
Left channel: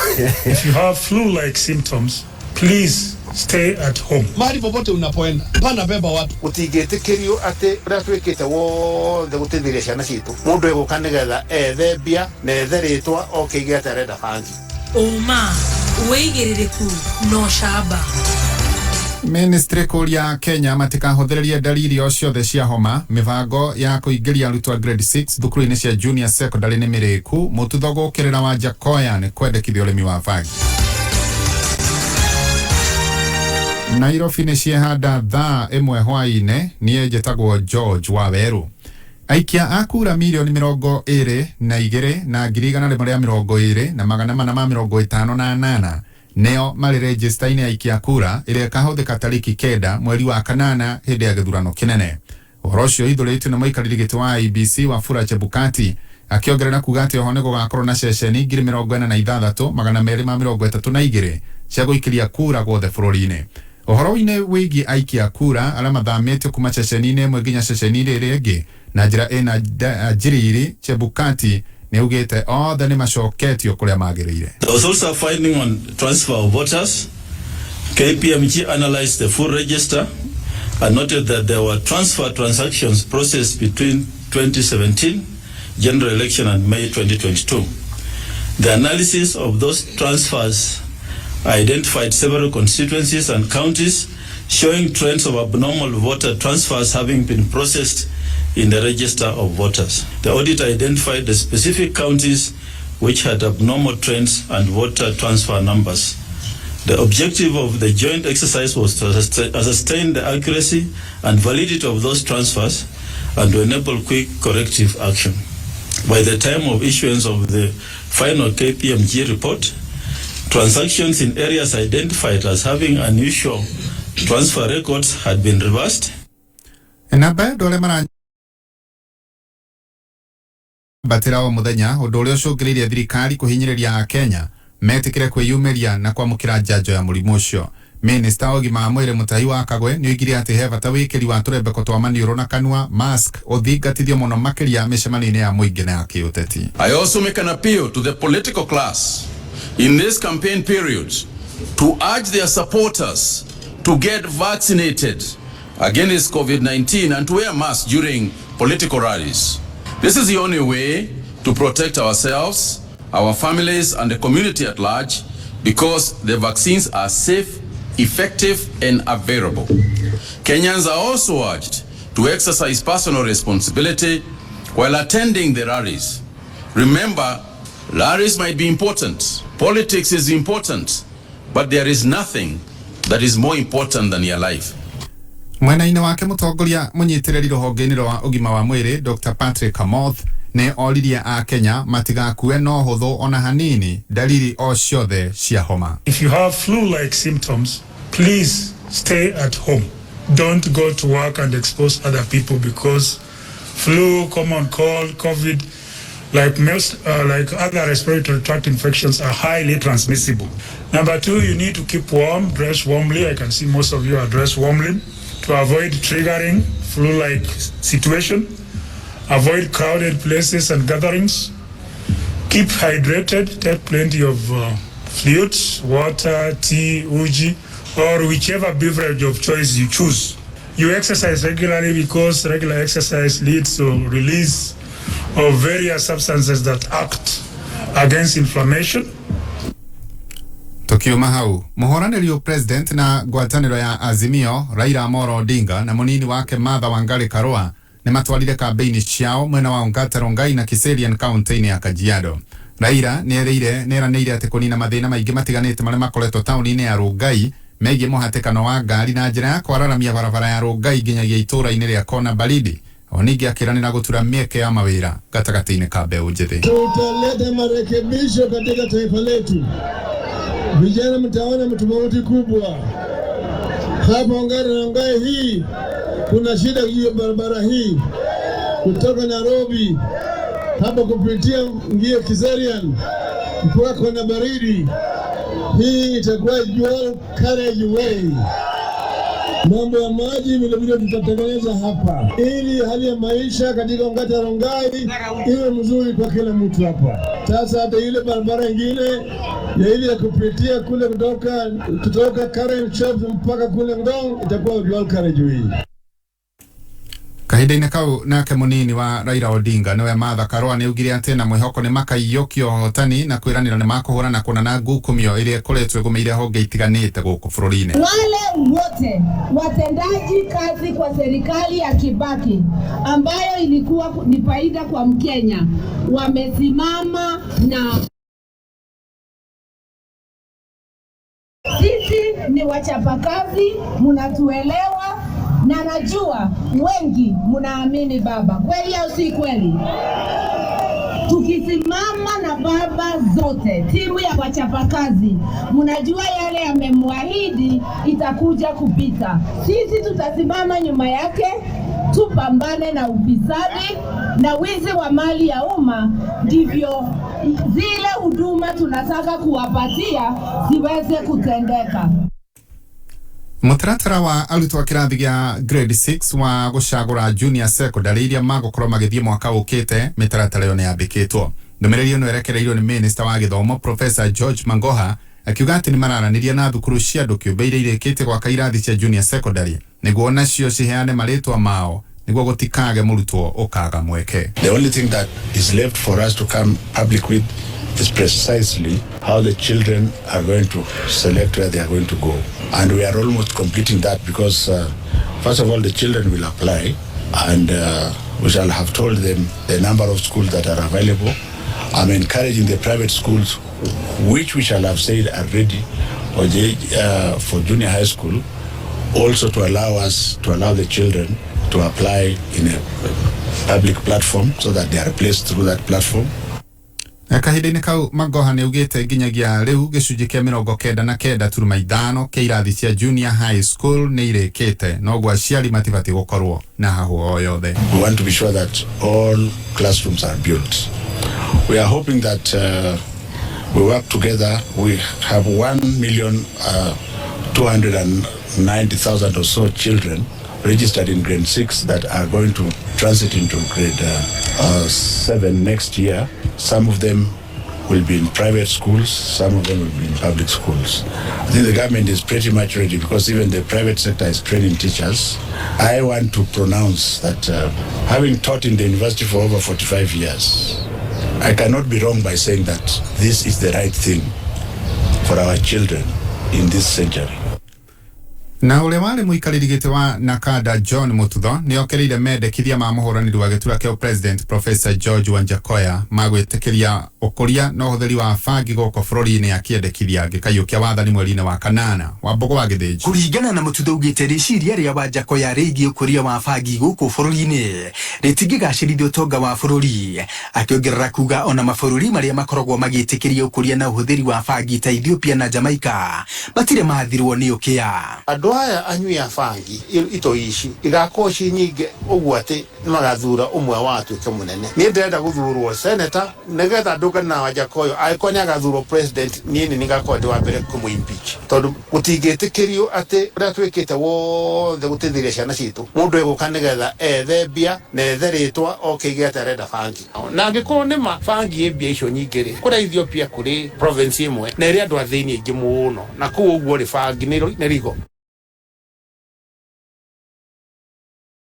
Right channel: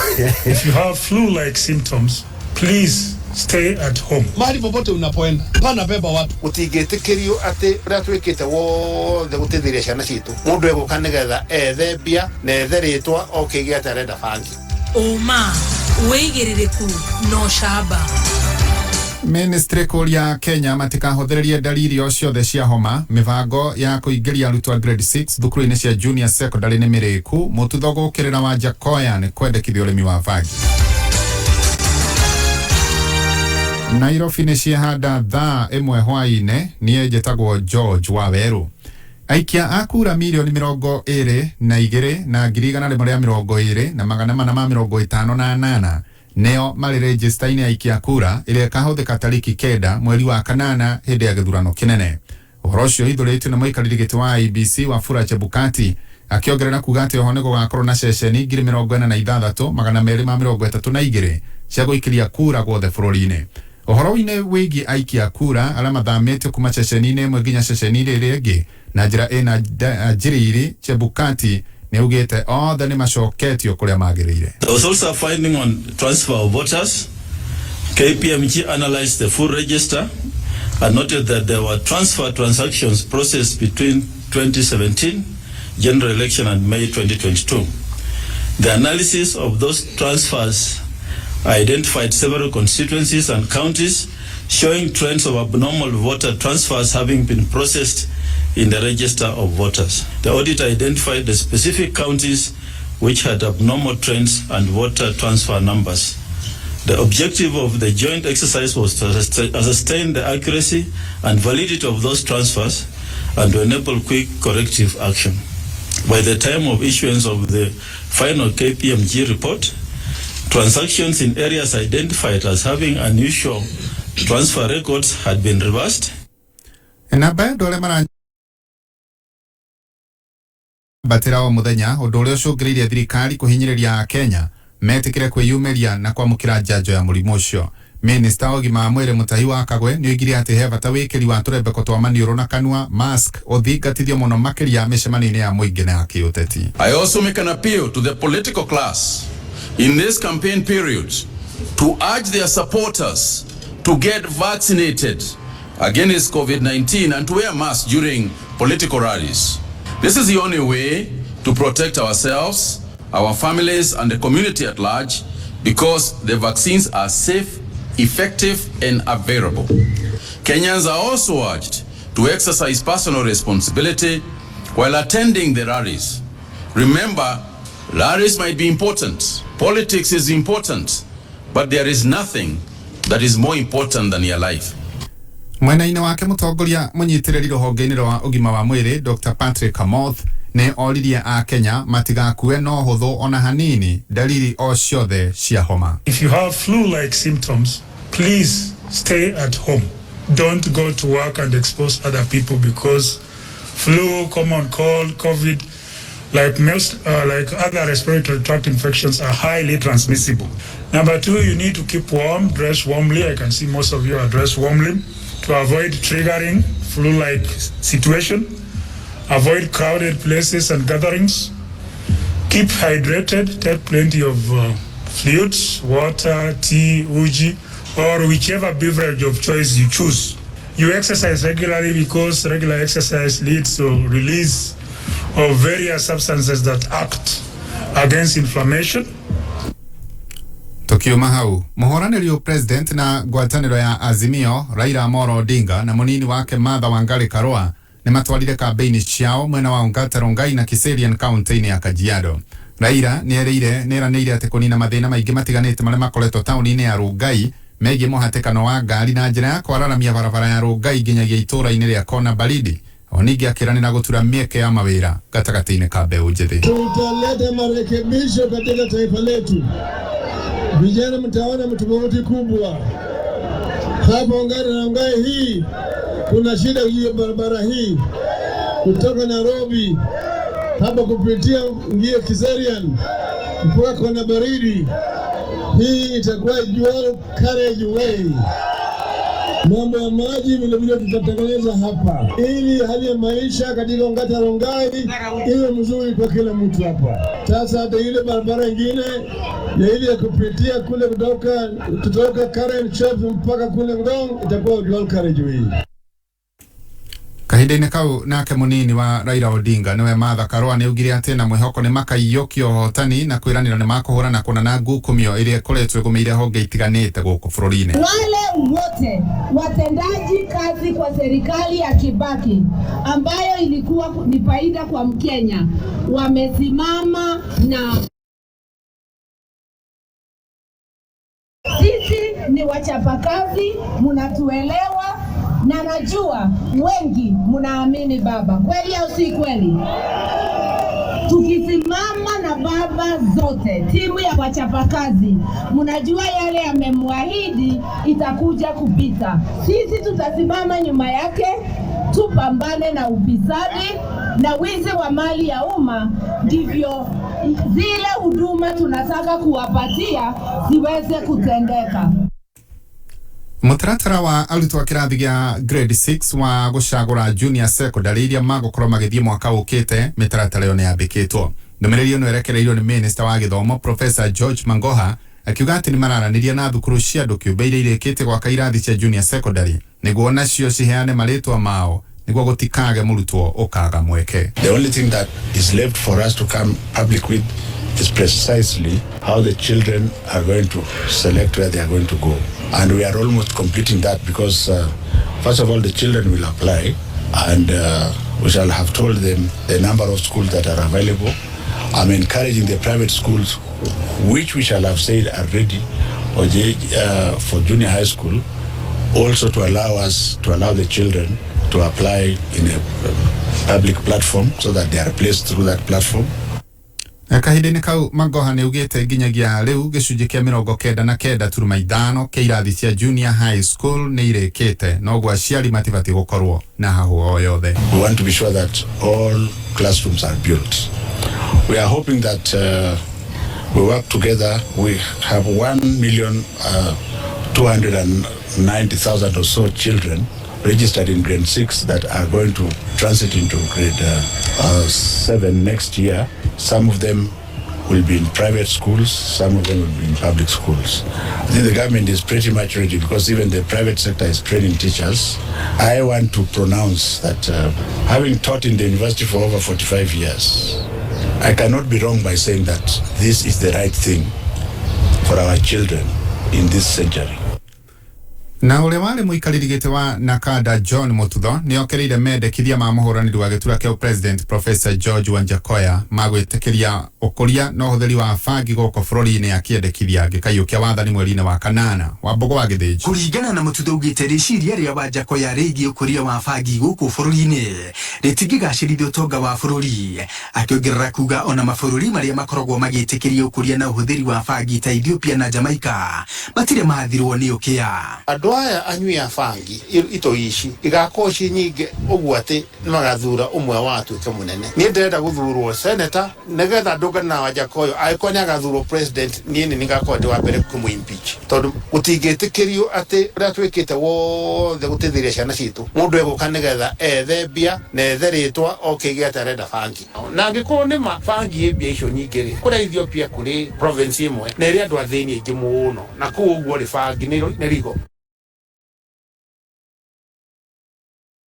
If you have flu-like symptoms, please stay at home. Mahali popote unapoenda, pana beba watu. Utigetekerio ate ratwekete wothe gutithiria ciana citu. Mundu eguka nigetha ethebia na etheritwa okigete arenda bangi. Uma weigiririku no shaba. Ministry kuria Kenya matikahothererie dalili o ciothe cia homa mivango ya kuingiria arutwo grade 6 thukuru-ini cia junior secondary ni miriku mututhogo kirira wa Jakoya ni kwendekithia urimi wa vagi. Nairobi ni ciehanda thaa imwe hwaine nie jetagwo George Waweru aikia akura milioni 22 na 2,120 na 458 neo mali register ine aikia kura ile kahotheka tariki 9 mweri wa kanana hindi ya githurano kinene. Uhoro ucio ithuritwe na muikariri wa IBC Wafula Chebukati akiongerera kuga ati ohone gugakorwo na ceceni 46,232 cia guikiria kura gwothe bururi-ini. Uhoro-ini wigi aikia kura ala mathamĩtio kuma ceceni-ini ĩmwe nginya ceceni ĩrĩa ĩngĩ na njĩra ĩna njĩrĩiri Chebukati ni ugite othe ni macoketio kuria magĩrĩire. There was also a finding on transfer of voters. KPMG analyzed the full register and noted that there were transfer transactions processed between 2017 general election and May 2022. The analysis of those transfers identified several constituencies and counties showing trends of abnormal voter transfers having been processed in the register of voters. The audit identified the specific counties which had abnormal trends and voter transfer numbers. The objective of the joint exercise was to ascertain the accuracy and validity of those transfers and to enable quick corrective action. By the time of issuance of the final KPMG report, transactions in areas identified as having unusual transfer records had been reversed. Batira o muthenya undu uria ucungiririe thirikari kuhinyiriria Kenya metikire kwiyumiria na kwamukira njanjo ya murimu ucio. Minister wa ũgima wa mwĩrĩ Mutahi wa Kagwe ni oigire ati he bata wikiri wa turembeko twa maniũrũ na kanua mask uthingatithio muno makiria mĩcemanio-inĩ ya mũingĩ na ya kĩũteti. I also make an appeal to the political class in this campaign period to urge their supporters to get vaccinated against COVID-19 and to wear masks during political rallies. This is the only way to protect ourselves, our families, and the community at large, because the vaccines are safe, effective, and available. Kenyans are also urged to exercise personal responsibility while attending the rallies. Remember, rallies might be important, politics is important, but there is nothing that is more important than your life. Mwena-inĩ wake mutongoria munyitirĩri rũhonge-inĩ rwa ũgima wa mwĩrĩ Dr. Patrick Amoth ne oririe a Kenya matigakue no hũthũ ona hanini dalili o ciothe cia homa. If you have flu-like symptoms, please stay at home. Don't go to work and expose other people because flu, common cold, COVID, like other respiratory tract infections are highly transmissible. Number 2, you need to keep warm, dress warmly. I can see most of you are dressed warmly to avoid triggering flu-like situation. Avoid crowded places and gatherings. Keep hydrated. Take plenty of fluids, water, tea, uji, or whichever beverage of choice you choose. You exercise regularly because regular exercise leads to release of various substances that act against inflammation. Tukiuma hau, muhoranĩri president na ngwatanĩro ya Azimio Raila Amolo Odinga na munini wake Martha Wangari Karua ni matwarire kampeini ciao mwena wa Ongata Rongai na Kiserian County-inĩ ya Kajiado. Raila neranĩire ati kunina mathĩna maingĩ matiganĩte marĩa makoretwo taũni-inĩ ya Rongai megiĩ mũhatĩkano wa ngari na njĩra ya kwararamia barabara ya Rongai nginyagia itũra-inĩ rĩa Kona Baridi. Onigi akiranĩra gutura mieke ya mawĩra gatagatĩ-inĩ ka mbeũ njĩthĩ. Tutaleta marekebisho katika taifa letu. Vijana mtaona tofauti kubwa. Hapa Ongata Rongai hii kuna shida hiyo barabara hii kutoka Nairobi hapa kupitia ngia Kiserian mpaka Kona Baridi. Hii itakuwa dual carriage way. Mambo ya maji vile vile tutatengeneza hapa ili hali ya maisha katika Ongata Rongai iwe mzuri kwa kila mtu hapa. Sasa hata ile barabara nyingine ya ile ya kupitia kule kutoka Karen Shops mpaka kule Ngong itakuwa dual carriageway. Kahinda-inĩ kau nake munini wa Raila Odinga niwe Martha Karua ni ugire ati na mwihoko ni makaiyokio hotani na kwiranira ni makuhurana kuna ngukumio iria ikoretwo igumeire honge itiganite guku bururi-ini. Wale wote watendaji kazi kwa serikali ya Kibaki ambayo ilikuwa ni faida kwa Mkenya wamesimama na sisi ni wachapakazi, mnatuelewa na najua wengi mnaamini baba. Kweli au si kweli? Tukisimama na baba zote, timu ya wachapakazi, mnajua yale amemwahidi itakuja kupita. Sisi tutasimama nyuma yake, tupambane na ufisadi na wizi wa mali ya umma, ndivyo zile huduma tunataka kuwapatia ziweze kutendeka. Mutaratara wa arutwo a kirathi gia grade 6 wa gucagura junior secondary iria magukorwo magithie mwaka ukite mitaratara yo ni yambikitwo. Ndumiriri yo nerekereirio ni Minister wa Githomo Professor George Mangoha akiuga ati ni mararaniria na thukuru cia andu kiumbe iria irikite gwaka irathi cia junior secondary niguo nacio ciheane maritwa mao niguo gutikage murutwo ukaga mweke. The only thing that is left for us to come public with is precisely how the children are going to select where they are going to go. And we are almost completing that because first of all the children will apply and we shall have told them the number of schools that are available. I'm encouraging the private schools which we shall have said are ready for junior high school also to allow the children to apply in a public platform so that they are placed through that platform. Kahinda-inĩ kau Mangoha ni ugite nginyagia riu gicunji kia 99.5 kia irathi cia junior high school ni irikite no gwa aciari matibati gukorwo na hahu o yothe. We want to be sure that all classrooms are built. We are hoping that we work together. We have 1,290,000 or so children registered in grade 6 that are going to transit into grade 7 next year. Some of them will be in private schools, some of them will be in public schools. I think the government is pretty much ready because even the private sector is training teachers. I want to pronounce that having taught in the university for over 45 years, I cannot be wrong by saying that this is the right thing for our children in this century. Na ule wale muikariri gite wa Nakada John Mututho ni okereire mendekithia ma muhuraniri wa gitura kia President Professor George Wanjakoya magwitekeria ukuria na uhuthiri wa bangi goko bururi-ini akiendekithia gikayukia wathani mweri-ini wa kanana wa Mbogo wa Githĩnji. Kuringana na Mututho ugite riciria ria Wanjakoya rigie ukuria wa bangi goko bururi-ini ritigigacirithia utonga wa bururi, akiongerera kuga ona mabururi maria makoragwo magitikiria ukuria na uhuthiri wa bangi ta Ethiopia na Jamaica matire mathirwo ni ukia. Aya anyui a bangi ito ici igakoci nyinge uguo ati magathura umwe watu ke munene ni ndenda guthurwo senator negetha ndugana Wanjakoya aikoni agathurwo president ni ningakondi wa mbere kumu impeach tondu gutingitikirio ati ria twikite wothe gutithiria ciana citu mundu eguka negetha ethebia na etheritwa okigia tarenda bangi na ngiko ni ma bangi ebia icio nyingire kuri Ethiopia kuri province imwe na iria andu athini ingi muno na ku uguo ri bangi ni rigo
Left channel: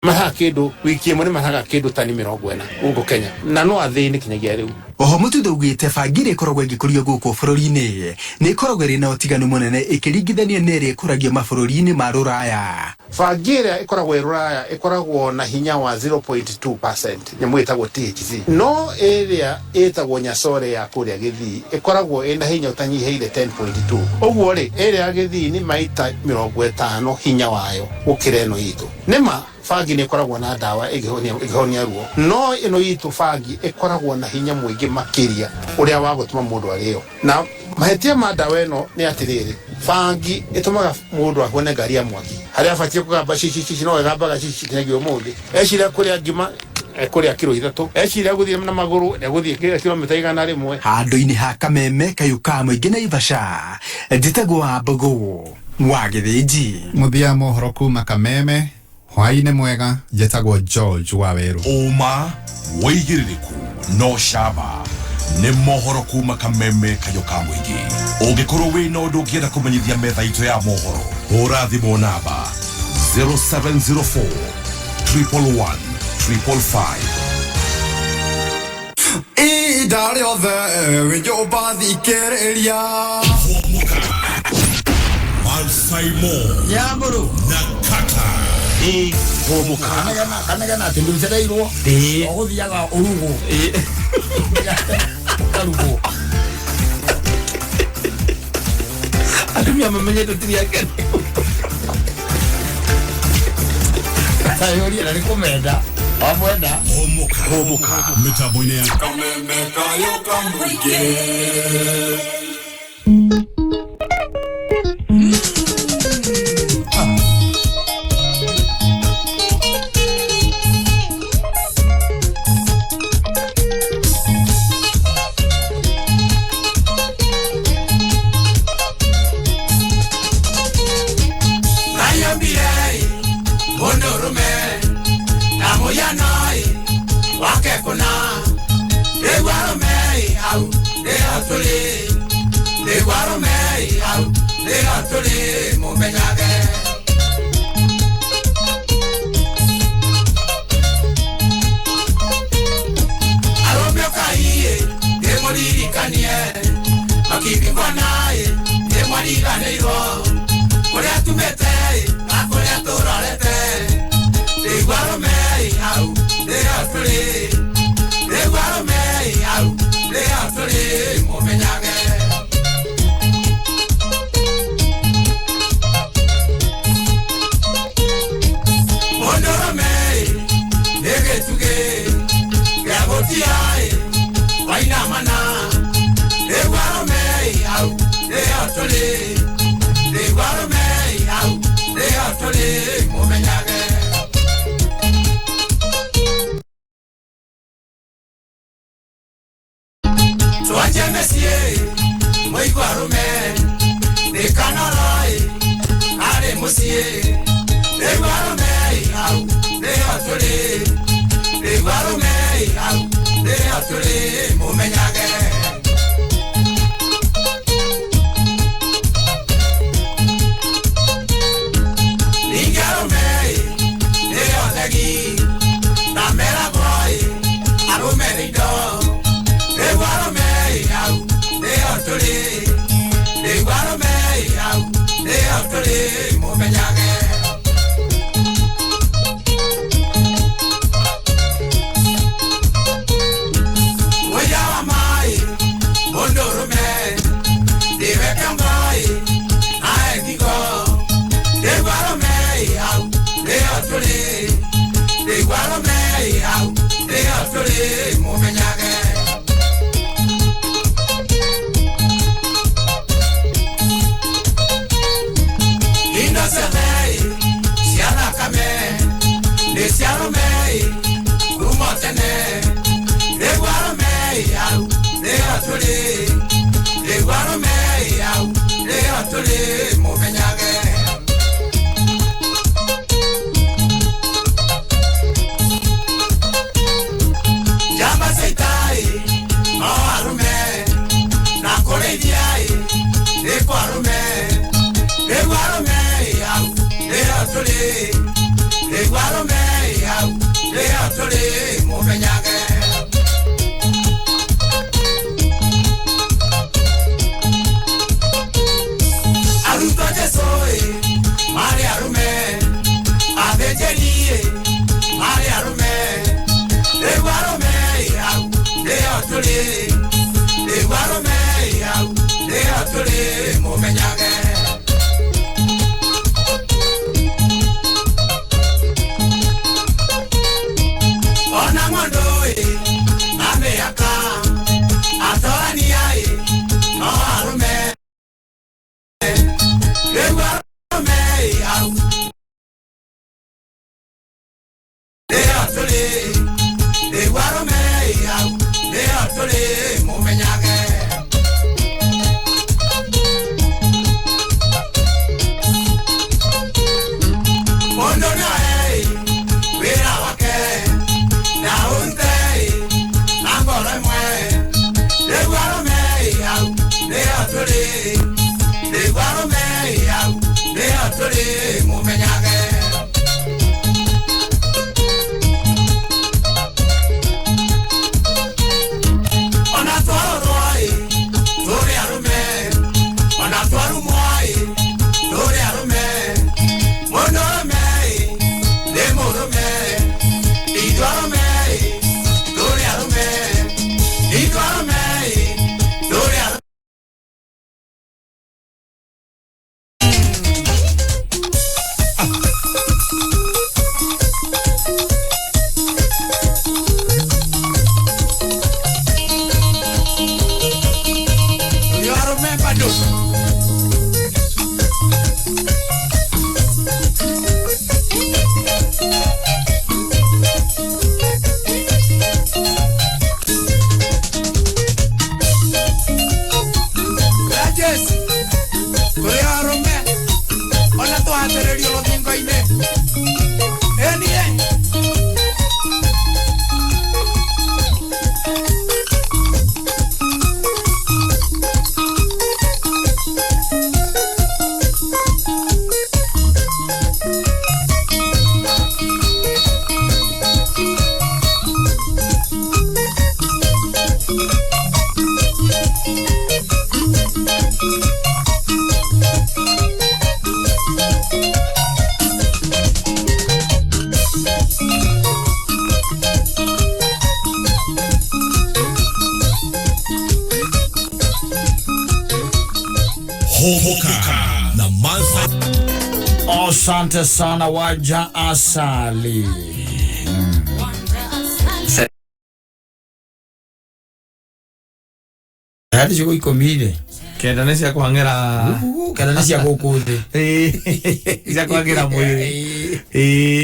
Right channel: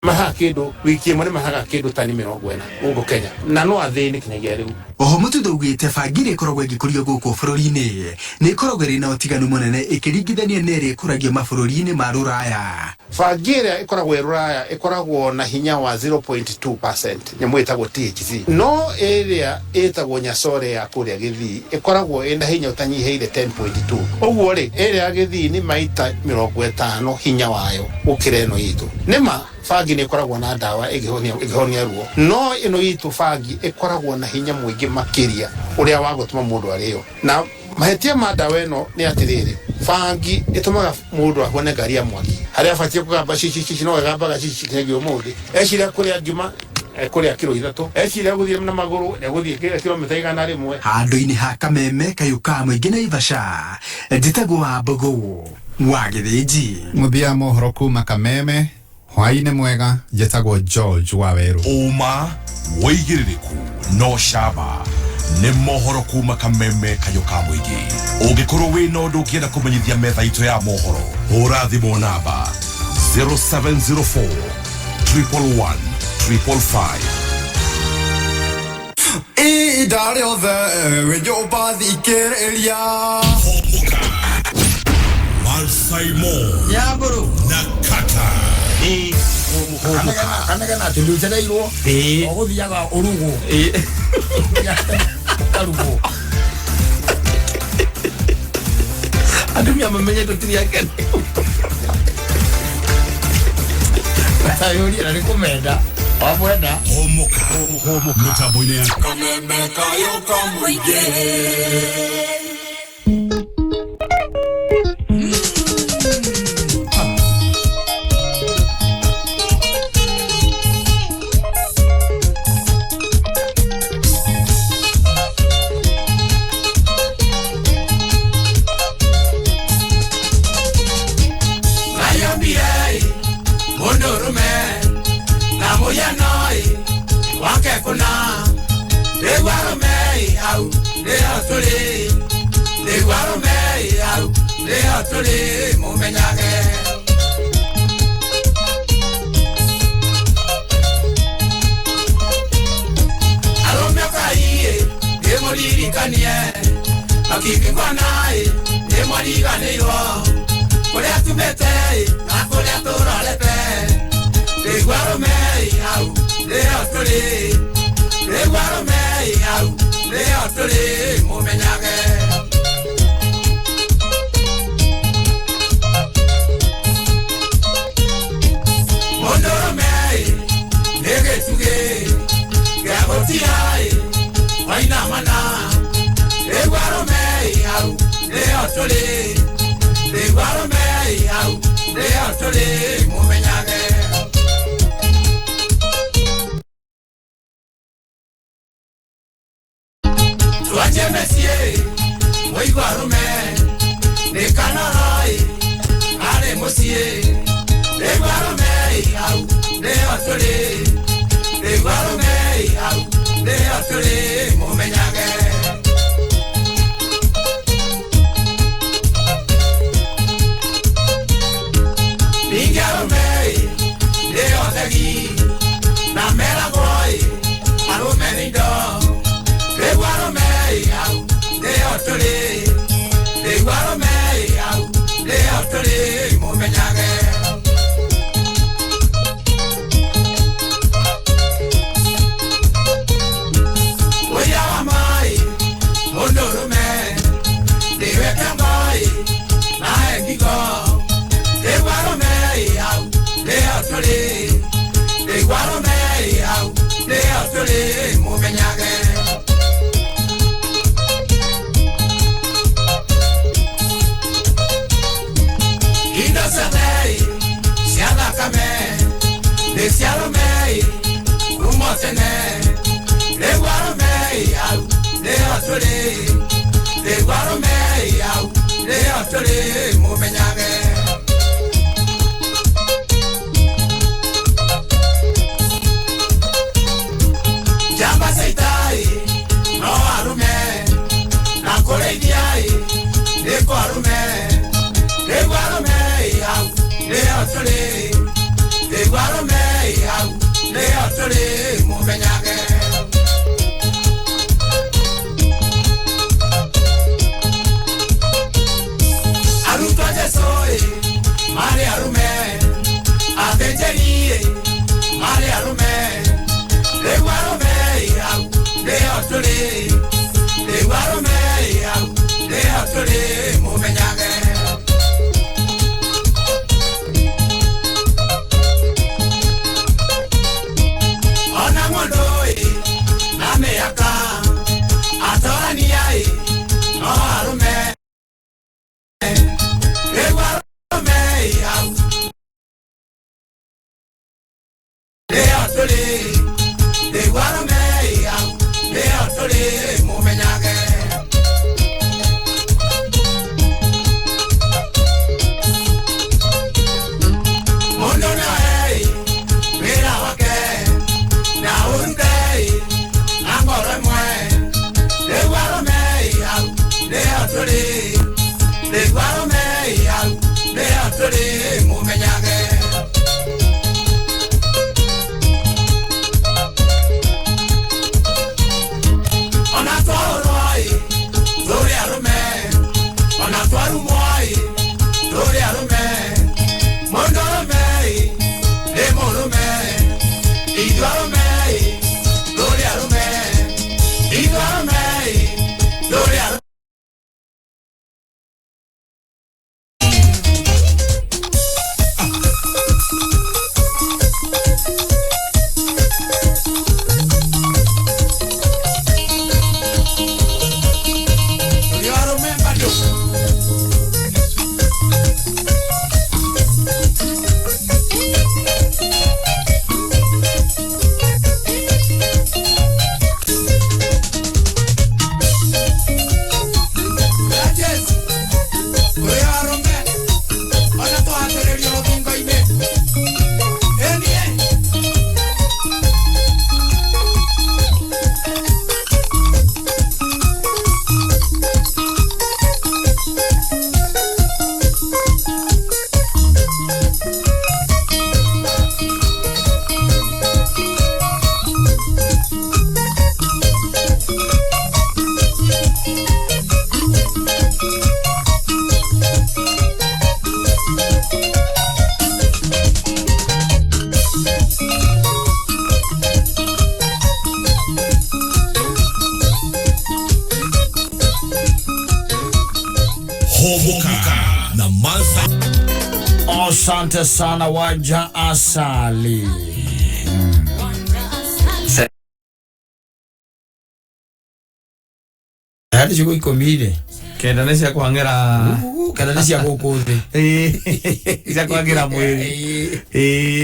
maha kindu wiki imwe mahaga kindu tani 40 ugu Kenya na no athini kinyagia riu. Oho Mututho ugite bangi ikoragwo igikurio guku bururi-ini ni ikoragwo iri na utiganu munene ikiringithania na iri ikuragio mabũrũri-inĩ ma ruraya. Bangi iria ikoragwo ruraya ikoragwo na hinya wa 0.2% nyamu itagwo THC no iria itagwo Nyasore ya kuria Githii ikoragwo ina hinya utanyiheire 10.2 uguo ri iria Githii ni maita 50 hinya wayo gukira ino itu nima bangi ni ikoragwo na dawa igihonia ruo no ino itu bangi ikoragwo na hinya mwingi makiria uria wa gutuma mundu ario na mahetia ma dawa ino ni atiriri bangi itumaga mundu ahone ngari ya mwaki haria abatie kugamba cici no gamba cici kinagio muthi eciria kuria ngima kuria kilo 3 eciria guthie na maguru guthie kilomita 100 handu-ini ha Kameme kayuka mwingi na Ivasha nditagwo wa Mbogo wa Githĩnji. Muthia mohoro kuma Kameme hwaine mwega jetagwo George wa Weru. Uma, waigiririku, no shaba. nĩ mohoro kuma kameme kayo ka mũingĩ ũngĩkorwo wĩna ũndũ ũngĩenda kũmenyithia metha itũ ya mohoro hũra thimũ namba 0704 111 555. Ida rĩothe wĩnjũmba thikĩrĩria Humuka Mansaimo Yamburu na Kattaj Humuka kanegana tũnducereirwo ũgũthiaga ũrugo karugo Atumia mamenyete tiri yake Ayuri na kumenda Wamwenda Humuka mitambo-inĩ ya kameme kayo ka mũingĩ Asante sana waja asali. Hadi shuko ikomile. Kendanesia kuhangera. Kendanesia kukuthi. Isa kuhangera mwili.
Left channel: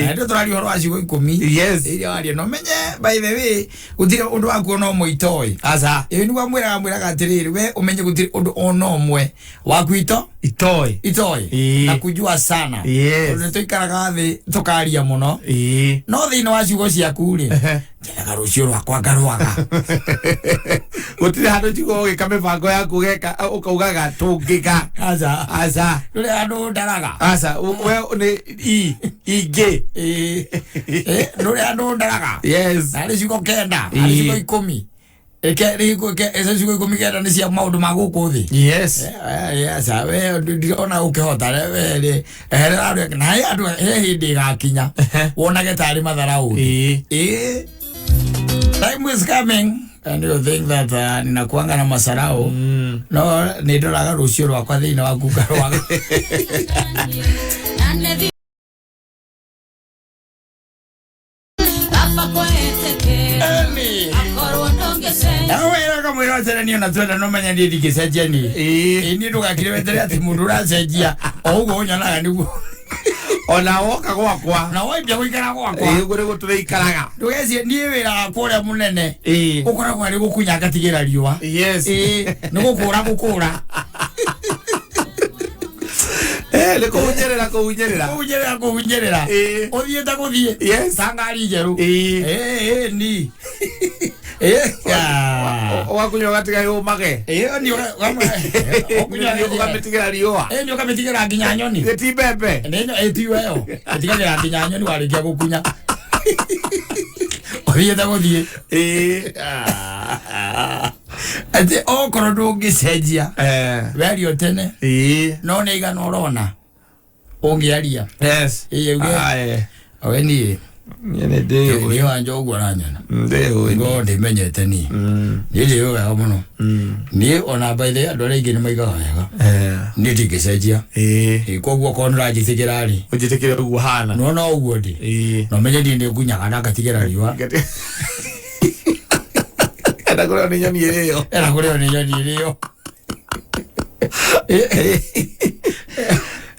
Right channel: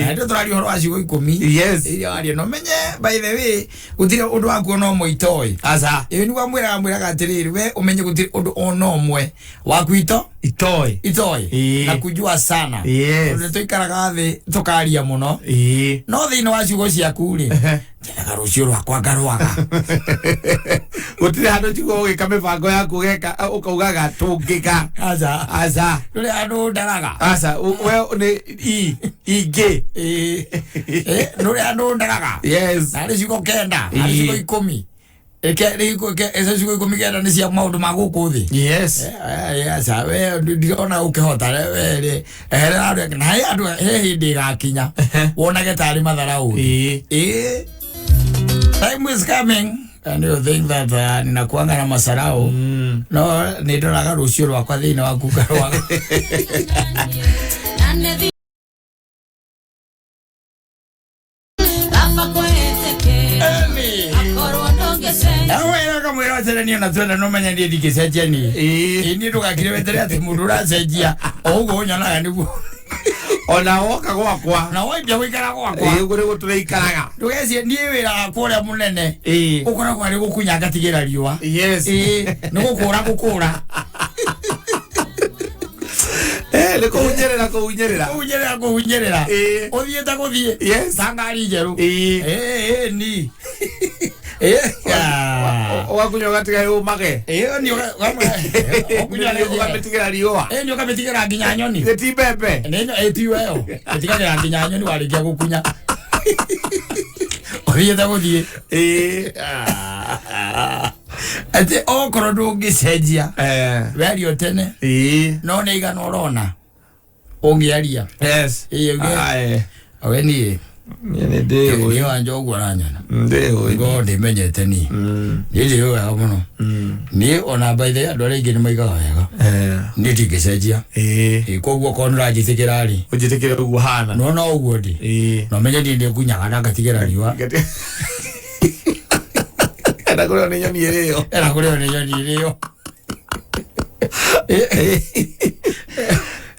Hadi turali horo ashuko ikomi. Yes. Ili wali no menye by the way gutire undu waku no moitoi. Asa. Ewe ni mwira gatiriri we umenye gutire undu ono mwe waku itoi. Na kujua sana. Yes. Undu toikaraga thi tukaria muno. No thini wa ciugo ciaku ri. Nyendaga rucio rwakwa ngarwaga. Gutire handu ciugo gikame bango yaku geka ukaugaga tungika. Asa. Nuri andu ndaraga. Asa we ni ige. Nuri andu ndaraga. Yes. Nari ciugo kenda. Nari ciugo 10. Esa ciugo 10 kenda ni cia maundu ma guku thi. Yes. Yes. We ndiona ukihota we na andu hindi gakinya. Wonage tari matharau. Time is coming and you think that ninakuanga na masarau. No nidoraga rucio rwakwa thini wa kuka rwaga. Awe kama mwira tena ni unatwenda no manya ndi dikiseja ni. Ini ndugakire wetere ati mundu uracenjia. Ogo unyona niguo. Ona woka gwakwa na waibia gwikara gwakwa gure gutureikaraga ndugecie ndie wira kuria munene ukoragwo ari gukunya ngatigira riua yes ni gukura le kuhunyerera uthiete guthie yes sangari njeru ni wakunya gatiga umage ni okunya ukametigira riua ni ukametigira nginya nyoni geti bebe neno etiweo etigira nginya nyoni warikia gukunya uthiete guthie ate okoro ndungicenjia weario tene no nä igana orona ungiaria yes awe nie nä wanja å guo aranyona ngo ndä menyete ni nä ndä wega må no niä ona baithe andå arä aingä nä maigaga wega nä ndingä cenjia koguo korwo nä ranjitä kä rarä å njitä kä ra å guo hana nona å guo ndä no menye ndä ndä ngunyaga na ngatigä ra riua enda kå rä o nä nyoni ä rä o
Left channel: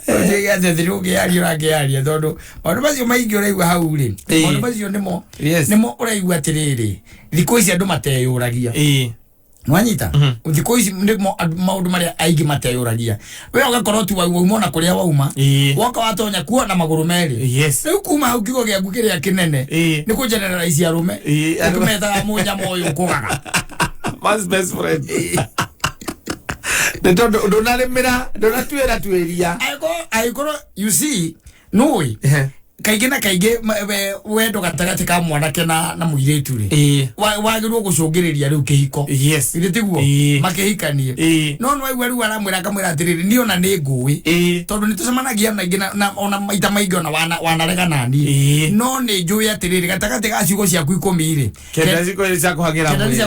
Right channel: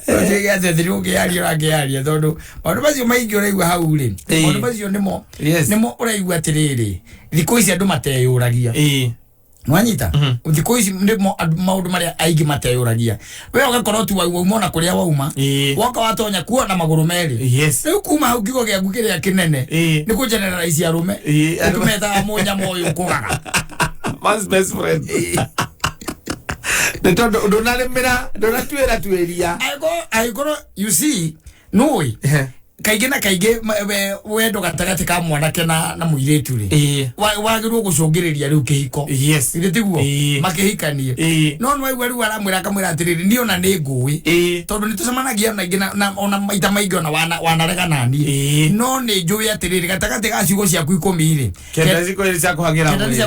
Oje ate thiruge ari orangearia tondu maundu macio maingi uraigua hau ri maundu macio nimo uraigua atiriri thikũ ici andu mateyuragia nwanyita thikũ ici ndimo maundu maria aingi mateyuragia we ugakorwo tu wauma na kuria wauma woka watonya kuo na maguru meri riu kuma hau kigo giaku kiria kinene ni ku generalize arume ukumeta moja moyo kugaga man's best friend the tondo donatuera tueria aigoro you see no kaige na kaige wendo gatagati ka mwanake na muiretu ri wagirwo gucungiriria riu kihiko yes itiguo makihikanie no no waigua riu aramwira akamwira atiriri ni ona ni ngui tondu ni tucemanagia na ingi na ona maita maingi ona wanarega nani no ni njui atiriri gatagati ga ciugo ciaku 10 ri kenda ciugo cia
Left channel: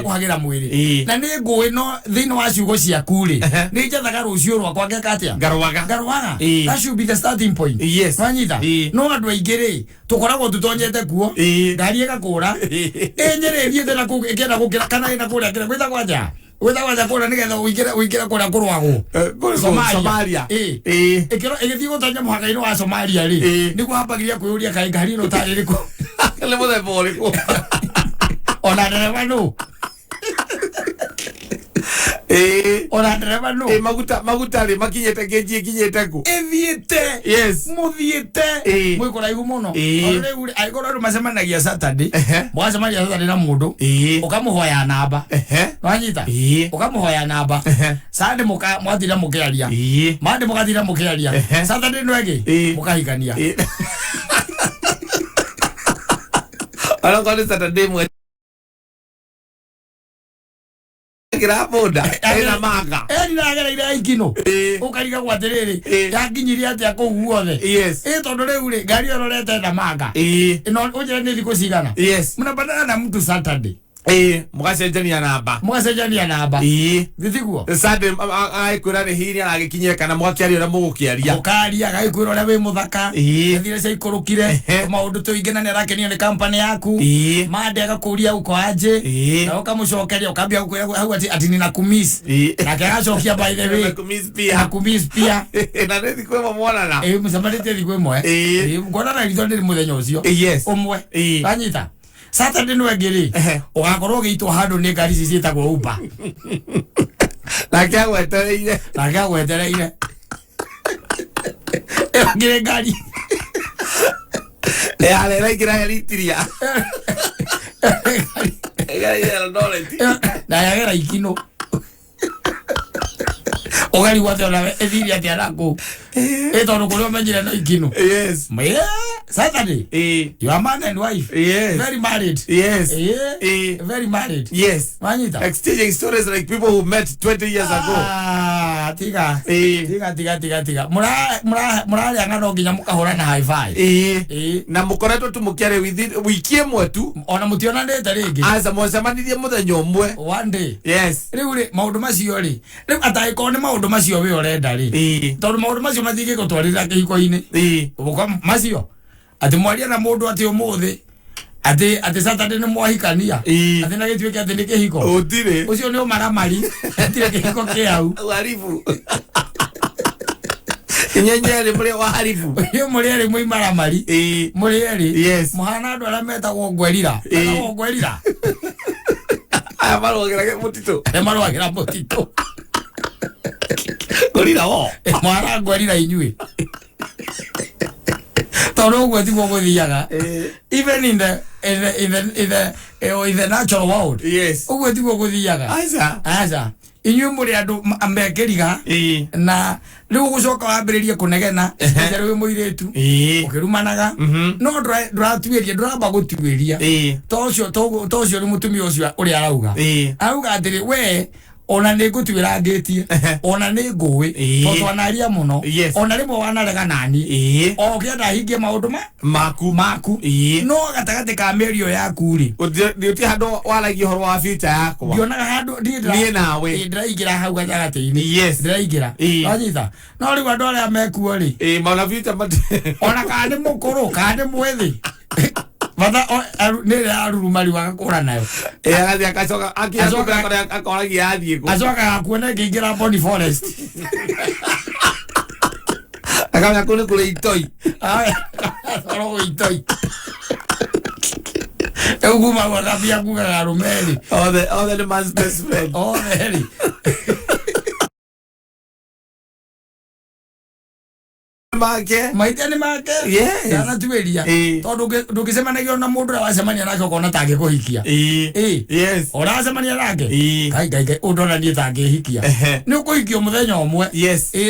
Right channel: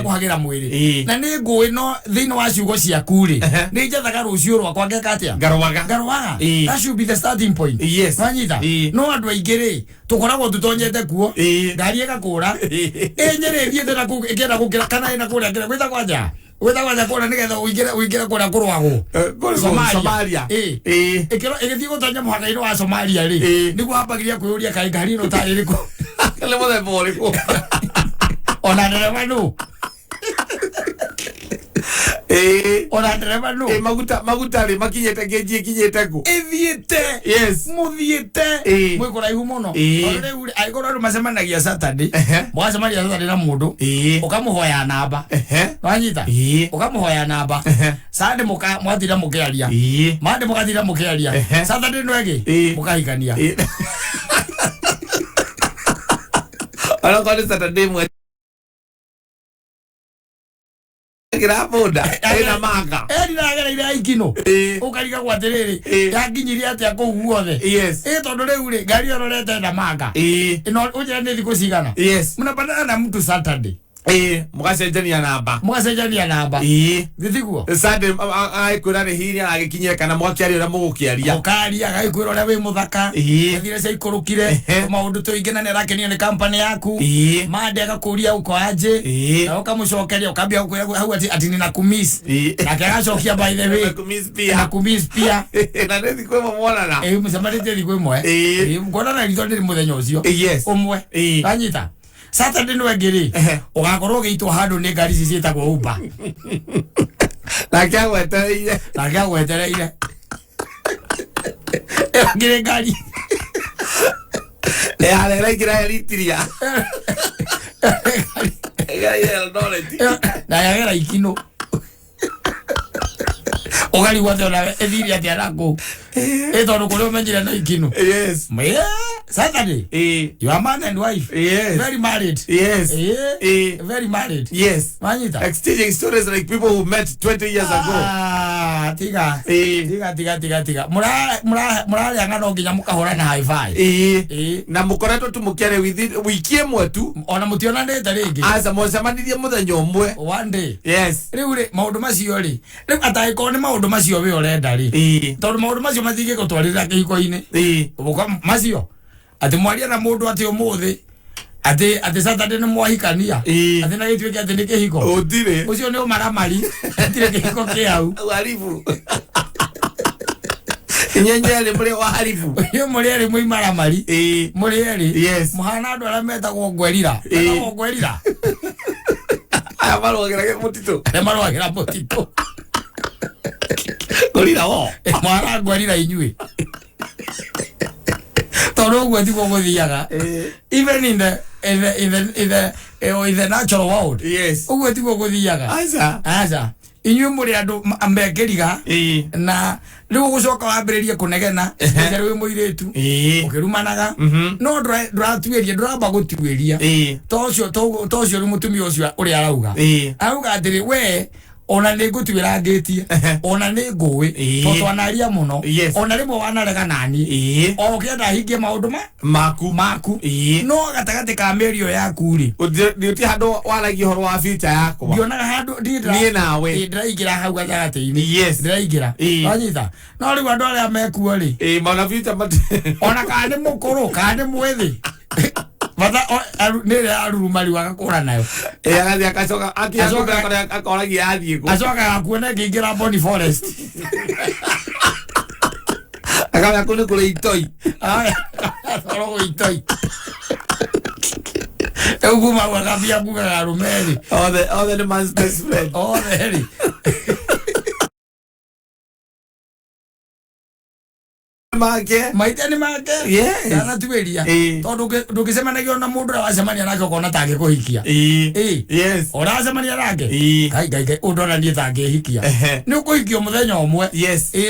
kuhagira mwiri na ni ngui no thini wa ciugo ciaku ri ni njathaga rucio rwakwa ngeka atia ngaruaga that should be the starting point yes wanyita no andu aigiri tukoragwo tutonyete kuo ngari igakura enyere thiete na ikenda gukira kana ina kuria ngira gwita kwanja kura nigetha uingire kuria kurwago Somalia igithii gutonya muhaka-ini wa Somalia ri niguo hambagiria kwiyuria kai ngari ino tari riku le muthemba uriku ona ndereva nu ona ndereva nu maguta ri makinyete ngeji kinyete ku ethiete yes muthiete mwikora ihu muno riu aigoro ru macemanagia Saturday mwacemanagia Saturday na mundu ukamuhoya namba wanyita ukamuhoya namba Sunday mwathira mukiaria Monday mukathira mukiaria Saturday nwegi mukahikania ala kwa Saturday mwe kiraboda ena manga niragereire aikino ukariga gwatiriri yakinyiria atia kuu guothe yes tondu riu ri ngari ororete na manga ino ujira ni thiku cigana yes mnapatana na mtu Saturday mugacenjania namba githiguo Sunday aikwira ni hinya agikinyira kana mwakiaria ura mugukiaria mukaria agaikwira ura wi muthaka athire cia ikurukire maundu tuingina ni arakenio ni company yaku mande agakuria uko aje na ukamucokeria ukambia hau ati ni na kumiss na kagacokia by the way na kumiss pia na ni thikwe mwana mucemanite thikwe mwe ngona na ritho ndi muthenya ucio umwe anyita Saturday no ngiri ugakorwo giitwo handu ni ngari cicietagwo Uber na kyagwetereire ngiri ngari arera igira elitiria egara ira knowledge na yagera ikino ogari wate ona ethiri ati arako etono kurio menjira na ikino Saturday you are man and wife very married very married manyita exchanging stories like people who met 20 years ago tiga murari angano nginya mukahora na high five na mukoretwo tumukiare wiki imwe tu ona mutionanete ringi aza mwacemanirie muthenya umwe one day riu ri maundu macio ri ataiko ni maundu macio we urenda ri tondu maundu macio mathige gutwarira kihiko-ini ubuka macio ati mwaria na mundu ati umuthi ati Saturday ni mwahikania ati na gitwike ati ni kihiko utire ucio ni umaramari atire kihiko kiau harifu nyenyere muri wa harifu yo muri ari mwi maramari muri ari muhana andu ara metagwo ngwerira aya marwagira mutito ngwerira wo mwara ngwerira inyui toro gwe thigwo guthiaga even in the natural world ugwe thigwo guthiaga aza inyui muri andu ambekeriga na riu gucoka wambiririe kunegena njara wi muiretu ukirumanaga no nduratuiria nduramba gutuiria tocio ri mutumia ucio uri arauga atiri we ona ni ngutwira ngitie ona ni ngui tondu anaria muno ona rimwe wanarega nani okienda hingie maundu maku no gatagati ka merio yaku ri ndi handu waragia horo wa future yakwa ndionaga handu nie nawe ndiraingira hau gatagati-ini ndiraingira anyita no riu andu aria mekuo ri mauna future ona kana ni mukuru kana ni mwethi Vada nere arurumari wakakura nayo agathi akacoka akoragia athie ku acoka akuona ngiingira Boni Forest akamya kune kule itoi oro itoi eguma wakabia kuga rumeri all the man's best friend maitani make kana tueria tondu ndukicemanagia na mundu wacemania nake ukona tangi kuhikia ora cemania nake kai undona ndie tangi hikia ni ukuhikio muthenya umwe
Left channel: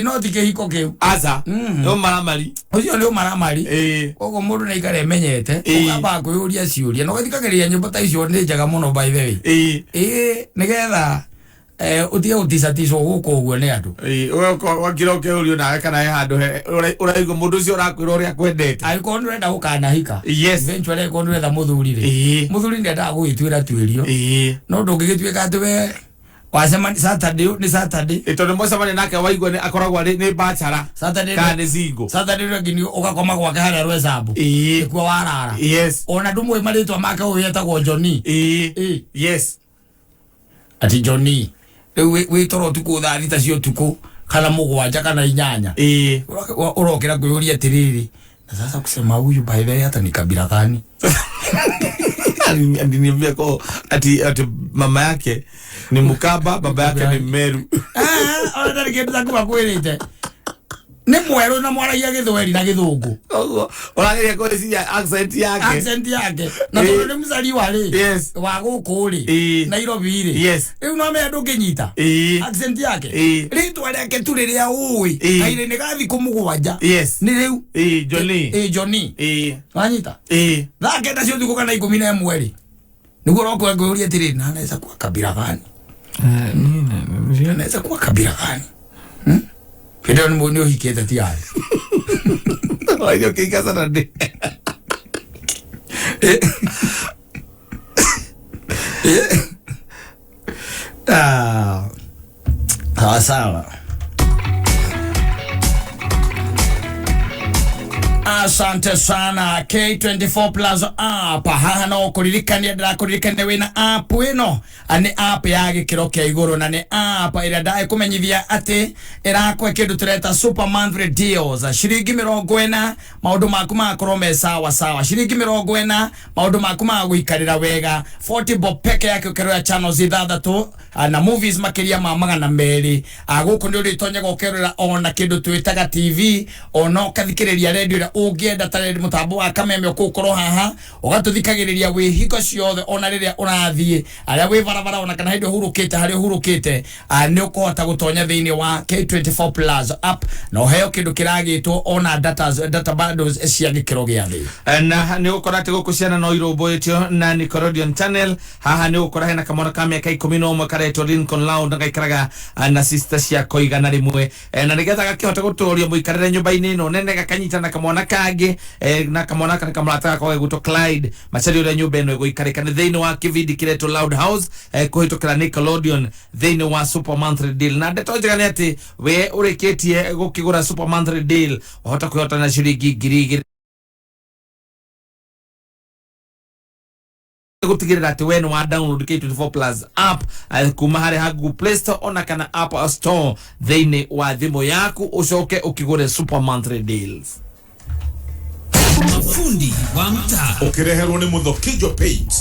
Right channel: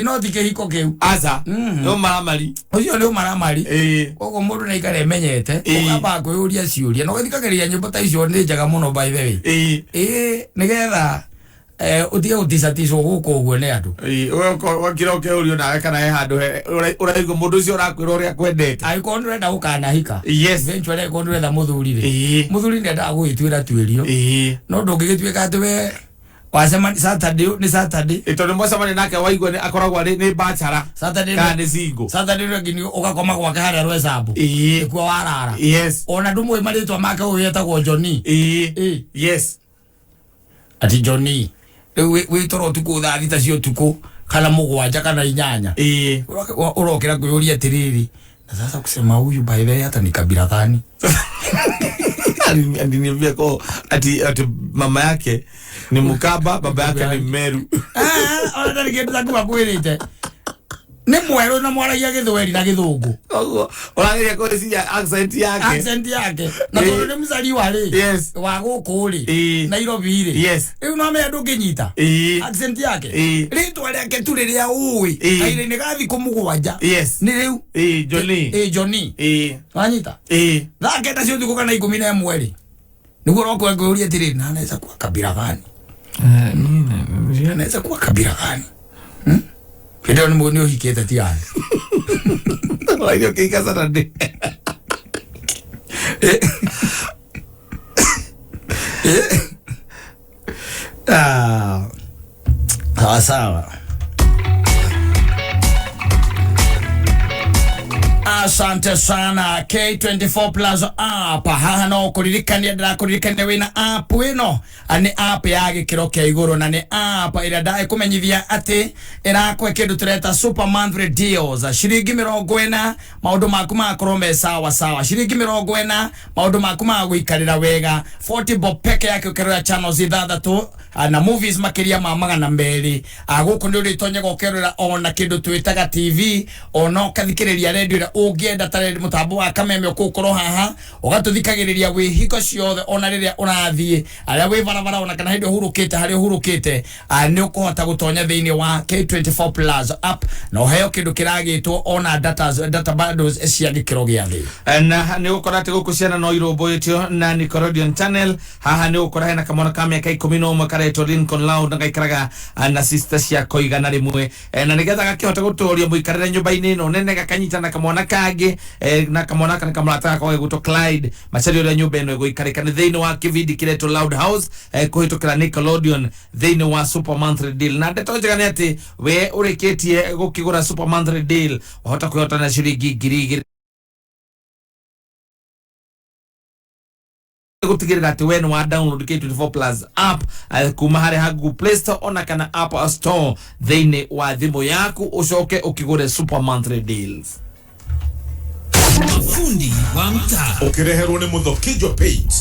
no ti kihiko kiu aza no maramari ucio ni maramari koguo mundu na ikare menyete ukamba kwiuria ciuria no githikagiria nyimbo ta icio ni njega muno by the way nigetha utige utisatiswo guko uguo ni andu wakiro ke urio nawe kana he handu uraigo mundu ucio urakwira uria kwendete aiko ndurenda gukana hika eventually ko ndurenda muthuri ri muthuri ndenda gwitwira twirio no ndungigitwika ati we wacemani Saturday tondu mwacemani nake waigua ni akoragwo ni bachara kana ni single Saturday rengini ugakoma gwake haria rwesambu ikuo warara ona ndumwe maritwa make uyetagwo Johnny ati Johnny witoro tuku thaa thita cio tuku kana mugwanja kana inyanya urokira kuyuria atiriri na sasa kusema huyu by the way hata ni kabila gani aliniambia ko ati mama yake ni Mukamba baba yake ni Meru ona ndigenda kuakwirite ni mweru na mwaragia githweri na githungu urageria kuciria accent yake na tondu ni mzali wari wa guku ri Nairobi ri riu no me ndukinyita accent yake ritwa riake tu riria ui kaire ni gathi kumugwanja ni riu Johnny wanyita thake na cio thikuka na 11 ri niguo roko nguri atiri na anaweza kuwa kabila gani anaweza kuwa kabila gani Kidao ni mwoni uhiketa tiyari Waidio kika Saturday Sawa. Asante sana K24 Plus app hano kuririkania ndirakuririkania wina app ino ani app ya gikiro kia iguru na ni app ira dai kumenyithia ati irakwe kindu tureta super monthly deals shiringi 40 maundu maku makorwo me sawa sawa shiringi 40 maundu maku maguikarira wega 40 bob peke yake ukerera channels ithathatu na movies makiria ma magana meri guku ndi uritonye gokerera ona kindu twitaga TV ona kathikiriria radio ira ungienda taredi mutambo wa kameme okukorwo haha ugatuthikagiriria wihiko ciothe ona riria urathie aria wi barabara ona kana hindi hurukite hari hurukite ni ukuhota gutonya thiini wa K24 Plus app na uheo kindu kiragitwo ona data bundles cia gikiro gia thi na ni ukora ati guku ciana no irumbuitio na Nickelodeon channel haha ni ukora hena kamona kamia ka 11 karetwo Lincoln Loud na gaikaraga na sister cia koigana rimwe na nigetha gakihota guturia muikarire nyumba-ini ino nene gakanyitana kamona kage na kamona kana kamata kwa guto Clyde macari uri nyumba ino guikarika ni thiini wa kividi kiretwo Loud House kuhitukira Nickelodeon thiini wa super monthly deal na ndeto njega ni ati we urikitie gukigura super monthly deal uhota kuhota na shiringi 2,000 gutigirira ati we no wa download K24 Plus app kuma hari ha Google Play Store ona kana App Store thiini wa thimu yaku ucoke ukigure super monthly deals. Fundi wa mtaa ukireherwo ni Muthokijo Paint.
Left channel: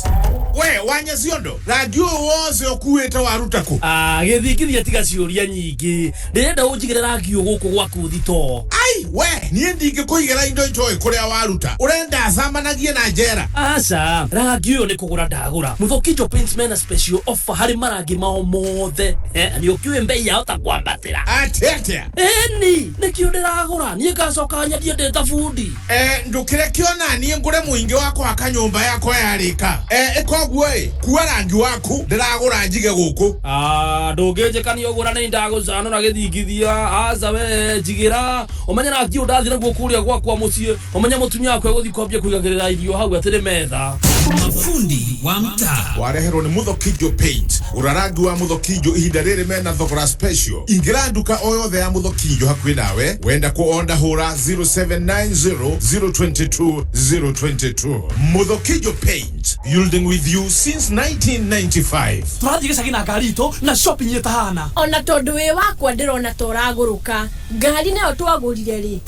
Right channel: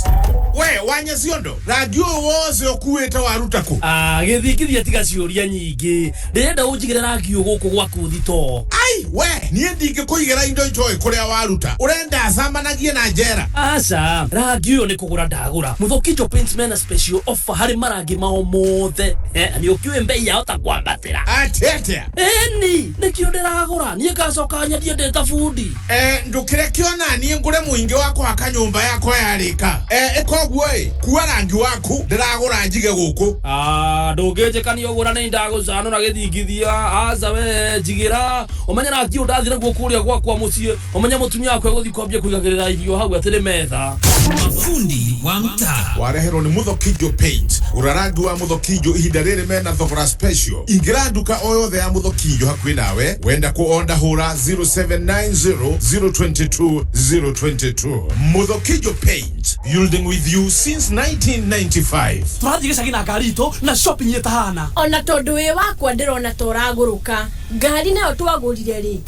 We wanya ciondo radio wose okuwete warutako githikithia tiga ciuria nyingi ndirenda unjigire rangi uguku gwaku thito. Ai we nie ndinge kuigera indo njoi kuria waruta urenda samanagie na njera. Aca rangi uyu ni kugura ndagura Muthokijo Paint mena special offer hari marangi mao mothe ni ukiwe mbei yao ta kwambatira atetea ni kio ndiragura nie ngacoka nyendie ndeta fundi ndukire kiona nie ngure muingi wako akanyumba yako yarika ekoguo kuwa rangi waku ndiragura njige guku ndungijikania ugura ni ndaguzano na githingithia aza we jigira umenya rangi undathira guo kuria gwakwa mucie umenya mutumia wako guthi kwambia kuigagirira irio hau atiri metha. Fundi wa mtaa wareherwo ni Muthokijo Paint urarangi wa Muthokijo ihinda riri mena thogora special ingira nduka o yothe ya Muthokijo hakuhi nawe wenda kuonda hura 0790022022 Muthokijo Paint building with you since 1995. Twathige sagina garito na shopping yetahana ona tondu wi wakwa ndirona toraguruka ngari nayo twagurire ri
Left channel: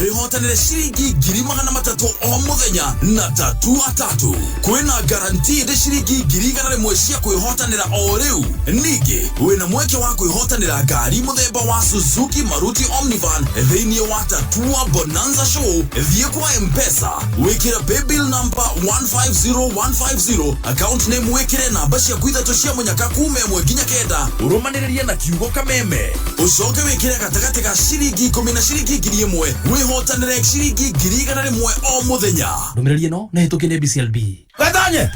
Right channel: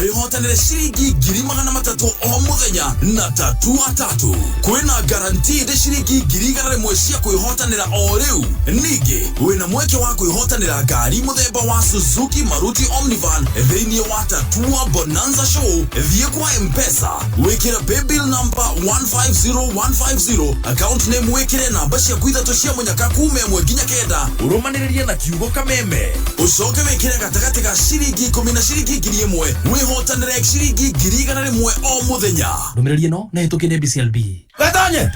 wihotanire shiringi 300 o muthenya na 3 kwina guaranteed shiringi 1,000 cia kwihotanira o riu ningi wina mweke wa kwihotanira ngari muthemba wa Suzuki Maruti Omnivan thiini wa Tatua Bonanza Show thie kwa M-Pesa wikira paybill number 150150 account name wikire namba cia kwithatu cia munyaka kume mwe nginya kenda urumaniririe na kiugo kameme ucoke wikire gatagati ga shiringi 10 na shiringi 1,000 wihotanire shiringi 1,000 o muthenya ndumiriri no na hitukire BCLB gatonye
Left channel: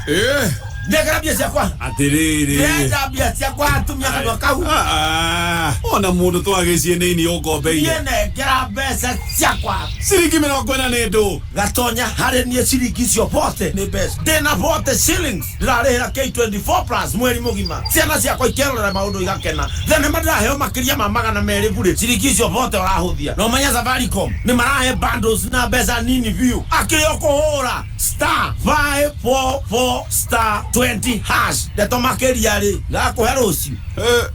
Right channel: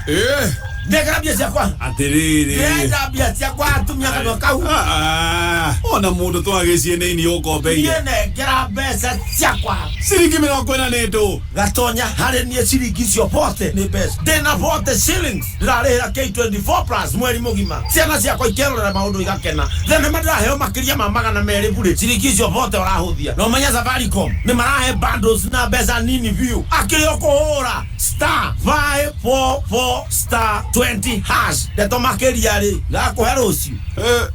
ndekera bia ciakwa atiriri ndenda bia ciakwa atumia kana kau ona mundu twagicie nini ukombeire ndekera mbeca ciakwa shiringi 40 ni ndu gatonya hari nie shiringi cio pote ni best ndena pote shillings ndarehera K24 Plus mweri mugima ciana ciakwa ikerora maundu igakena thene madraheo makiria ma magana meri bure shiringi cio pote urahuthia no menya Safaricom ni marahe bundles na mbeca nini view akirio kuhura *544*20 hash ndeto makiria ri ngakuhe rucio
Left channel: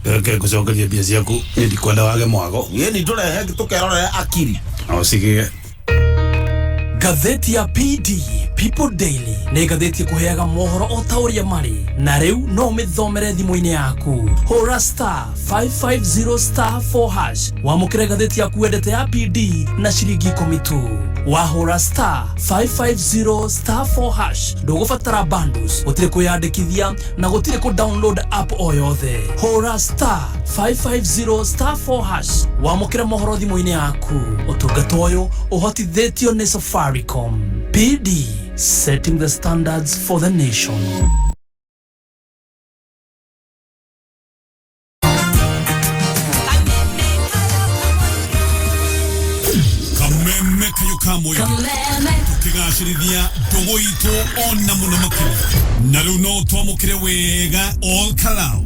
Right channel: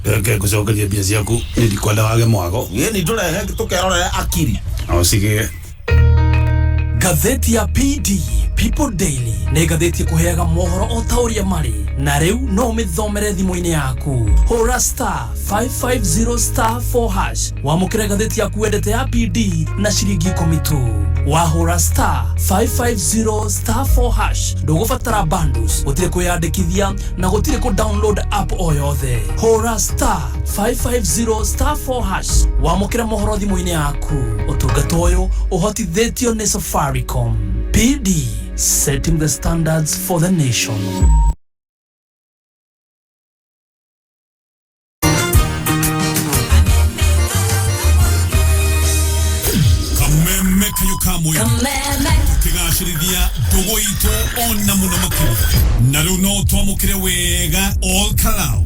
reke kucokeria mbia ciaku ndikwenda wage mwago ni turehe tukerorera akiri osigie Gatheti ya PD People Daily ni gatheti kuheaga mohoro o tauria mari na riu no mithomere thimu-ini yaku hura *550*4 hash wamukire gatheti yaku wendete ya PD na shiringi 10 tu wahura *550*4 hash ndugubatara bundles gutire kuyandikithia na gutire ku download app o yothe hura *550*4 hash wamukire mohoro thimu-ini yaku utungata uyu uhotithitio ni Safaricom. PD, setting the standards for the nation. Kameme kayo kamwe. Kigali kugacirithia ndugu itu ona muno makiri na riu no twamukire wega all kalau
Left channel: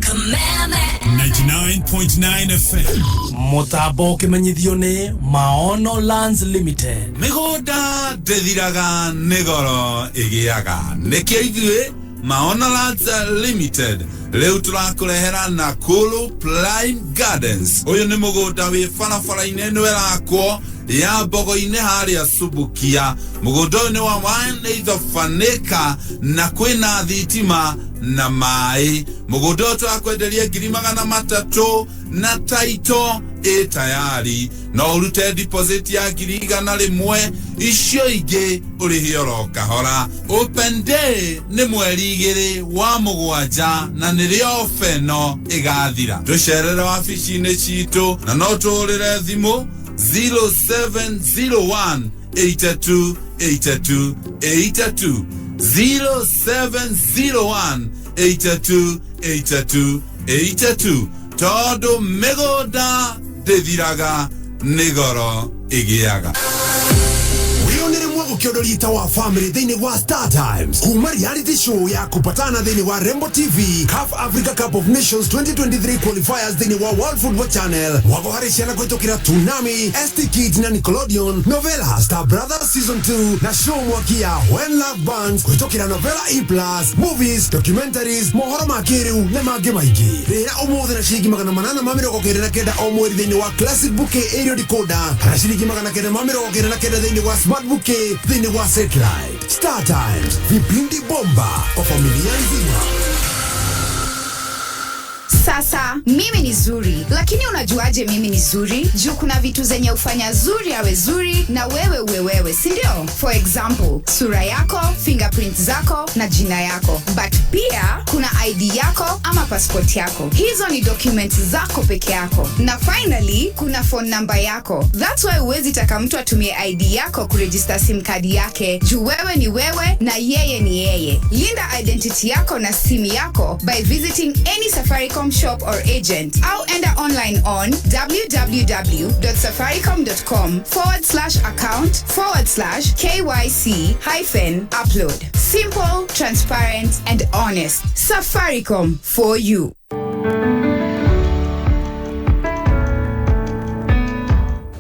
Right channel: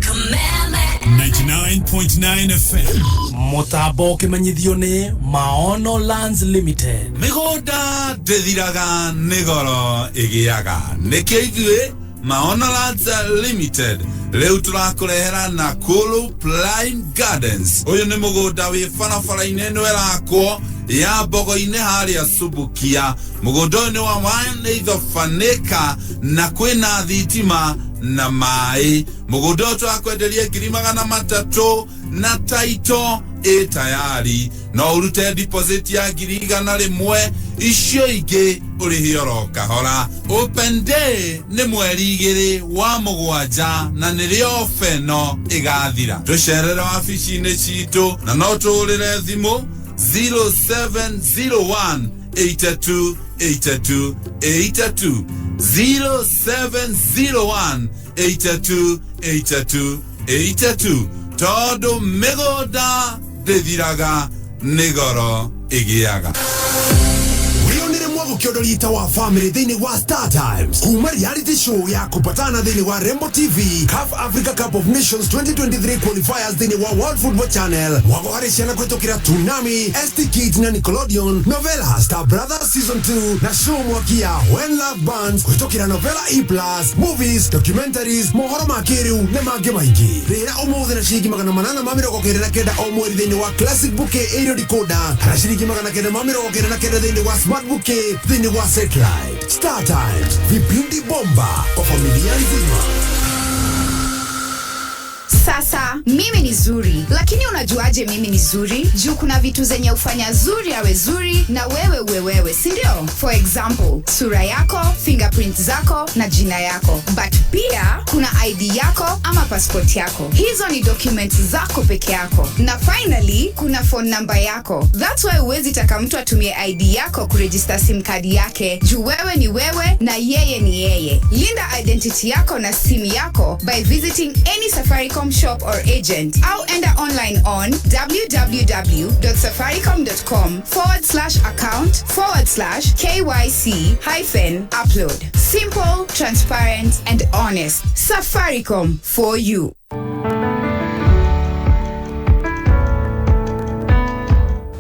99.9 FM mutambo kimenyithio ni Maono Lands Limited. Migoda ndithiraga nigoro igiaga nikio ithuĩ Maono Lands Limited leo turakurehera Nakuru Prime Gardens. Uyu ni mugunda wi barabara-inĩ ĩno ĩrakwo ya Mbogo-inĩ harĩa Subukia. Mugunda ũyũ nĩ wa 1.5 acre na kwĩna thitima na maĩ. Mugunda ũyũ turakwenderia 300,000 na taito tayari no urute deposit ya 100,000 icio ingĩ ũrĩhe oro kahora. Open day nĩ mweri 2 wa Mũgwanja na nĩrĩo feno ĩgathira. Tũcerere wabici-inĩ citũ na no tũũrĩre thimũ 0701 82 82 82 0701 82 82 82 todo mĩgũnda ndĩthiraga nĩgoro ĩgĩaga. Ukiondolita wa family thini wa Star Times kuma reality show ya kupatana thini wa Rembo TV CAF Africa Cup of Nations 2023 qualifiers thini wa World Football Channel wagoharishana kwetokera Tsunami, ST Kids na Nickelodeon, novela Star Brothers Season 2 na show mwakia When Love Burns kwetokera novela E+, movies, documentaries, mohoro makiriu na mangĩ maingĩ. Rĩra ũmũthĩ na ciringi 899 o mweri thini wa Classic Bouquet Aerial Decoder na ciringi 999 thini wa Smart Bouquet thini wa satellite. Star Times, vipindi bomba kwa familia nzima. Sasa mimi ni zuri, lakini unajuaje mimi ni zuri? Juu kuna vitu zenye ufanya zuri awe zuri na wewe uwe wewe, si ndio? For example, sura yako, fingerprint zako na jina yako. But pia kuna ID yako ama passport yako. Hizo ni documents zako peke yako. Na finally, kuna phone number yako. That's why uwezi taka mtu atumie ID yako kuregister SIM card yake. Juu wewe ni wewe na yeye ni yeye. Linda identity yako na simu yako by visiting any Safaricom shop or agent. Au enda online on www.safaricom.com/account/KYC-upload. Simple, transparent, and honest. Safaricom for you.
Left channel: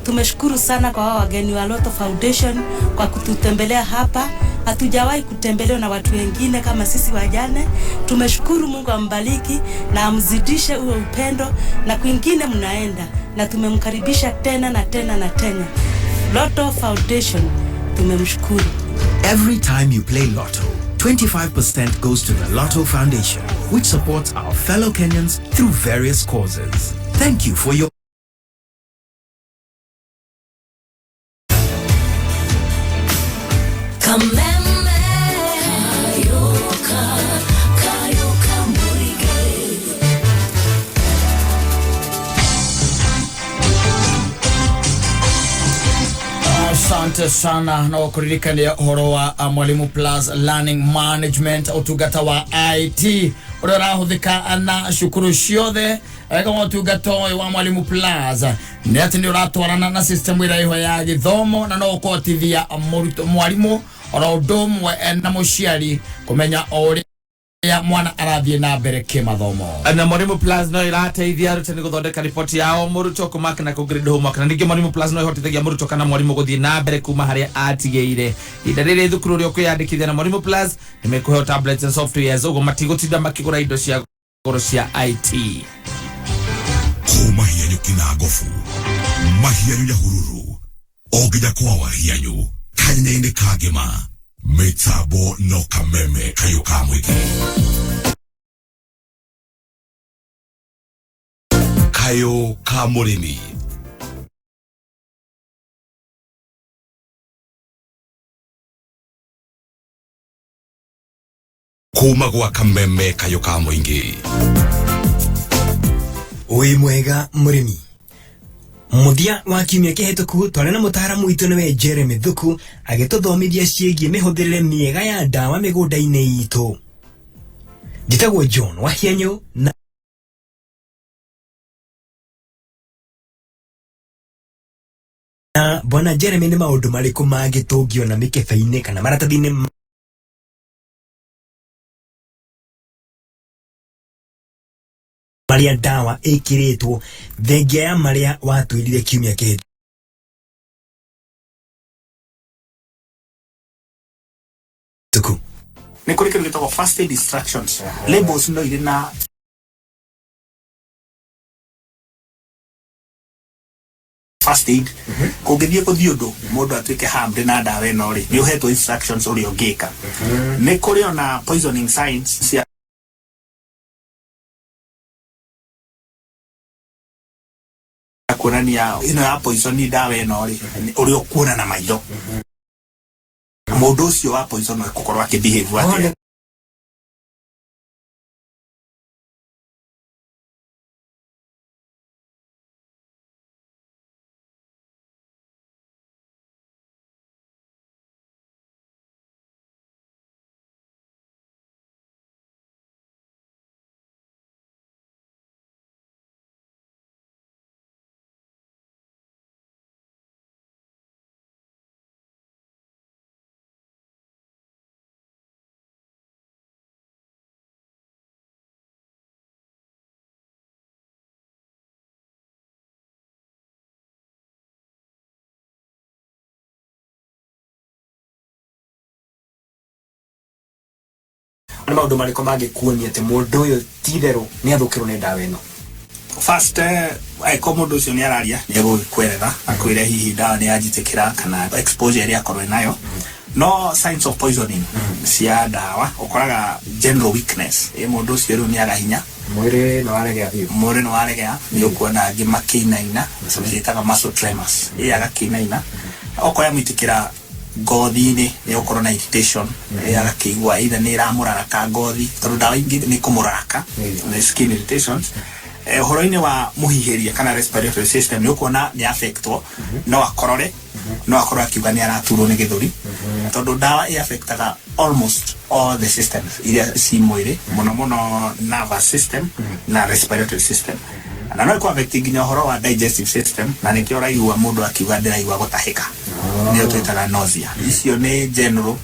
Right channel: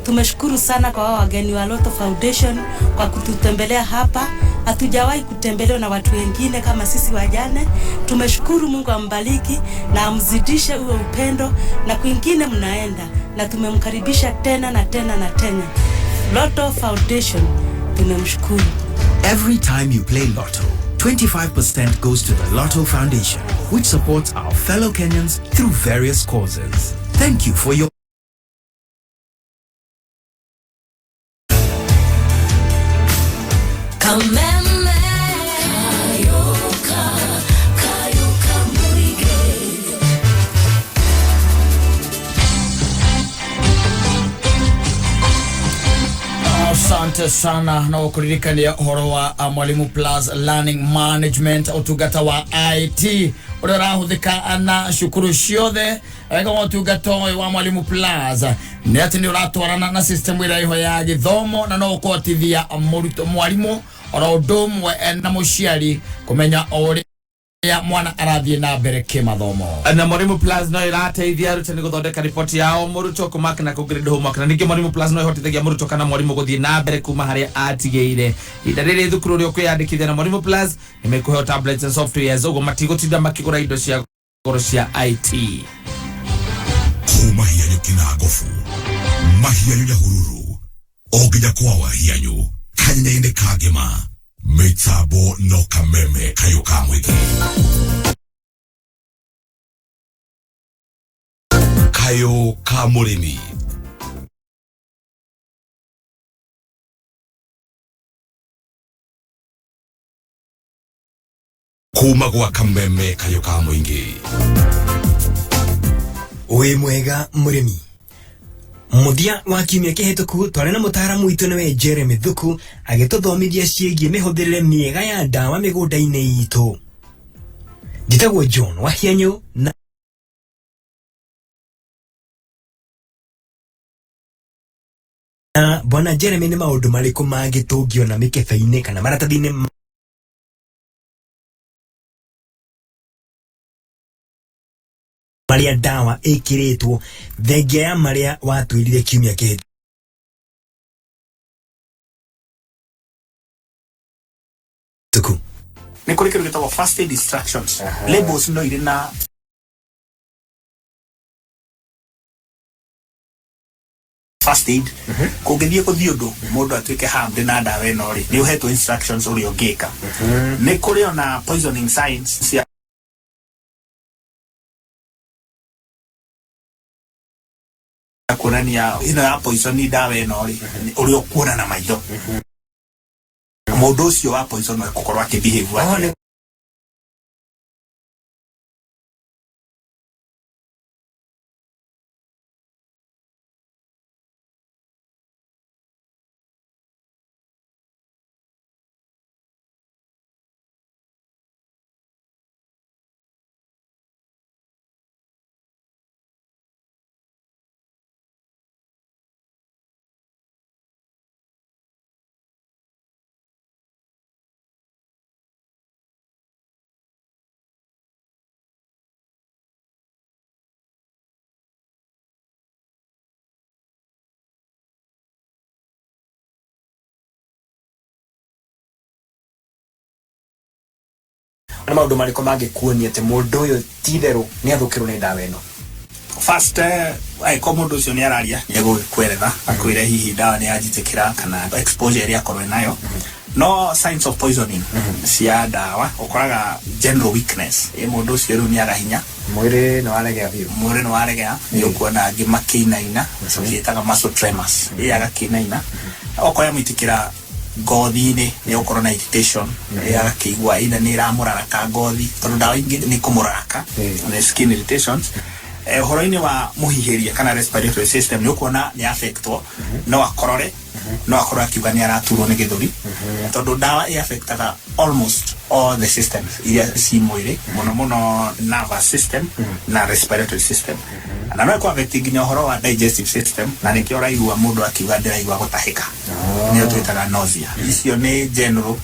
Tumeshukuru sana kwa wageni wa Lotto Foundation kwa kututembelea hapa. Hatujawahi kutembelewa na watu wengine kama sisi wajane. Tumeshukuru, Mungu ambariki na amzidishe uwe upendo na kwingine mnaenda, na tumemkaribisha tena na tena na tena. Lotto Foundation, tumemshukuru. Every time you play Lotto, 25% goes to the Lotto Foundation, which supports our fellow Kenyans through various causes. Thank you for your Asante sana na wakuririkania uhoro wa Mwalimu Plus Learning Management utugata wa IT urarahuthika na shukuru ciothe kama utugata wa Mwalimu Plus ni ati ni uratwarana na system ira iho ya githomo na no ukotithia mwalimu ora udum na muciari kumenya ori ya mwana arathie na mbere kimathomo. Na Mwalimu Plus no irateithia arutani guthondeka ripoti yao muruto kumaka na kugrade homework, na ningi Mwalimu Plus no ihotithagia muruto kana mwalimu guthie na mbere kuma haria atigeire. Idarire thukuru rio kwiyandikithia na Mwalimu Plus nimekuhe tablets and softwares ugo matigutinda makigura indo cia goro cia IT. Kuma hianyu kinagofu mahianyu ya hururu ogija kwa wahianyu kanyine kagema Metabo no kameme kayo kamwiki kayo kamurimi kuma gwa kameme kayo kamwingi. Uwe mwega murimi. Muthia wa kiumia kihituku twari na mutaaramu witu niwe Jeremy Thuku agituthomithia ciĩgiĩ mĩhũthĩrĩre mĩega ya ndawa mĩgũnda-inĩ itũ. Njĩtagwo John Wahianyu na bwana Jeremy nĩ maũndũ marĩkũ mangĩtũngio mĩkebe-inĩ kana maratathi-inĩ marĩa ndawa ĩkĩrĩtwo thengia ya marĩa watwĩrire kiumia kĩhĩtũku? Nĩ kũrĩ kĩndũ gĩtagwo first aid instructions. Labels no irĩ na first aid. Kũngĩthiĩ ũndũ mũndũ atuĩke harmed na ndawa ĩno rĩ, nĩ ũhetwo instructions ũrĩa ũngĩka. Nĩ kũrĩ ona poisoning signs cia kuonania ĩno ya poison ndawa ĩno rĩ, ũrĩa ũkuona na maitho. Mũndũ ũcio wa poison no gũkorwo akĩbehave atĩa. Nĩ maũndũ marĩkũ mangĩkuonia atĩ mũndũ ũyũ ti-itherũ nĩ athũkĩrwo nĩ ndawa ĩno? First, angĩkorwo mũndũ ũcio nĩ araria nĩ egũkweretha akwĩre hihi ndawa nĩ yanjitĩkĩra kana exposure ĩrĩa akorwo nayo. No signs of poisoning cia ndawa ũkoraga general weakness. Mũndũ ũcio rĩu nĩ aga hinya, mwĩrĩ nĩ waregea, nĩ ũkuona angĩ makĩinaina, ciĩtaga muscle tremors, agakĩinaina. Okorwo yamũitĩkĩra ngothi-inĩ nĩ ũkorwo na irritation, agakĩigua either nĩ ĩramũraraka ngothi, tondũ ndawa ingĩ nĩ kũmũraraka, skin irritations. Ũhoro-inĩ wa mũhihĩria kana respiratory system nĩ ũkuona nĩ affectwo, no akorore, no akorwo akiuga nĩ araturwo nĩ gĩthũri, tondũ ndawa ĩ-affectaga almost all the systems iria ci mwĩrĩ, mũno mũno nervous system na respiratory system. Na no ĩkũ-affect nginya ũhoro wa digestive system, na nĩkĩo ũraigua mũndũ akiuga ndĩraigua gũtahĩka, nĩyo twĩtaga nausea. Icio nĩ general,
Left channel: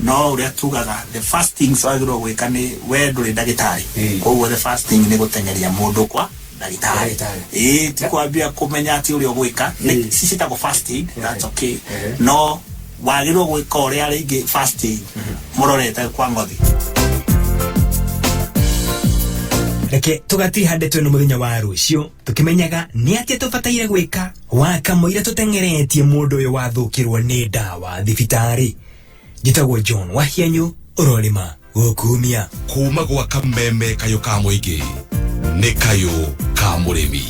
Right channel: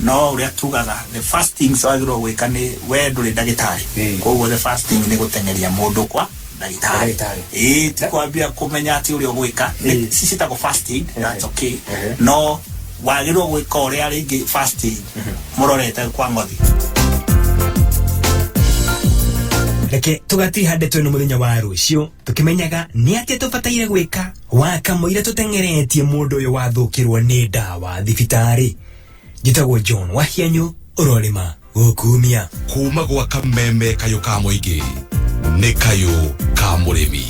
no ũrĩa tugaga the first things wagĩrĩirwo gwĩka nĩ we ndũrĩ ndagĩtarĩ, koguo the first thing nĩ gũteng'eria mũndũ kwa ndagĩtarĩ. Ti kwambia kũmenya atĩ ũrĩa ũgwĩka, cicitagwo first aid, that's okay. No wagĩrĩirwo gwĩka ũrĩa rĩngĩ first aid mũrorete kwa ngothi. Reke tũgatihande twĩna mũthenya wa rũciũ tũkĩmenyaga nĩ atĩa tũbataire gwĩka wakamũira tũteng'eretie mũndũ ũyũ wathũkĩrwo nĩ ndawa thibitarĩ. Njĩtagwo John Wahianyũ, ũrorĩma gũkumia kuma gwa kameme kayũ ka mũingĩ nĩ kayũ ka mũrĩmi.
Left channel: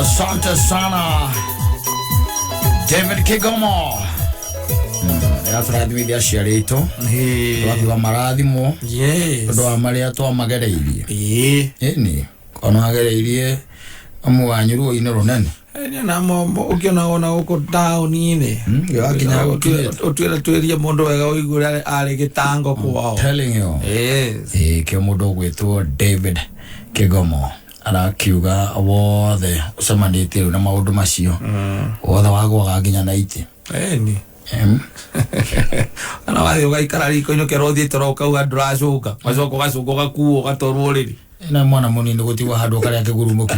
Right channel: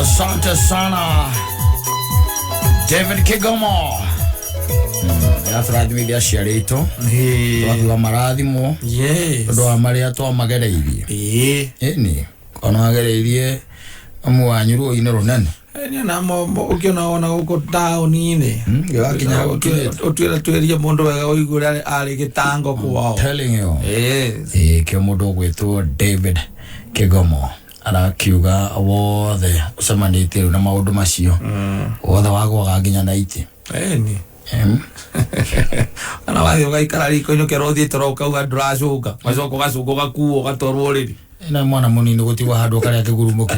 Asante sana David Kigomo. Turathimithia aciari aitu twakiuga marathimwo tondu wa maria twamagereirie ni ona wagereirie amu wanyu ruo-ini runene namo ukiona ona uko tauni-ini gakinya utwire twerie mundu wega uigure ari gitango kwao telling you kio mundu gwitwo David Kigomo arakiuga wothe ucemanitie na maundu macio wothe wagwaga nginya na iti ni ana wathi ugaikara riko-ini ukerothiite ukauga nduracuka macoka ugacuka ugakuo ugatwarwo riri na mwana munini gutigwo handu karia kigurumuki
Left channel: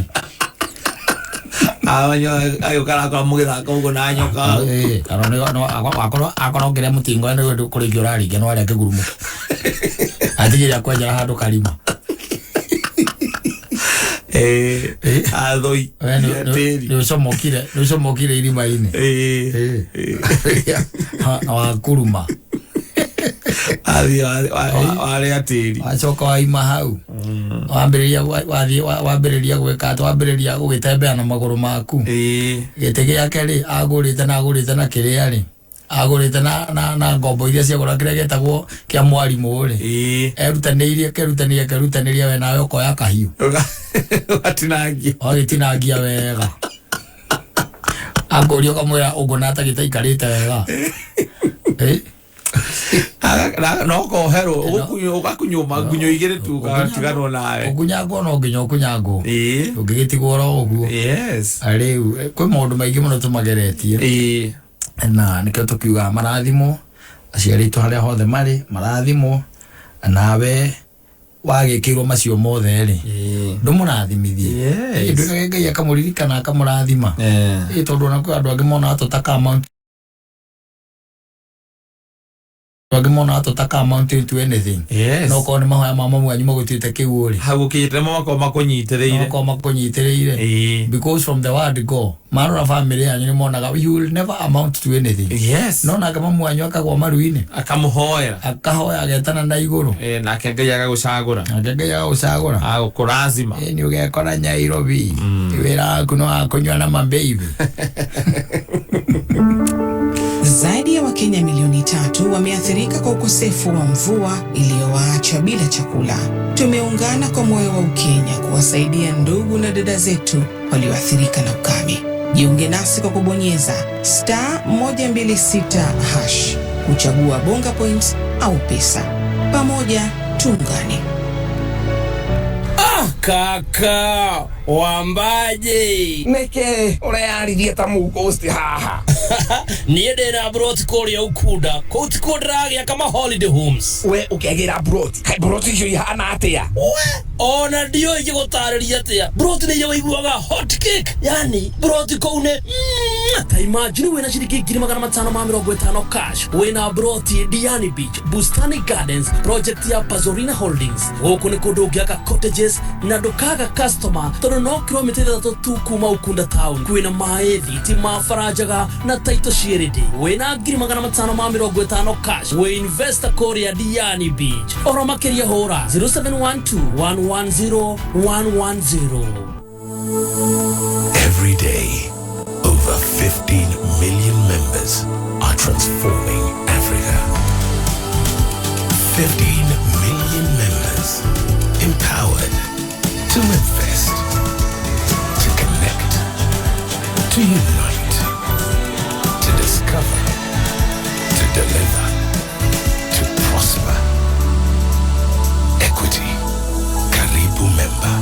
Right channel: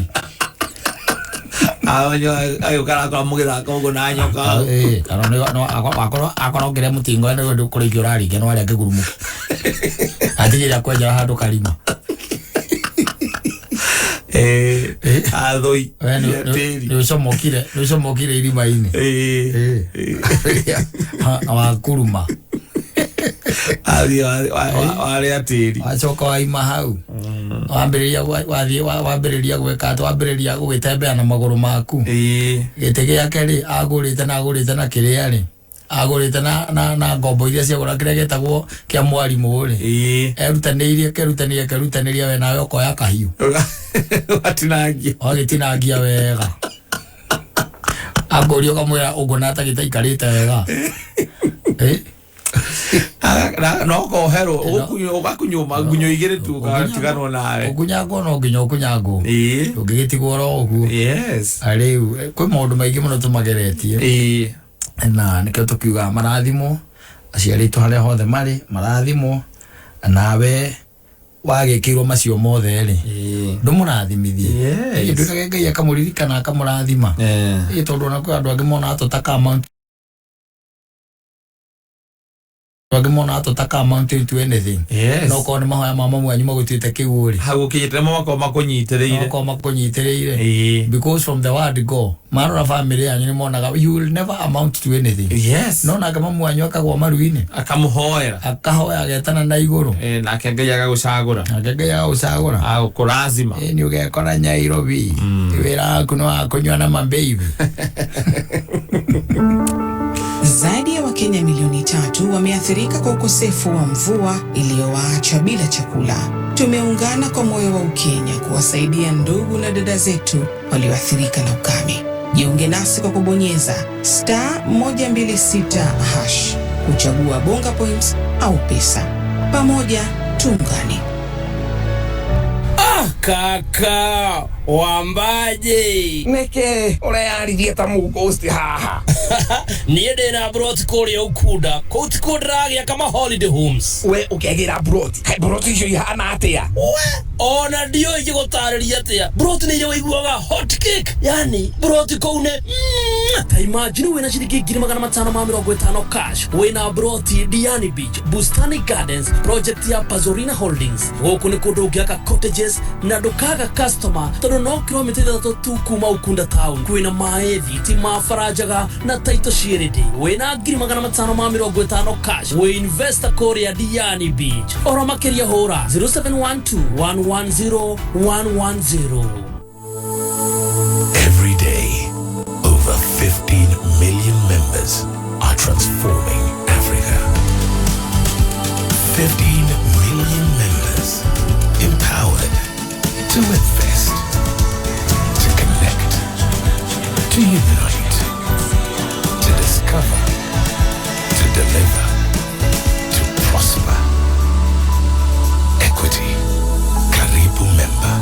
ayo kana kwa mugithaka ugo na nyoka akorwo ngiria mutingo ni kurikio urarikia no aria kigurumuki atigira kwenjera handu karima athoi ni ucomokire irima-ini wa kuruma wale atiri wacoka waima hau wambĩrĩria gwĩka wambĩrĩria gũgĩtembea na magũrũ maku gĩtĩ gĩake rĩ agũrĩte na kĩrĩa rĩ agũrĩte na ngombo iria ciagũra kĩrĩa gĩtagwo kĩa mwarimũ rĩ kerutanĩria we nawe ũkoya kahiũ wagĩtinangia wega angũria ũkamwĩra ũguo nata gĩtaikarĩte wega no kohero ugakunyuma gunyo igire tu gatiganwo nawe ukunyagwo no nginya ukunyagwo ũngĩgĩtigwo ro ũguo rĩu kwĩ maũndũ maingĩ mũno tũmageretie na nĩkĩo tũkiuga marathimo aciari aitũ harĩa hothe marĩ marathimo nawe wagĩkĩirwo macio mothe rĩ ndũmũrathimithie ndũrage Ngai akamũririkana akamũrathima tondũ ona kwĩ andũ angĩ mona atũtaka amount to anything no ko nĩ mahoya ma mamu anyu magũtuĩte kĩu rĩ hau kĩnyitĩre mako makunyitĩrĩire because from the word go marora family yanyu nĩ monaga you will never amount to anything no nake mamu anyu akagwa maru-inĩ akahoya agetana na igũrũ nake Ngai agagũcagũra agũkũrazima nĩ ũgekora Nairobi wĩra waku nĩ wa kũnyua na mababy. Zaidi ya Wakenya milioni 3 wameathirika kwa ukosefu wa mvua iliyowaacha bila chakula. Tumeungana kwa moyo wa Ukenya kuwasaidia ndugu na dada zetu walioathirika na ukame. Jiunge nasi kwa kubonyeza *126# kuchagua bonga points au pesa. Pamoja tuungane. Kaka wambaje neke urayaririe ta mugosti haha niĩ ndĩna broti kũrĩa ukunda kũu tikuo ndĩragĩa kama holiday homes we ũkĩgĩra broti icio ihana atĩa ona ndiũĩ ingĩgũtarĩria atĩa broti nĩ iria ũiguaga hot cake yani broti kũu nĩ ta imagine wĩna ciringi 550 cash wĩna broti Diani Beach Bustani Gardens project ya Pazorina Holdings gũkũ nĩ kũndũ ũngĩaka cottages na ndukaga customer tondũ no kilomita 3 tu kuma Ukunda town kwĩna maĩ thitima farajaga na taito shiridi wĩna 550 cash we investor kũrĩa Diani Beach oro makĩria hũra 0712110110. Every day, over 15 million members are transforming Africa. 15 million members empowered to invest, to connect, to unite, to discover, to deliver, to prosper. Equity. Karibu member.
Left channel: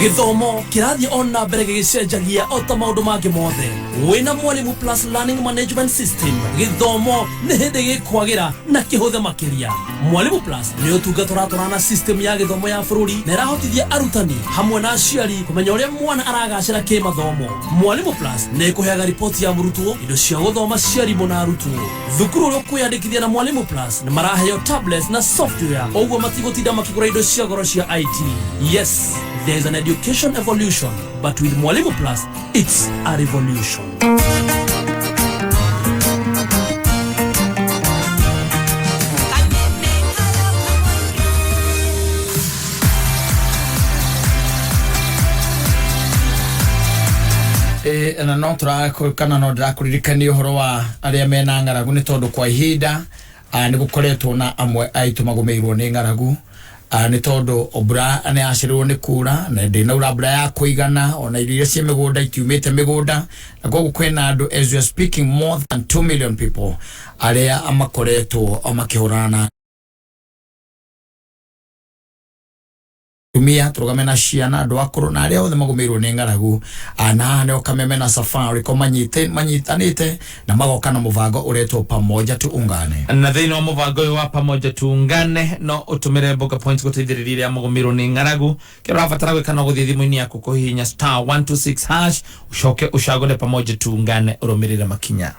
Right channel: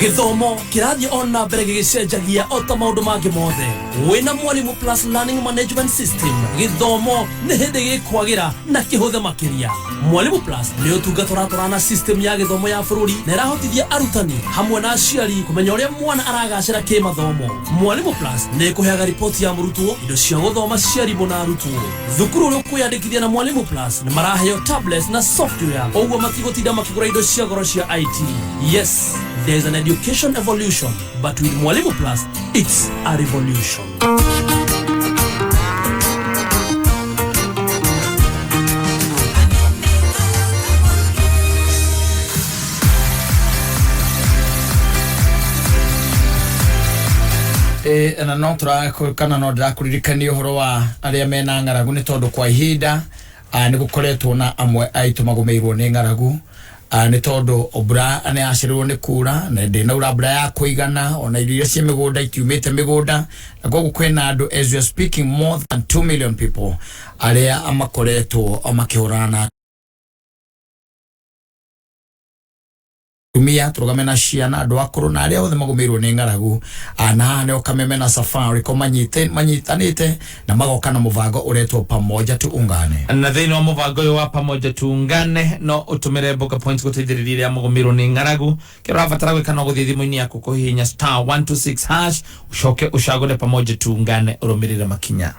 Githomo kirathi ona mbere gicenjagia o ta maundu mangĩ mothe wĩna Mwalimu Plus Learning Management System githomo nĩ hĩndĩ gĩkwagĩra na kĩhũthe makĩria. Mwalimu Plus nĩ ũtungata ũratwarana system ya gĩthomo ya bũrũri na ĩrahotithia arutani hamwe na aciari kũmenya ũrĩa mwana aragacĩra kĩmathomo. Mwalimu Plus nĩ ĩkũheaga riboti ya mũrutwo, indo cia gũthoma cia arimũ na arutwo. Thukuru ũrĩa ũkwĩyandĩkithia na Mwalimu Plus nĩ maraheo tablets na software ũguo matigũtinda makĩgũra indo cia goro cia IT. Yes, there is an education evolution, but with Mwalimu Plus, it's a revolution. na no kana no ndĩrakũririkania ũhoro wa arĩa mena ng'aragu nĩ tondũ kwa ihinda nĩ gũkoretwo na amwe aitũ magũmĩirwo nĩ ng'aragu nĩ tondũ mbura nĩ yacererwo nĩ kuura na ndĩnaura mbura ya kũigana ona irio iria cia mĩgũnda itiumĩte mĩgũnda na koguo kwĩna andũ as we are speaking more than 2 million people arĩa makoretwo makĩhũrana na tumia turugame na ciana andũ akũrũ na arĩa othe magũmĩirwo nĩ ng'aragu na haha nĩo Kameme na Safaricom manyitanĩte na magoka na mũbango ũretwo pamoja tuungane. Na thĩinĩ wa mũbango ũyũ wa pamoja tuungane no ũtũmĩre bonga points gũteithĩrĩria arĩa magũmĩirwo nĩ ng'aragu. Kĩrĩa ũrabatara gwĩka no gũthiĩ thimũ-inĩ yaku kũhihinya *126# ucoke ucagũre pamoja tuungane ũrũmĩrĩre makinya.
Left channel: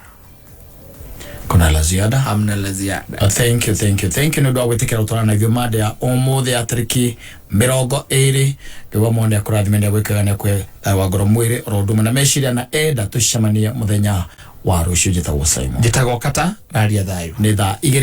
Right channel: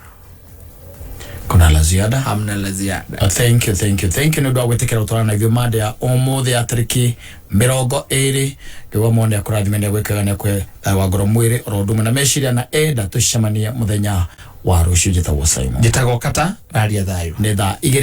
Kuna la ziada? Hamna la ziada. Thank you. Nĩ ũndũ wa gwĩtĩkĩra gũtwarana na ithuĩ mada ya ũmũthĩ ya tarĩki 20 nĩguo mone akũrathime nĩ gwĩkaga nĩ wa ngoro mwĩrĩ oro ũndũ ũmwe na meciria na enda tũcemanie mũthenya wa rucio njĩtagwo Simon njĩtagwo Kata raria thayo nĩ thaa 2